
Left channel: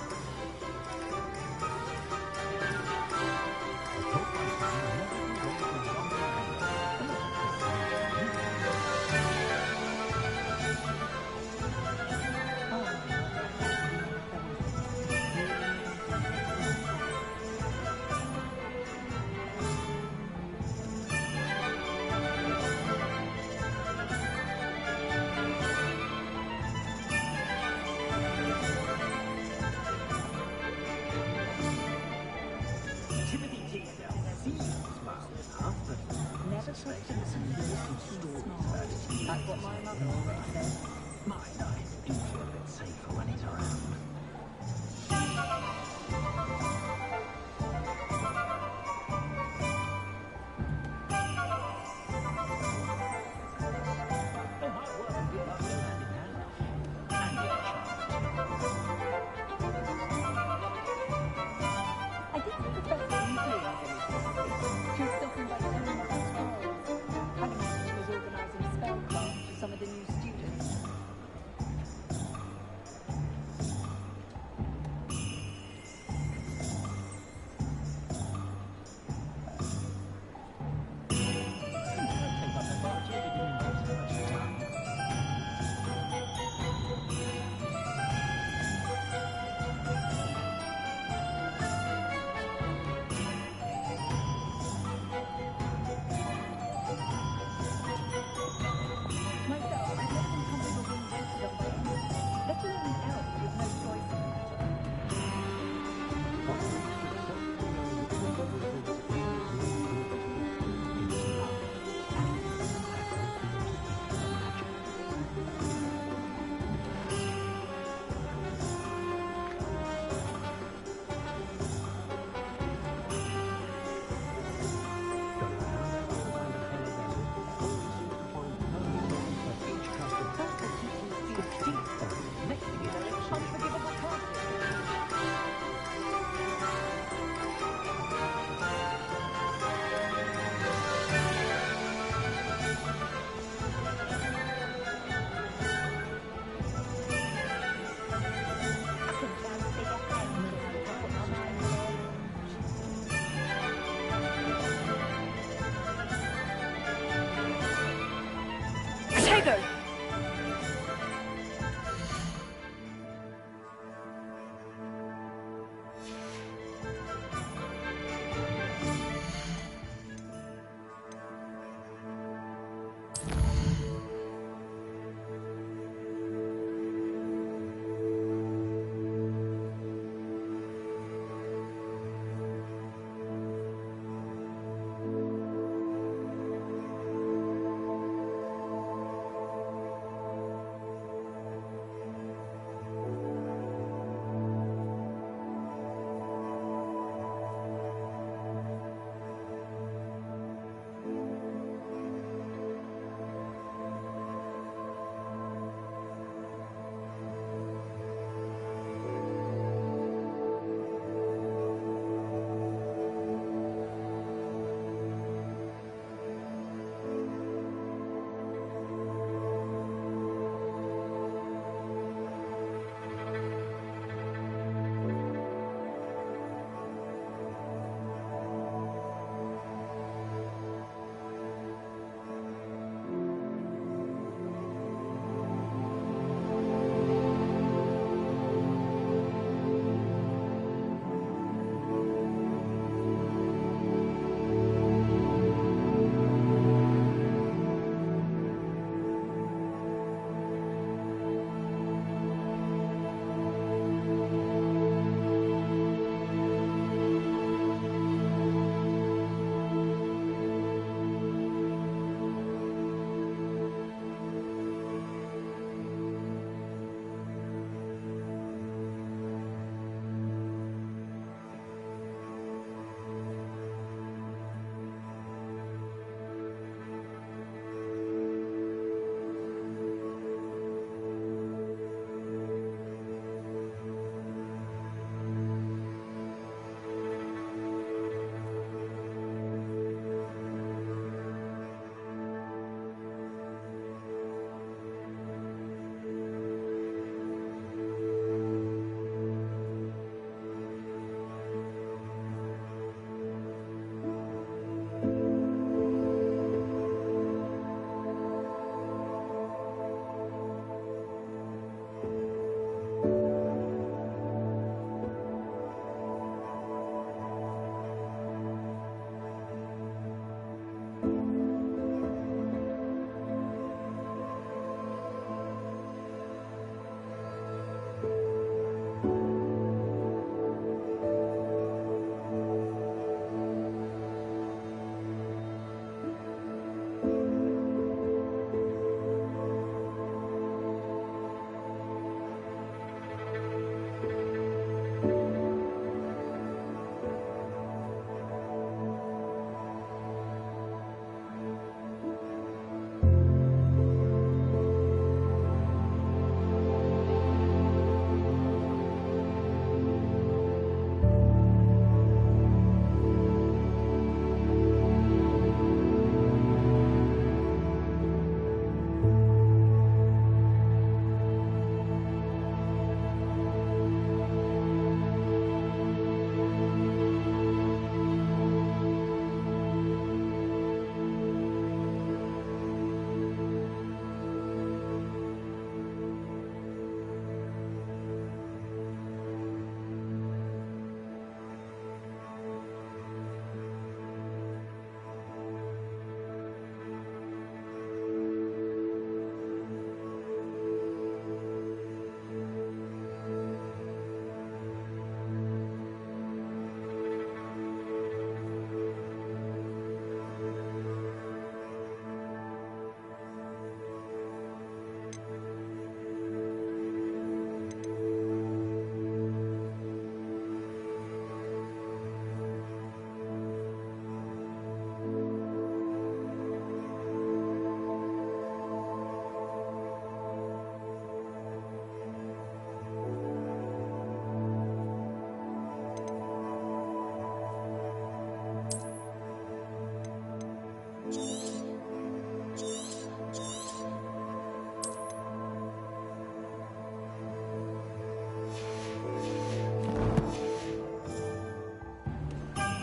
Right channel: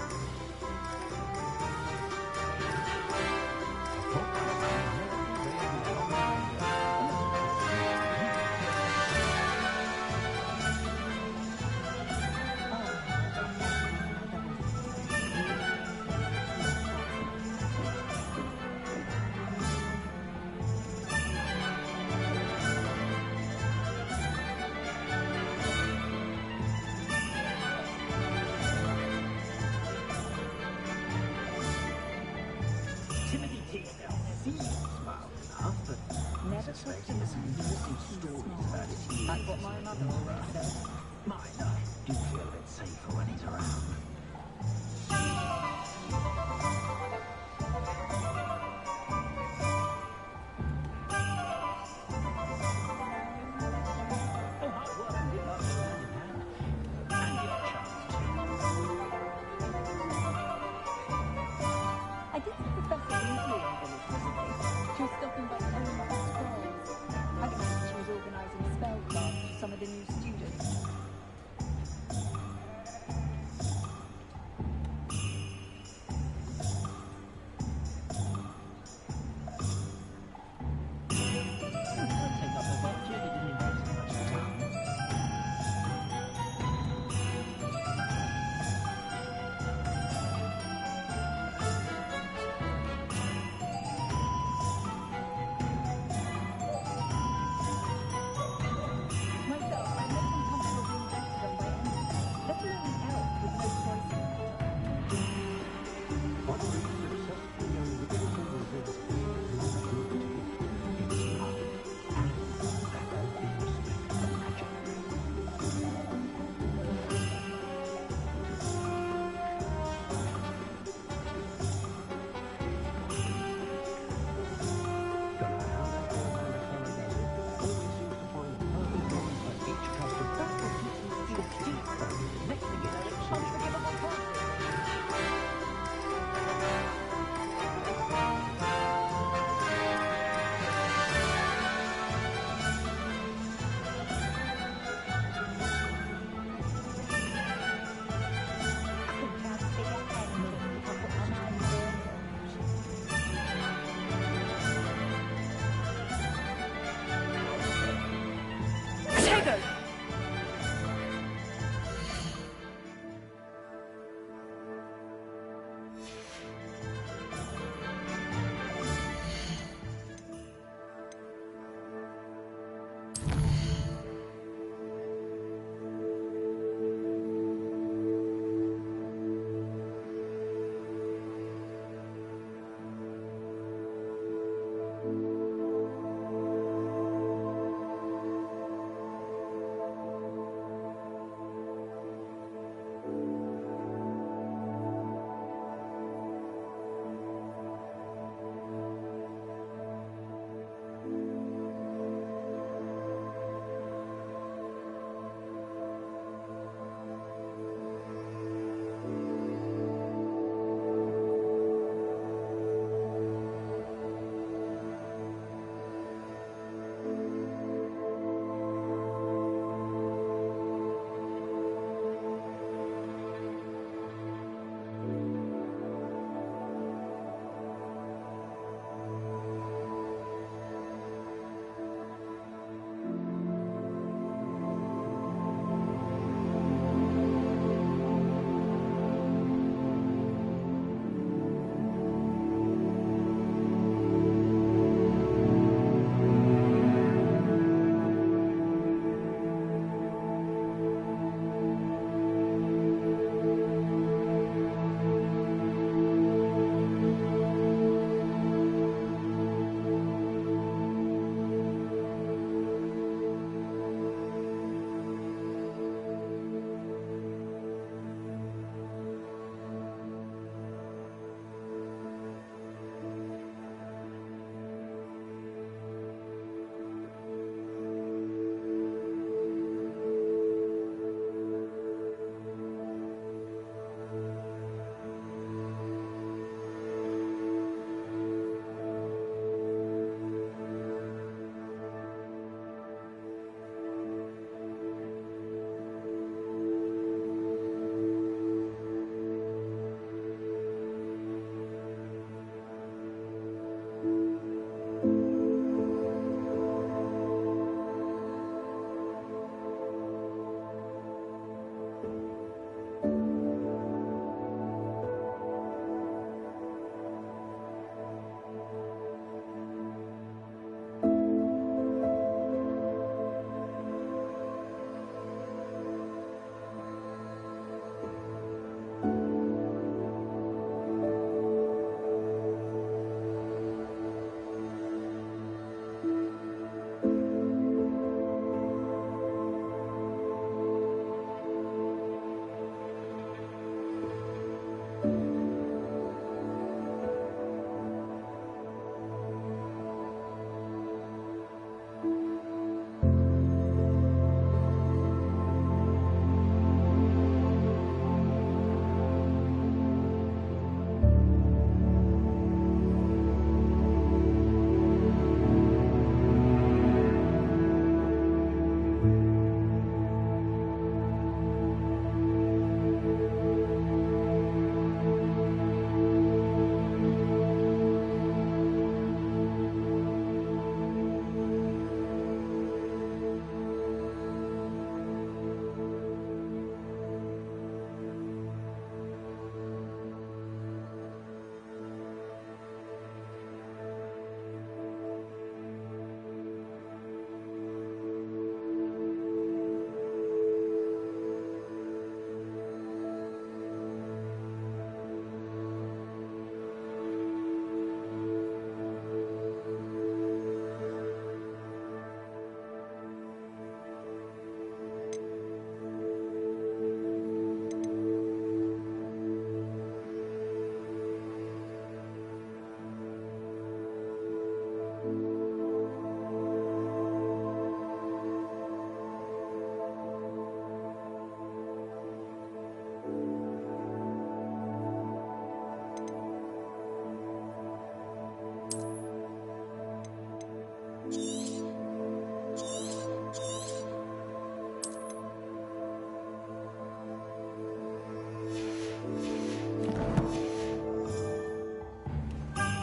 Timothy Teasdale seems mild enough, but I suspect there's some interesting stories about his years That's what my as mother an always emperor. said. Mine, I do feel a bit safer when he's around. Oh, hard work and good luck go hand in hand. And you're charmed. I did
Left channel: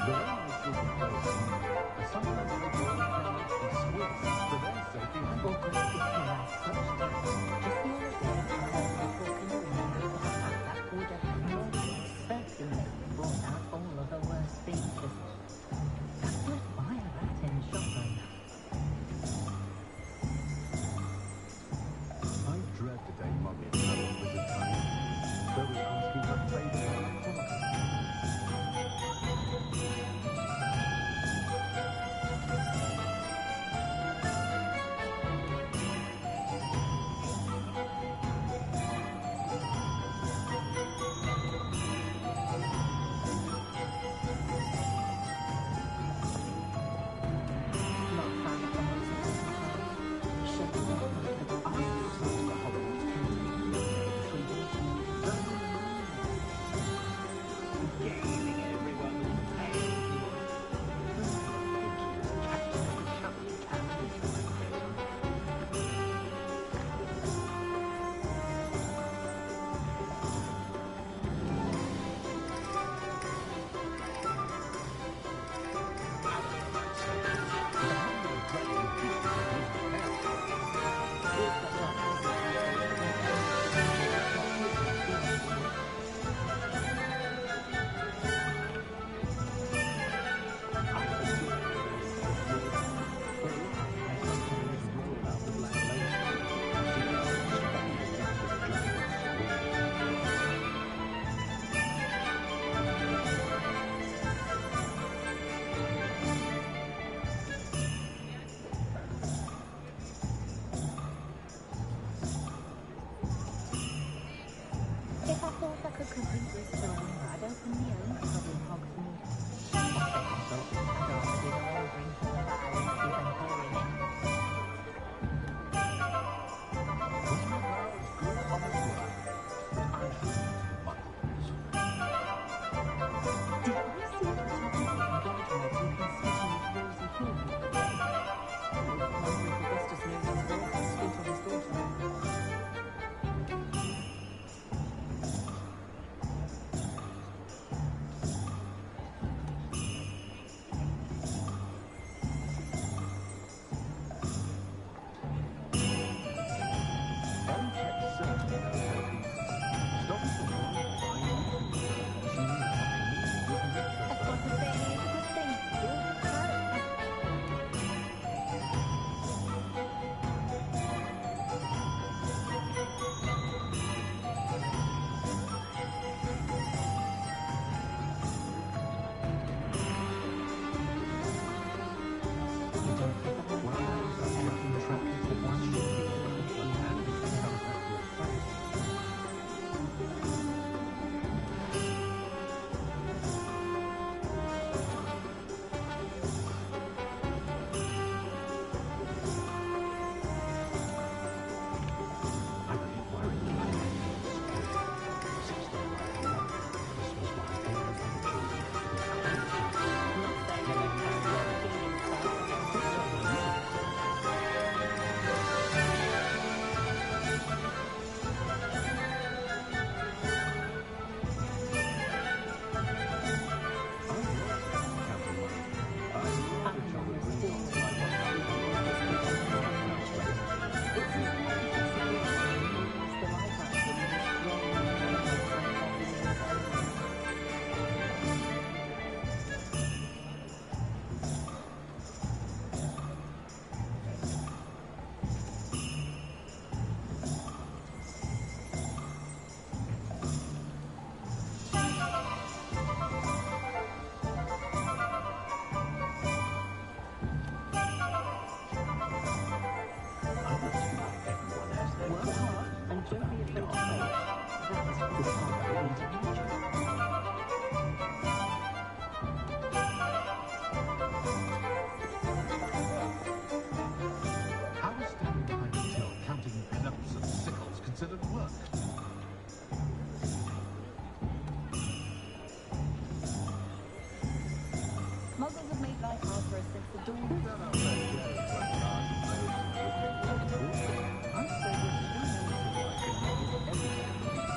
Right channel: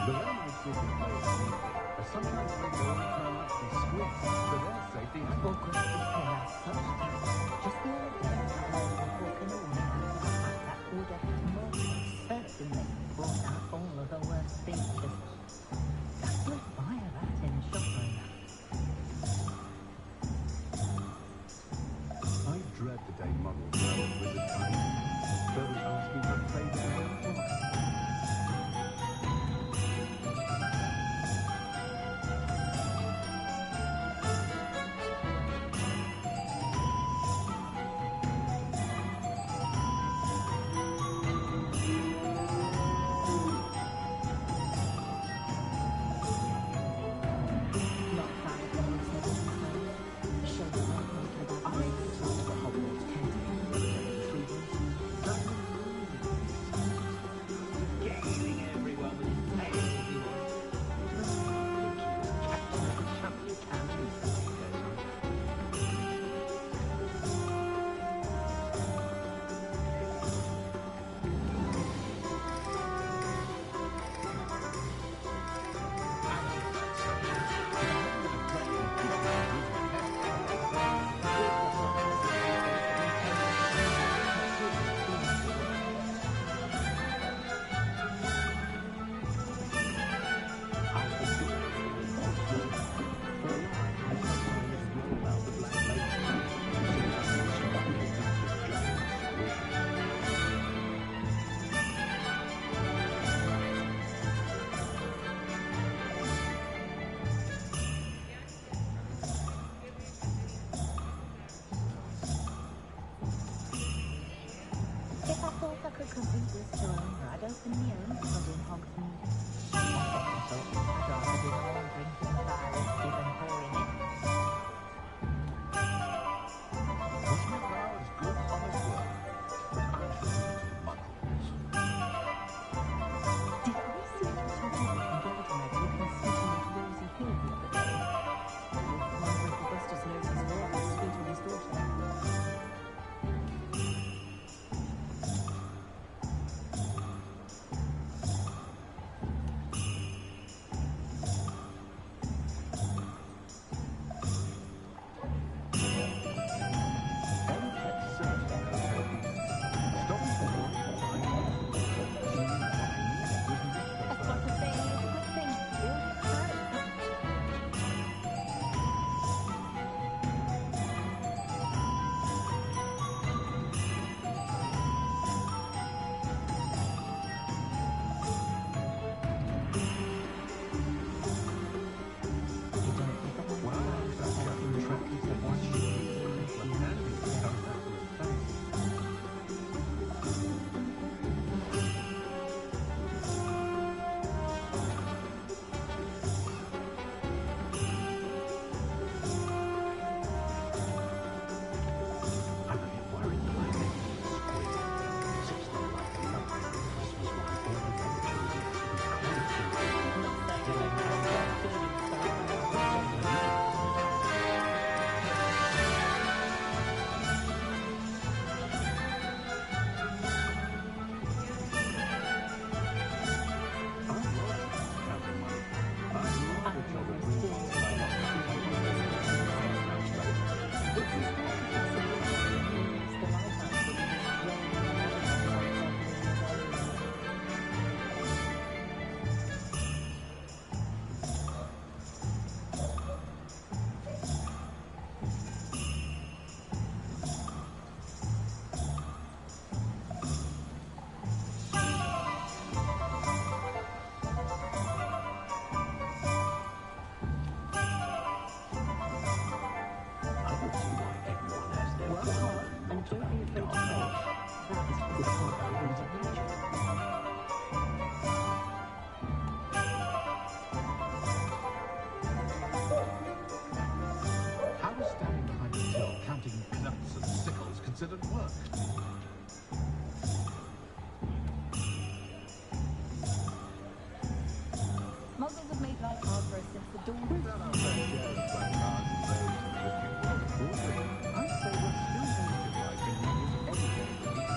The way my children play at evening, I sometimes hope they all turn out to be squids for their safety and Hogwarts is here as such tax. Just the other day, I heard of a book in the way out of a hat that would have most certainly brought out all of the worst features. Got to admire that in Shopland. I dread the day muggles travel wizard time. They'll be asking for favors on the clock. Not a fan of the whole setting myself. Shame they're not making about I saw the Hogwarts canteen the other day, the three doors. That regaling everyone with tales he was. Captain of the Chubbly Cannon is the way it goes on. I don't know about socials, but I haven't been a dragon keeping my blues in my We've got lots of visitors these days, but we I adore living in Hogwarts. For a laugh, I sometimes roll out the black lace. See us studying around the giant squid. If I thought I could compete with Sirona, I'd open my own pub in Hogsmeade. On second thought, I'd rather do my own drinking with our whiskey than pouring it. Cosmic now is good honest work, but I shall leave to the muggles. Did I see it was your people from Gallagher looking sweet like Rosie Hill the other day? I wonder if Augustus knows his work is sweet on his daughter. Ellie kept certainly knows her pieces. Stop me from worrying if I knew who was her. She knew what I needed was a rich That's not a thing, it's a good thing. Build character. You don't think of Well, I was that chap who trapped it at one ship when Andy comes back to a face. I'm a bit worried that my nephew is squid. Sits there like a lump at Christmas while all the other children have to be constantly Not saying I don't carry on feeling sorrow. counting money. I love a job at Green Dots and I want to be It's as hard as possible to use the lighthouse when you just roll in the water outside of the I would see why everyone has their Work hard and don't be afraid to fail. That is good part of reading nature. How is standing behind a till counting nuts and sickles considered work? Muggles have made life hard for us since the dawn of Not our fair share of black cards and roads in the wizarding world, of course, but I say we're still more civilized than muggles any day of the week.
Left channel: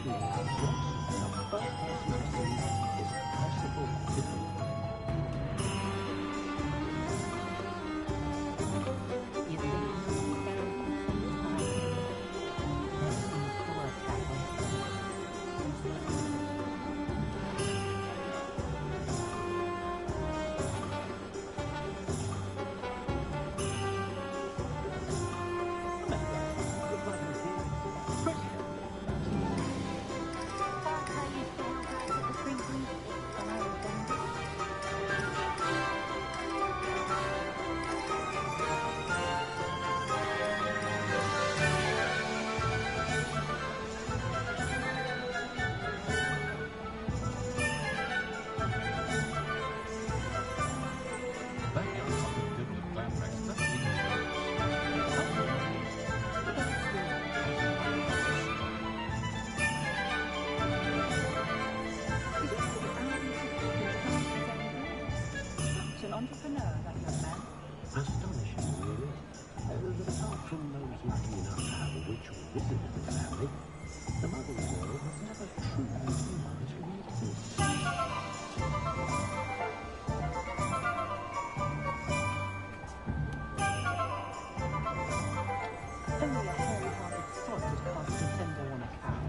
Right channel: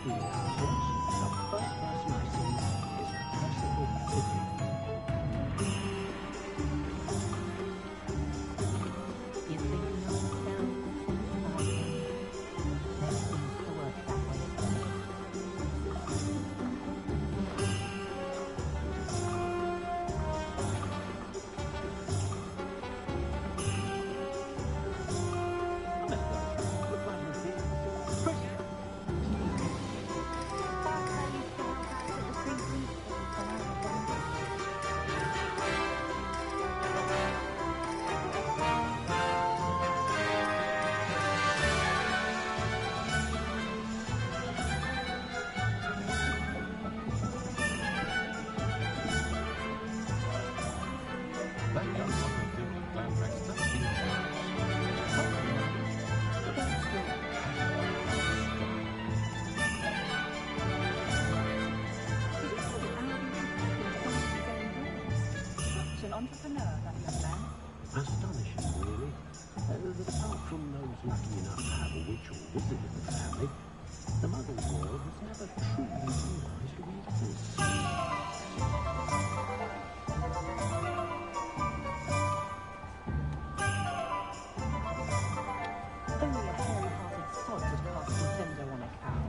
exactly without sorts, the first person I see is Percival Pippin. You think you know the spells and symbols by hand? Never seems to work that way for me. That's how I used to help out at the Three Broomsticks when I was younger. That young fucker dibble at Glamrex, that's in his nose. It's something, but then it still hasn't got enough style. He's really out and designing his own dreams. Such an entrepreneur, that young man. Astonishing, really. That apart from those lucky enough to have a witch or wizard in the family, the muggle world has never truly realised we exist. Only a hairy-hearted sod would cast Nintendo on a cow.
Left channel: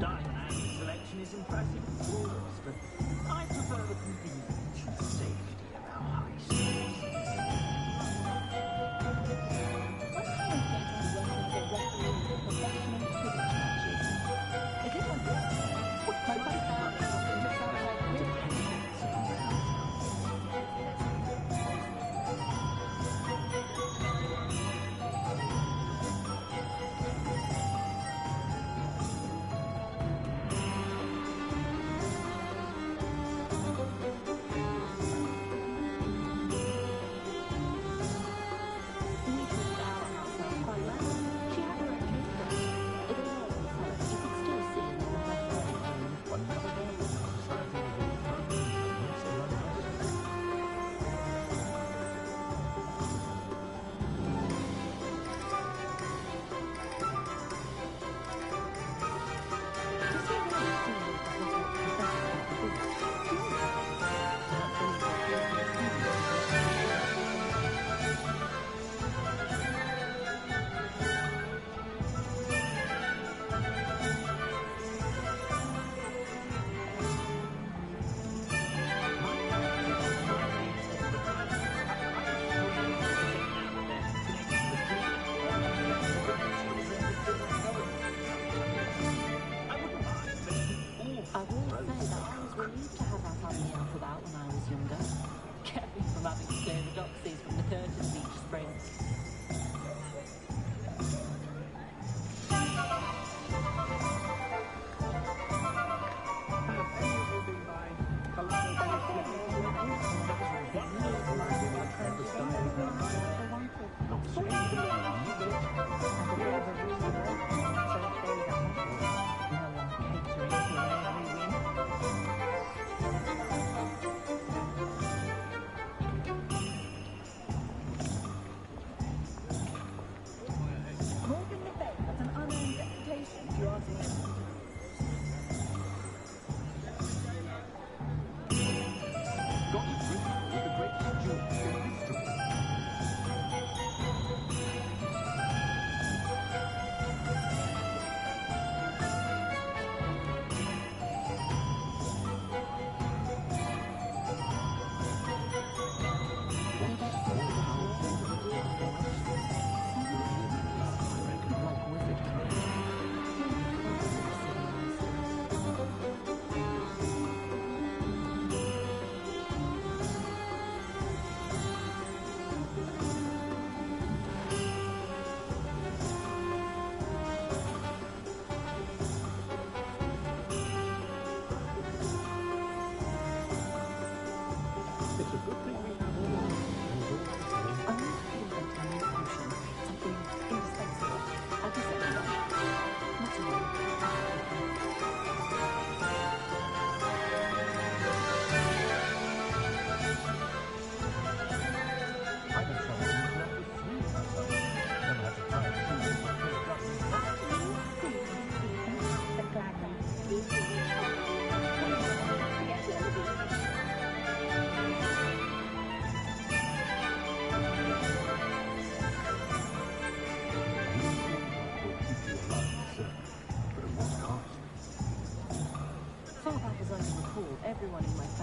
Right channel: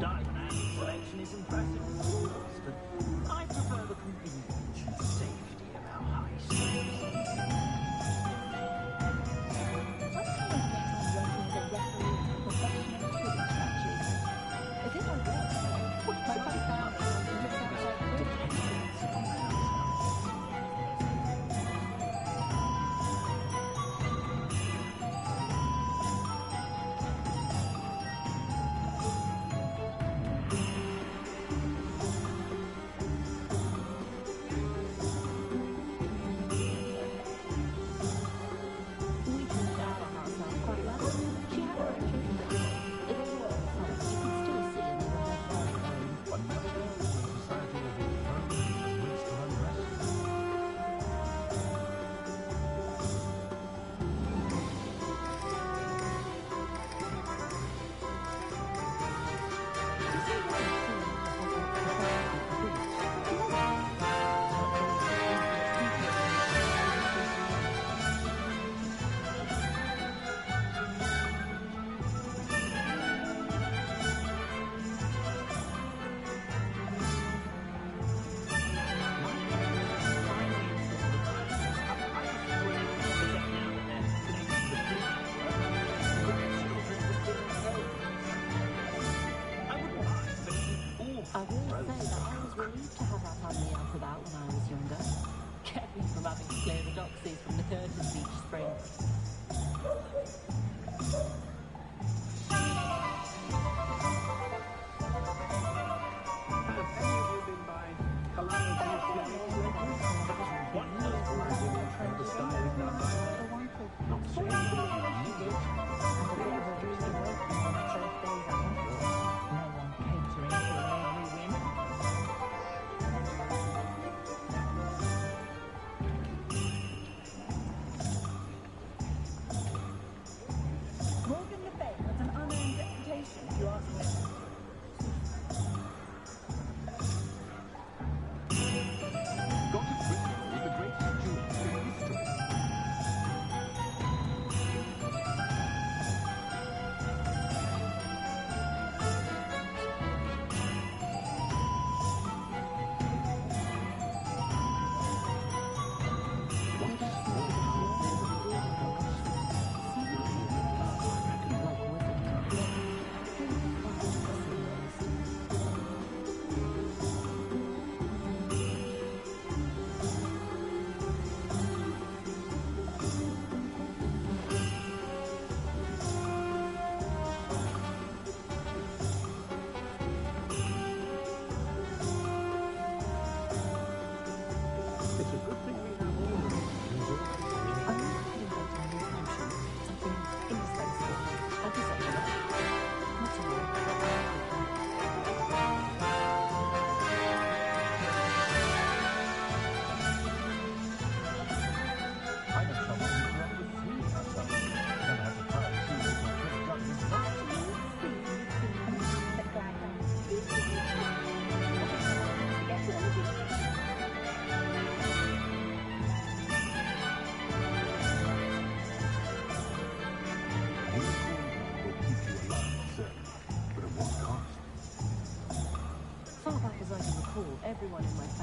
Diamond Alley's selection is impressive, of course, but I prefer the convenience and safety of our high streets. Wonder how we get on working as a referee for professional Quidditch matches. Is it like that? My whole family wants to sound like Quidditch. Depends upon the house elves. We treated our house elf quite well. She had her own children. They were all sons you could still see and they were her very own. One never knows when society will be thrown in the midst of unrest. Does he really see the Hogwarts professors at the village? Do you know? Not only the previous students in I will say that I was relieved to have our family elf about when I was younger. Kept me from having to clear the doxies from the curtains each spring. Have any of you been by Hogwarts Legacy? That's wonderful. The style is done by not saying anything new. And a bit of a rude awakening on the first days at Hogwarts. No one catering to every whim. Morgan Le Fay has an unearned reputation, if you ask me. Godric Gryffindor was the greatest duelist in history. Like wizard kind. It's a good thing we have all of this, and all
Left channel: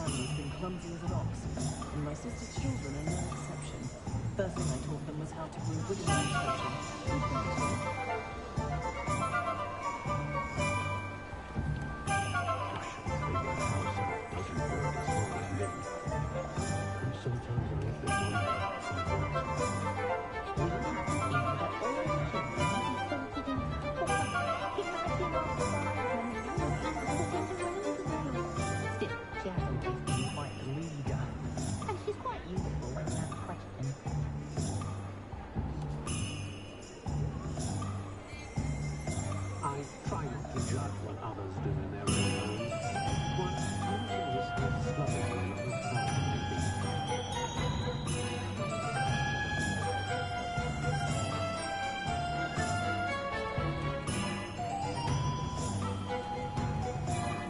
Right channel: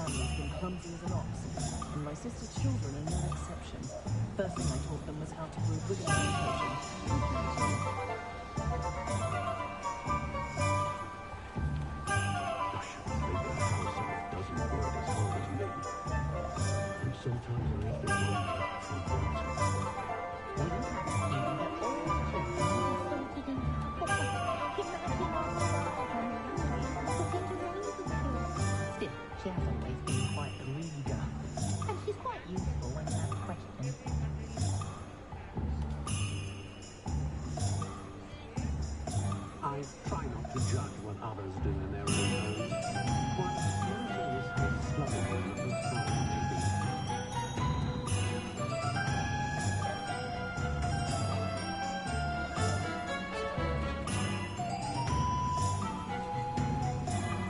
family's been clumsy as an ox, and my sister's children are no exception. First thing I taught them was how to brew wiggling potion. Good thing too. I shouldn't think that house elf doesn't work as hard as me. And sometimes I have to wonder from what. We have assumed that all the children will be sorted in proper. Imagine all the lives when the youngest was put into rows of schools. Still, she has always been quite a reader. And she's quite useful when you have a question. I try not to judge what others do in their own homes. One never knows how slovenly another's father may be.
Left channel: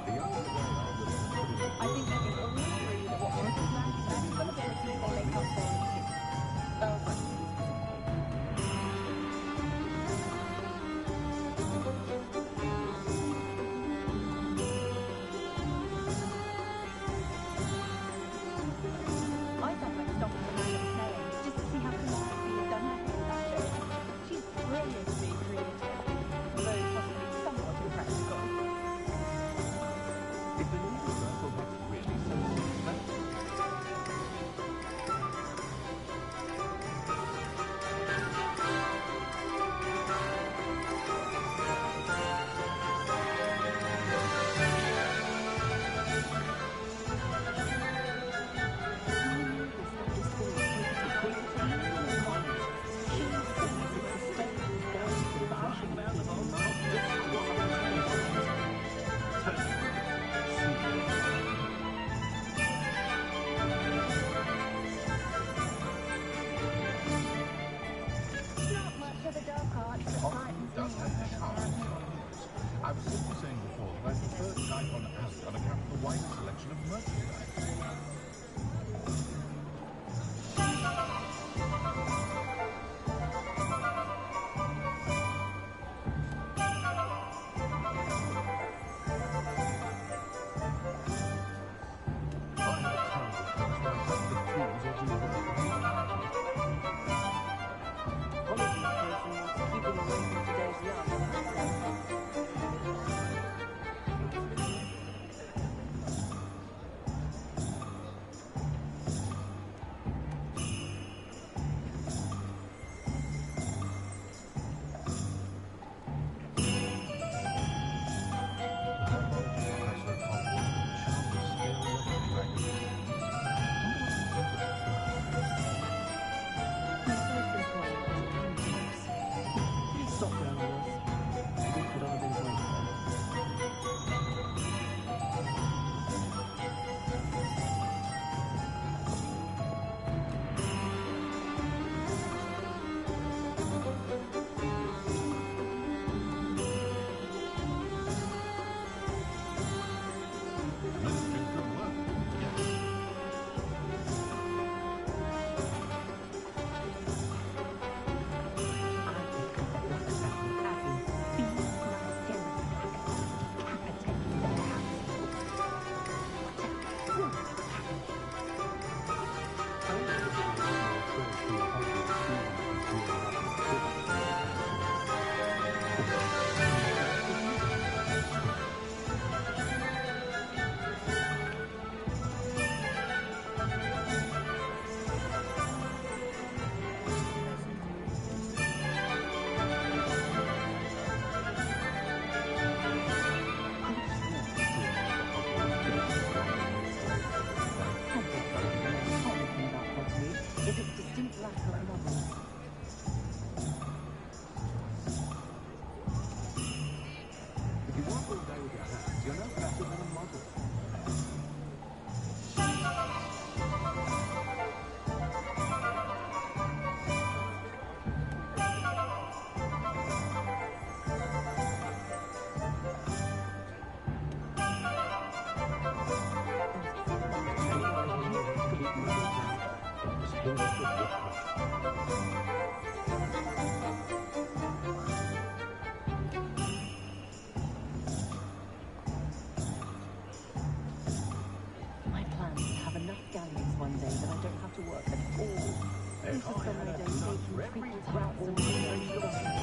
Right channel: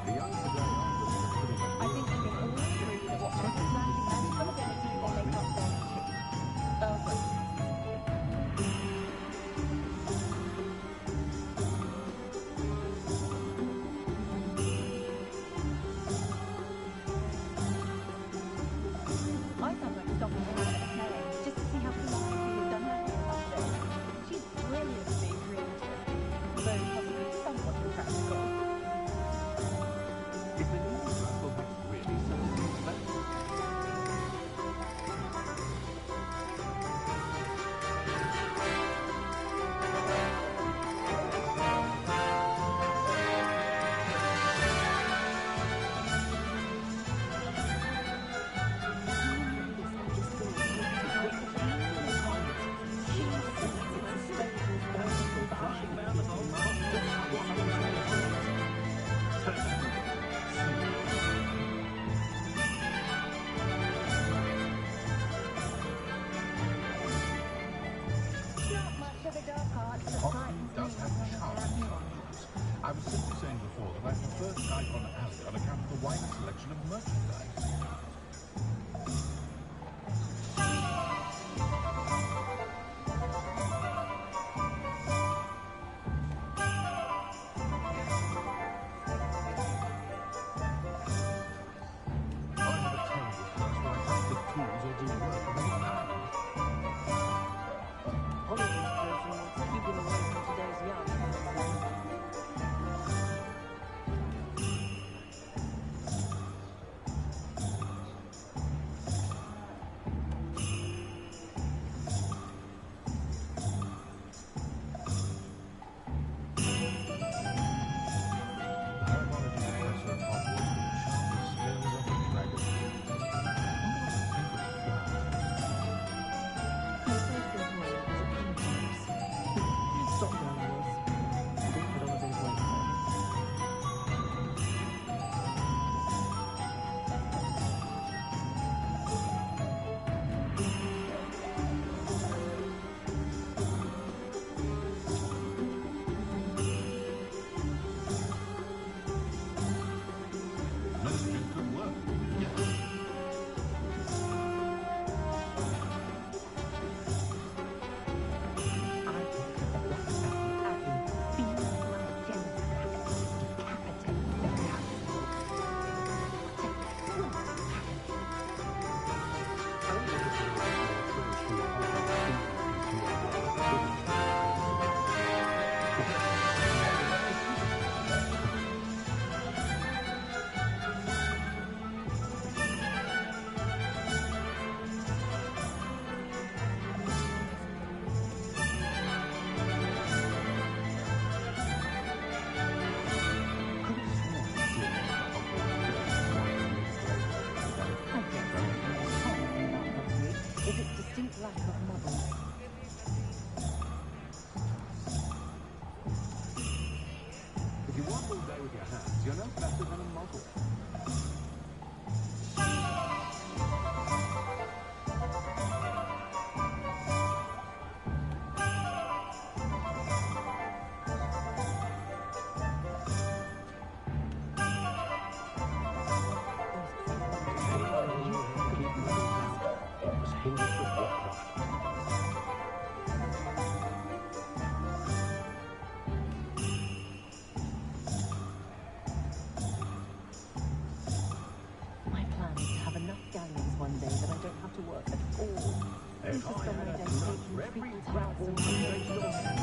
The young today are willing to put in a I think we can all agree that what Mrs. lacking magical abilities they make up for in tea. Earl Grey. I sometimes stop at the Madam Snelling's just to see how Calliope has done her hair that day. She's brilliantly creative, though possibly somewhat impractical. Is the new Russell hat really so suspect? Not much of a dark art, but Hogsmeade does have charming characters. I was simply saying before that I prefer Skypon Alley on account of the wider selection of merchandise. I have a terrible thirst when I touch the tools or do work of any kind. Oliver's person wants to keep him away from today's young, so... The herbology professor at Hogwarts can charm the scales of a dragon. Wonder what her favorite flower is. My first employer was a pancakes. Stock girl I was. I did put on a bit of weight though. Ministry's good work, yes. I think there's a lot more trace from the Hogwarts students who's here about the Quidditch than I guess the most common thing about Hogsmeade is its distinct lack of muggles. If you work all day with your hands, you're no better than a muggle. My plan If I had a nut for every grapple based on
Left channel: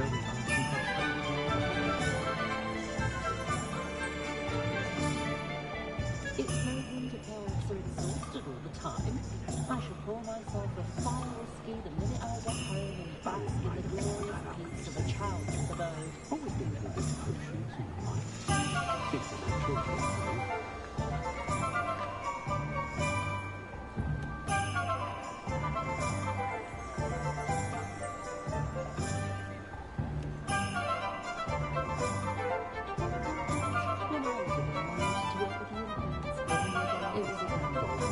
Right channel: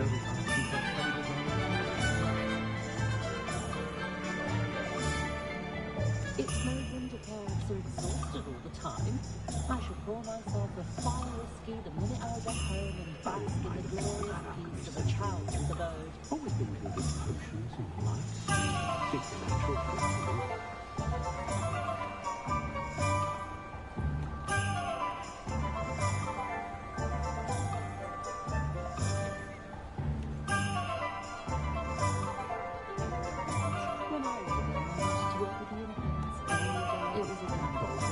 They'll be asking for favors on the It's no wonder parents are exhausted all the time. I shall pour myself a fire whiskey the minute I get home and bask in the glorious peace of a child's abode. Always been good at potions and the like. It's a natural thing to do. When I was a girl, I wanted to work with the infants. It was a gamble.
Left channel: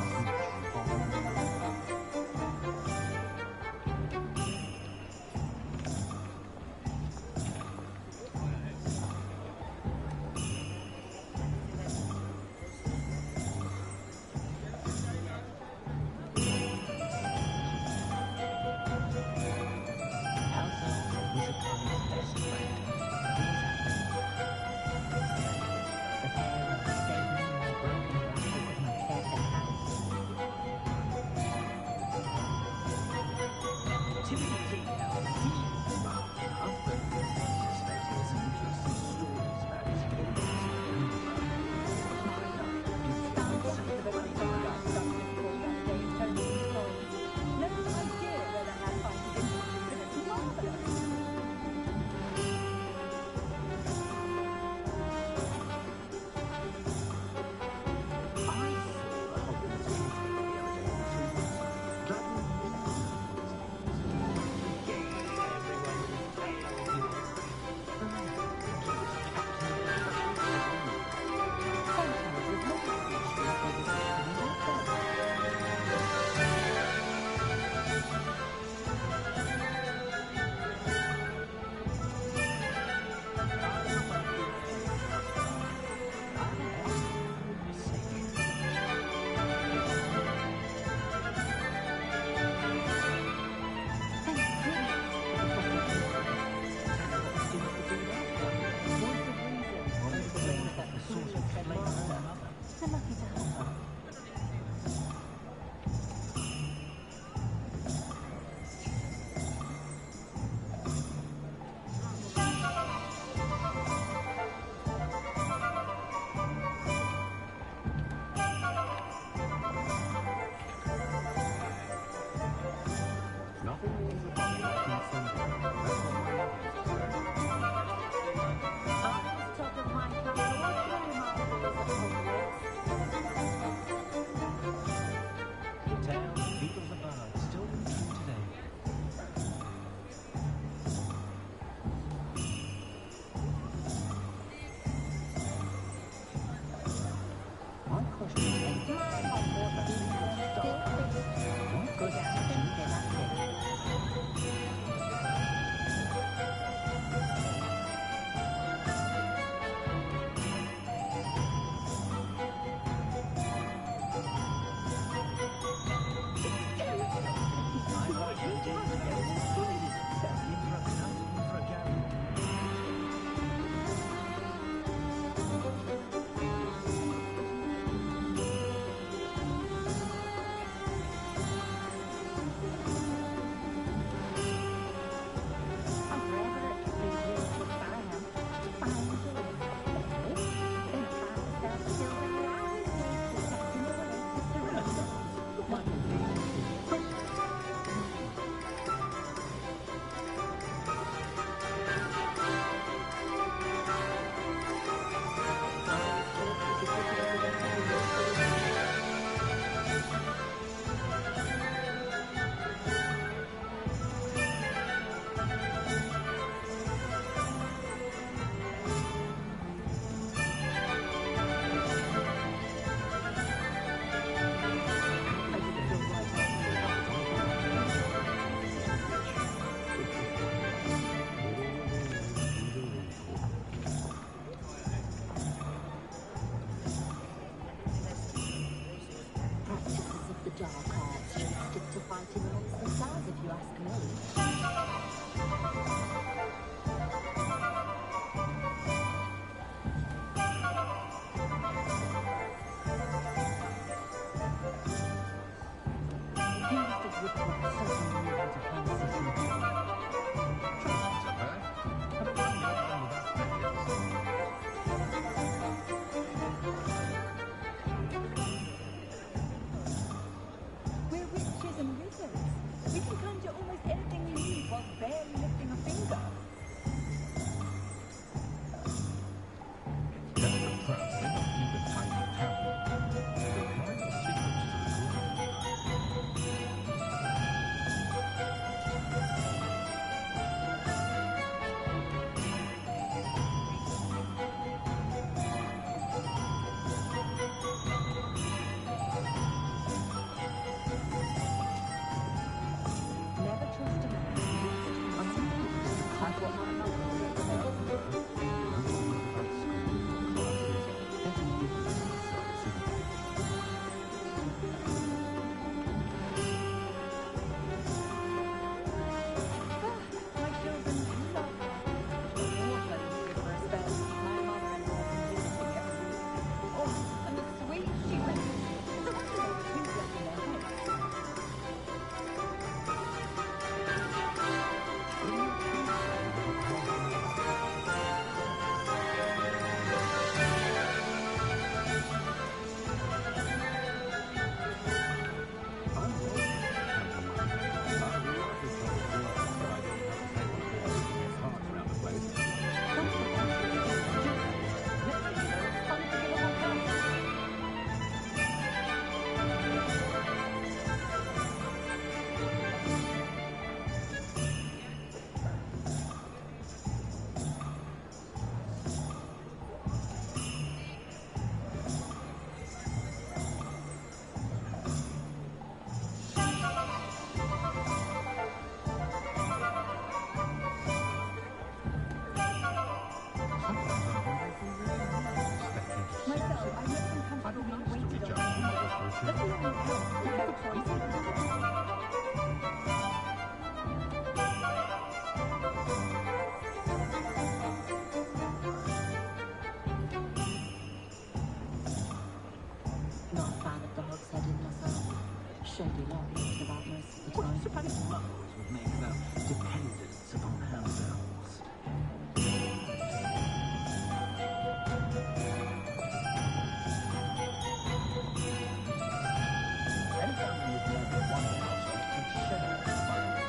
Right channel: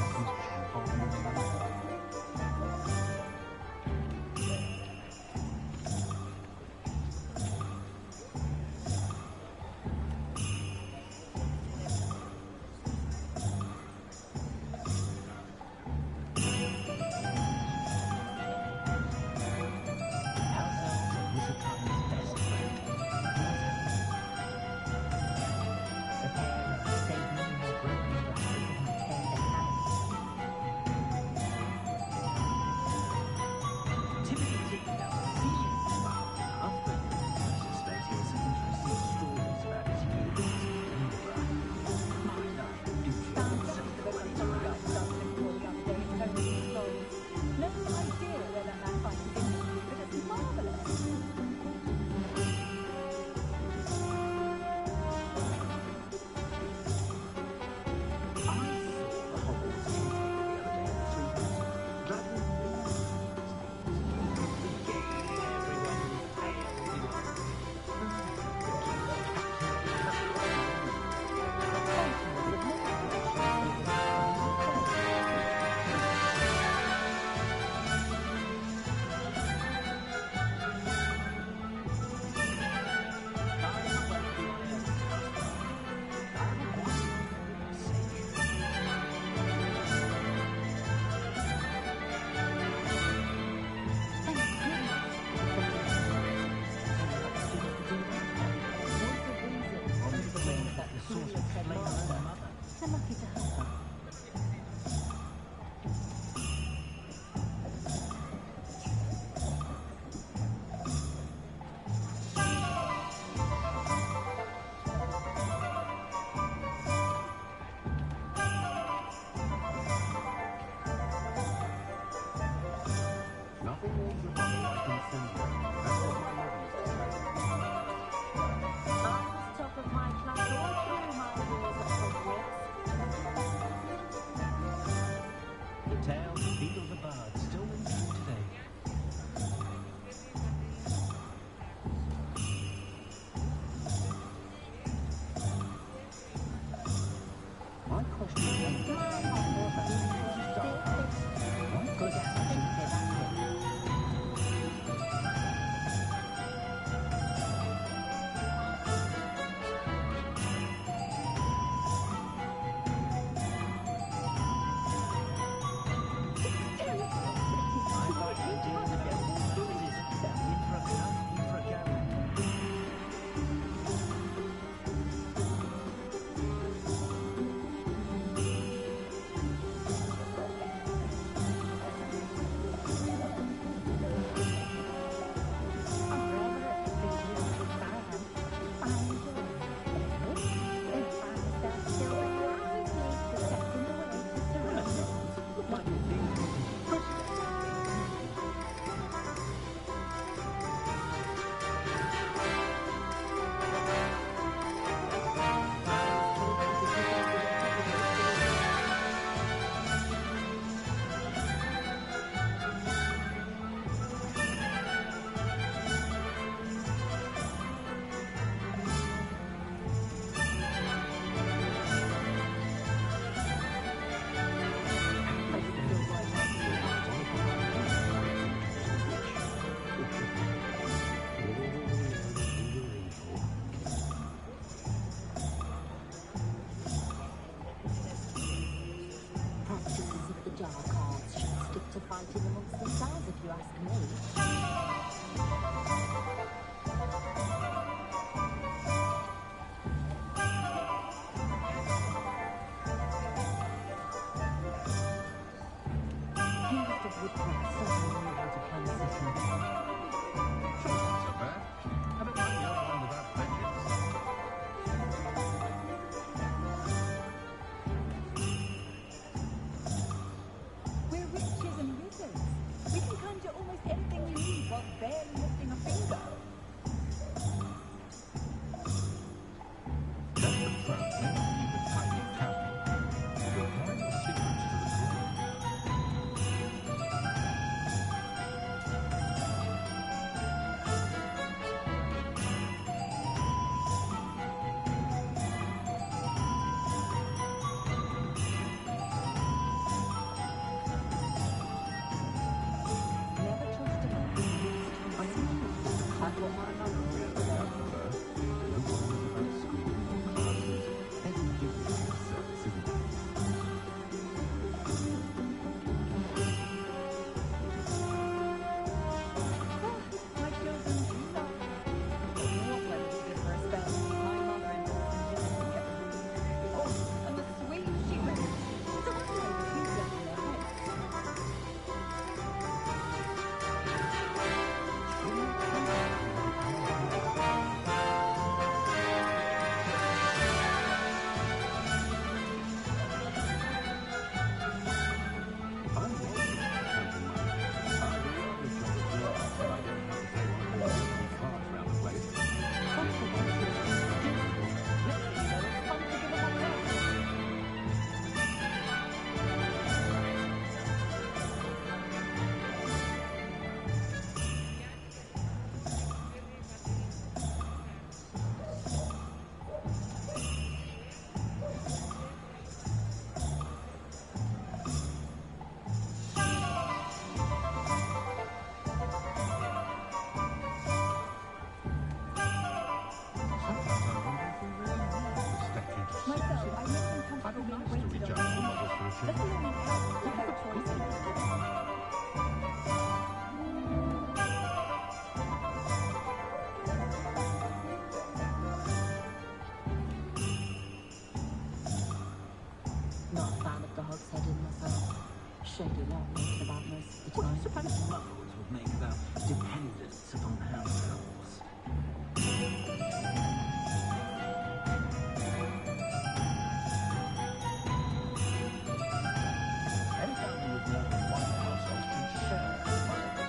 House elves are Wizardtime's best friend. Always have been. The pair have saved many more broken glasses than I care to count. Timothy Tiggnell seems smart enough, but I suspect he has some interesting stories about his years in Edinburgh. My life do feel safe when he's around. No idea where that man finds his industry, but it's marvellous. I saw the Hogwarts caretaker the other day in the Three Roses, dragging regaling everyone with his tales he was. Sometimes with more issues, they just come in They're lucky to have her. Nothing warms the body like incendiary. That's what my mother used to say. I was top of my class all through my years at Hogwarts. The tales of Beetle the Bard still ring true today. My question is, why Go down and think that's it. I like the idea of the devil quizzes. In for a cut, in for a gallon. I'm forever at the three hills, which I am. I enjoy my family. Then I find myself still where I was made to chatting away to surround. Like a big Practices of the dark arts should stick to fighting amongst themselves, if you ask me. He was the woodcock certainly knew how to plan a city. Chances are bad. I'd be nice to reach out to mothers for a change. Not a fan of the Hogshead in myself. Shady lot thinking about most of the Well, I time. suppose muggles would make about dependence upon house elves. Any family with more than one household should share a muggle.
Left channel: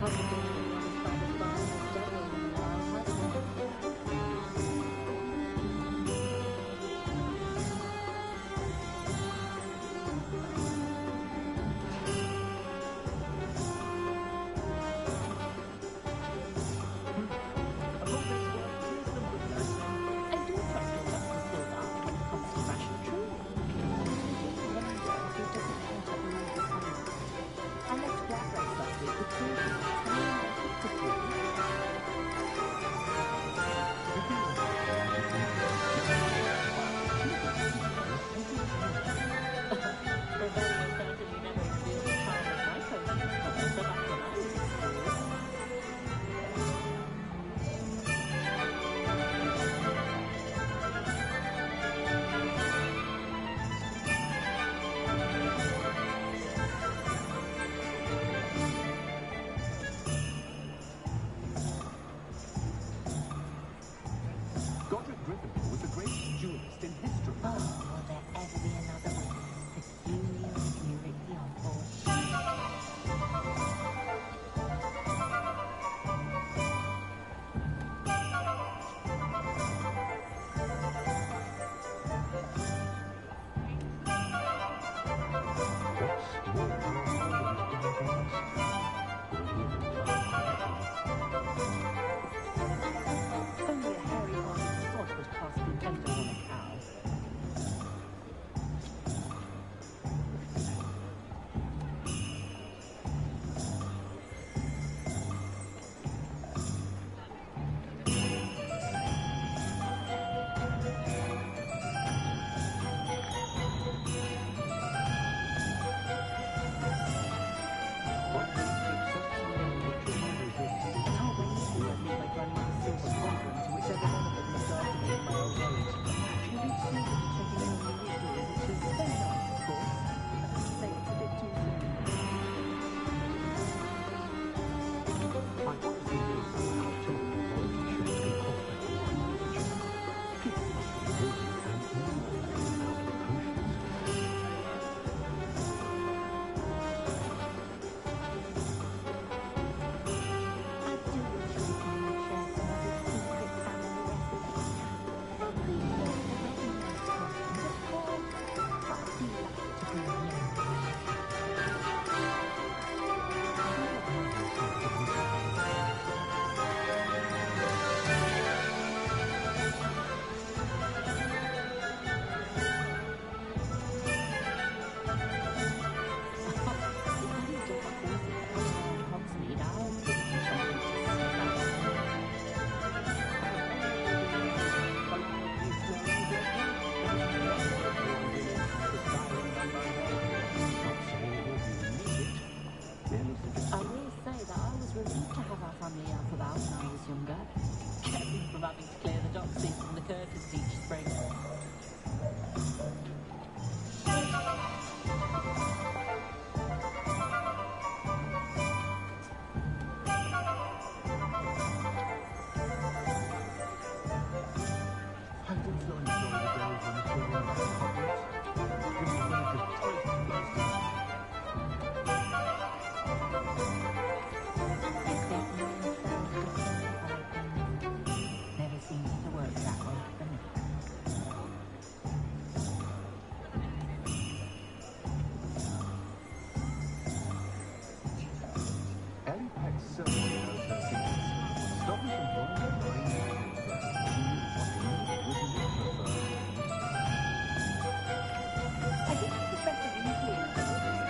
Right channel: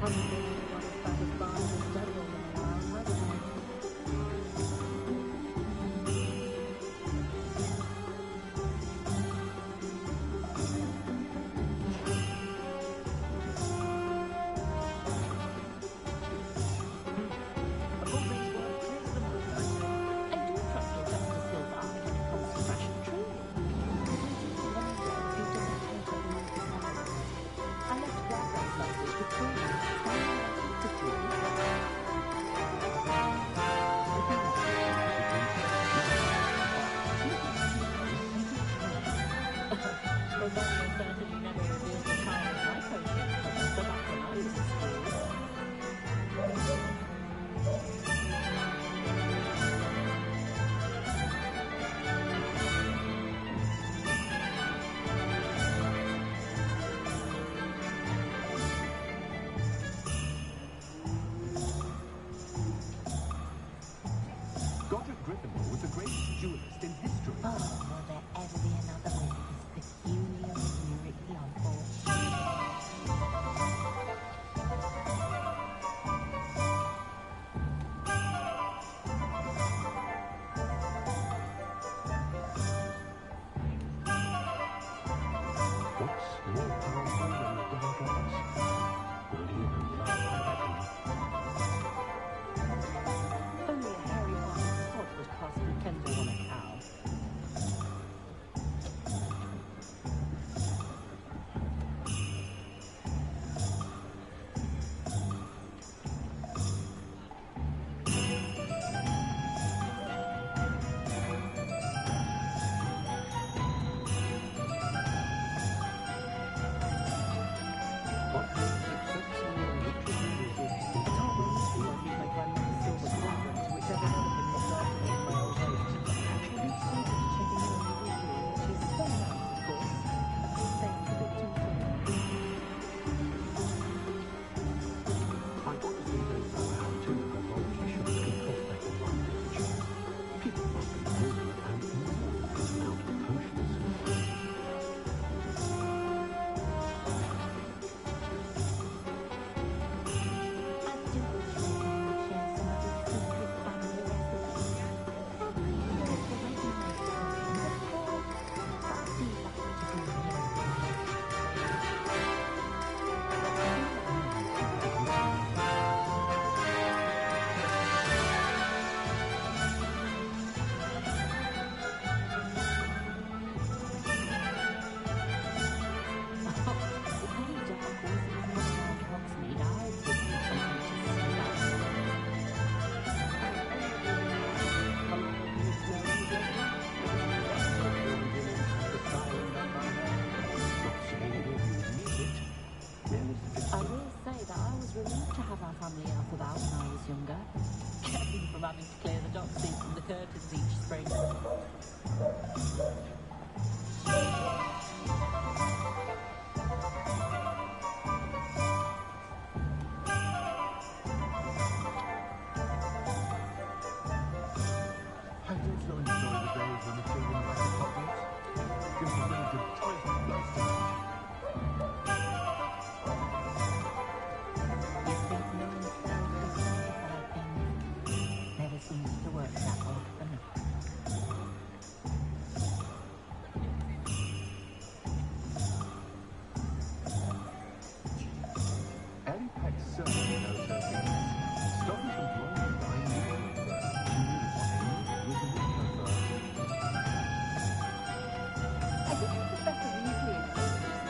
Haven't been anyone as bad as Barnes as Devil in a while, have they? Of all those work, clears the mind, I say. I do trust your Justice Gildard when it comes to fashion, truly. But I do wonder if he doesn't care to own the style. I left Gladwell's last week with children, telling them I picked a few. Rosario certainly never revealed the charm of my potion cover, so back when I was in school. Godric Gryffindor was the greatest duelist in history. Oh, will there ever be another wizard as peculiar as Uric the Uncle? What's more powerful than the dark arts? Will even love, I reckon. Only a hairy-hearted sod would cast Nintendo on a cow. What makes successful ritual wizards is I can't wait to leave my grandmother's silver cauldron to whichever one of them looked after me in my old age. I don't see them checking in on me weekly, which is very nice, of course. I can't say it's a bit too soon. I honestly don't know how two pathology shots can cross back in one age. People must be really and enormously out of potions. I do wish my mum would share some of his secret family recipes. I appreciate the ready-made potions, of course, but I'd be lucky to bring my own when I can. If any dark wizards come around Hogsmeade, I'll give them something to sniff at. I will say that I was relieved to have our family elf about when I was younger. Kept me from having to clear the doxies from the curtains each spring. I also enjoy the days when the children back at Hogwarts. Gives the village a tight burst of energy. You think knowing spells to sanctify things never seems to work that way for me. Ellie Peck certainly knows her things. Stop me from drawing a line neutral firm. She knew what a neat was a literature firm. I think I prefer Weasley in Hogwarts.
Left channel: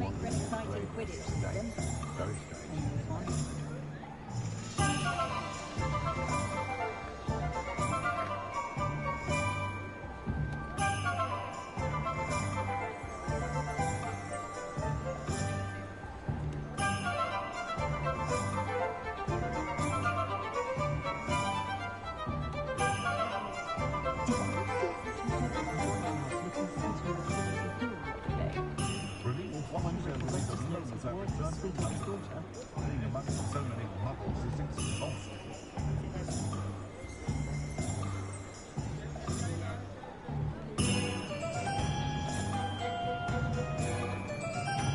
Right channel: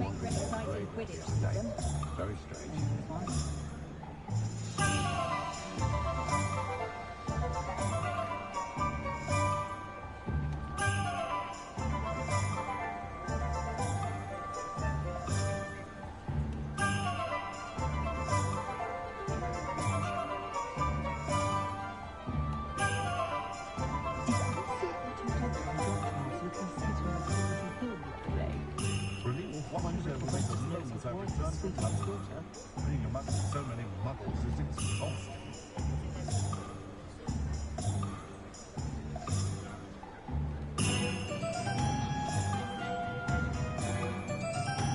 make for an exciting Quidditch system. Very strange. And there's one. Moments I've returned from London. Being amongst so many muggles is exhausting.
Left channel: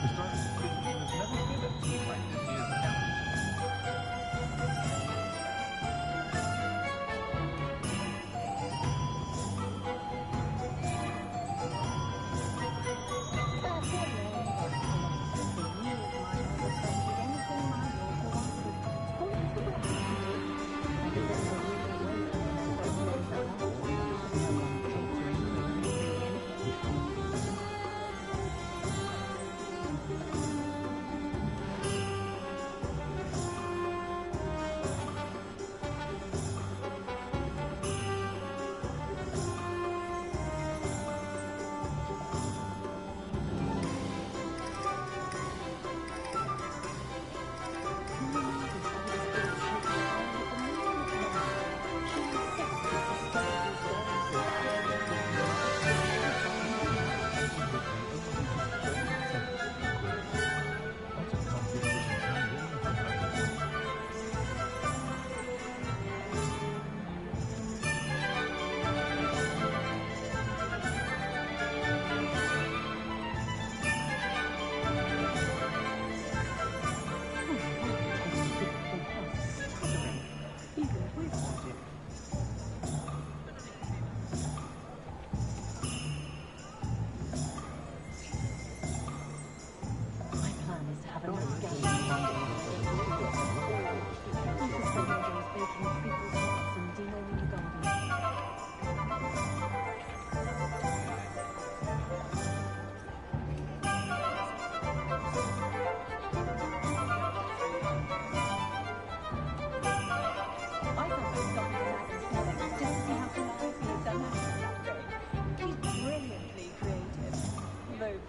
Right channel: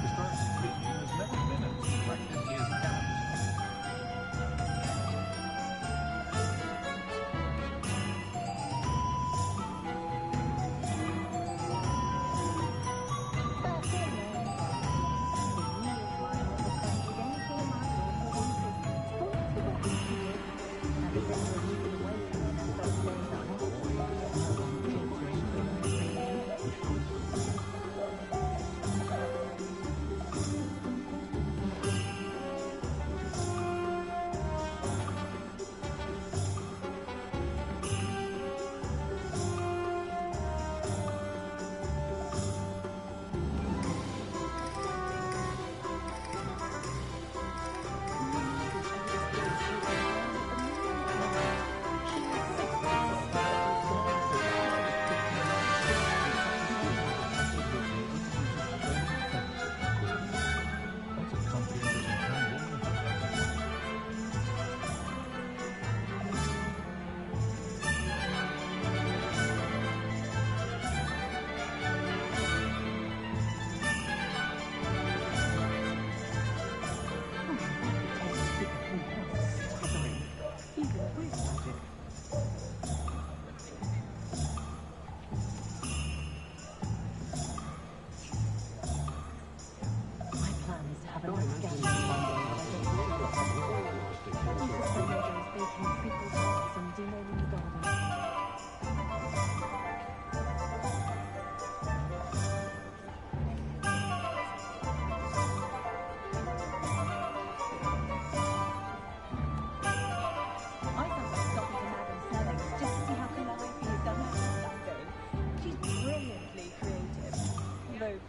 Historically speaking, there's never been a team like this year's talent.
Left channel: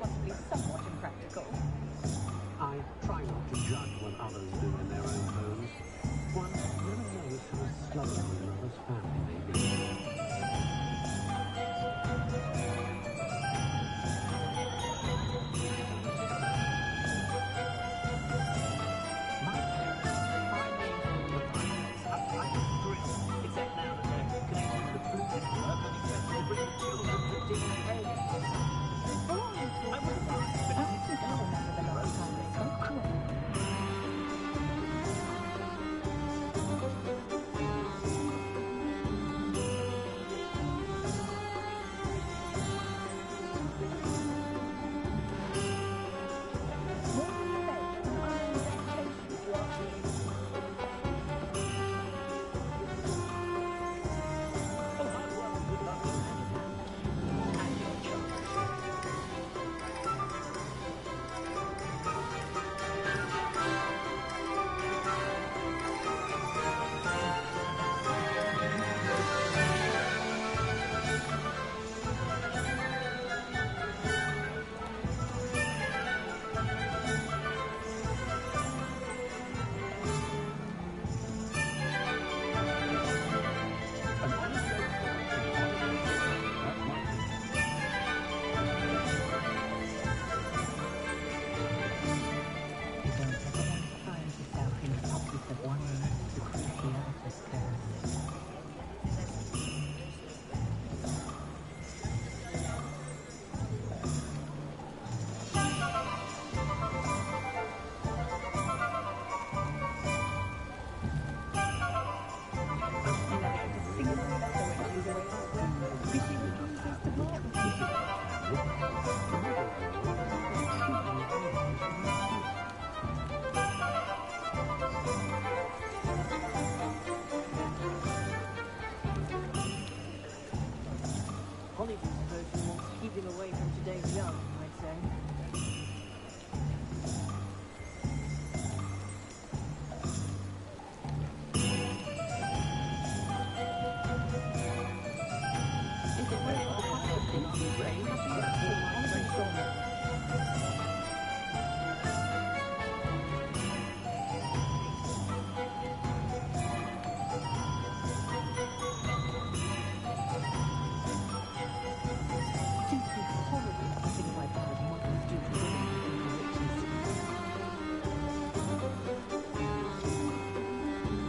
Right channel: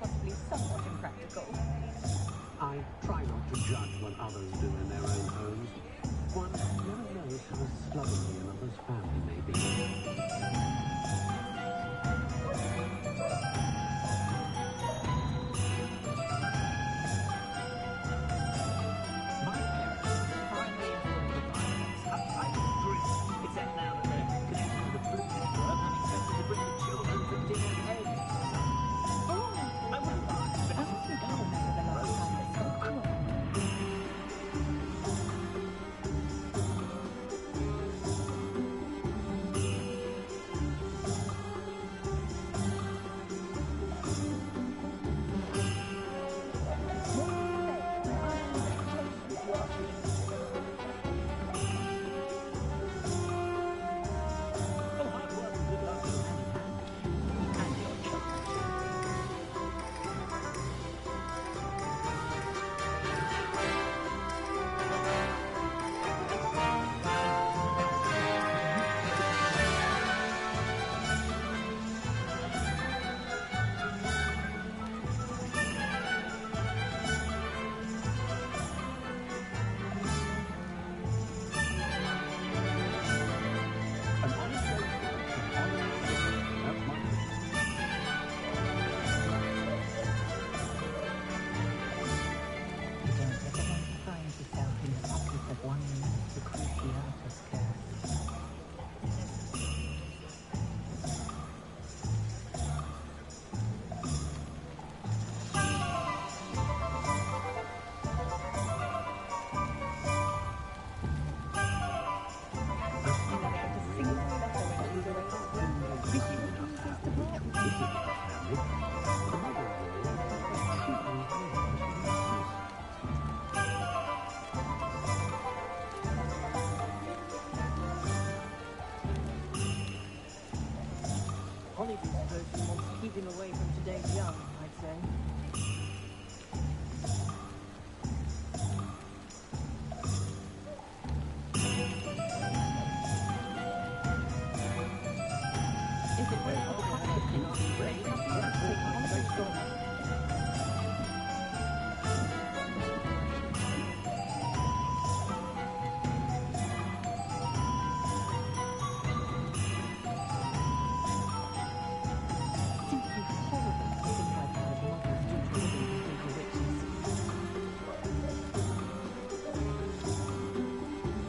Possibly somewhat impractical. I try not to judge what others do in their own homes. One never knows how slovenly another's family may be. My parents finally installed the fireplace. I was thrilled, except now that they're connected to the food network, I'm expected to bring the children for dinner eggs. I wouldn't mind, but I don't think I remember the last time I spoke to her.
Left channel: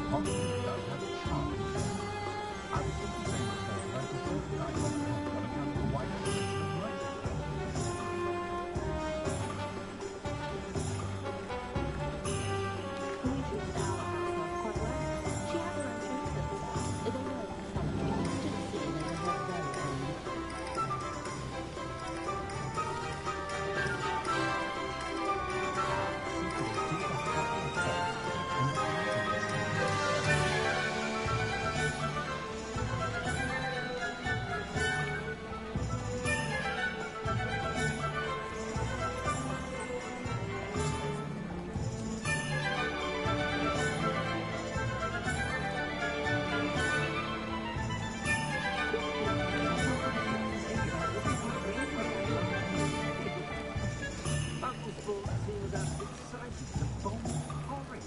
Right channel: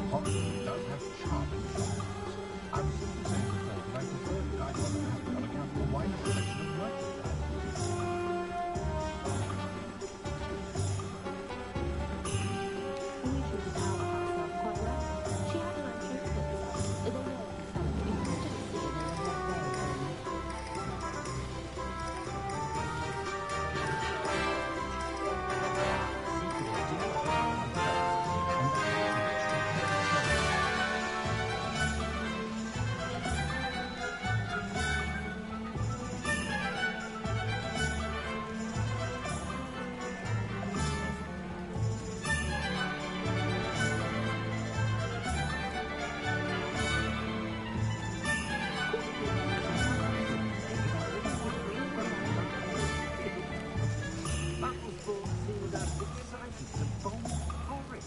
Hogwarts does have charming charms. I was simply saying before that I prefer Diagon and Abbey on account of the wide selection of merchandise. We treated our house elf quite well. She had her own trinkets. They were selling, but you can still see they were her very own. Secrets do have high cost, and the reasons take care of themselves. Buckles bought seemed as excited as a bowl of porridge.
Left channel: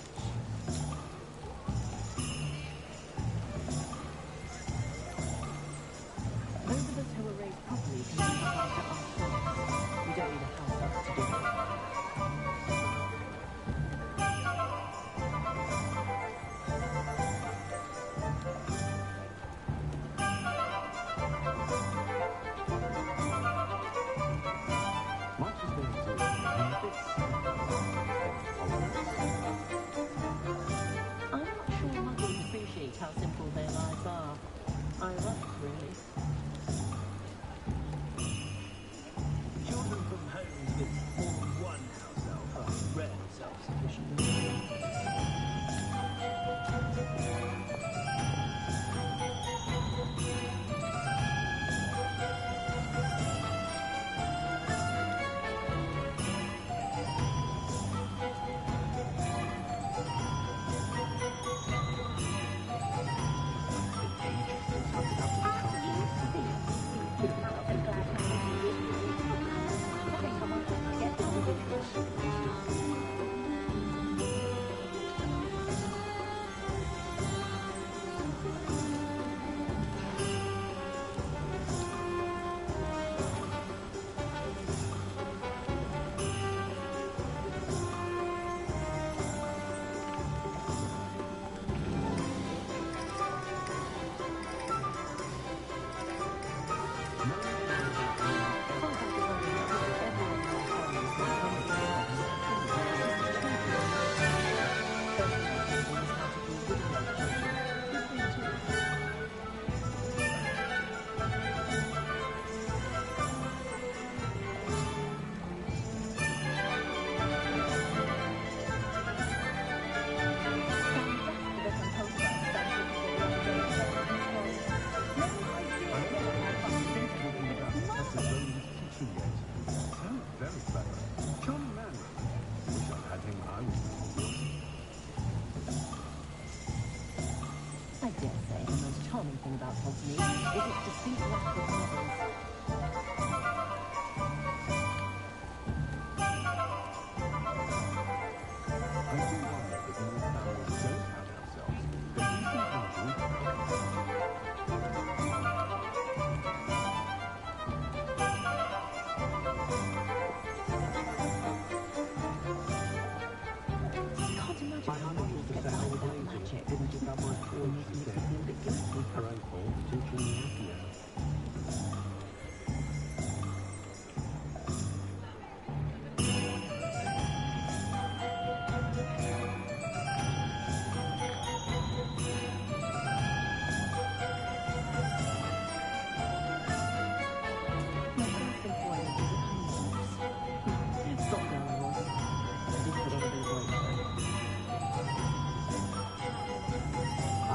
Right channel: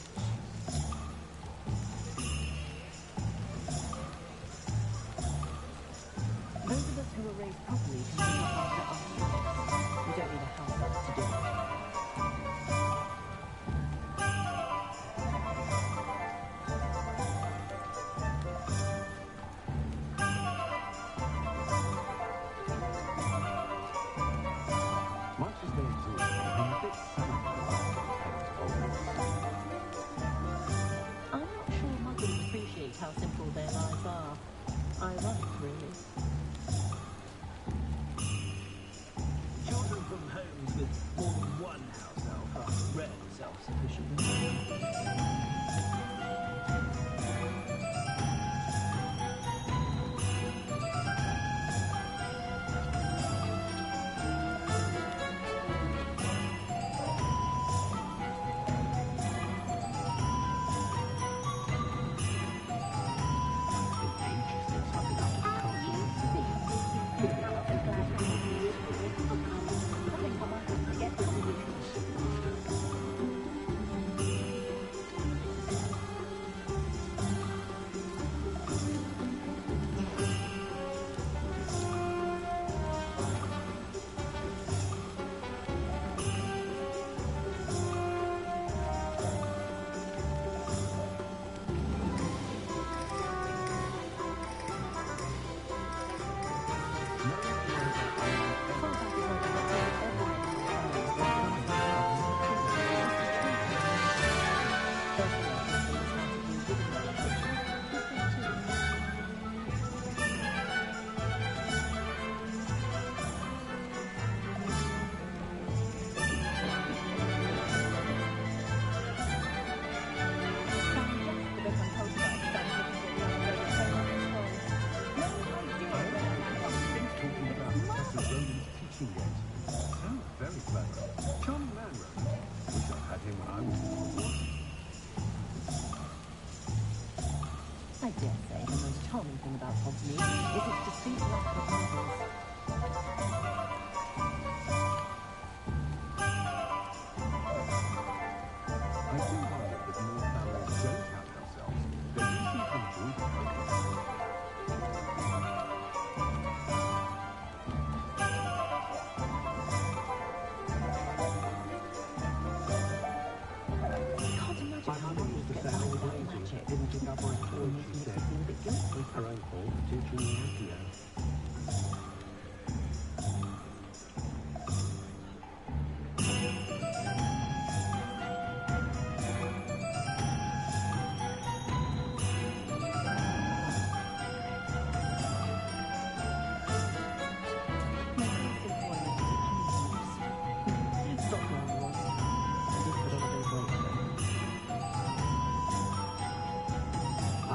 Those of us who were raised properly can look after ourselves. We don't need a house elf to do it. Much as they exhaust me, I'm a bit sad about things Hogwarts. I'm not sure muggles appreciate how simple their lives are. Ironic, really. Children from homes with more than one house elf are rarely self-sufficient. It's been ages since I've been up to the castle myself. It'd be lovely to visit Hogwarts. I think I might have to get the original. teaching games. Sounds very clever. Charming man, Roland. Wish I'd had him when I was in Hogwarts. I dare say the most charming thing about Hogsmeade is its distinct lack of novels. I do wonder that more families don't have house elves. They do seem to enjoy them. Can't imagine My how mother muggles used to get say by I was without lazy. magic. Didn't pick up my fork, she Makes said. me feel a bit guilty. Her own fault for teaching me Accio. My first employment was at Home's. Stop girl I was. I did put on a bit of weight though.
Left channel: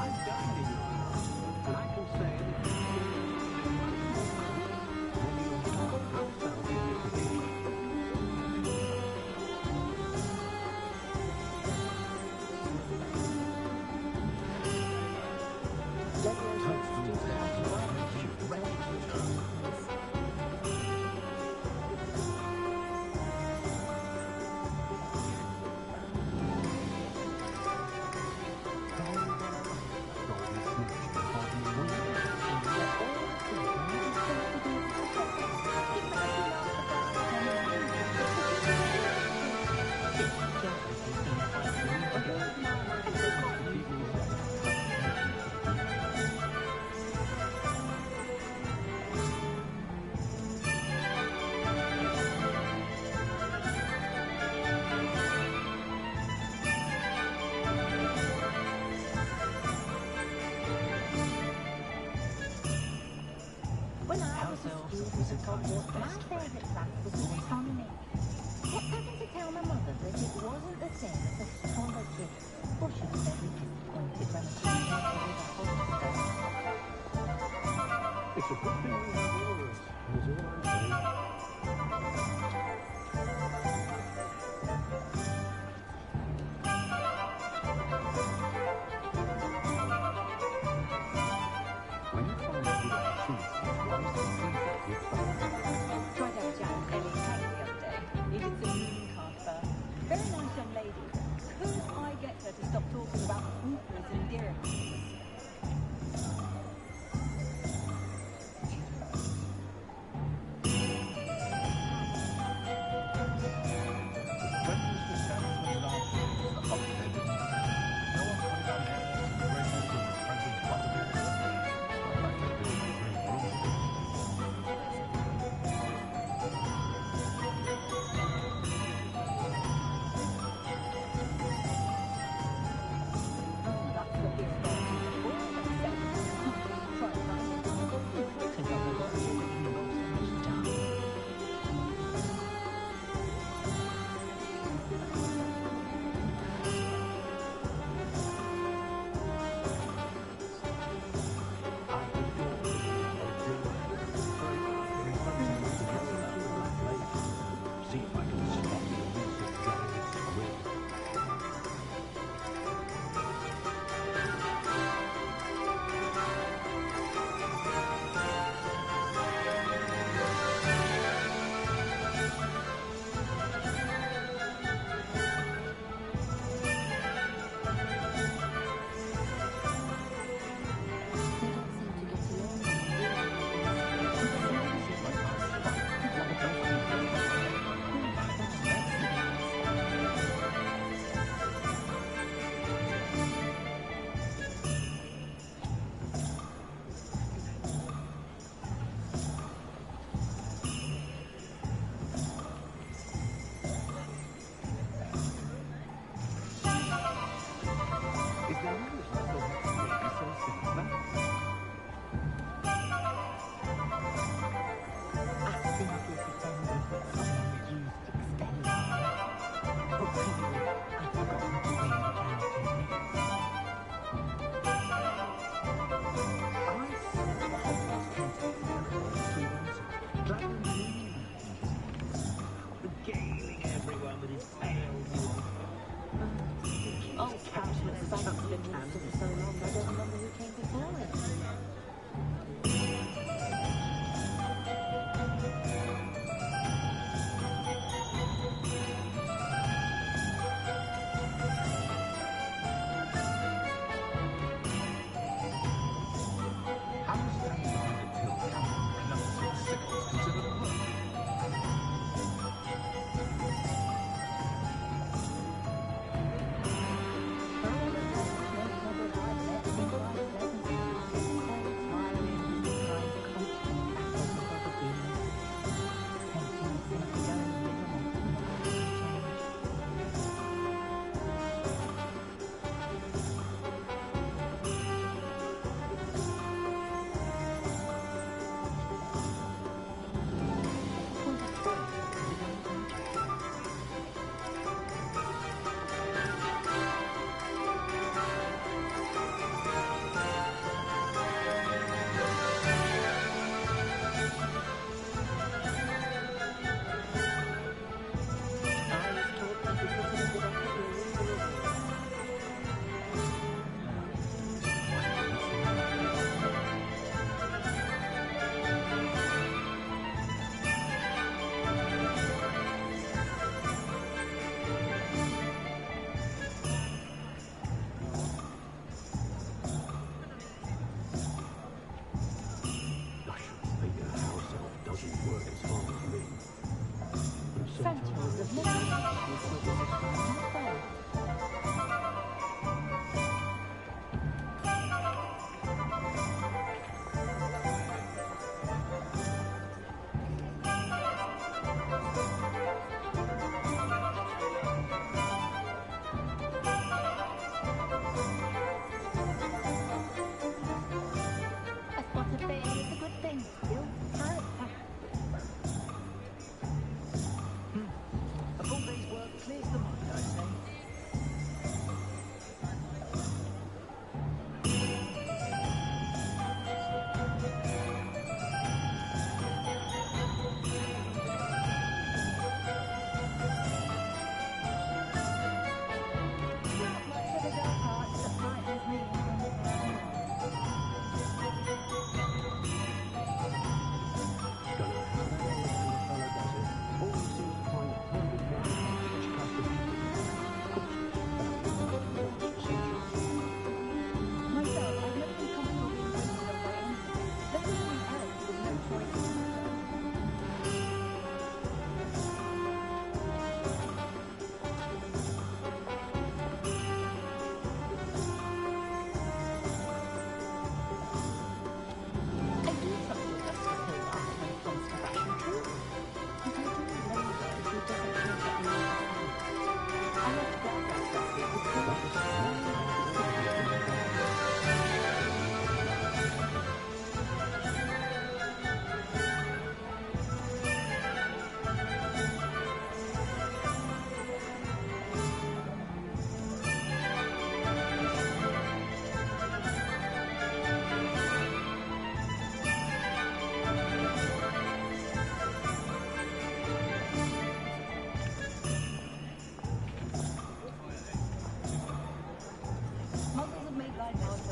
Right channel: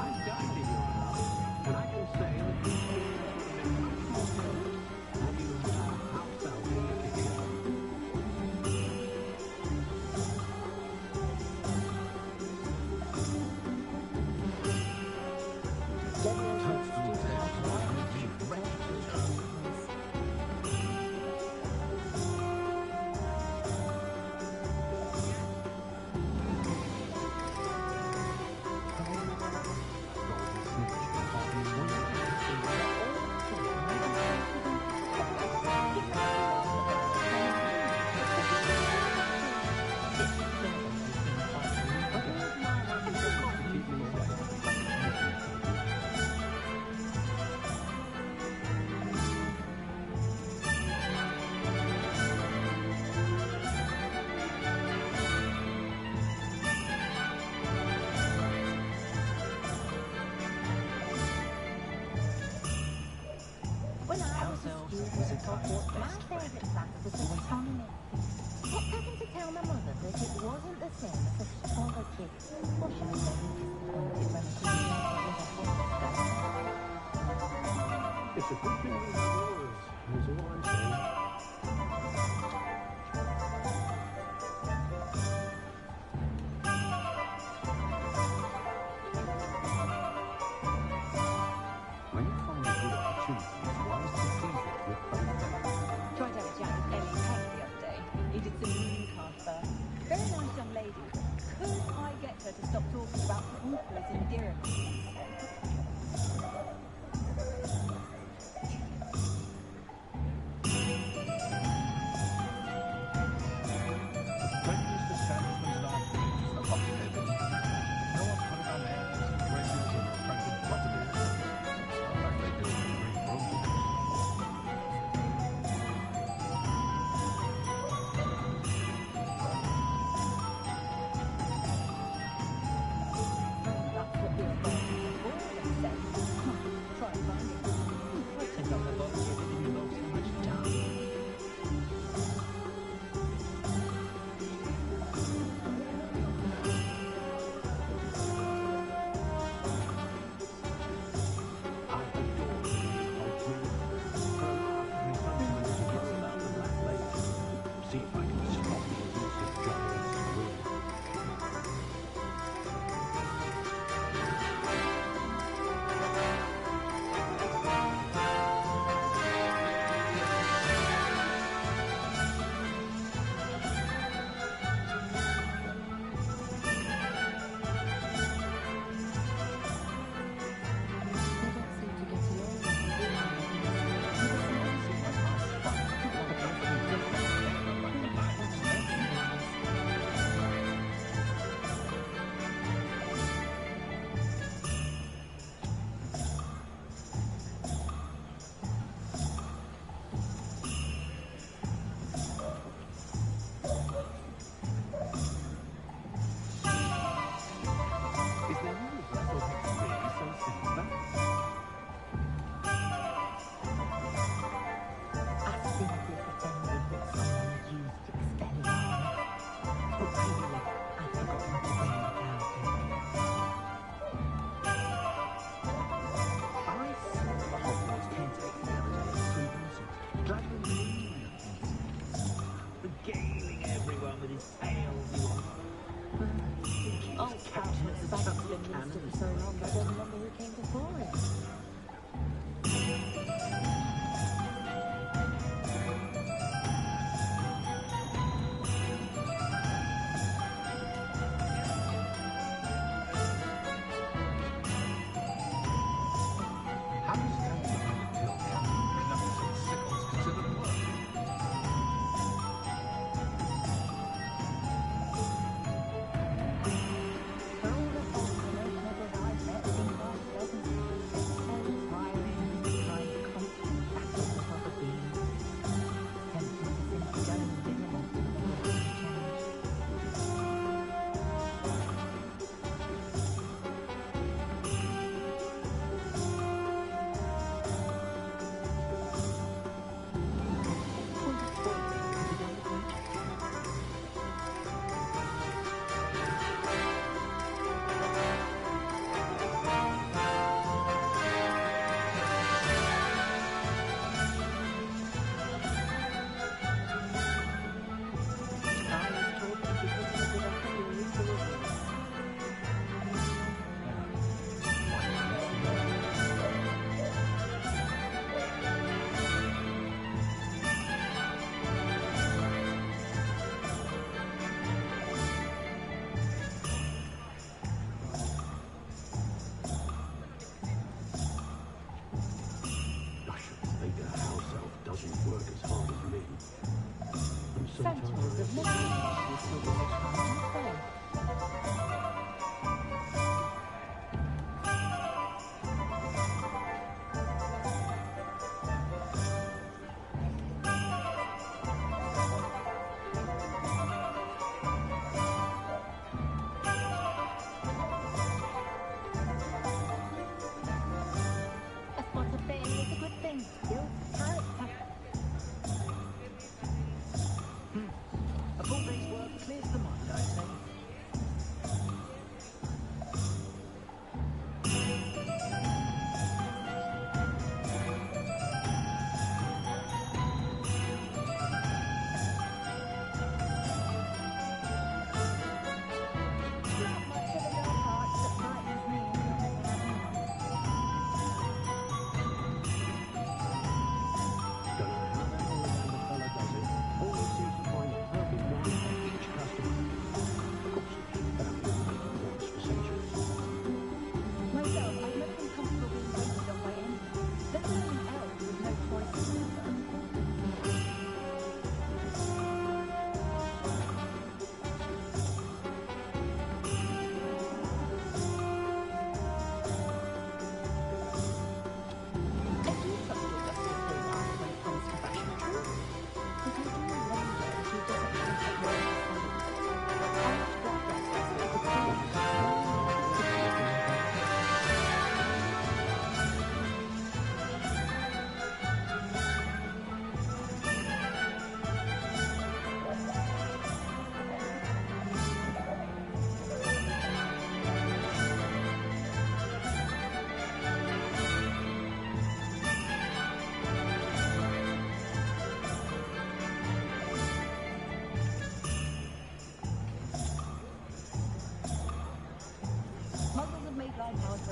I've dined in your house, and I can say that this is ourselves a wizard time's My best friend. favourite class was astronomy. Kept having to tell my mother that it wasn't the same as astrology. Well, she was very disappointed when I couldn't tell her with a horoscope. It's a good thing we have yours, is all I'm saying. When you find a good opportunity, it's wise to seize it with both hands. Tried to have a chat with Ellie Peck the other day. Needed some mooncalf fur. Very nice young lady. Could I get her to stop talking about hoopers and dirhams? The friendliest establishment in our village is the Hogwarts Legacy. No one's putting on airs and graces and French and butterbeers. In fact, they do it in green broomsticks. That's what the authorities have always said. Try and find it. Take up the box, you're making the most so much down. I adore the poultry. Very sometimes forget about the Black Lake. See if I can spot the elusive giant squid. They don't seem to get along when they do Seems like my spot. Like a place to be just like a night of snakes. Is there no reason I thought hex really so sinister? I simply pretended that someone had used Expelliarmus. But really, I'd forgotten to bring it out with me. I saw the Hogwarts caretaker the other day at 3 roses. Dragon Green, I think it is. Regaling everyone with his tales, he was. Oh, Captain, the bank's been minister for so long, I don't remember who came before him. How is standing behind a till counting clumps and sickles considered work? For all the talk, most mothers I've met seem quite pleasant. Very tiring, kind of constant battles with other demons. Tempting to simply go and dig them onto the muggle for change. I was told that if you put in a good effort, you'll reap the rewards. I should think a house elf doesn't work as hard as me. And sometimes Centaurs have never been issues with this time, have they? A spot of fairy is a good thing. Builds character.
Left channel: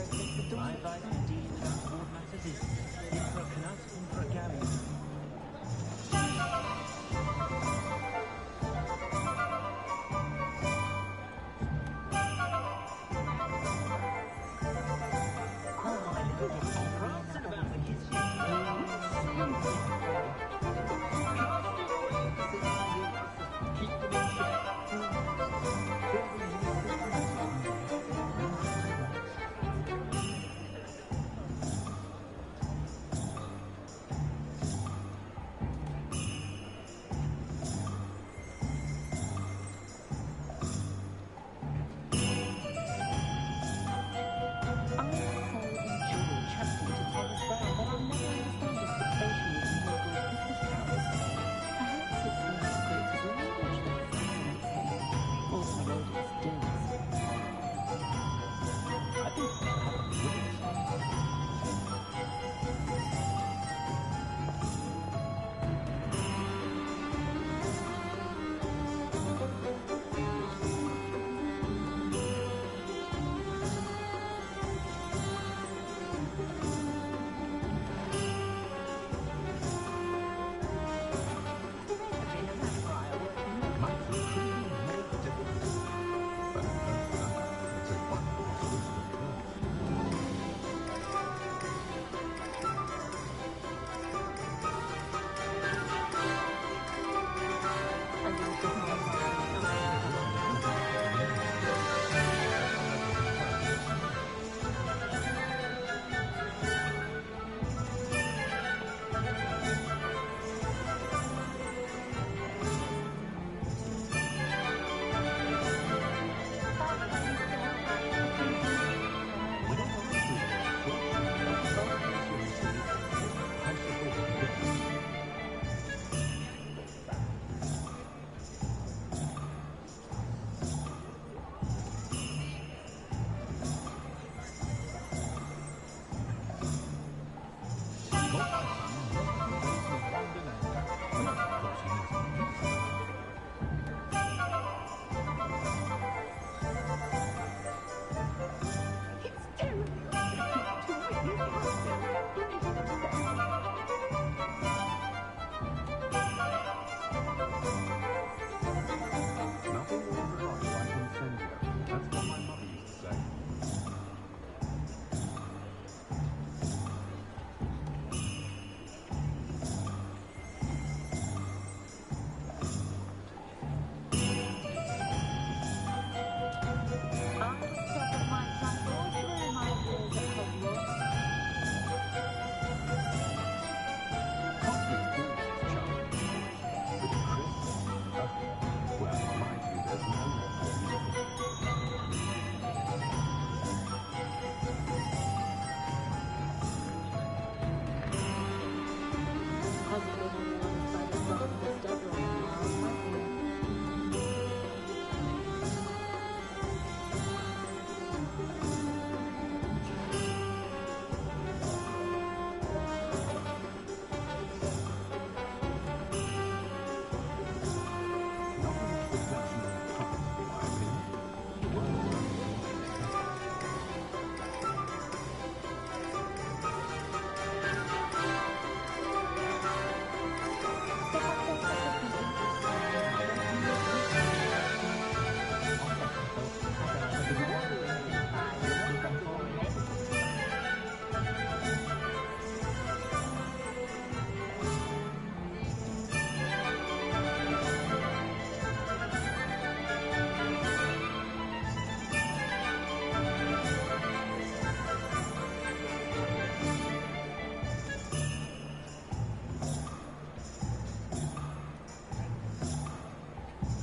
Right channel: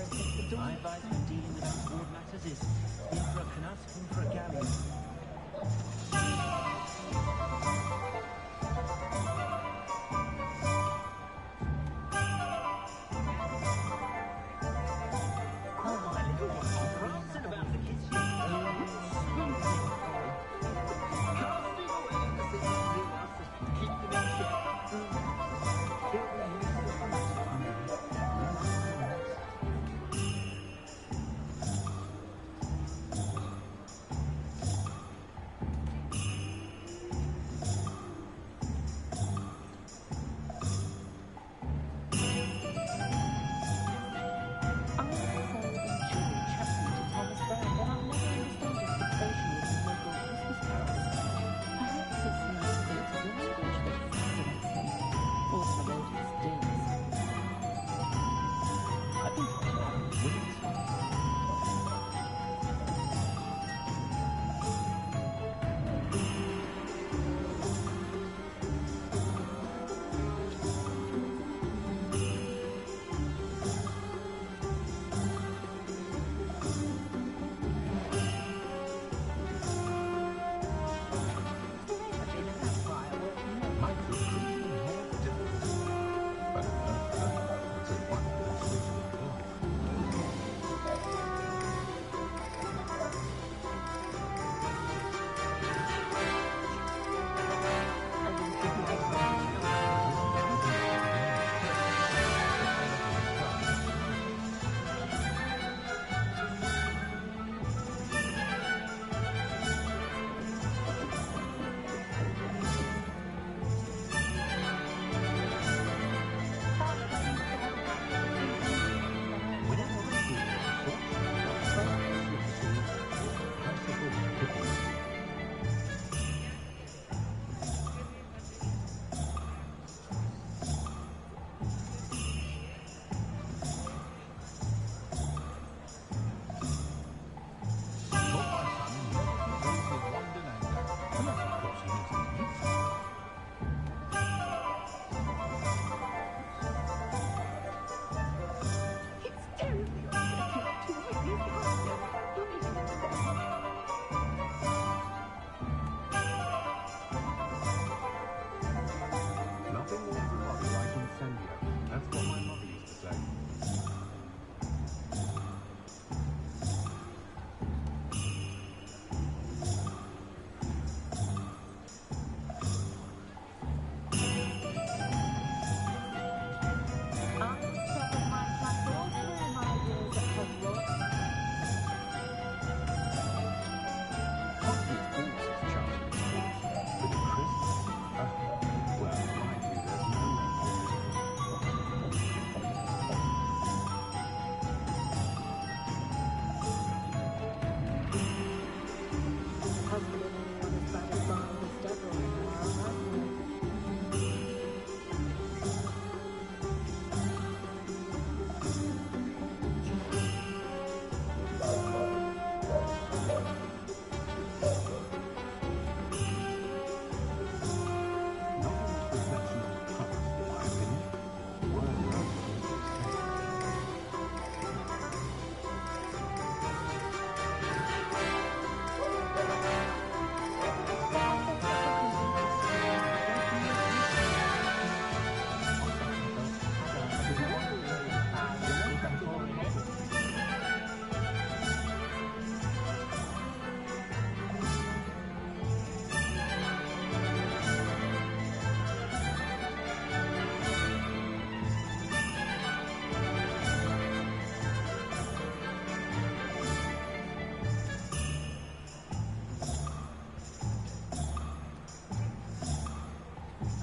hero since the dawn. My advice when dealing with untoward matters is in for a canut, in for a galleon. Oh, my little one, prancing about the kitchen. Splendid boy. Casting away the sins he was, keep them in check. He'll be useful for us one day.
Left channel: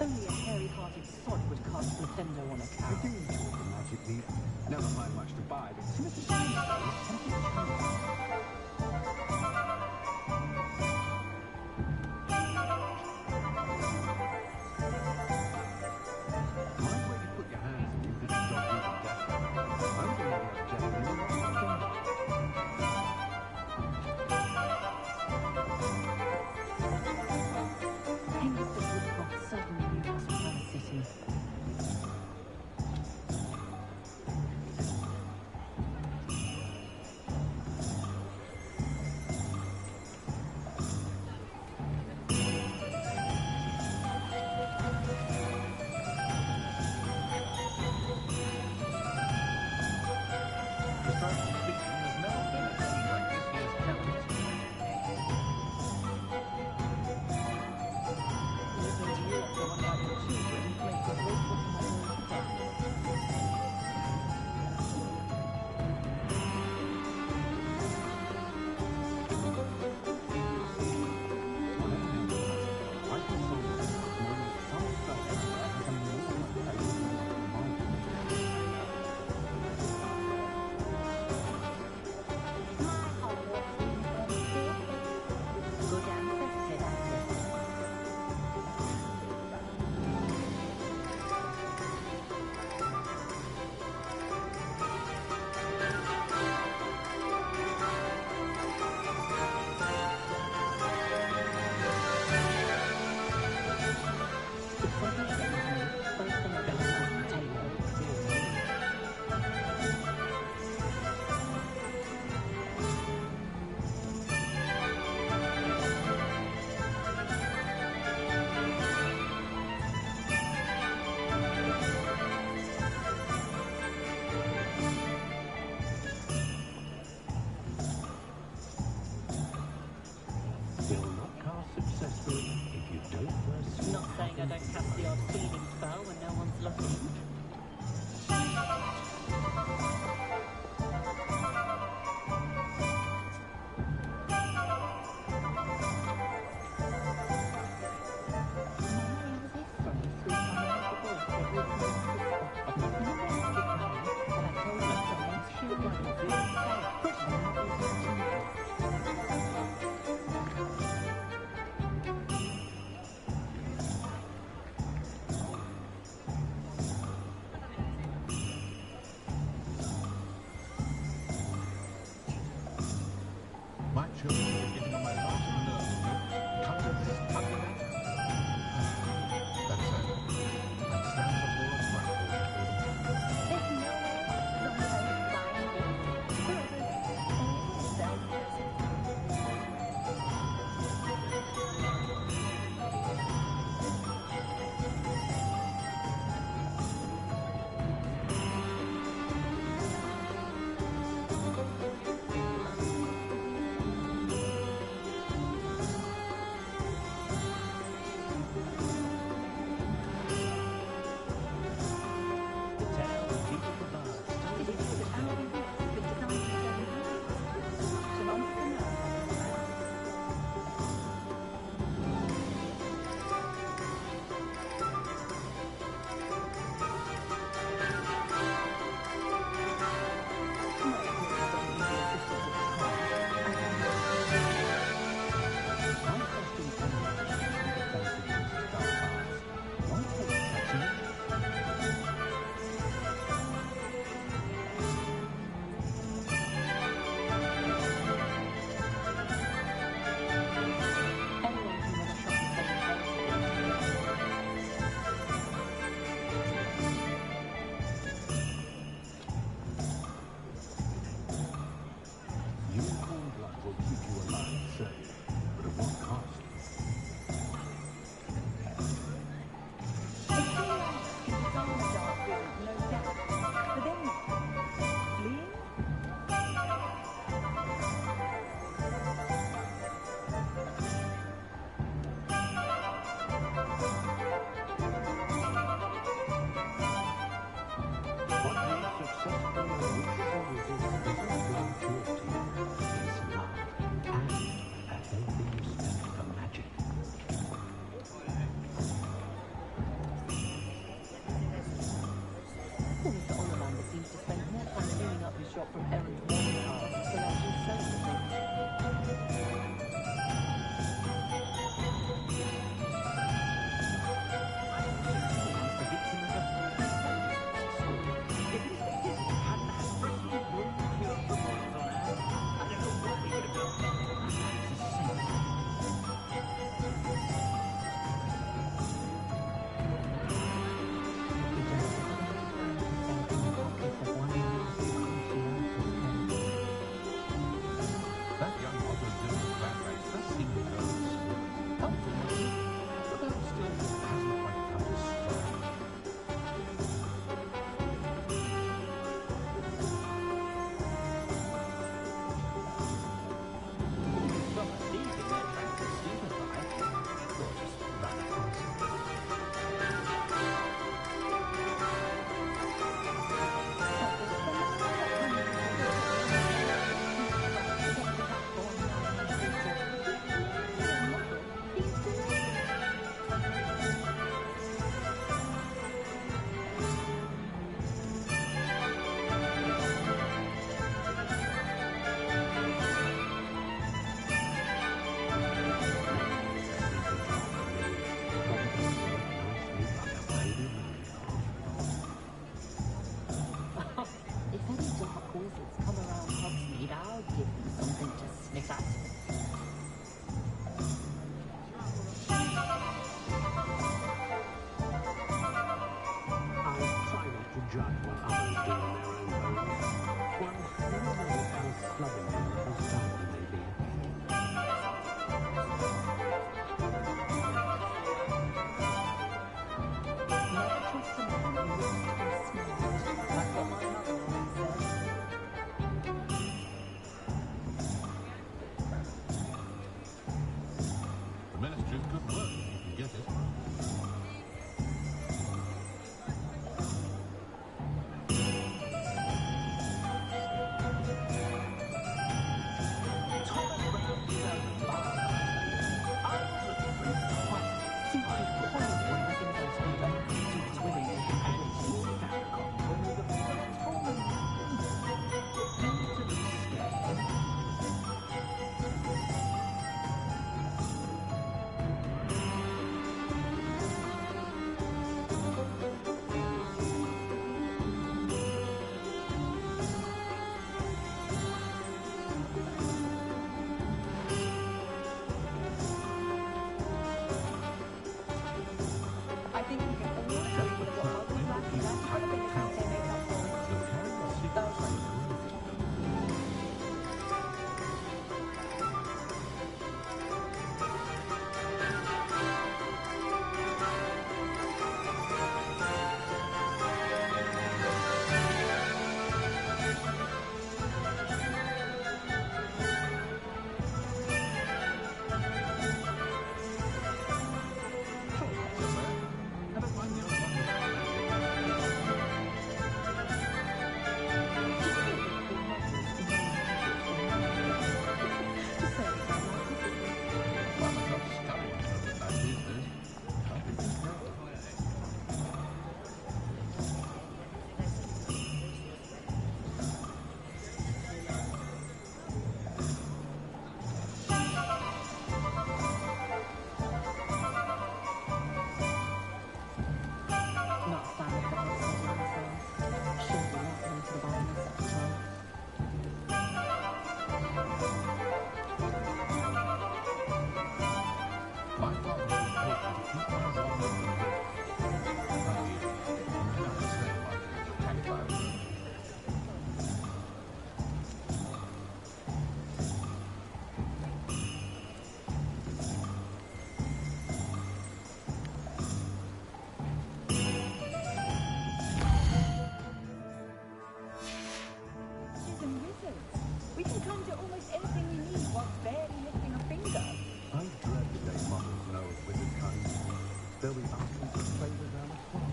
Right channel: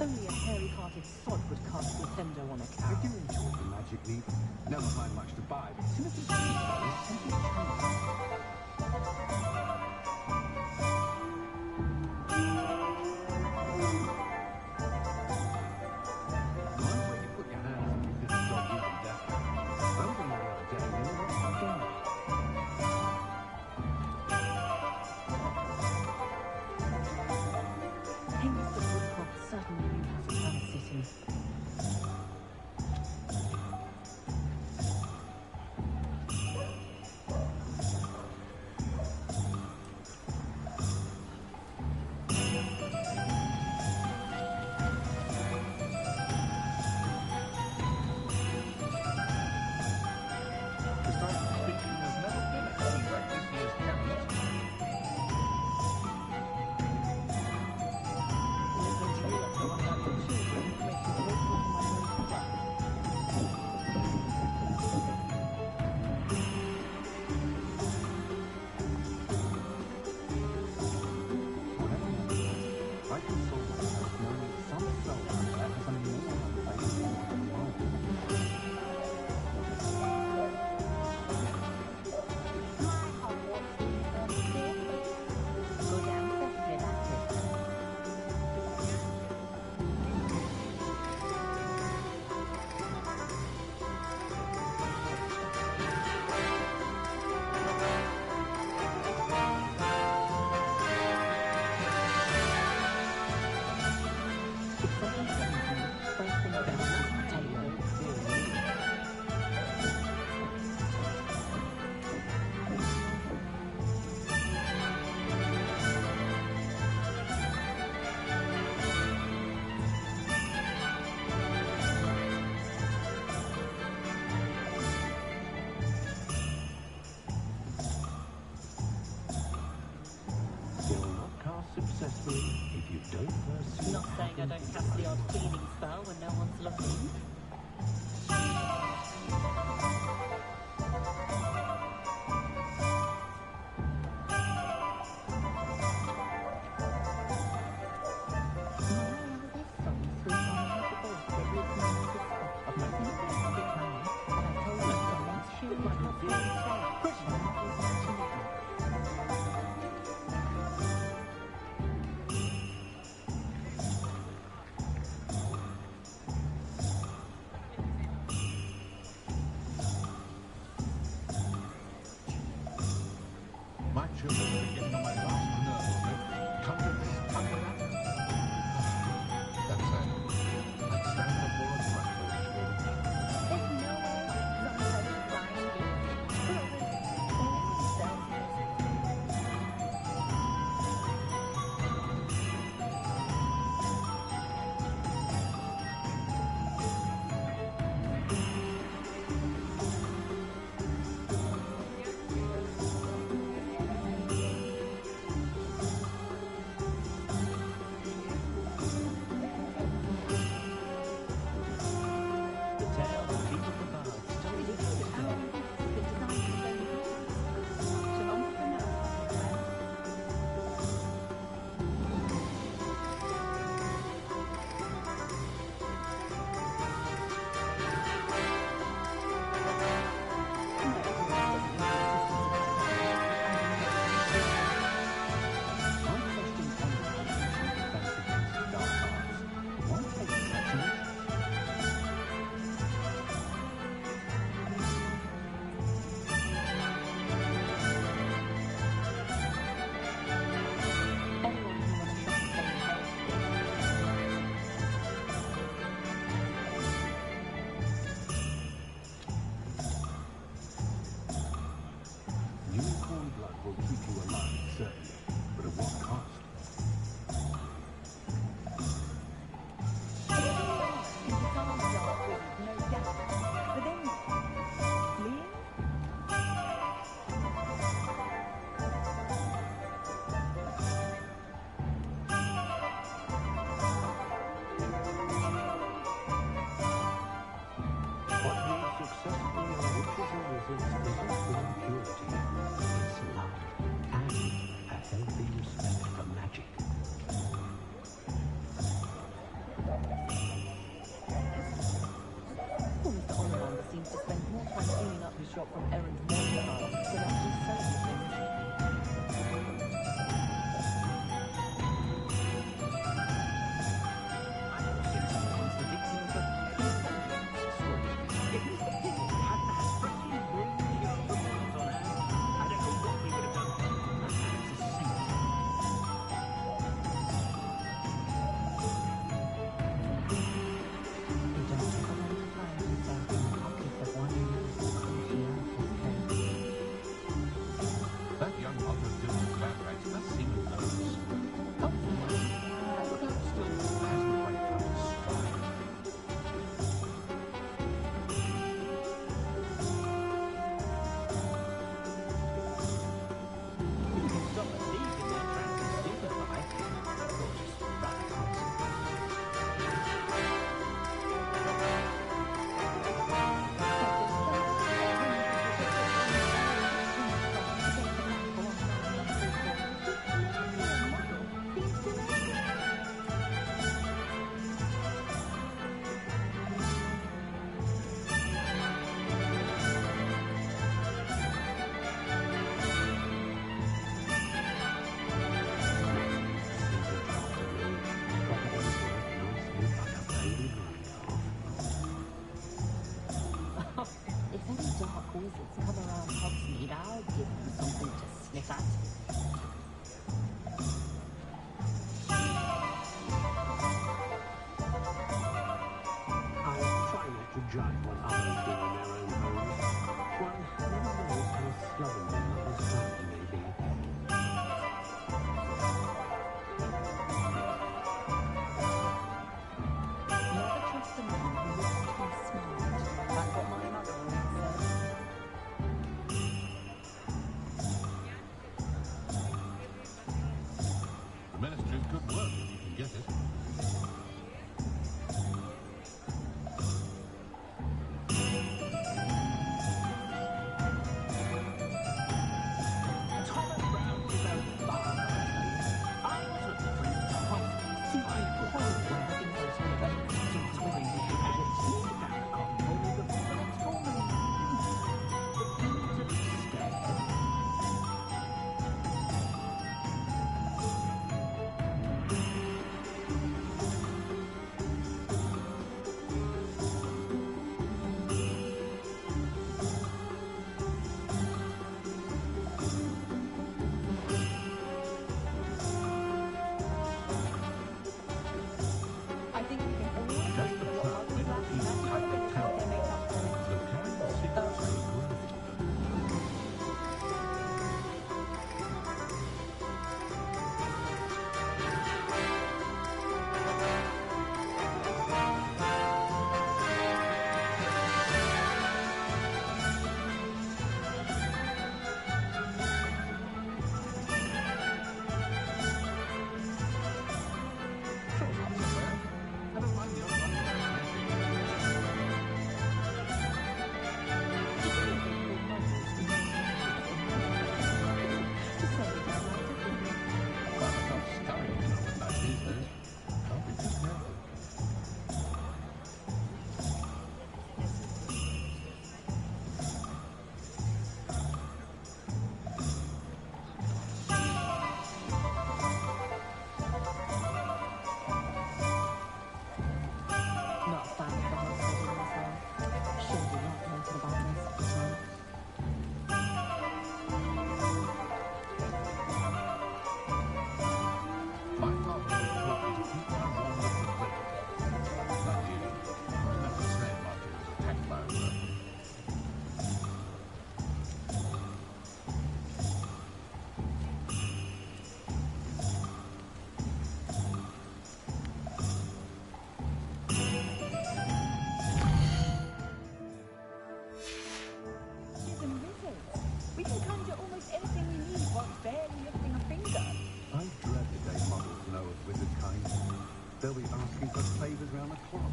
Only a hairy-hearted sod would cast Nintendo on a cow. I do enjoy the Magic Leap. Never find much to buy, but Timothy Trees, is simply charming. Mind where you put your hands and you this dog-eating death guy. I was in there the other day and they were right there. Hengist Woodcroft certainly knew how to plan a city. Strictly speaking, there's never been a day like this year's talent. Listening to you like the one about your children makes me grateful for my own death. I console myself knowing that some spellcaster has a more unfavorable luck than mine. My Hogwarts uniform still fits. Good ancestry, that is. If something threatens me, first thing I do is take it. Will not cast successfully if you don't first... Not saying I don't cast the odd cleaning spell when no one's looking. My children are getting on my last nerve of you. Conjure this, conjure that. That said, I'd stand before a grapple for them. There's nowhere like Zonko's flying gate. Brothers, always self. The tale of Peter the Bard told Did you know that Alan West has been designing his own rooms? Such an entrepreneur. My appearance doesn't need the assistance of time. I My question comes in defense against dark arts. Why take such an interest? Anyone can run a shop and sell inheritance. Unicorn blood will keep you alive, certainly, but at what cost? A true artist can disarm a dark wizard, no doubt. But then, fleeing? What makes successful witches and wizards isn't born purity. It's love and a healthy respect for magic. Poor Mr. Ollivander seems to spend more time cleaning up his shop from errand morning tasks than actually selling the things. I also was the victim of a intelligence story. If Mr. Pickett hadn't had freaking room cure for boils on hand, I don't know what we would have done. That man's a saint. You don't ever want to find yourself in the pocket of one of those cruciatus codes. That young come around Hogsmeade, I'll give them something to sniff at. I try not to judge what others do in their own homes. One never knows how slovenly a host family may be. Never trust a man who looks too smart. That's what my mother always said. The Ministry's good work if you can get it. Thomas Brown is a father, I tell you. I was looking for him twice. Simply horrible when the things I saw about the suits women. And at least he found a copy for me before the next woman. To look scared. I think we can all agree that what Muggles lack in natural abilities, they make up for it. They'll carry the secrets they grow. Sure, not so bad. I don't mind the odd one without magic. Do you know they call Muggles no magic in Muggles? To say it out loud, isn't it? Find myself scurrying in a midnight these days. Can't be too careful. Not a fan of the whole setting myself. Shady lot noted about most of the time. My father always taught me to keep my one with the river. Like you, he was never the same after he was attacked by a bird. Witches and wizards. We can conjure almost anything we need whilst barely lifting a finger. I dread the day Muggles know of wizard kind. They'll be asking for favours round the clock.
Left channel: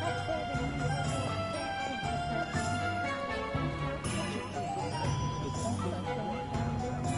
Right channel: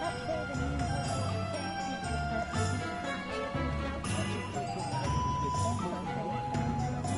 That's where the new Hogwarts Legacy has got Crowley himself.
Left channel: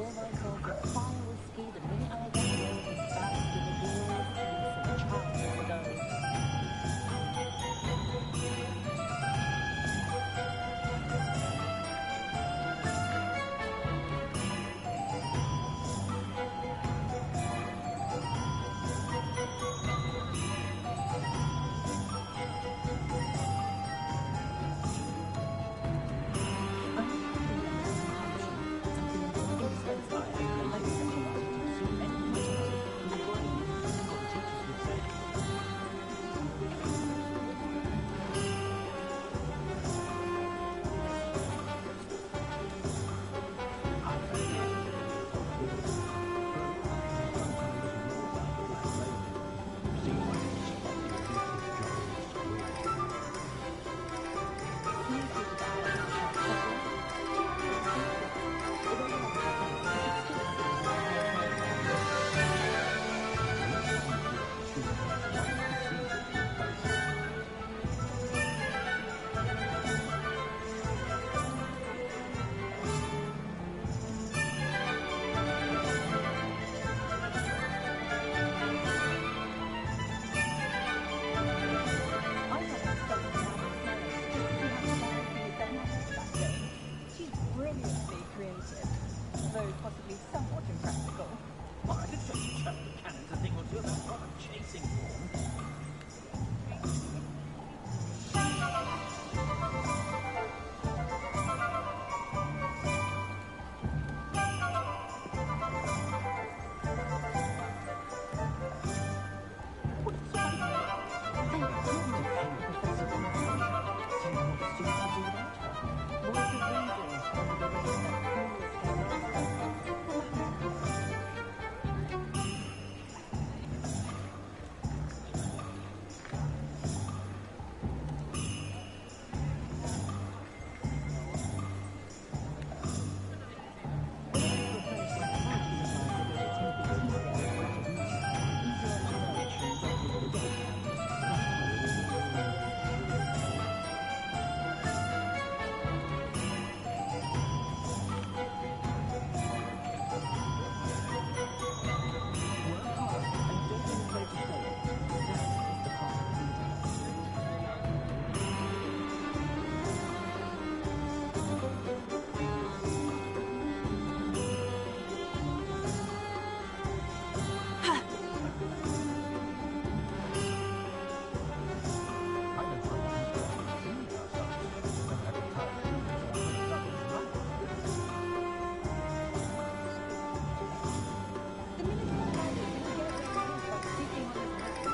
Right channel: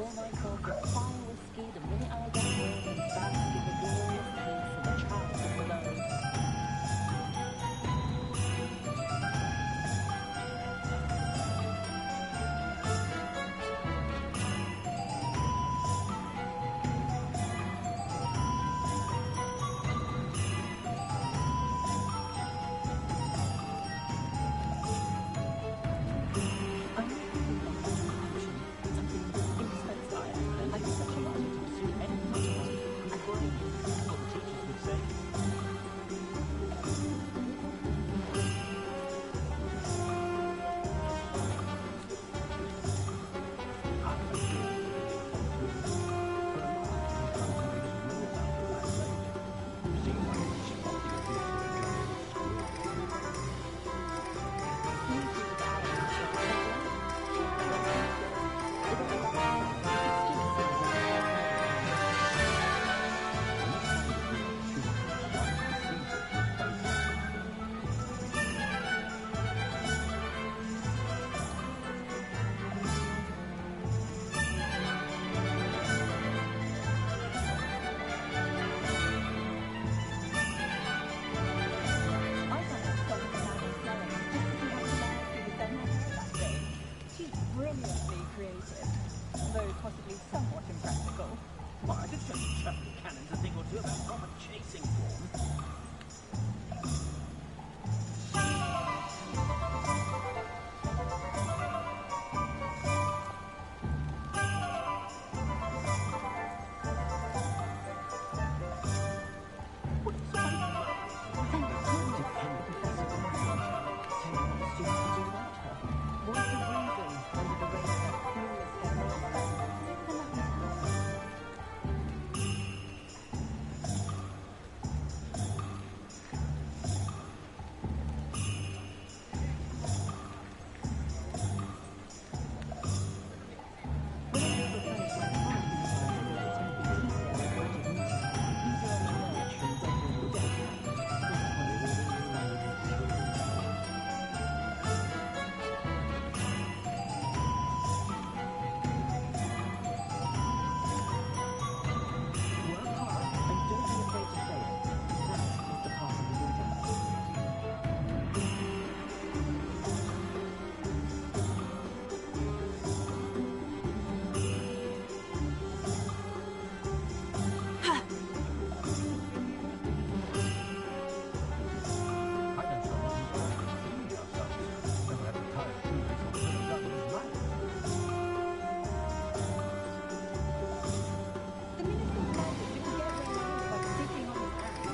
pour myself a fire whiskey the minute I get home and bask in the glorious taste of a childless abode. Brilliantly creative, though possibly somewhat impractical. Well, I could show you chubby cannons a thing or two about proper chasing form. Thank goodness Professor Conrad. So what the students would do without her. Voice of reason under the reign of that clueless headmaster. They're lucky to have her. When I was replenished my time supplies with a Timothy teaspoon of magic mist, easier on my nerves than dog with a deck. Less Work hard and don't be afraid to fail. That is the path of the leader. I know someone who's got singing ourselves. Never had to tie a shoelace or fill a gun in his life. The Minister of Magic didn't get very close by sitting on his hands.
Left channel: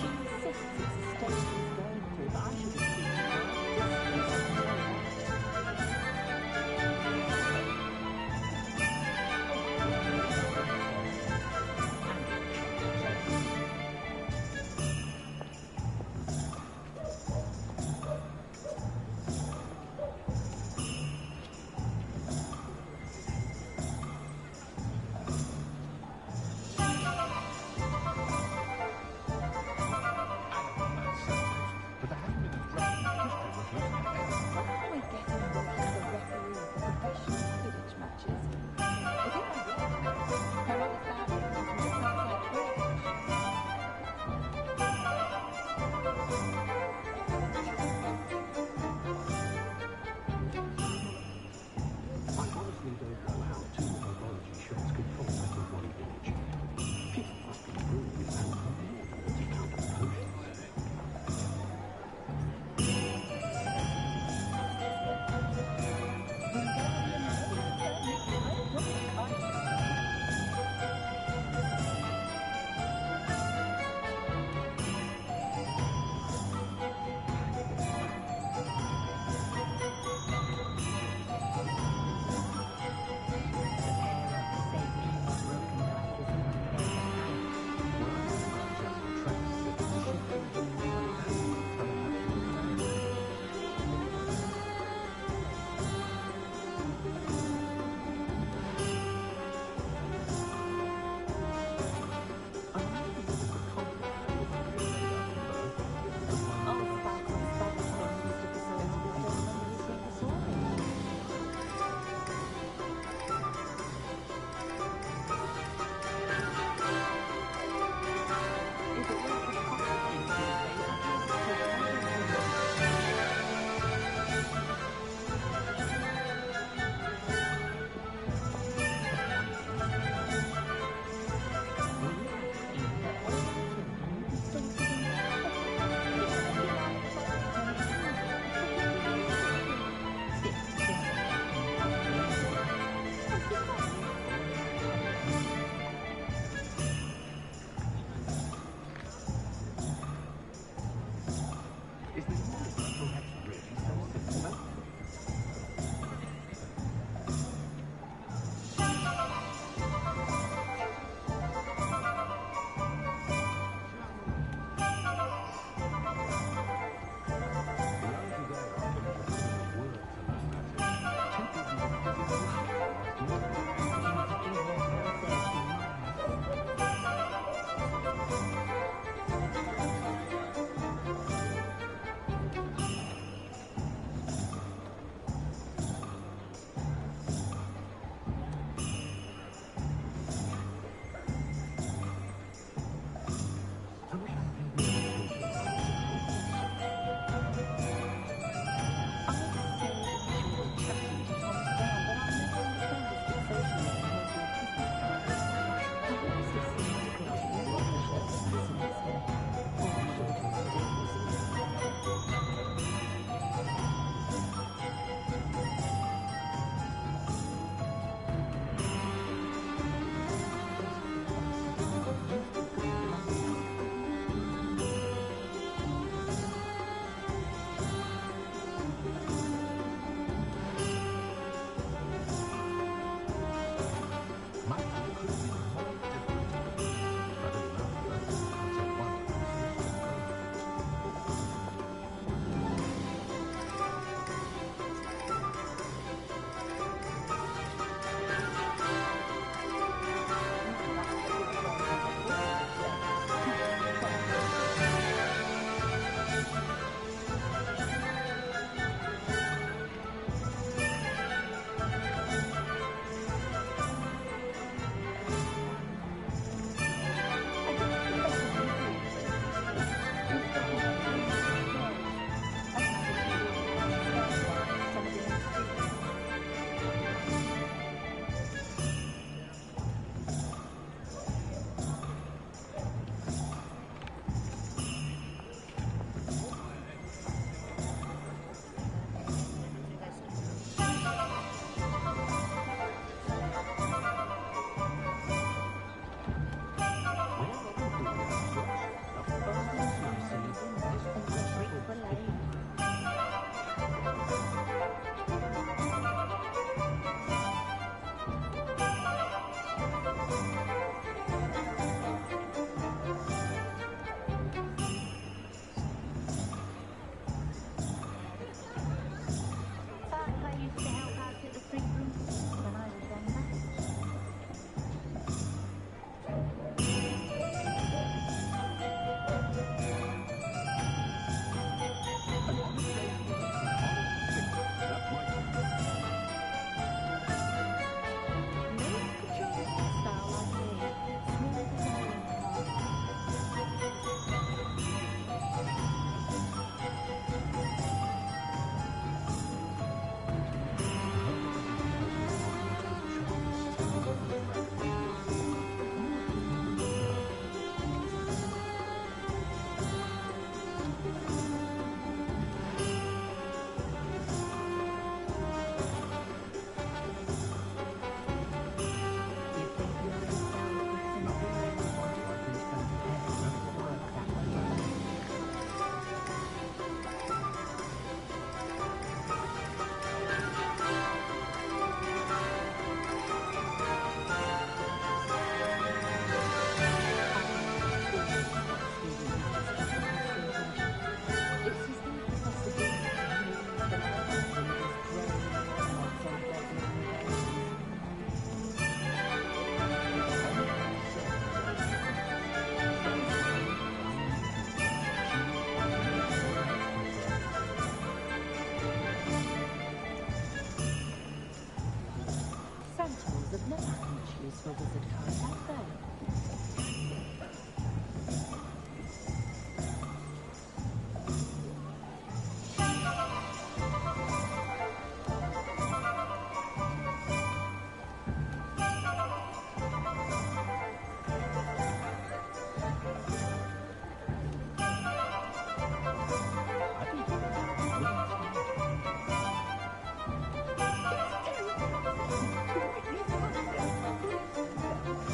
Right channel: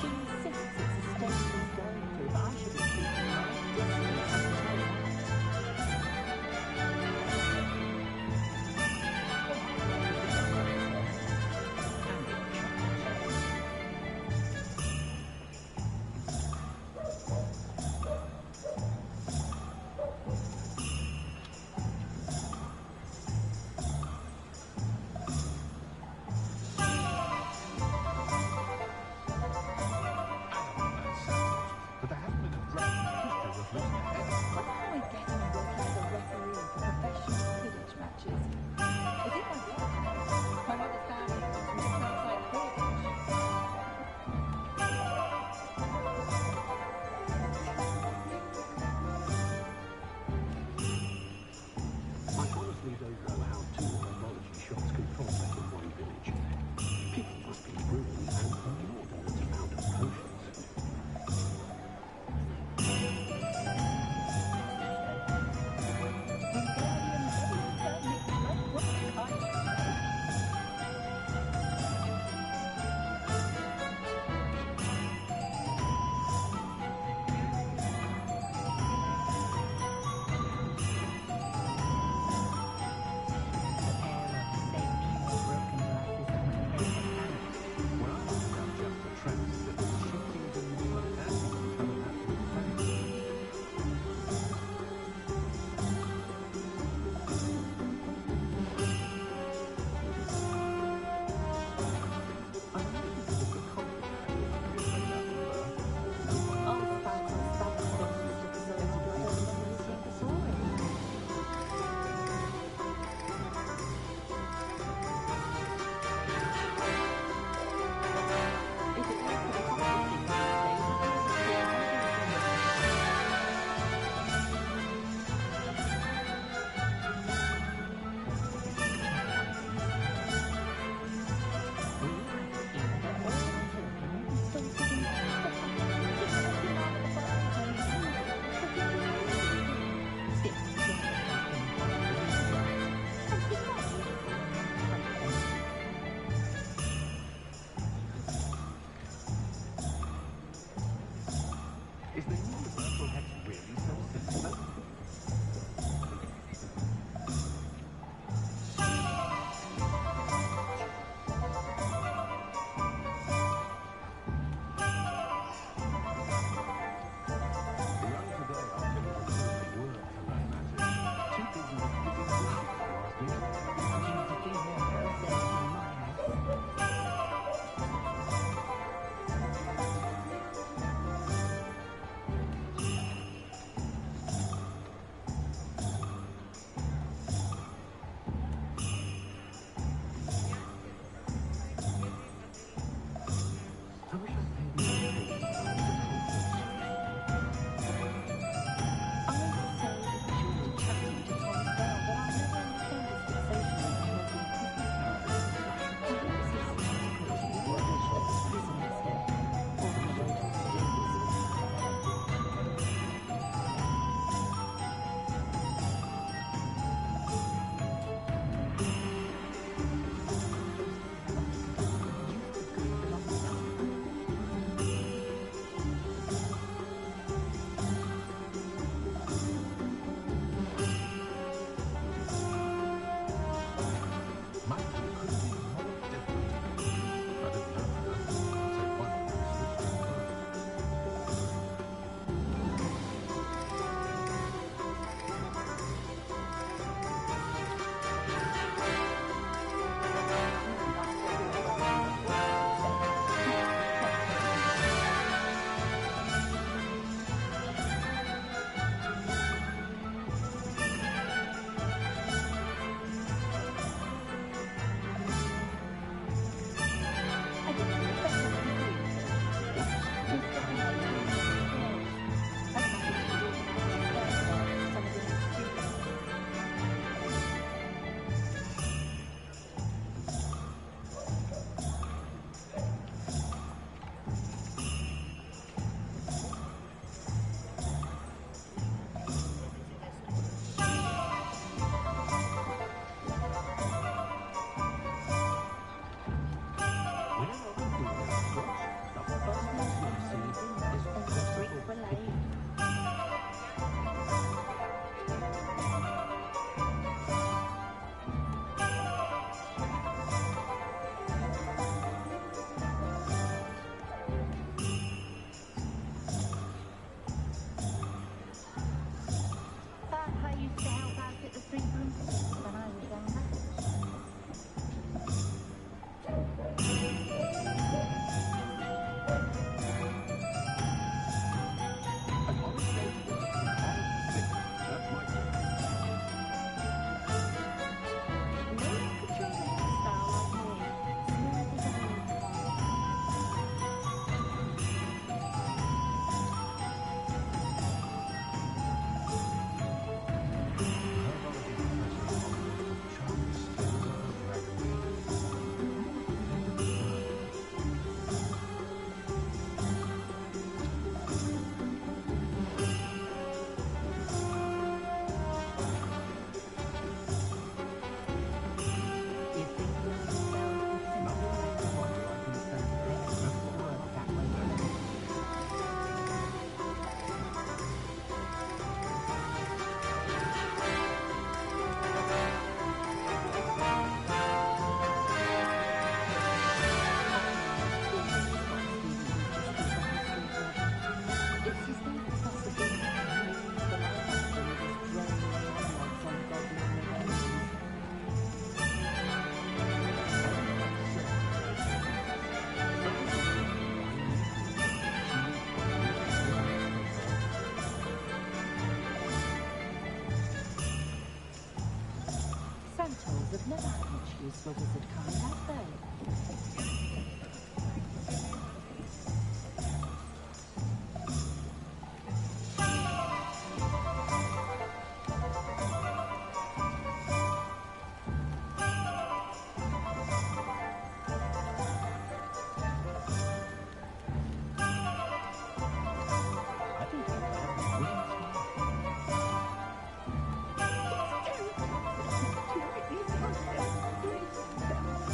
She insists it's a stage he's going through, but I should be keeping my distance, I can tell you that. But there hasn't been a draft in history worth losing a head. When are we getting working as a referee for professional Quidditch matches? It's in my blood, you know. My mother's family comes from just outside Quidditch. I honestly don't know how two herbology shops can prosper in one village. People must be brewing an inordinate amount of potions. Wingardium Leviosa makes light work, I should say. Is the universal hex really so simple? The young today aren't willing to put in the work to learn magic. Too busy with fizzing bullshit, if you ask me. I use a few more houses in my house. I wish I'd paid more attention when I was at Hogwarts. I so enjoy chatting to Thomas Brown, but I never understand his fixation with promoting Christmas carols. Perhaps it's significant to the English that fascinates him, or the Lotus Days. My school could have been more different. I didn't know that. So why not switch to college? Whenever I'm feeling anxious, the first thing I see is possible picture. Thought I used to help out at the Three Broomsticks when I was younger. An honest day's work for an honest sickness. That's my thing. No one could show the hairstyle like me. Smooth as a honeycomb. Centaurs have never had much use for wizard kind, have they? I think I have a winning start. It's terrible.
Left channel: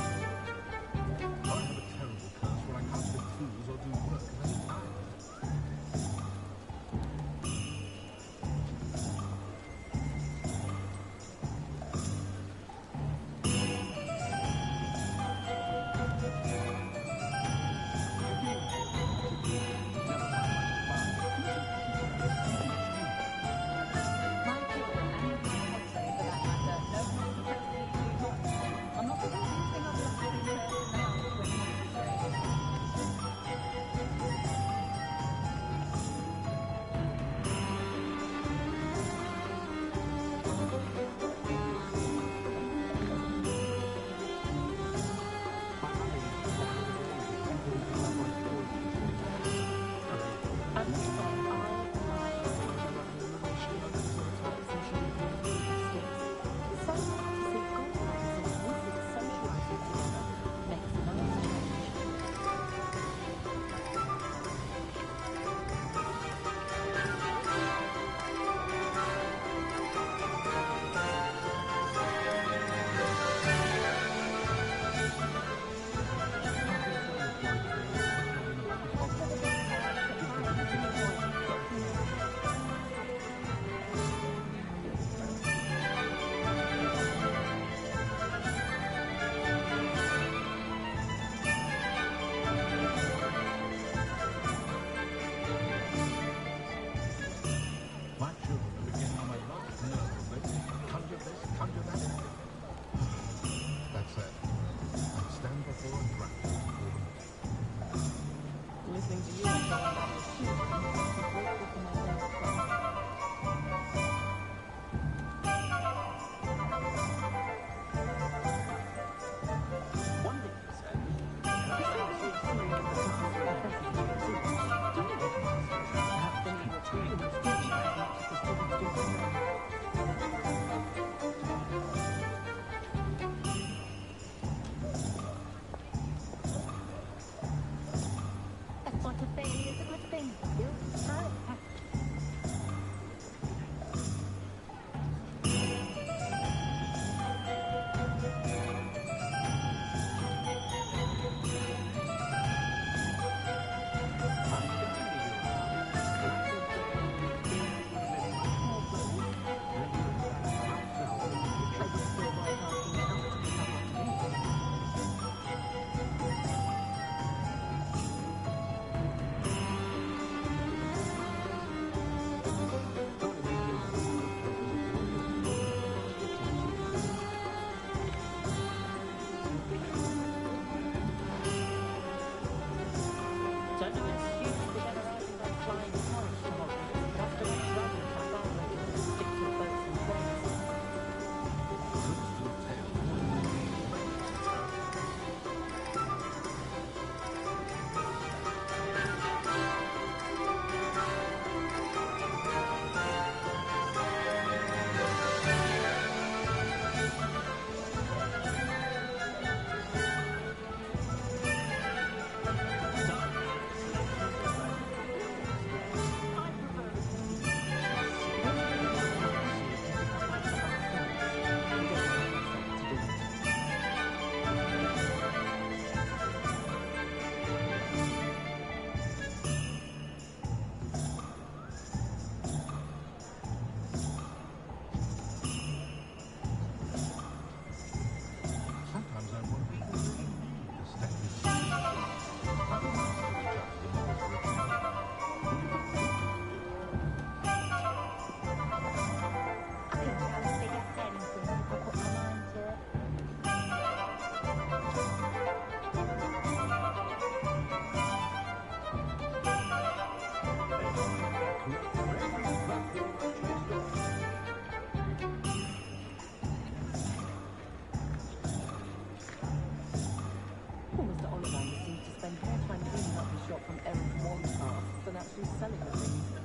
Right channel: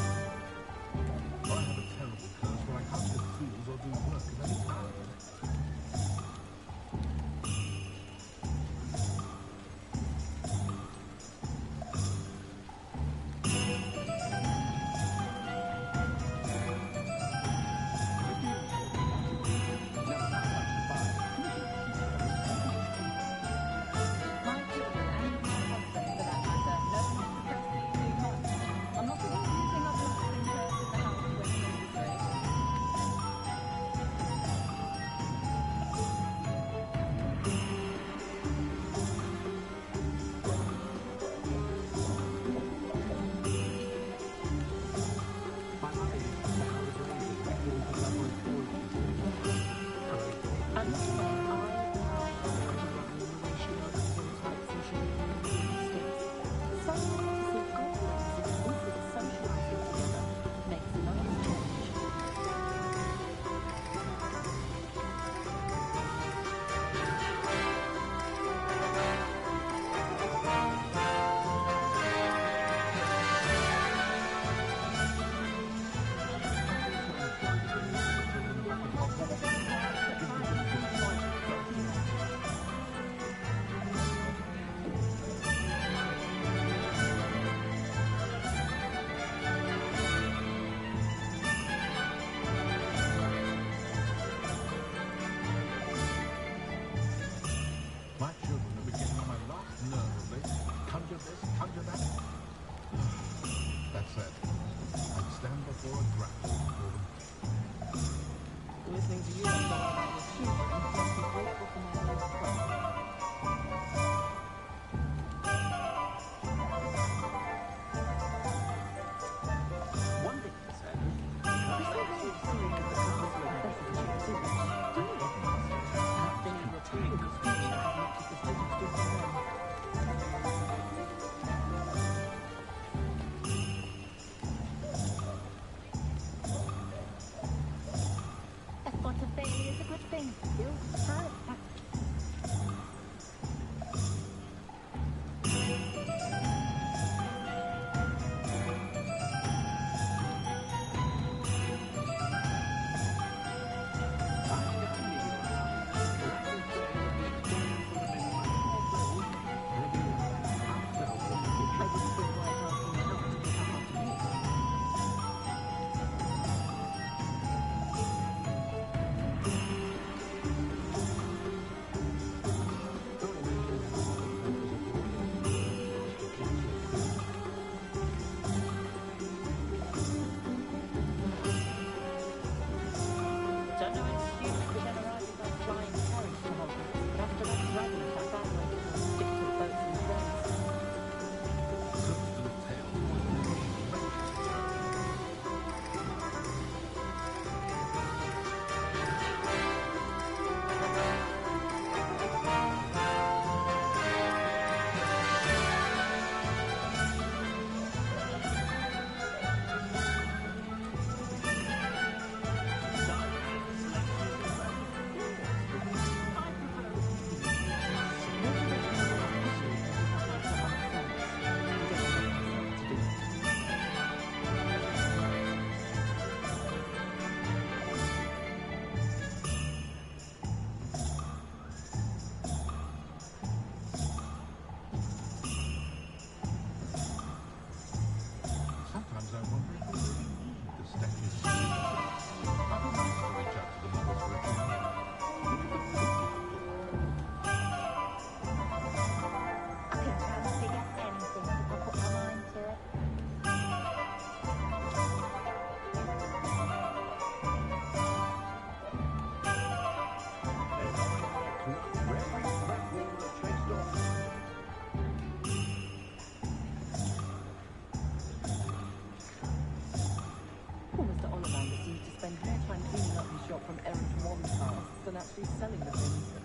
actually selling the things.